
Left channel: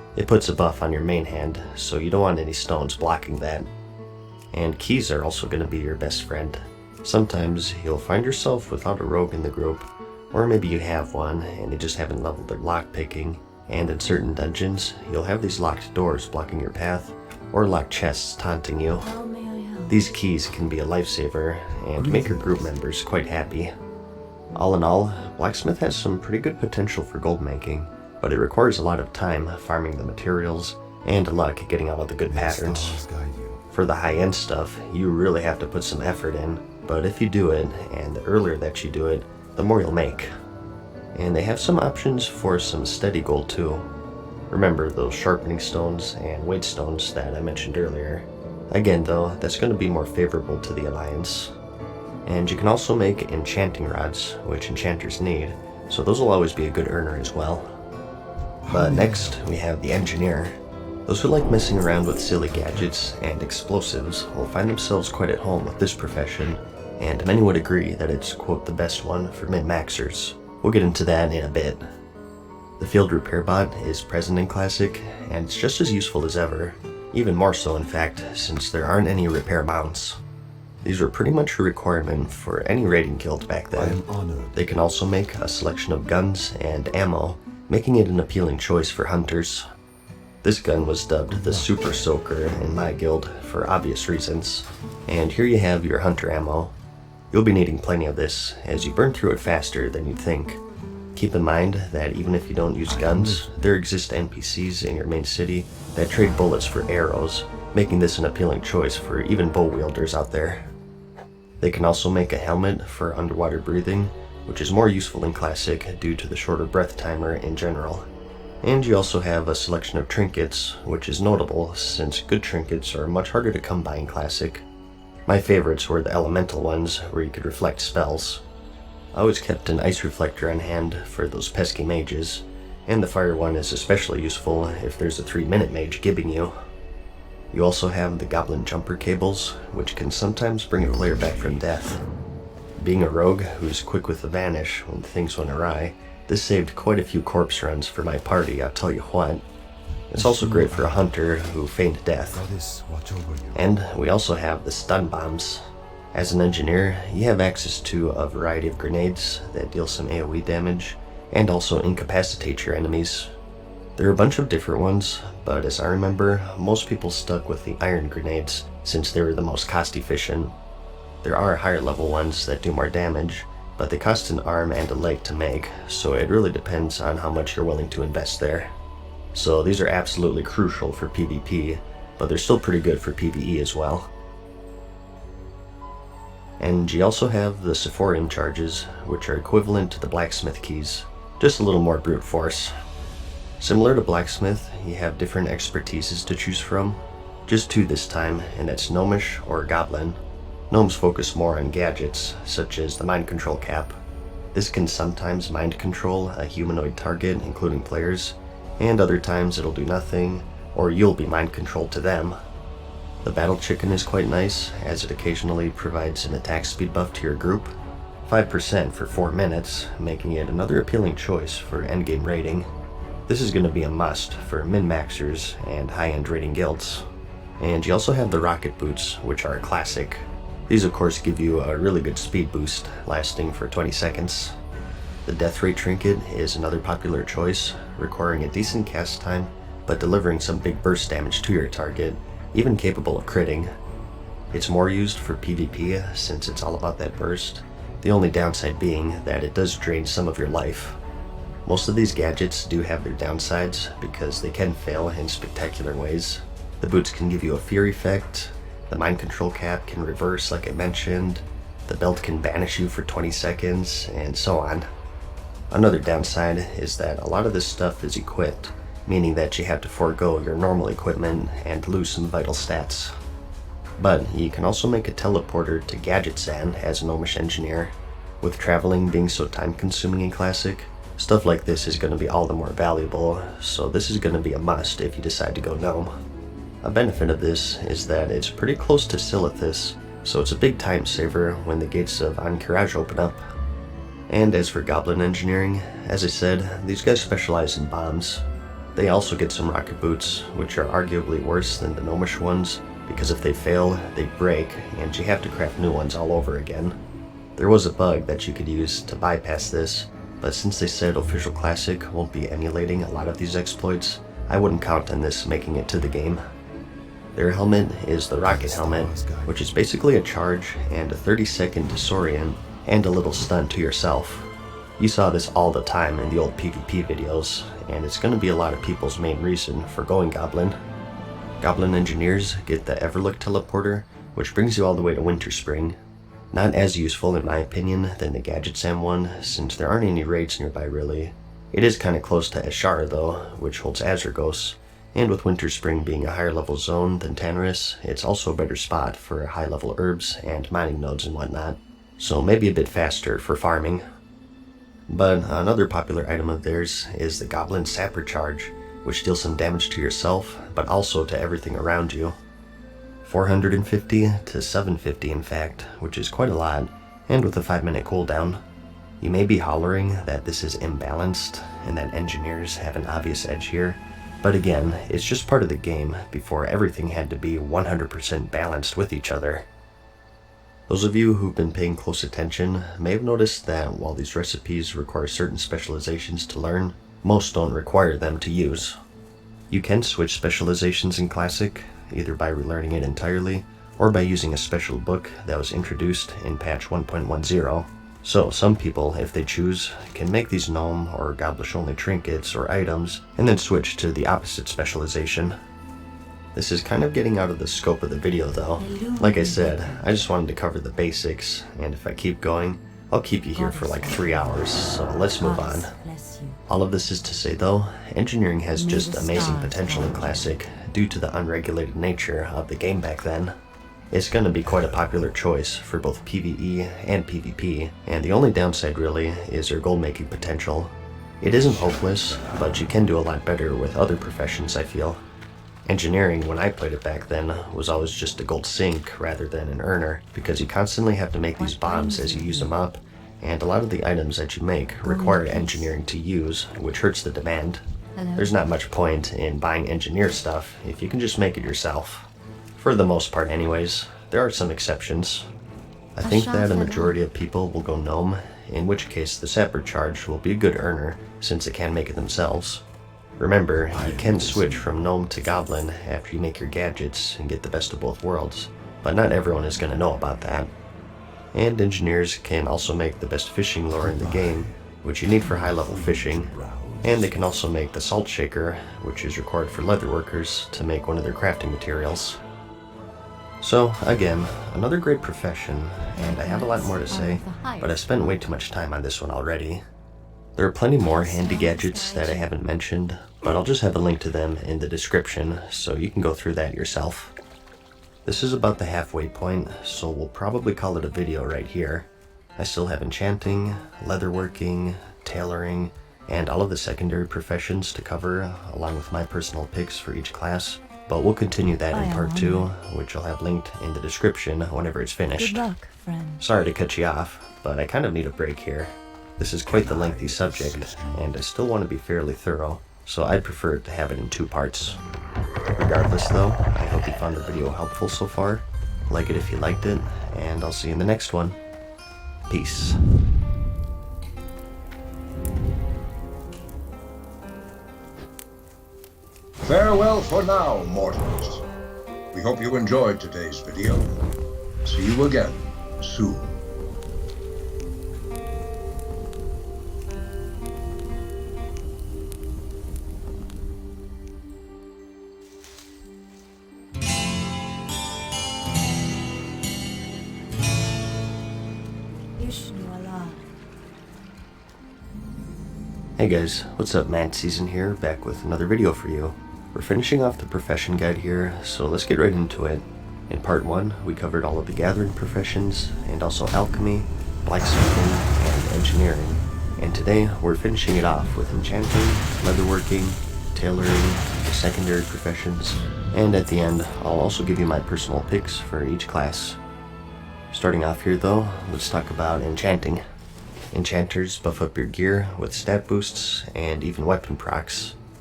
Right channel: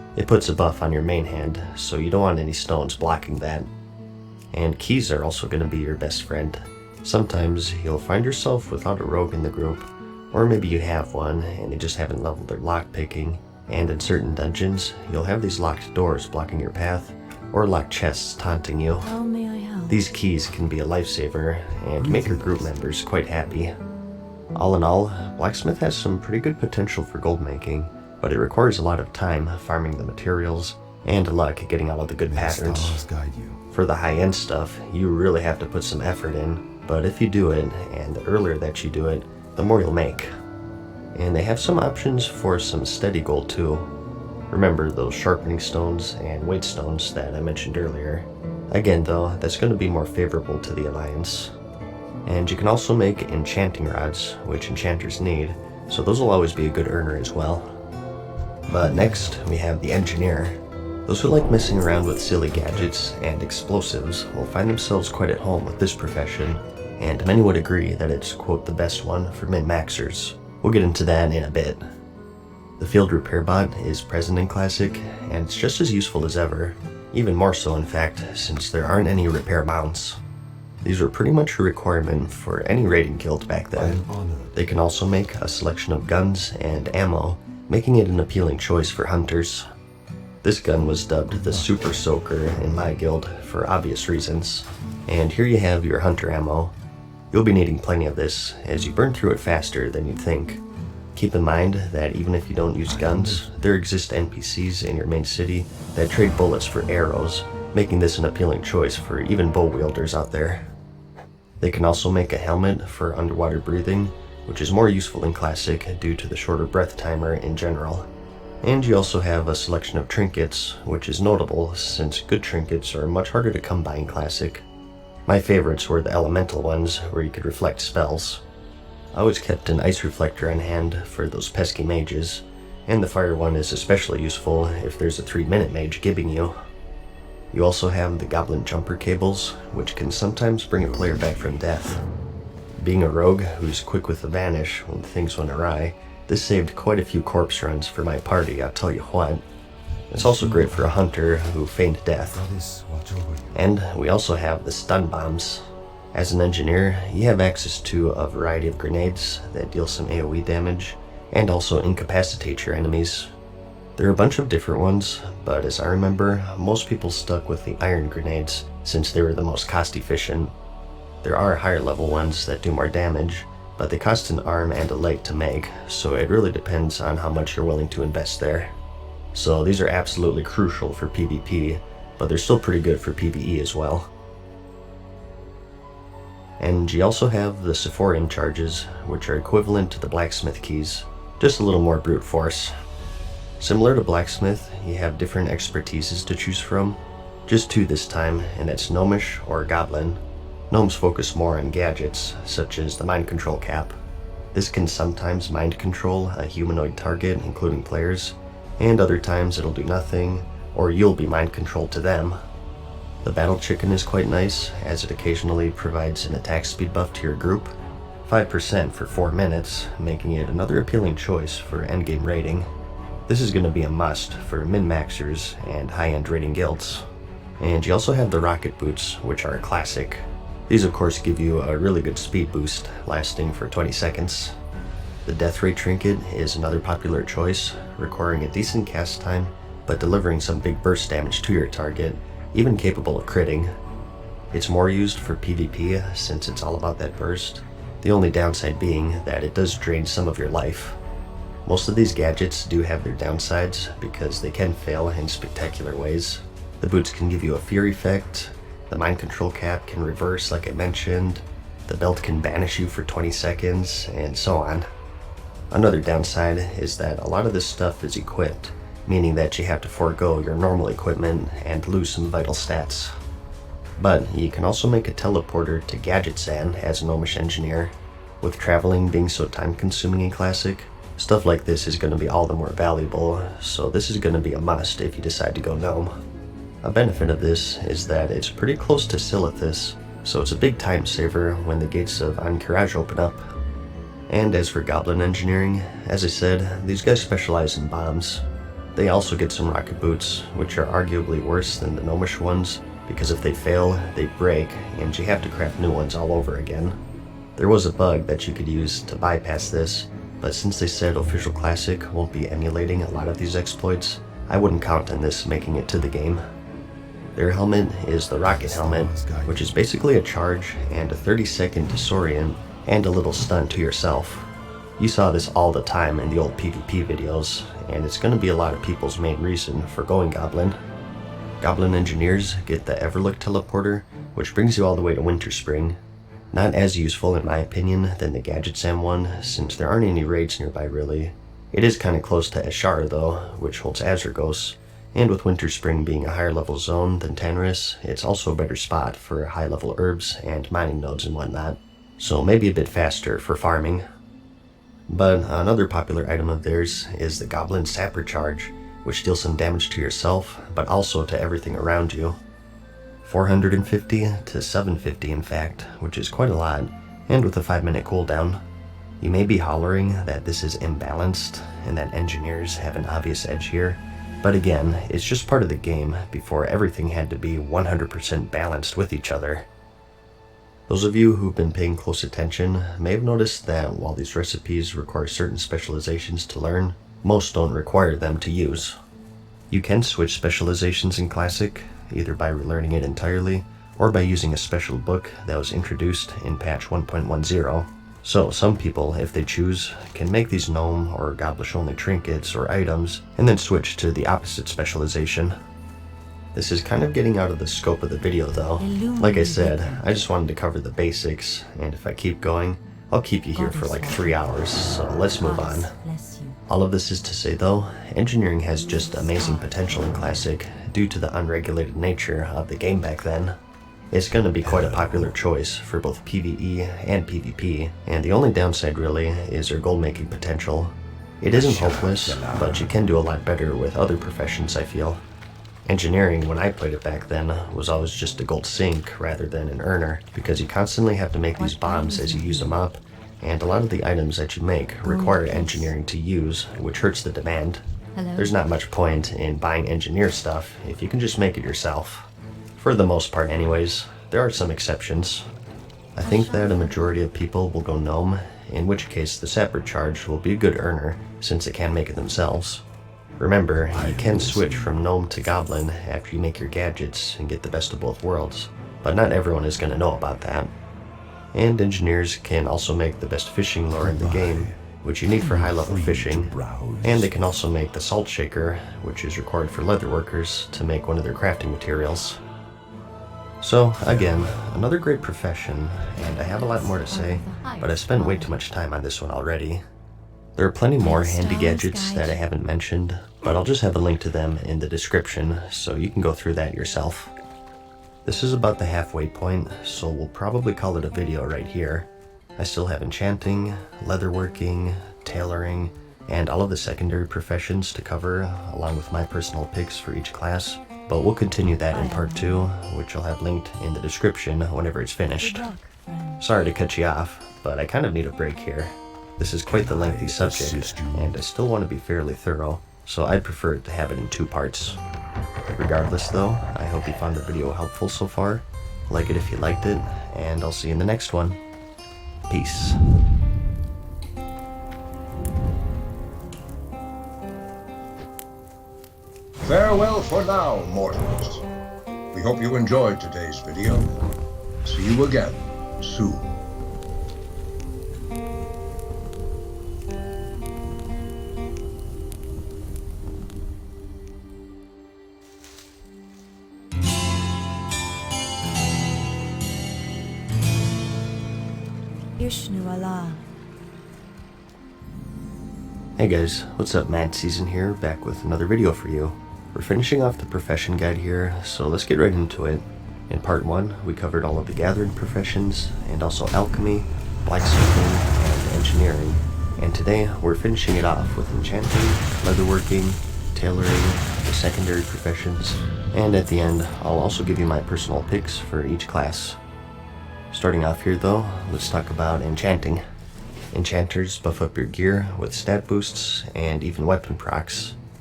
It puts a buff on your main hand, so you don't want any stones blocking that. And keys are also going to be your best friend. Sometimes you'll find yourself without a rogue in the group, or maybe you have one and you just haven't leveled their lockpicking, and in certain dungeons, you'll have these locked doors blocking your path, or locked chests taunting you. How may I help? These keys can be a lifesaver and make your group members quite happy. All in all, Blacksmith has some pretty good potential for gold making, but it requires a lot of time farming the materials and luck getting out of the good patterns. For the high-end stuff, you really have to put some effort in, but if you do it, and the earlier that you do it, the more you'll make. And they have some options for some steady gold too. Remember those sharpening stones and weight stones that I mentioned earlier. Again though, that's going to be more favorable to the Alliance. And you can also make enchanting rods, which enchanters need, so those will always be a good earner as well. But next, we have the Engineer. Those who like messing around with silly gadgets and explosives will find themselves quite at home with this profession, and many would agree that it's, quote, the best one for min-maxers. We'll get into that in a bit. The Field Repair Bot is present in Classic, and it's just as useful as ever, even more so in fact, since there aren't any repair mounts. These were pretty much a requirement for any raiding guild back then. They can also make a selection of guns and ammo, making it an appealing choice for hunters. This gun was dubbed the Super Soaker in my guild for obvious reasons. And here you have your hunter ammo. You'll be needing plenty of this, as you burn through it faster than you'd think. Keep in mind that even if you don't use guns, there exist NPCs in your main city that trade bullets for arrows, making this an appealing choice for even bow wielders out there. They can also make a helmet for underwater breathing, which is more useful in Classic due to the shorter breath timer in general. And you also have a selection of trinkets, which is notable since good trinkets are much harder to come by in Classic. My favorites were the elemental ones, where you could reflect spells. I always kept an ice reflector on hand for those pesky mages, and the fire one is especially useful if there's a 3-minute mage gibbing you. You also have the goblin jumper cables, which can sometimes bring a player back from death. Being a rogue who's quick with the vanish when things went awry, this saved quite a few corpse runs for my party, I'll tell you what. It's also great for a hunter who feigned death. And we also have the stun bombs. As an engineer, you have access to a variety of grenades that deal some AoE damage, and also incapacitate your enemies. There are a bunch of different ones, but as I remember, most people stuck with the iron grenades since they were the most cost efficient. There are higher level ones that do more damage, but they cost an arm and a leg to make, so it really depends on how much you're willing to invest there. So these are absolutely crucial for PvP, but they're still pretty good for PvE as well. And you also have the Sephorium charges, which are equivalent to the Blacksmith keys, just a little more brute force. Similar to Blacksmith, you have different expertises to choose from, just 2 this time, and that's Gnomish or Goblin. Gnomes focus more on gadgets, such as the mind control cap. This can sometimes mind control a humanoid target, including players, and other times it'll do nothing, or you'll be mind controlled to them. The battle chicken is quite nice, as it occasionally provides an attack speed buff to your group, 5% for 4 minutes, making it another appealing choice for endgame raiding. This is going to be a must for min-maxers and high-end raiding guilds. And you also have the rocket boots, which are a classic. These of course give you a really good speed boost, lasting for 20 seconds. The Death Ray trinket is another popular choice, requiring a decent cast time, but delivering some big burst damage to your target, even capable of critting. It's more used for PvP since it's all about that burst, the only downside being that it does drain some of your life. Most of these gadgets do have their downsides because they can fail in spectacular ways. The boots can give you a fear effect, the mind control cap can reverse like I mentioned, the belt can banish you for 20 seconds, and so on. Another downside is that a lot of this stuff is equipped, meaning that you have to forego your normal equipment and lose some vital stats. But you can also make a teleporter to Gadget Sand as a Gnomish engineer. With traveling being so time consuming in Classic, stuff like this is going to be all the more valuable, so this is going to be a must if you decide to go Gnome. A benefit of this is that it's pretty close to Silithus, so it's a big time saver when the gates of Ahn'Qiraj open up. And as for Goblin engineering, as I said, these guys specialize in bombs. They also get some rocket boots, which are arguably worse than the gnomish ones, because if they fail, they break, and you have to craft new ones all over again. There was a bug that you could use to bypass this, but since they said Official Classic won't be emulating a lot of these exploits, I wouldn't count on this making it to the game. Their helmet is the rocket helmet, which is basically a charge and a 30-second disorient and a little stun to yourself. You saw this all the time in the old PvP videos, and it's going to be a lot of people's main reason for going Goblin. Goblin engineers get the Everlook teleporter, which brings you all the way to Winterspring. Not as useful in my opinion than the Gadget Sam one, since there aren't any raids nearby really. It is kinda close to Ashara though, which holds Azurgos, and with Winterspring being a higher level zone than Tanarus, it's also a better spot for high level herbs and mining nodes and whatnot, so maybe a bit faster for farming. But another popular item of theirs is the Goblin Sapper Charge, which deals some damage to yourself, but also to everything around you. 450 to 750 in fact, which is quite a lot, and with a 5-minute cooldown. You may be hollering that this is imbalanced, and that engineers have an obvious edge here, but again, it's just part of the game before everything had to be 100% balanced with each other. Those of you who've been paying close attention may have noticed that while these recipes require certain specializations to learn, most don't require them to use. You can switch specializations in Classic, either by relearning it entirely, or by using a special book that was introduced in patch 1.10. So some people, if they choose, can make these gnome or goblish only trinkets or items, and then switch to the opposite specialization. This is kind of getting out of the scope of the video though. Like I said, I just wanted to cover the basics, and if I keep going, I'll keep you here for like 3 hours, so let's move on. All of this is to say though, engineering has just amazing potential in Classic due to the unregulated nature of the game back then. It's going to be quite a popular choice for both PvE and PvP, and the only downside really is their gold making potential. It isn't hopeless, but you can do a lot better with other professions, I feel. Engineering, when I played it back then, was always just a gold sink rather than an earner, because you constantly have to make these bombs as you use them up, and a lot of the items that you make require engineering to use, which hurts the demand. There's not much point in buying engineer stuff if you can just make it yourself. For the most part anyways, there are some exceptions. I think that a majority of people will go gnome, in which case the Sapper Charge will be a good earner since it can make it themselves. Remember, you can switch from gnome to goblin after you make your gadgets and get the best of both worlds, but not everyone is going to know about that. And engineers can also make the best fishing lure in the game, which you need for high level fishing, and they can also make the salt shaker, which is required for leatherworkers to make one of their crafting materials. So again, another great profession, and I have a lot more to say, but I've spent way too much time on this one already. There are plenty more handy gadgets that I haven't mentioned, but I'll just have a link to them in the description so you can go through that yourself. This is about the halfway point, so we'll probably call it a video right here. I still have enchanting, leatherworking, tailoring, and all of the secondary professions to cover, along with my personal picks for each class. But we'll continue that in part 2, which I'll have linked in the description whenever it's finished. Sorry to cut you off, but I kind of need a break here. This is quite the lengthy subject, and I still want to be fairly thorough, so I'd prefer to have it in 2 parts. Regardless though, I hope you found the video helpful so far. Like it if you liked it, and I'll see you in the next one. Peace. Farewell for now, mortals. We hope you enjoyed today's video. See you again soon. Hey guys, what's up? Mad Season here, back with another video for you. We're finishing off the profession guide here, so let's get right into it. In part 1, we covered all of the gathering professions, and also alchemy, blacksmithing, and engineering. And today, we're finishing it off with enchanting, leatherworking, tailoring, the secondary professions, and at the end, I'll also give you my personal picks for each class. Starting off here though, let's talk about enchanting. Enchanters buff up your gear with stat boosts and even weapon procs.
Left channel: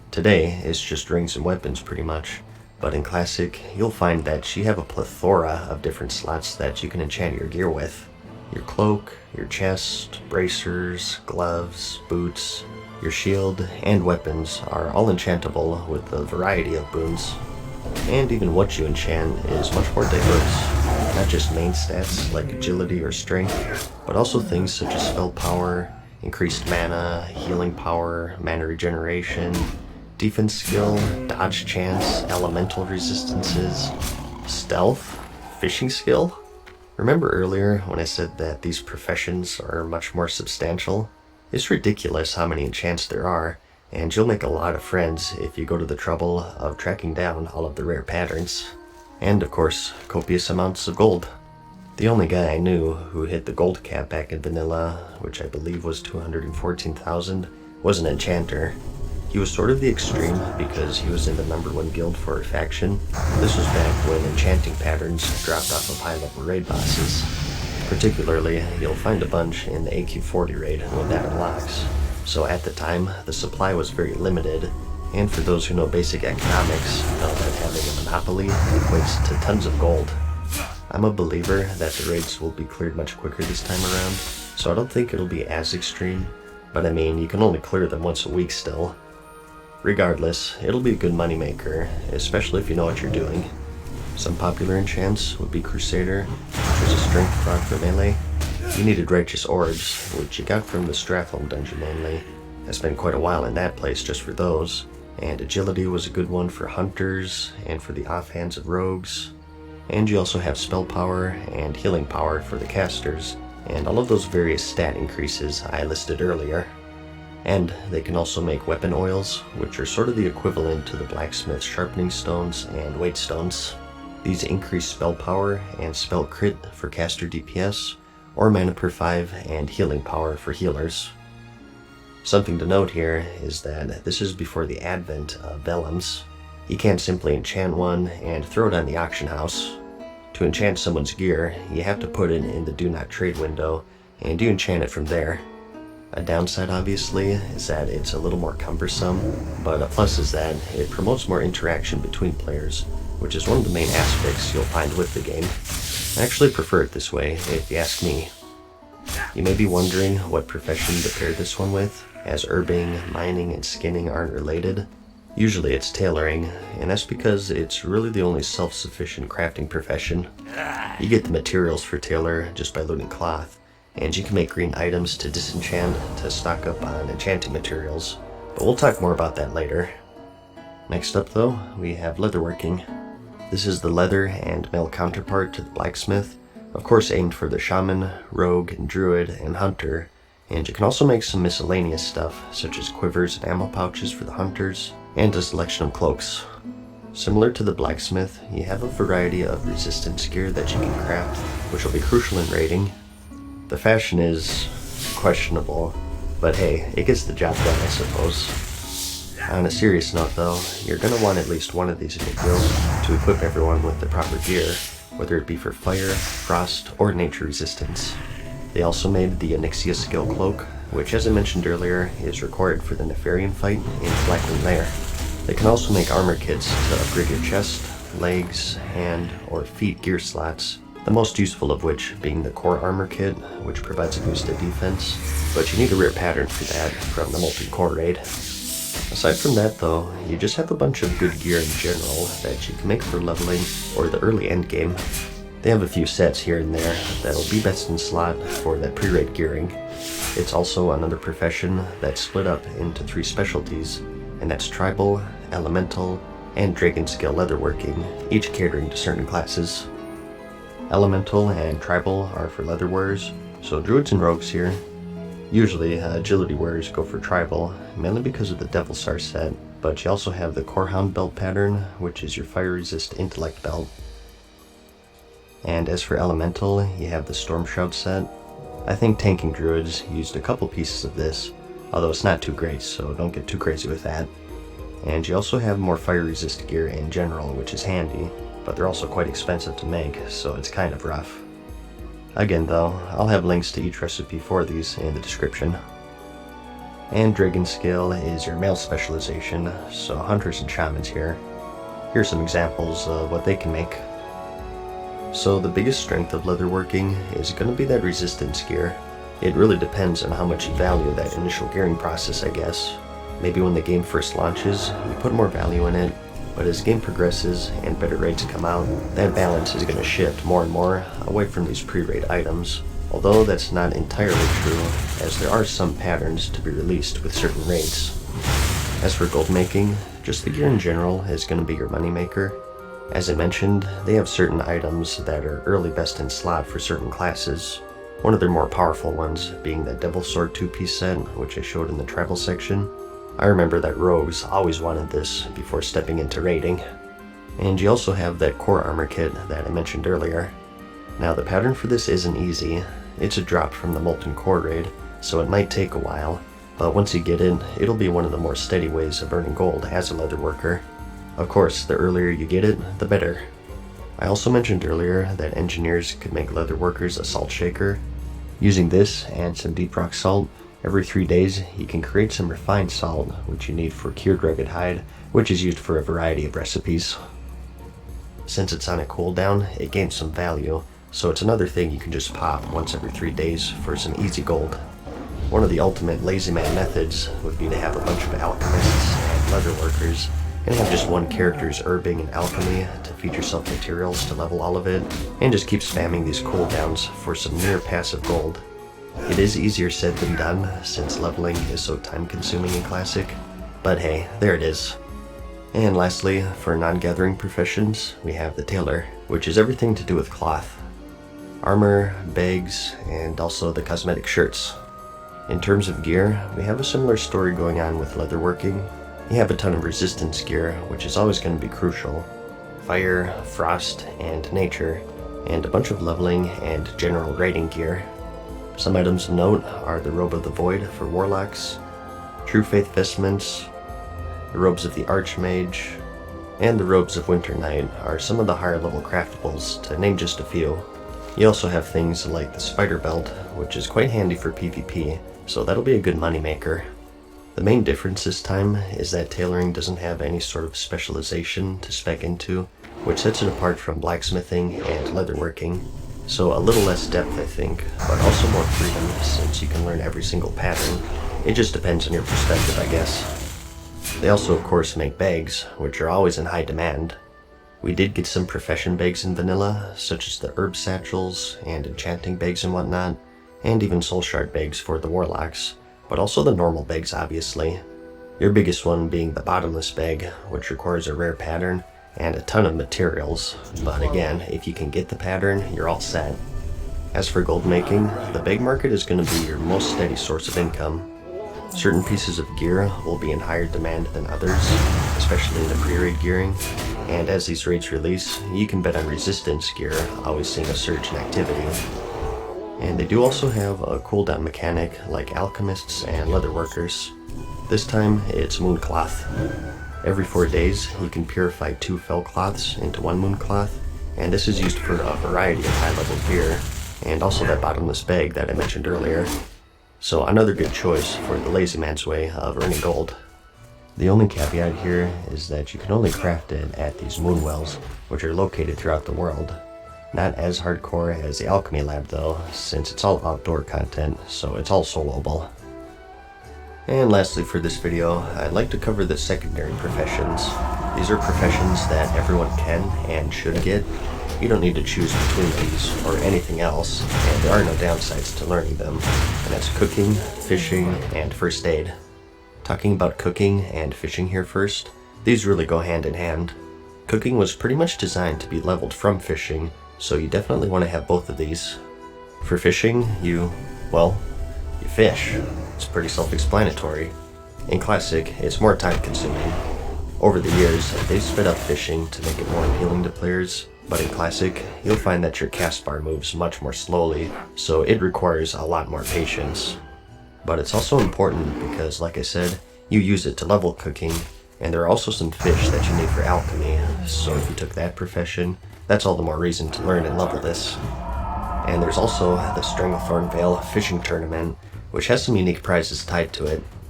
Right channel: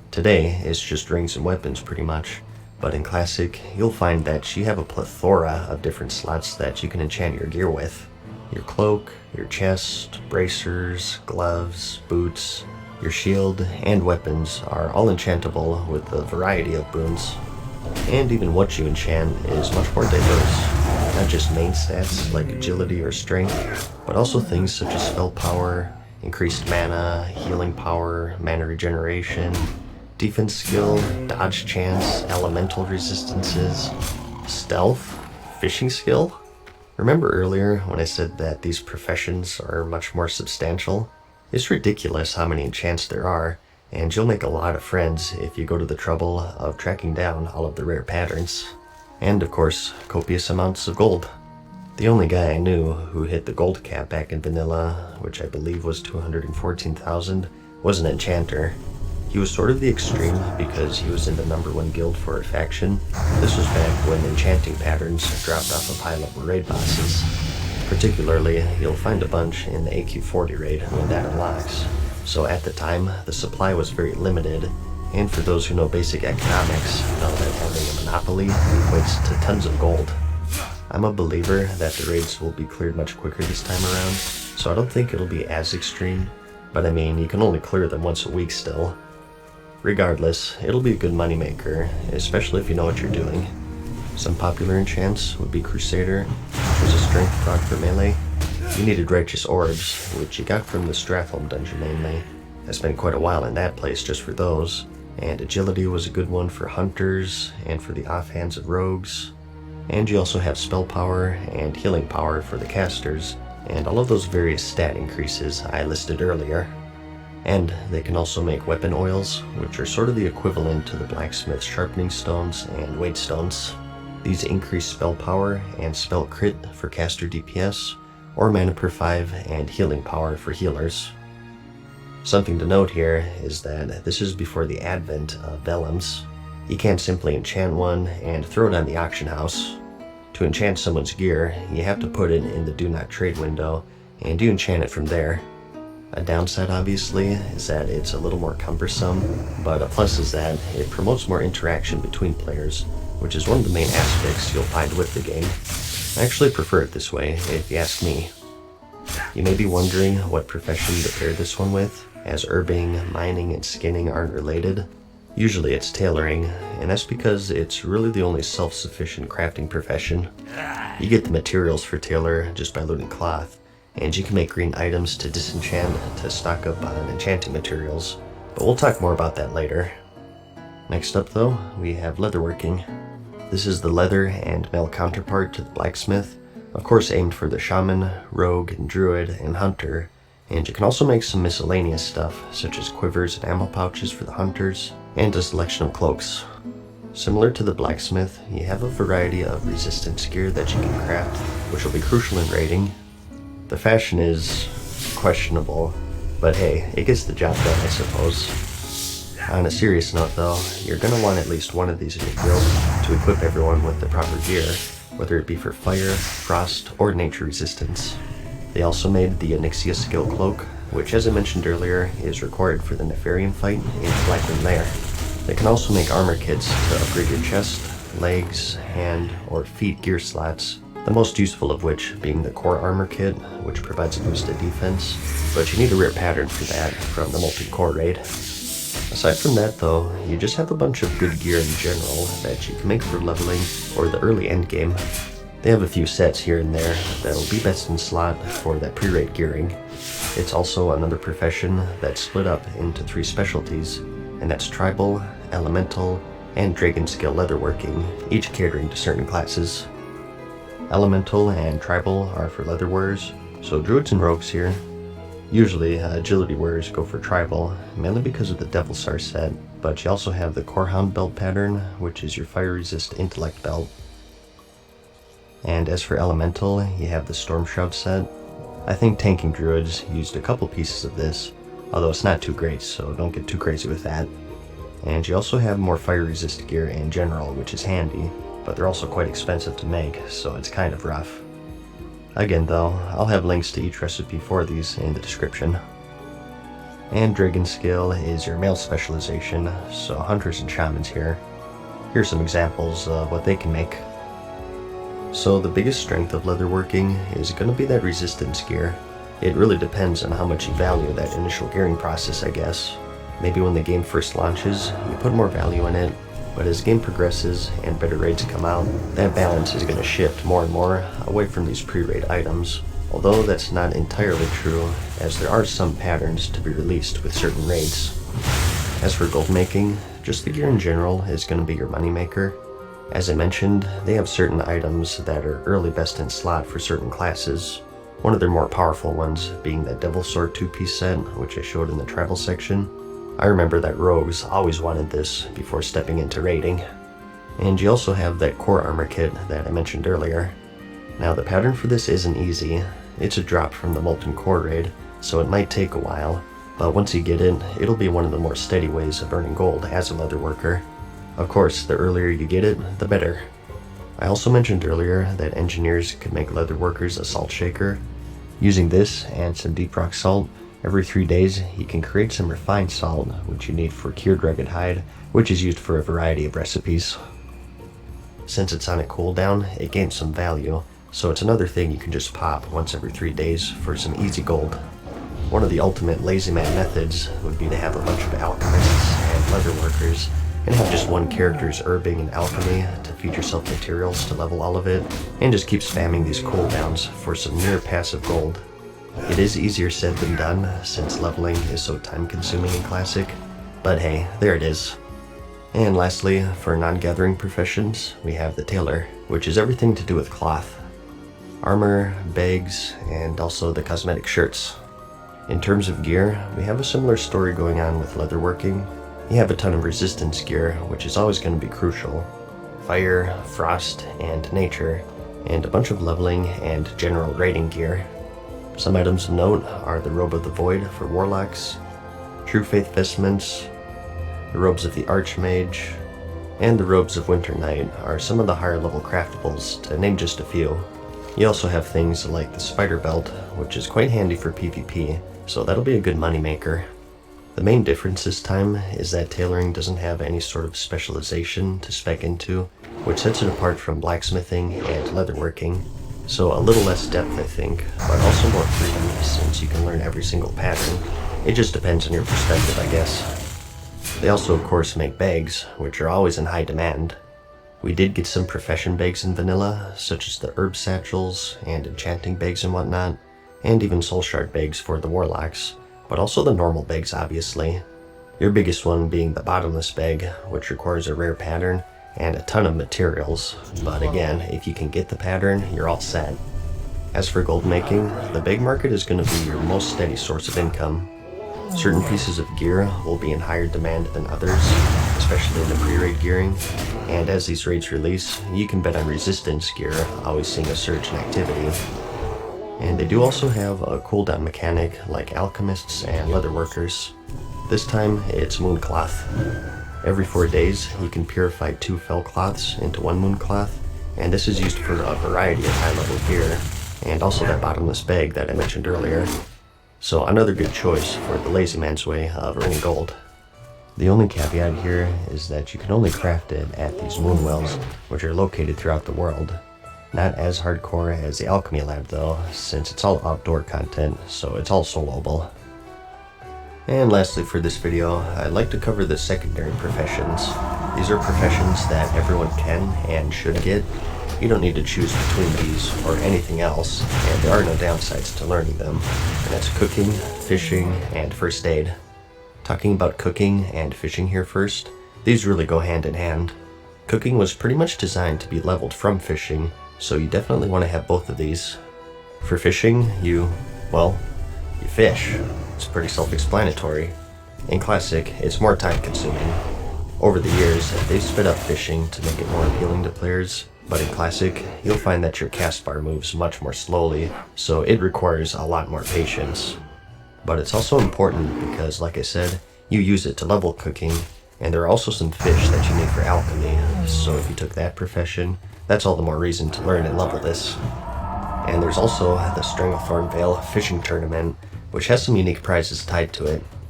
Today, it's just rings and weapons pretty much, but in Classic, you'll find that you have a plethora of different slots that you can enchant your gear with. Your cloak, your chest, bracers, gloves, boots, your shield, and weapons are all enchantable with a variety of boons. And even what you enchant is much more diverse. Not just main stats like agility or strength, but also things such as spell power, increased mana, healing power, mana regeneration, defense skill, dodge chance, elemental resistances, stealth, fishing skill. Remember earlier when I said that these professions are much more substantial? It's ridiculous how many enchants there are, and you'll make a lot of friends if you go to the trouble of tracking down all of the rare patterns. And of course, copious amounts of gold. The only guy I knew who hit the gold cap back in vanilla, which I believe was 214,000, was an enchanter. He was sort of the extreme because he was in the #1 guild for a faction. This was back when enchanting patterns dropped off of high-level raid bosses. Particularly, you'll find a bunch in the AQ40 raid when that unlocks. So at the time, the supply was very limited, and for those who know basic economics, know that having a monopoly equates to tons of gold. I'm a believer that the raids will be cleared much quicker this time around, so I don't think it'll be as extreme, but I mean, you can only clear them once a week still. Regardless, it'll be a good moneymaker, especially if you know what you're doing. Some popular enchants would be Crusader, which was a strength proc for melee. You needed Righteous Orbs, which you got from the Stratholme dungeon mainly. I spent quite a while in that place just for those, and Agility was a good one for hunters and for the offhands of rogues. And you also have spell power and healing power for the casters, and all of those various stat increases I listed earlier. And they can also make weapon oils, which are sort of the equivalent to the blacksmith's sharpening stones and weight stones. These increase spell power and spell crit for caster DPS, or mana per 5 and healing power for healers. Something to note here is that this is before the advent of vellums. You can't simply enchant one and throw it on the auction house. To enchant someone's gear, you have to put it in the Do Not Trade window, and you enchant it from there. A downside, obviously, is that it's a little more cumbersome, but a plus is that it promotes more interaction between players, which is one of the main aspects you'll find with the game. I actually prefer it this way, if you ask me. You may be wondering what profession to pair this one with, as herbing, mining, and skinning aren't related. Usually it's tailoring, and that's because it's really the only self-sufficient crafting profession. You get the materials for tailor just by looting cloth, and you can make green items to disenchant to stock up on enchanting materials, but we'll talk more about that later. Next up though, we have leatherworking. This is the leather and mail counterpart to the blacksmith, of course aimed for the shaman, rogue, and druid, and hunter, and you can also make some miscellaneous stuff, such as quivers and ammo pouches for the hunters, and a selection of cloaks. Similar to the blacksmith, you have a variety of resistance gear that you can craft, which will be crucial in raiding. The fashion is questionable, but hey, it gets the job done, I suppose. On a serious note though, you're going to want at least one of these in your guild to equip everyone with the proper gear, whether it be for fire, frost, or nature resistance. They also made the Onyxia skill cloak, which as I mentioned earlier, is required for the Nefarian fight in the Blackroom Lair. They can also make armor kits to upgrade your chest, legs, hand, or feet gear slots, the most useful of which being the core armor kit, which provides a boost to defense, but you need a rare pattern for that from the Molten Core raid. Aside from that though, you just have a bunch of good gear in general that you can make for leveling or the early endgame. They have a few sets here and there that'll be best in slot for that pre-raid gearing. It's also another profession that's split up into 3 specialties, and that's tribal, elemental, and dragon scale leatherworking, each catering to certain classes. Elemental and tribal are for leather wearers, so druids and rogues here. Usually, agility wearers go for tribal, mainly because of the Devil Star set, but you also have the Corehound belt pattern, which is your fire resist intellect belt. And as for elemental, you have the Storm Shroud set. I think tanking druids used a couple pieces of this, although it's not too great, so don't get too crazy with that. And you also have more fire resist gear in general, which is handy, but they're also quite expensive to make, so it's kind of rough. Again though, I'll have links to each recipe for these in the description. And Dragon Skill is your male specialization, so hunters and shamans here. Here's some examples of what they can make. So the biggest strength of leatherworking is going to be that resistance gear. It really depends on how much you value that initial gearing process, I guess. Maybe when the game first launches, you put more value in it, but as the game progresses and better raids come out, that balance is going to shift more and more away from these pre-raid items. Although that's not entirely true, as there are some patterns to be released with certain raids. As for gold making, just the gear in general is going to be your moneymaker. As I mentioned, they have certain items that are early best in slot for certain classes. One of their more powerful ones being that Devil Sword 2-piece set, which I showed in the travel section. I remember that rogues always wanted this before stepping into raiding. And you also have that core armor kit that I mentioned earlier. Now the pattern for this isn't easy. It's a drop from the Molten Core raid, so it might take a while, but once you get it, it'll be one of the more steady ways of earning gold as a leatherworker. Of course, the earlier you get it, the better. I also mentioned earlier that engineers could make leatherworkers a salt shaker. Using this and some deep rock salt, every 3 days you can create some refined salt, which you need for cured rugged hide, which is used for a variety of recipes. Since it's on a cooldown, it gains some value, so it's another thing you can just pop once every 3 days for some easy gold. One of the ultimate lazy man methods would be to have a bunch of alchemists and leatherworkers, and have just one character's herbing and alchemy to feed yourself materials to level all of it, and just keep spamming these cooldowns for some near passive gold. It is easier said than done, since leveling is so time consuming in Classic, but hey, there it is. And lastly, for non-gathering professions, we have the tailor, which is everything to do with cloth. Armor, bags, and also the cosmetic shirts. In terms of gear, we have a similar story going on with leatherworking. You have a ton of resistance gear, which is always going to be crucial. Fire, frost, and nature, and a bunch of leveling and general raiding gear. Some items of note are the Robe of the Void for warlocks, True Faith vestments, the Robes of the Archmage, and the Robes of Winter Knight are some of the higher level craftables, to name just a few. You also have things like the Spider Belt, which is quite handy for PvP, so that'll be a good moneymaker. The main difference this time is that tailoring doesn't have any sort of specialization to spec into, which sets it apart from blacksmithing and leatherworking. So a little less depth, I think, but also more freedom since you can learn every single pattern. It just depends on your perspective, I guess. They also, of course, make bags, which are always in high demand. We did get some profession bags in vanilla, such as the herb satchels and enchanting bags and whatnot, and even soul shard bags for the warlocks, but also the normal bags, obviously. Your biggest one being the bottomless bag, which requires a rare pattern and a ton of materials, but again, if you can get the pattern, you're all set. As for gold making, the bag market is going to be your most steady source of income. Certain pieces of gear will be in higher demand than others, especially in the pre-raid gearing, and as these raids release, you can bet on resistance gear always seeing a surge in activity. And they do also have a cooldown mechanic like alchemists and leatherworkers. This time, it's moon cloth. Every 4 days, you can purify 2 fell cloths into 1 moon cloth, and this is used for a variety of high-level gear, and also that bottomless bag that I mentioned earlier. So another good choice for the lazy man's way of earning gold. The only caveat here is that you can only craft it at these moon wells, which are located throughout the world. Not as hardcore as the alchemy lab though, since it's all outdoor content, so it's all soloable. And lastly for this video, I'd like to cover the secondary professions. These are professions that everyone can and should get. You don't need to choose between these or anything else, and there are no downsides to learning them. And that's cooking, fishing, and first aid. Talking about cooking and fishing here first, these really go hand in hand. Cooking was pretty much designed to be leveled from fishing, so you definitely want to have both of these. For fishing, you fish. It's pretty self-explanatory. In Classic, it's more time-consuming. Over the years, they've sped up fishing to make it more appealing to players, but in Classic, you'll find that your cast bar moves much more slowly, so it requires a lot more patience. But it's also important because, like I said, you use it to level cooking, and there are also some fish that you need for alchemy, so if you took that profession, that's all the more reason to learn and level this. And there's also the Stranglethorn Vale fishing tournament, which has some unique prizes tied to it.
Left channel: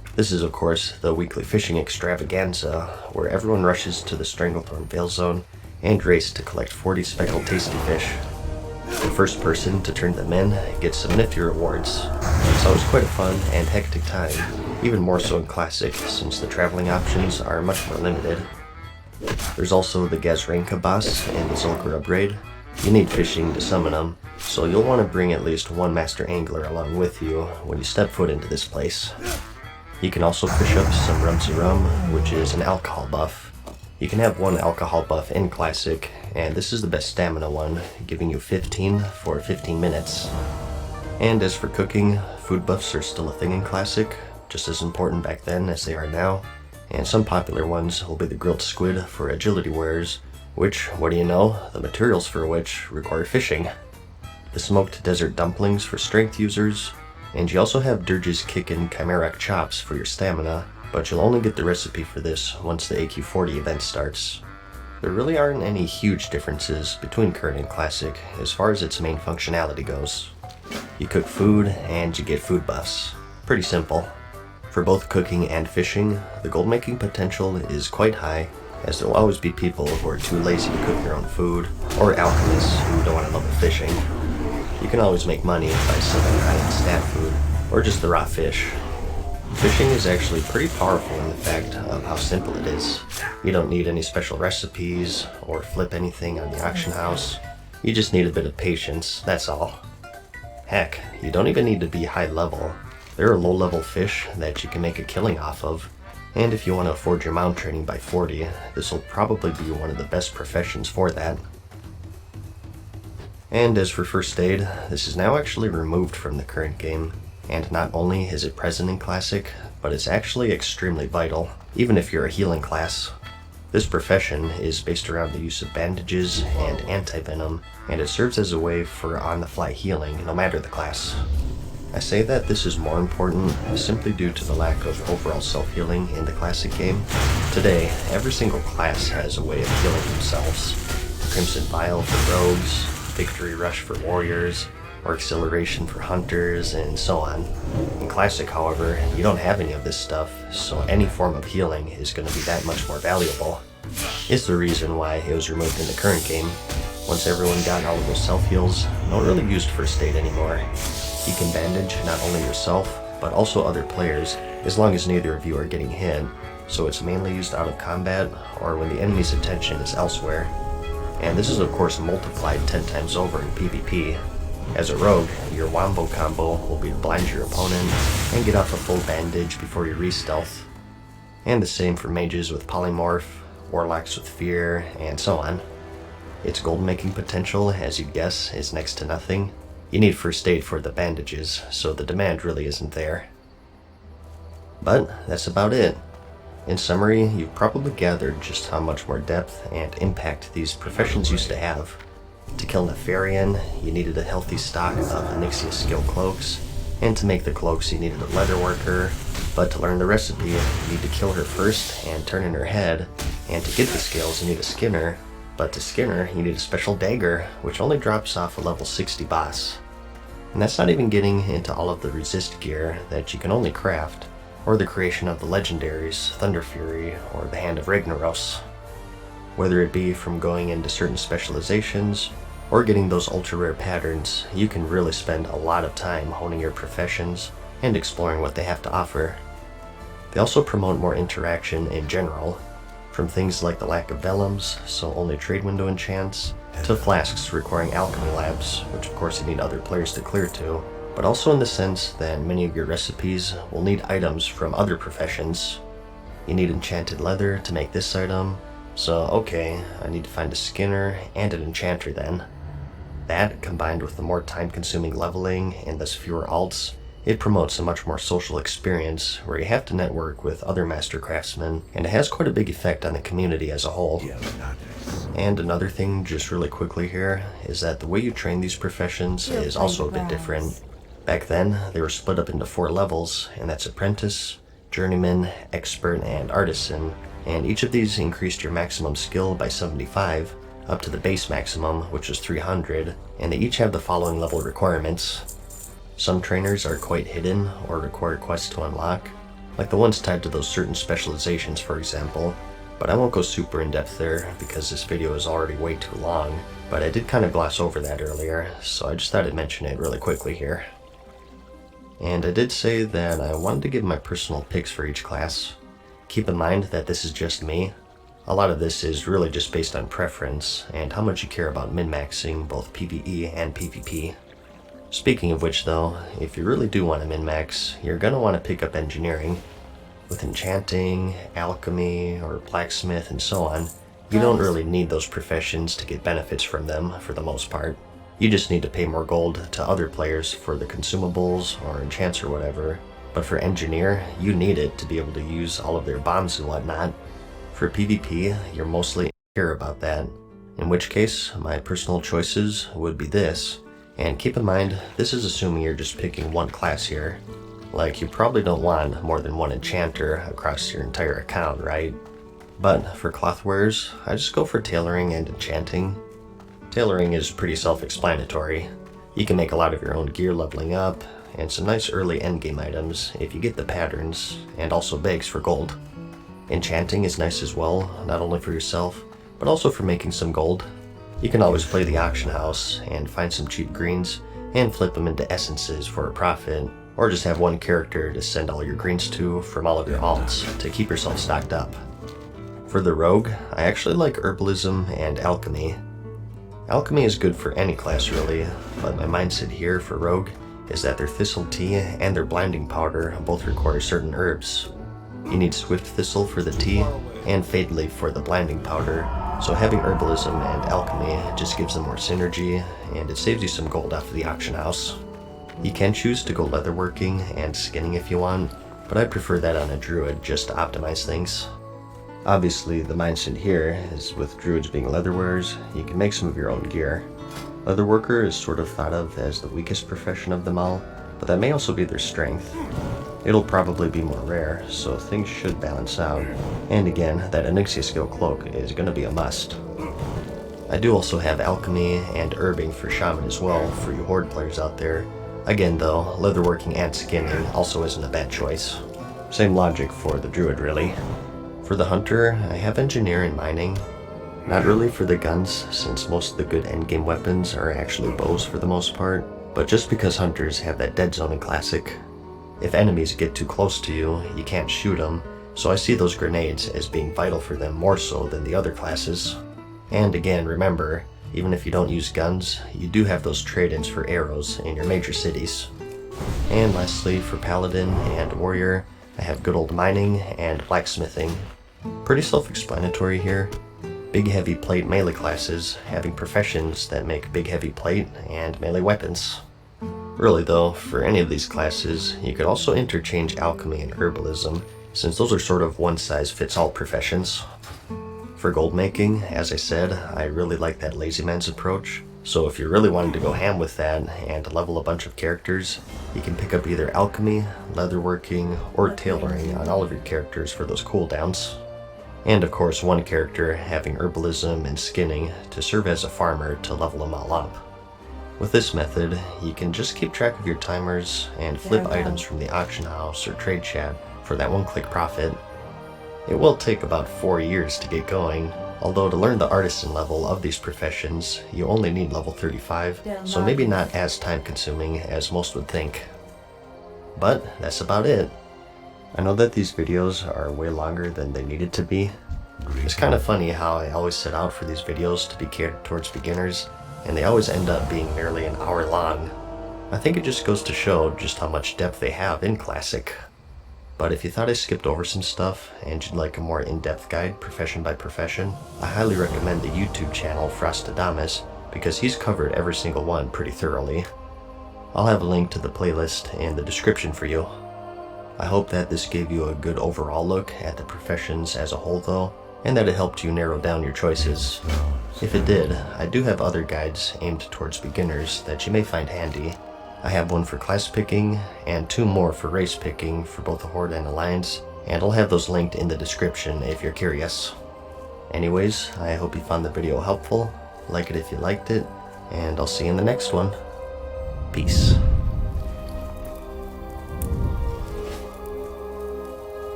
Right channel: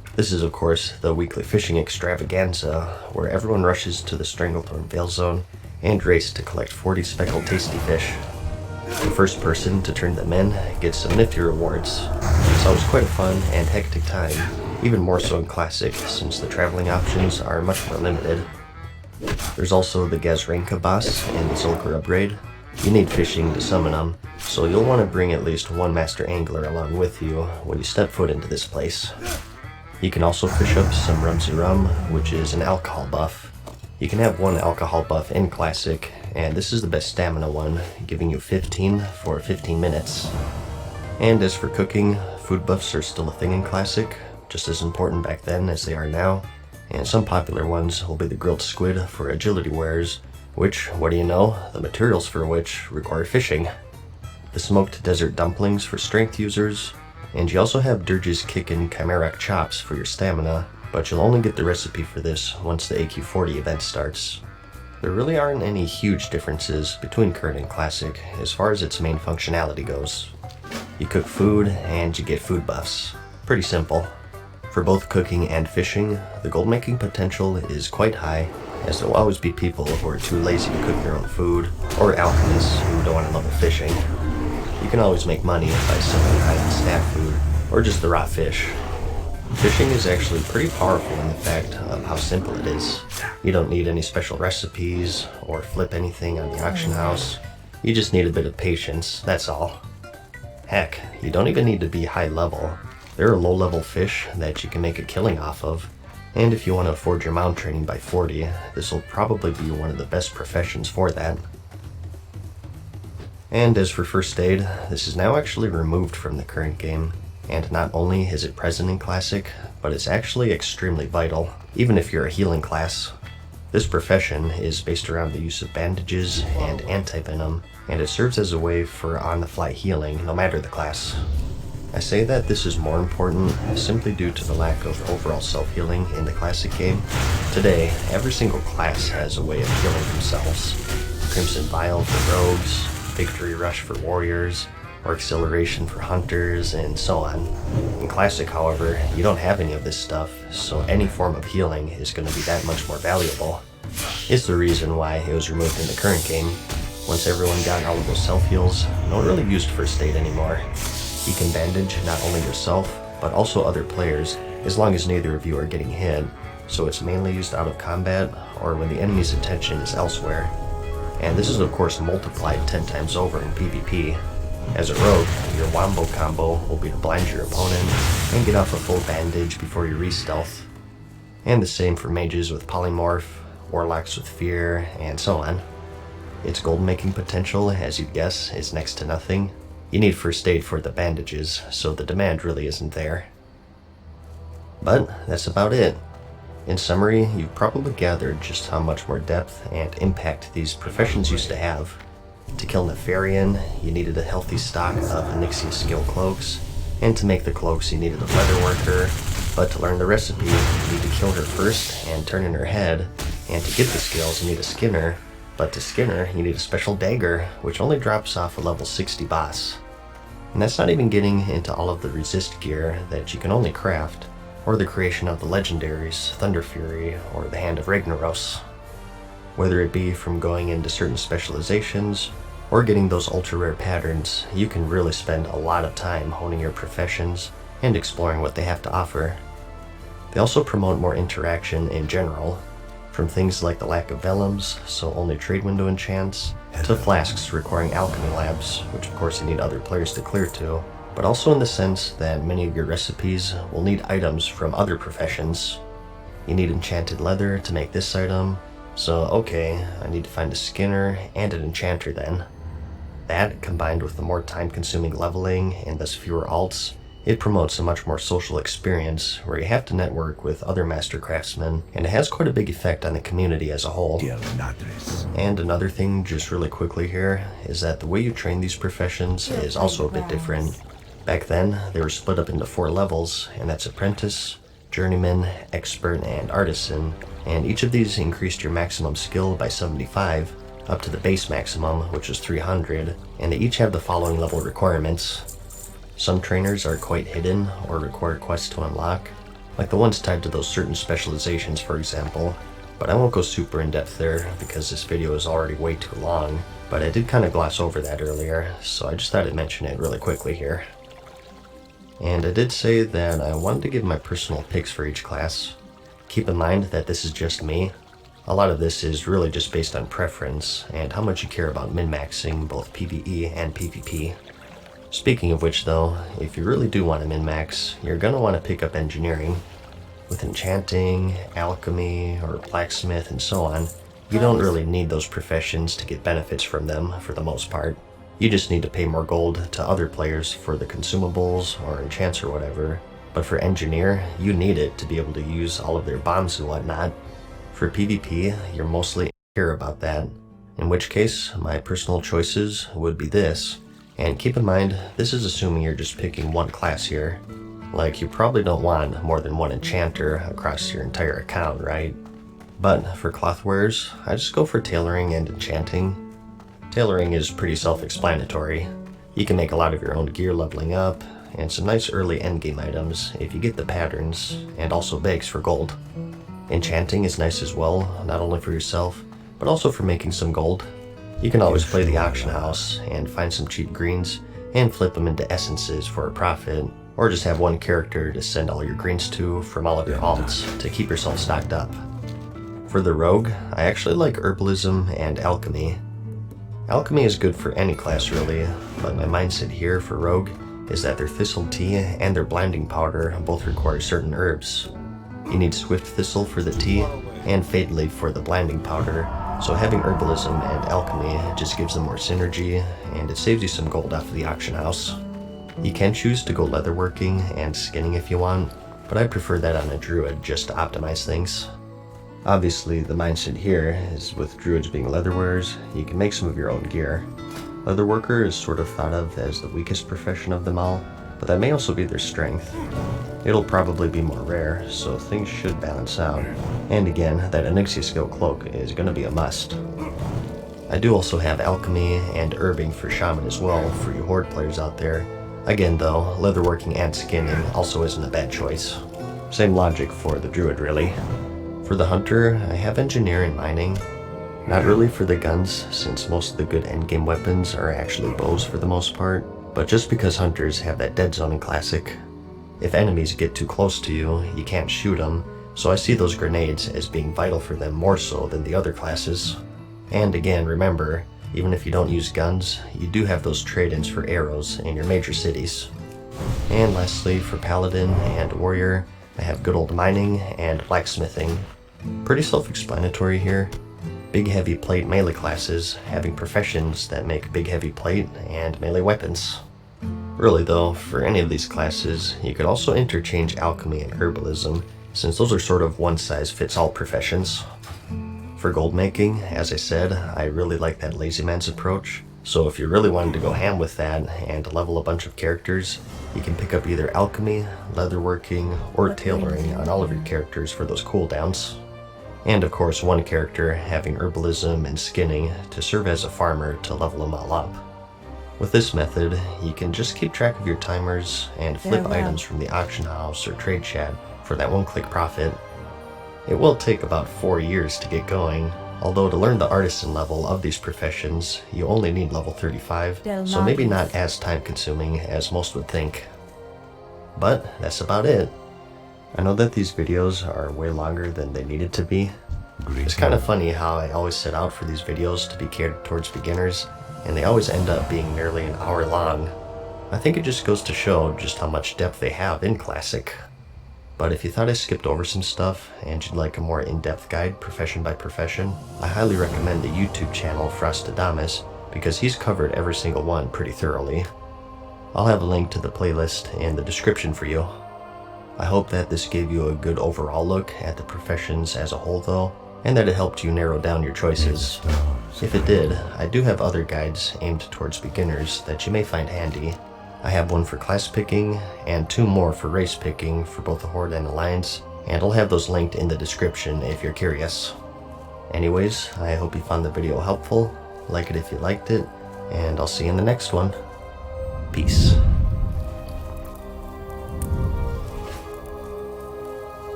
This is of course the weekly fishing extravaganza, where everyone rushes to the Stranglethorn Vale Zone and race to collect 40 speckled tasty fish. The first person to turn them in gets some nifty rewards. It's always quite a fun and hectic time, even more so in Classic since the traveling options are much more limited. There's also the Gazranka boss and the Zul'Gurub raid. You need fishing to summon them, so you'll want to bring at least one master angler along with you when you step foot into this place. You can also fish up some Rumsey Rum, which is an alcohol buff. You can have one alcohol buff in Classic, and this is the best stamina one, giving you 15 for 15 minutes. And as for cooking, food buffs are still a thing in Classic, just as important back then as they are now, and some popular ones will be the grilled squid for agility wares, which, what do you know, the materials for which require fishing. The smoked desert dumplings for strength users, and you also have Dirge's Kickin' Chimeric chops for your stamina, but you'll only get the recipe for this once the AQ40 event starts. There really aren't any huge differences between current and Classic as far as its main functionality goes. You cook food and you get food buffs. Pretty simple. For both cooking and fishing, the gold making potential is quite high, as there will always be people who are too lazy to cook their own food, or alchemists who don't want to level fishing. You can always make money by selling high-end stat food, or just the raw fish. Fishing is actually pretty powerful in the fact of how simple it is. You don't need any special recipes, or flip anything on the auction house. You just need a bit of patience, that's all. Heck, you don't even need to be high level. There are low-level fish that you can make a killing off of, and if you want to afford your mount training by 40, this will probably be one of the best professions for that. And as for first aid, this is now actually removed from the current game, and not only is it present in Classic, but it's actually extremely vital, even if you're a healing class. This profession is based around the use of bandages and anti-venom, and it serves as a way for on-the-fly healing no matter the class. I say that this is more important simply due to the lack of overall self-healing in the Classic game. Today, every single class has a way of healing themselves. Crimson Vial for rogues, Victory Rush for warriors, or Acceleration for hunters, and so on. In Classic, however, you don't have any of this stuff, so any form of healing is going to be that much more valuable. It's the reason why it was removed in the current game. Once everyone got all of those self-heals, no one really used first aid anymore. You can bandage not only yourself, but also other players, as long as neither of you are getting hit, so it's mainly used out of combat or when the enemy's attention is elsewhere. And this is of course multiplied 10 times over in PvP. As a rogue, your wombo combo will be to blind your opponent and get off a full bandage before you re-stealth. And the same for mages with polymorph, warlocks with fear, and so on. Its gold making potential, as you'd guess, is next to nothing. You need first aid for the bandages, so the demand really isn't there. But that's about it. In summary, you've probably gathered just how much more depth and impact these professions used to have. To kill Nefarian, you needed a healthy stock of Onyxia skill cloaks, and to make the cloaks you needed a leather worker, but to learn the recipe, you need to kill her first and turn in her head, and to get the skills you need a skinner, but to skin her you need a special dagger, which only drops off a level 60 boss. And that's not even getting into all of the resist gear that you can only craft, or the creation of the legendaries, Thunder Fury, or the Hand of Ragnaros. Whether it be from going into certain specializations, or getting those ultra rare patterns, you can really spend a lot of time honing your professions and exploring what they have to offer. They also promote more interaction in general, from things like the lack of vellums, so only trade window enchants, to flasks requiring alchemy labs, which of course you need other players to clear to, but also in the sense that many of your recipes will need items from other professions. You need enchanted leather to make this item, so okay, I need to find a skinner and an enchanter then. That, combined with the more time-consuming leveling and thus fewer alts, it promotes a much more social experience where you have to network with other master craftsmen, and it has quite a big effect on the community as a whole. And another thing, just really quickly here, is that the way you train these professions is also a bit different. Back then, they were split up into 4 levels, and that's Apprentice, Journeyman, Expert, and Artisan, and each of these increased your maximum skill by 75, up to the base maximum, which is 300, and they each have the following level requirements. Some trainers are quite hidden or require quests to unlock, like the ones tied to those certain specializations, for example. But I won't go super in depth there because this video is already way too long, but I did kind of gloss over that earlier, so I just thought I'd mention it really quickly here. And I did say that I wanted to give my personal picks for each class. Keep in mind that this is just me. A lot of this is really just based on preference and how much you care about min-maxing both PvE and PvP. Speaking of which though, if you really do want to min-max, you're going to want to pick up engineering. With enchanting, alchemy, or blacksmith and so on, you don't really need those professions to get benefits from them for the most part. You just need to pay more gold to other players for the consumables or enchants or whatever. But for engineer, you need it to be able to use all of their bombs and whatnot. For PvP, you're mostly care about that. In which case, my personal choices would be this. And keep in mind, this is assuming you're just picking one class here. Like, you probably don't want more than one enchanter across your entire account, right? But for cloth wearers, I just go for tailoring and enchanting. Tailoring is pretty self-explanatory. You can make a lot of your own gear leveling up, and some nice early endgame items if you get the patterns, and also bags for gold. Enchanting is nice as well, not only for yourself, but also for making some gold. You can always play the auction house and find some cheap greens and flip them into essences for a profit, or just have one character to send all your greens to from all of your alts to keep yourself stocked up. For the rogue, I actually like herbalism and alchemy. Alchemy is good for any class really, but my mindset here for rogue is that their thistle tea and their blinding powder both require certain herbs. You need swift thistle for the tea and fade leaf for the blinding powder, so having herbalism and alchemy just gives them more synergy, and it saves you some gold off of the auction house. You can choose to go leatherworking and skinning if you want, but I prefer that on a druid just to optimize things. Obviously, the mindset here is with druids being leatherwearers, you can make some of your own gear. Leatherworker is sort of thought of as the weakest profession of them all, but that may also be their strength. It'll probably be more rare, so things should balance out. And again, that Onyxia skill cloak is going to be a must. I do also have alchemy and herbing for shaman as well for you horde players out there. Again though, leatherworking and skinning also isn't a bad choice. Same logic for the druid really. For the hunter, I have engineer and mining. Not really for the guns, since most of the good endgame weapons are actually bows for the most part, but just because hunters have that dead zone in classic. If enemies get too close to you, you can't shoot them, so I see those grenades as being vital for them more so than the other classes. And again, remember, even if you don't use guns, you do have those trade-ins for arrows in your major cities. And lastly, for paladin and warrior, I have good old mining and blacksmithing. Pretty self-explanatory here. Big heavy plate melee classes having professions that make big heavy plate and melee weapons. Really though, for any of these classes, you could also interchange alchemy and herbalism, since those are sort of one-size-fits-all professions. For gold making, as I said, I really like that lazy man's approach, so if you're really wanting to go ham with that and level a bunch of characters, you can pick up either alchemy, leatherworking, or tailoring on all of your characters for those cooldowns. And of course one character having herbalism and skinning to serve as a farmer to level them all up. With this method, you can just keep track of your timers and flip items from the auction house or trade chat for that one-click profit. It will take about 4 years to get going, although to learn the artisan level of these professions, you only need level 35, so maybe not as time-consuming as most would think. But that's about it. I know that these videos are way longer than they needed to be. It's kind of funny how I always set out for these videos to be catered towards beginners, and they always end up being nearly an hour long. I think it just goes to show just how much depth they have in Classic. But if you thought I skipped over some stuff and you'd like a more in-depth guide profession by profession, I highly recommend the YouTube channel Frostadamus because he's covered every single one pretty thoroughly. I'll have a link to the playlist in the description for you. I hope that this gave you a good overall look at the professions as a whole though, and that it helped you narrow down your choices. If it did, I do have other guides aimed towards beginners that you may find handy. I have one for class picking, and 2 more for race picking for both the Horde and Alliance, and I'll have those linked in the description if you're curious. Anyways, I hope you found the video helpful, like it if you liked it, and I'll see you in the next one. Peace.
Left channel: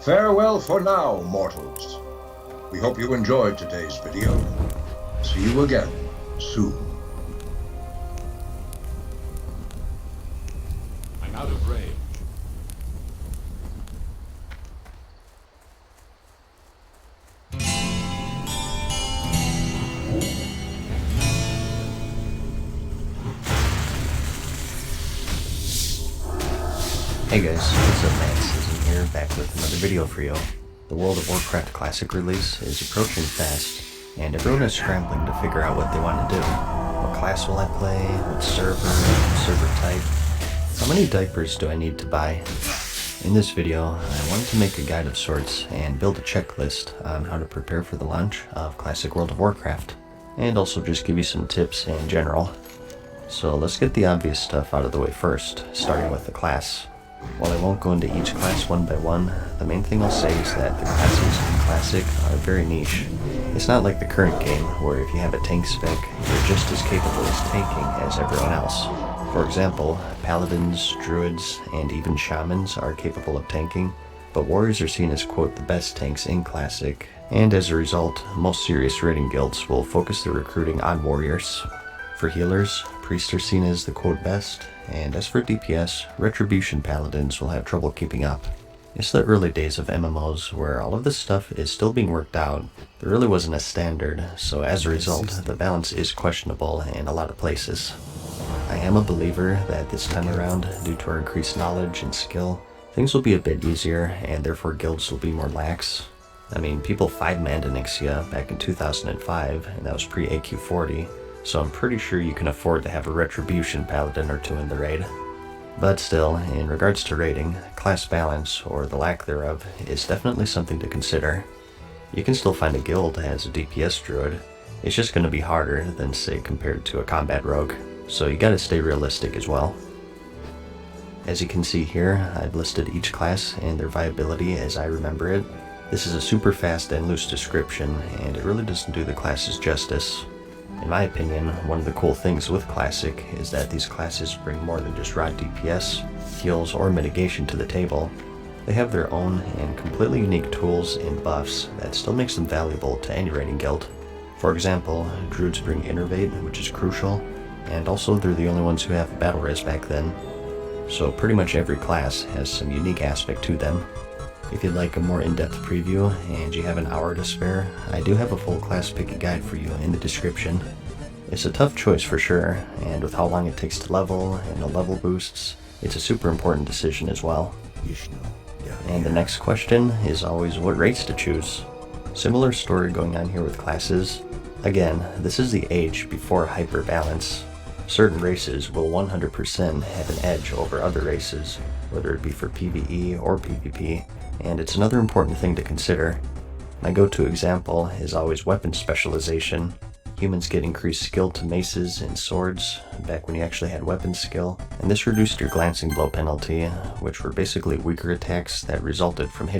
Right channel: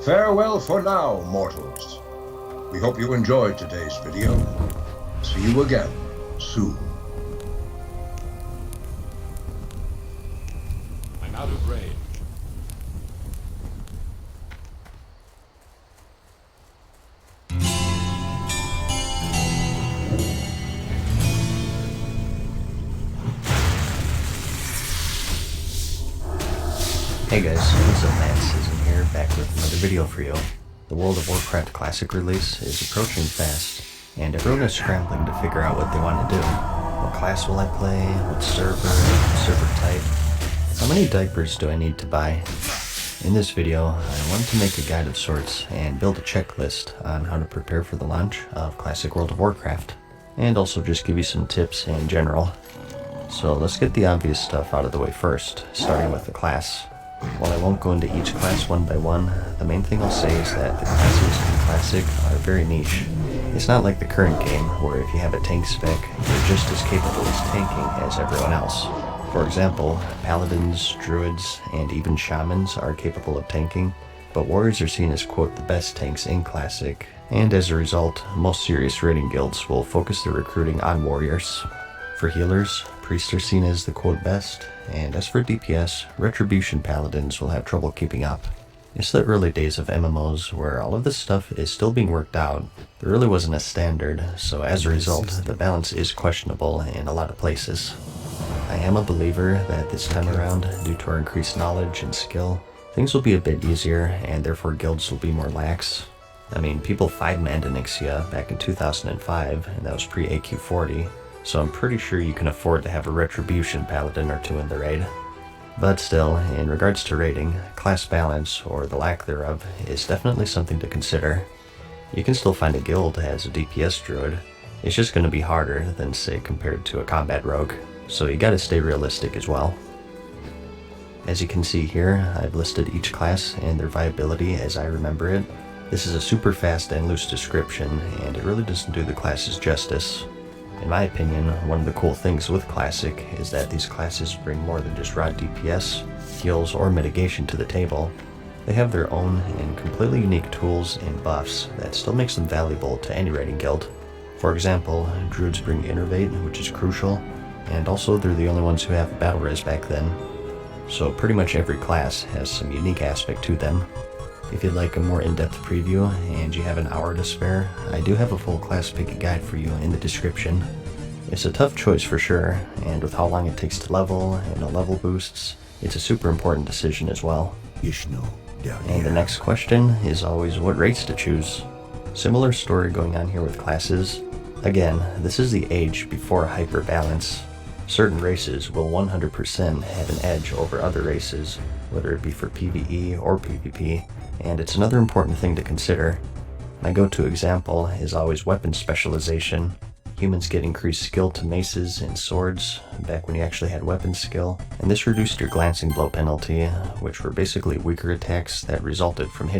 Farewell for now, mortals. We hope you enjoyed today's video. See you again soon. I'm out of range. Hey guys, what's up, man? Season here, back with another video for you. The World of Warcraft Classic release is approaching fast, and everyone is scrambling to figure out what they want to do. What class will I play? What server type? How many diapers do I need to buy? In this video, I wanted to make a guide of sorts and build a checklist on how to prepare for the launch of Classic World of Warcraft, and also just give you some tips in general. So let's get the obvious stuff out of the way first, starting with the class. While I won't go into each class one by one, the main thing I'll say is that the classes in Classic are very niche. It's not like the current game, where if you have a tank spec, you're just as capable as tanking as everyone else. For example, paladins, druids, and even shamans are capable of tanking, but warriors are seen as, quote, the best tanks in Classic, and as a result, most serious raiding guilds will focus their recruiting on warriors. For healers, priests are seen as the, quote, best, and as for DPS, Retribution Paladins will have trouble keeping up. It's the early days of MMOs where all of this stuff is still being worked out. There really wasn't a standard, so as a result, the balance is questionable in a lot of places. I am a believer that this time around, due to our increased knowledge and skill, things will be a bit easier, and therefore guilds will be more lax. I mean, people 5-manned Onyxia back in 2005, and that was pre-AQ40, so I'm pretty sure you can afford to have a Retribution Paladin or two in the raid. But still, in regards to raiding, class balance, or the lack thereof, is definitely something to consider. You can still find a guild as a DPS druid, it's just going to be harder than, say, compared to a combat rogue, so you gotta stay realistic as well. As you can see here, I've listed each class and their viability as I remember it. This is a super fast and loose description, and it really doesn't do the classes justice. In my opinion, one of the cool things with Classic is that these classes bring more than just raw DPS, heals, or mitigation to the table. They have their own and completely unique tools and buffs that still makes them valuable to any raiding guild. For example, druids bring Innervate, which is crucial, and also they're the only ones who have battle res back then. So pretty much every class has some unique aspect to them. If you'd like a more in-depth preview and you have an hour to spare, I do have a full class picky guide for you in the description. It's a tough choice for sure, and with how long it takes to level and the level boosts, it's a super important decision as well. And the next question is always what race to choose. Similar story going on here with classes. Again, this is the age before hyper balance. Certain races will 100% have an edge over other races, whether it be for PvE or PvP. And it's another important thing to consider. My go-to example is always weapon specialization. Humans get increased skill to maces and swords, back when you actually had weapon skill, and this reduced your glancing blow penalty, which were basically weaker attacks that resulted from hitting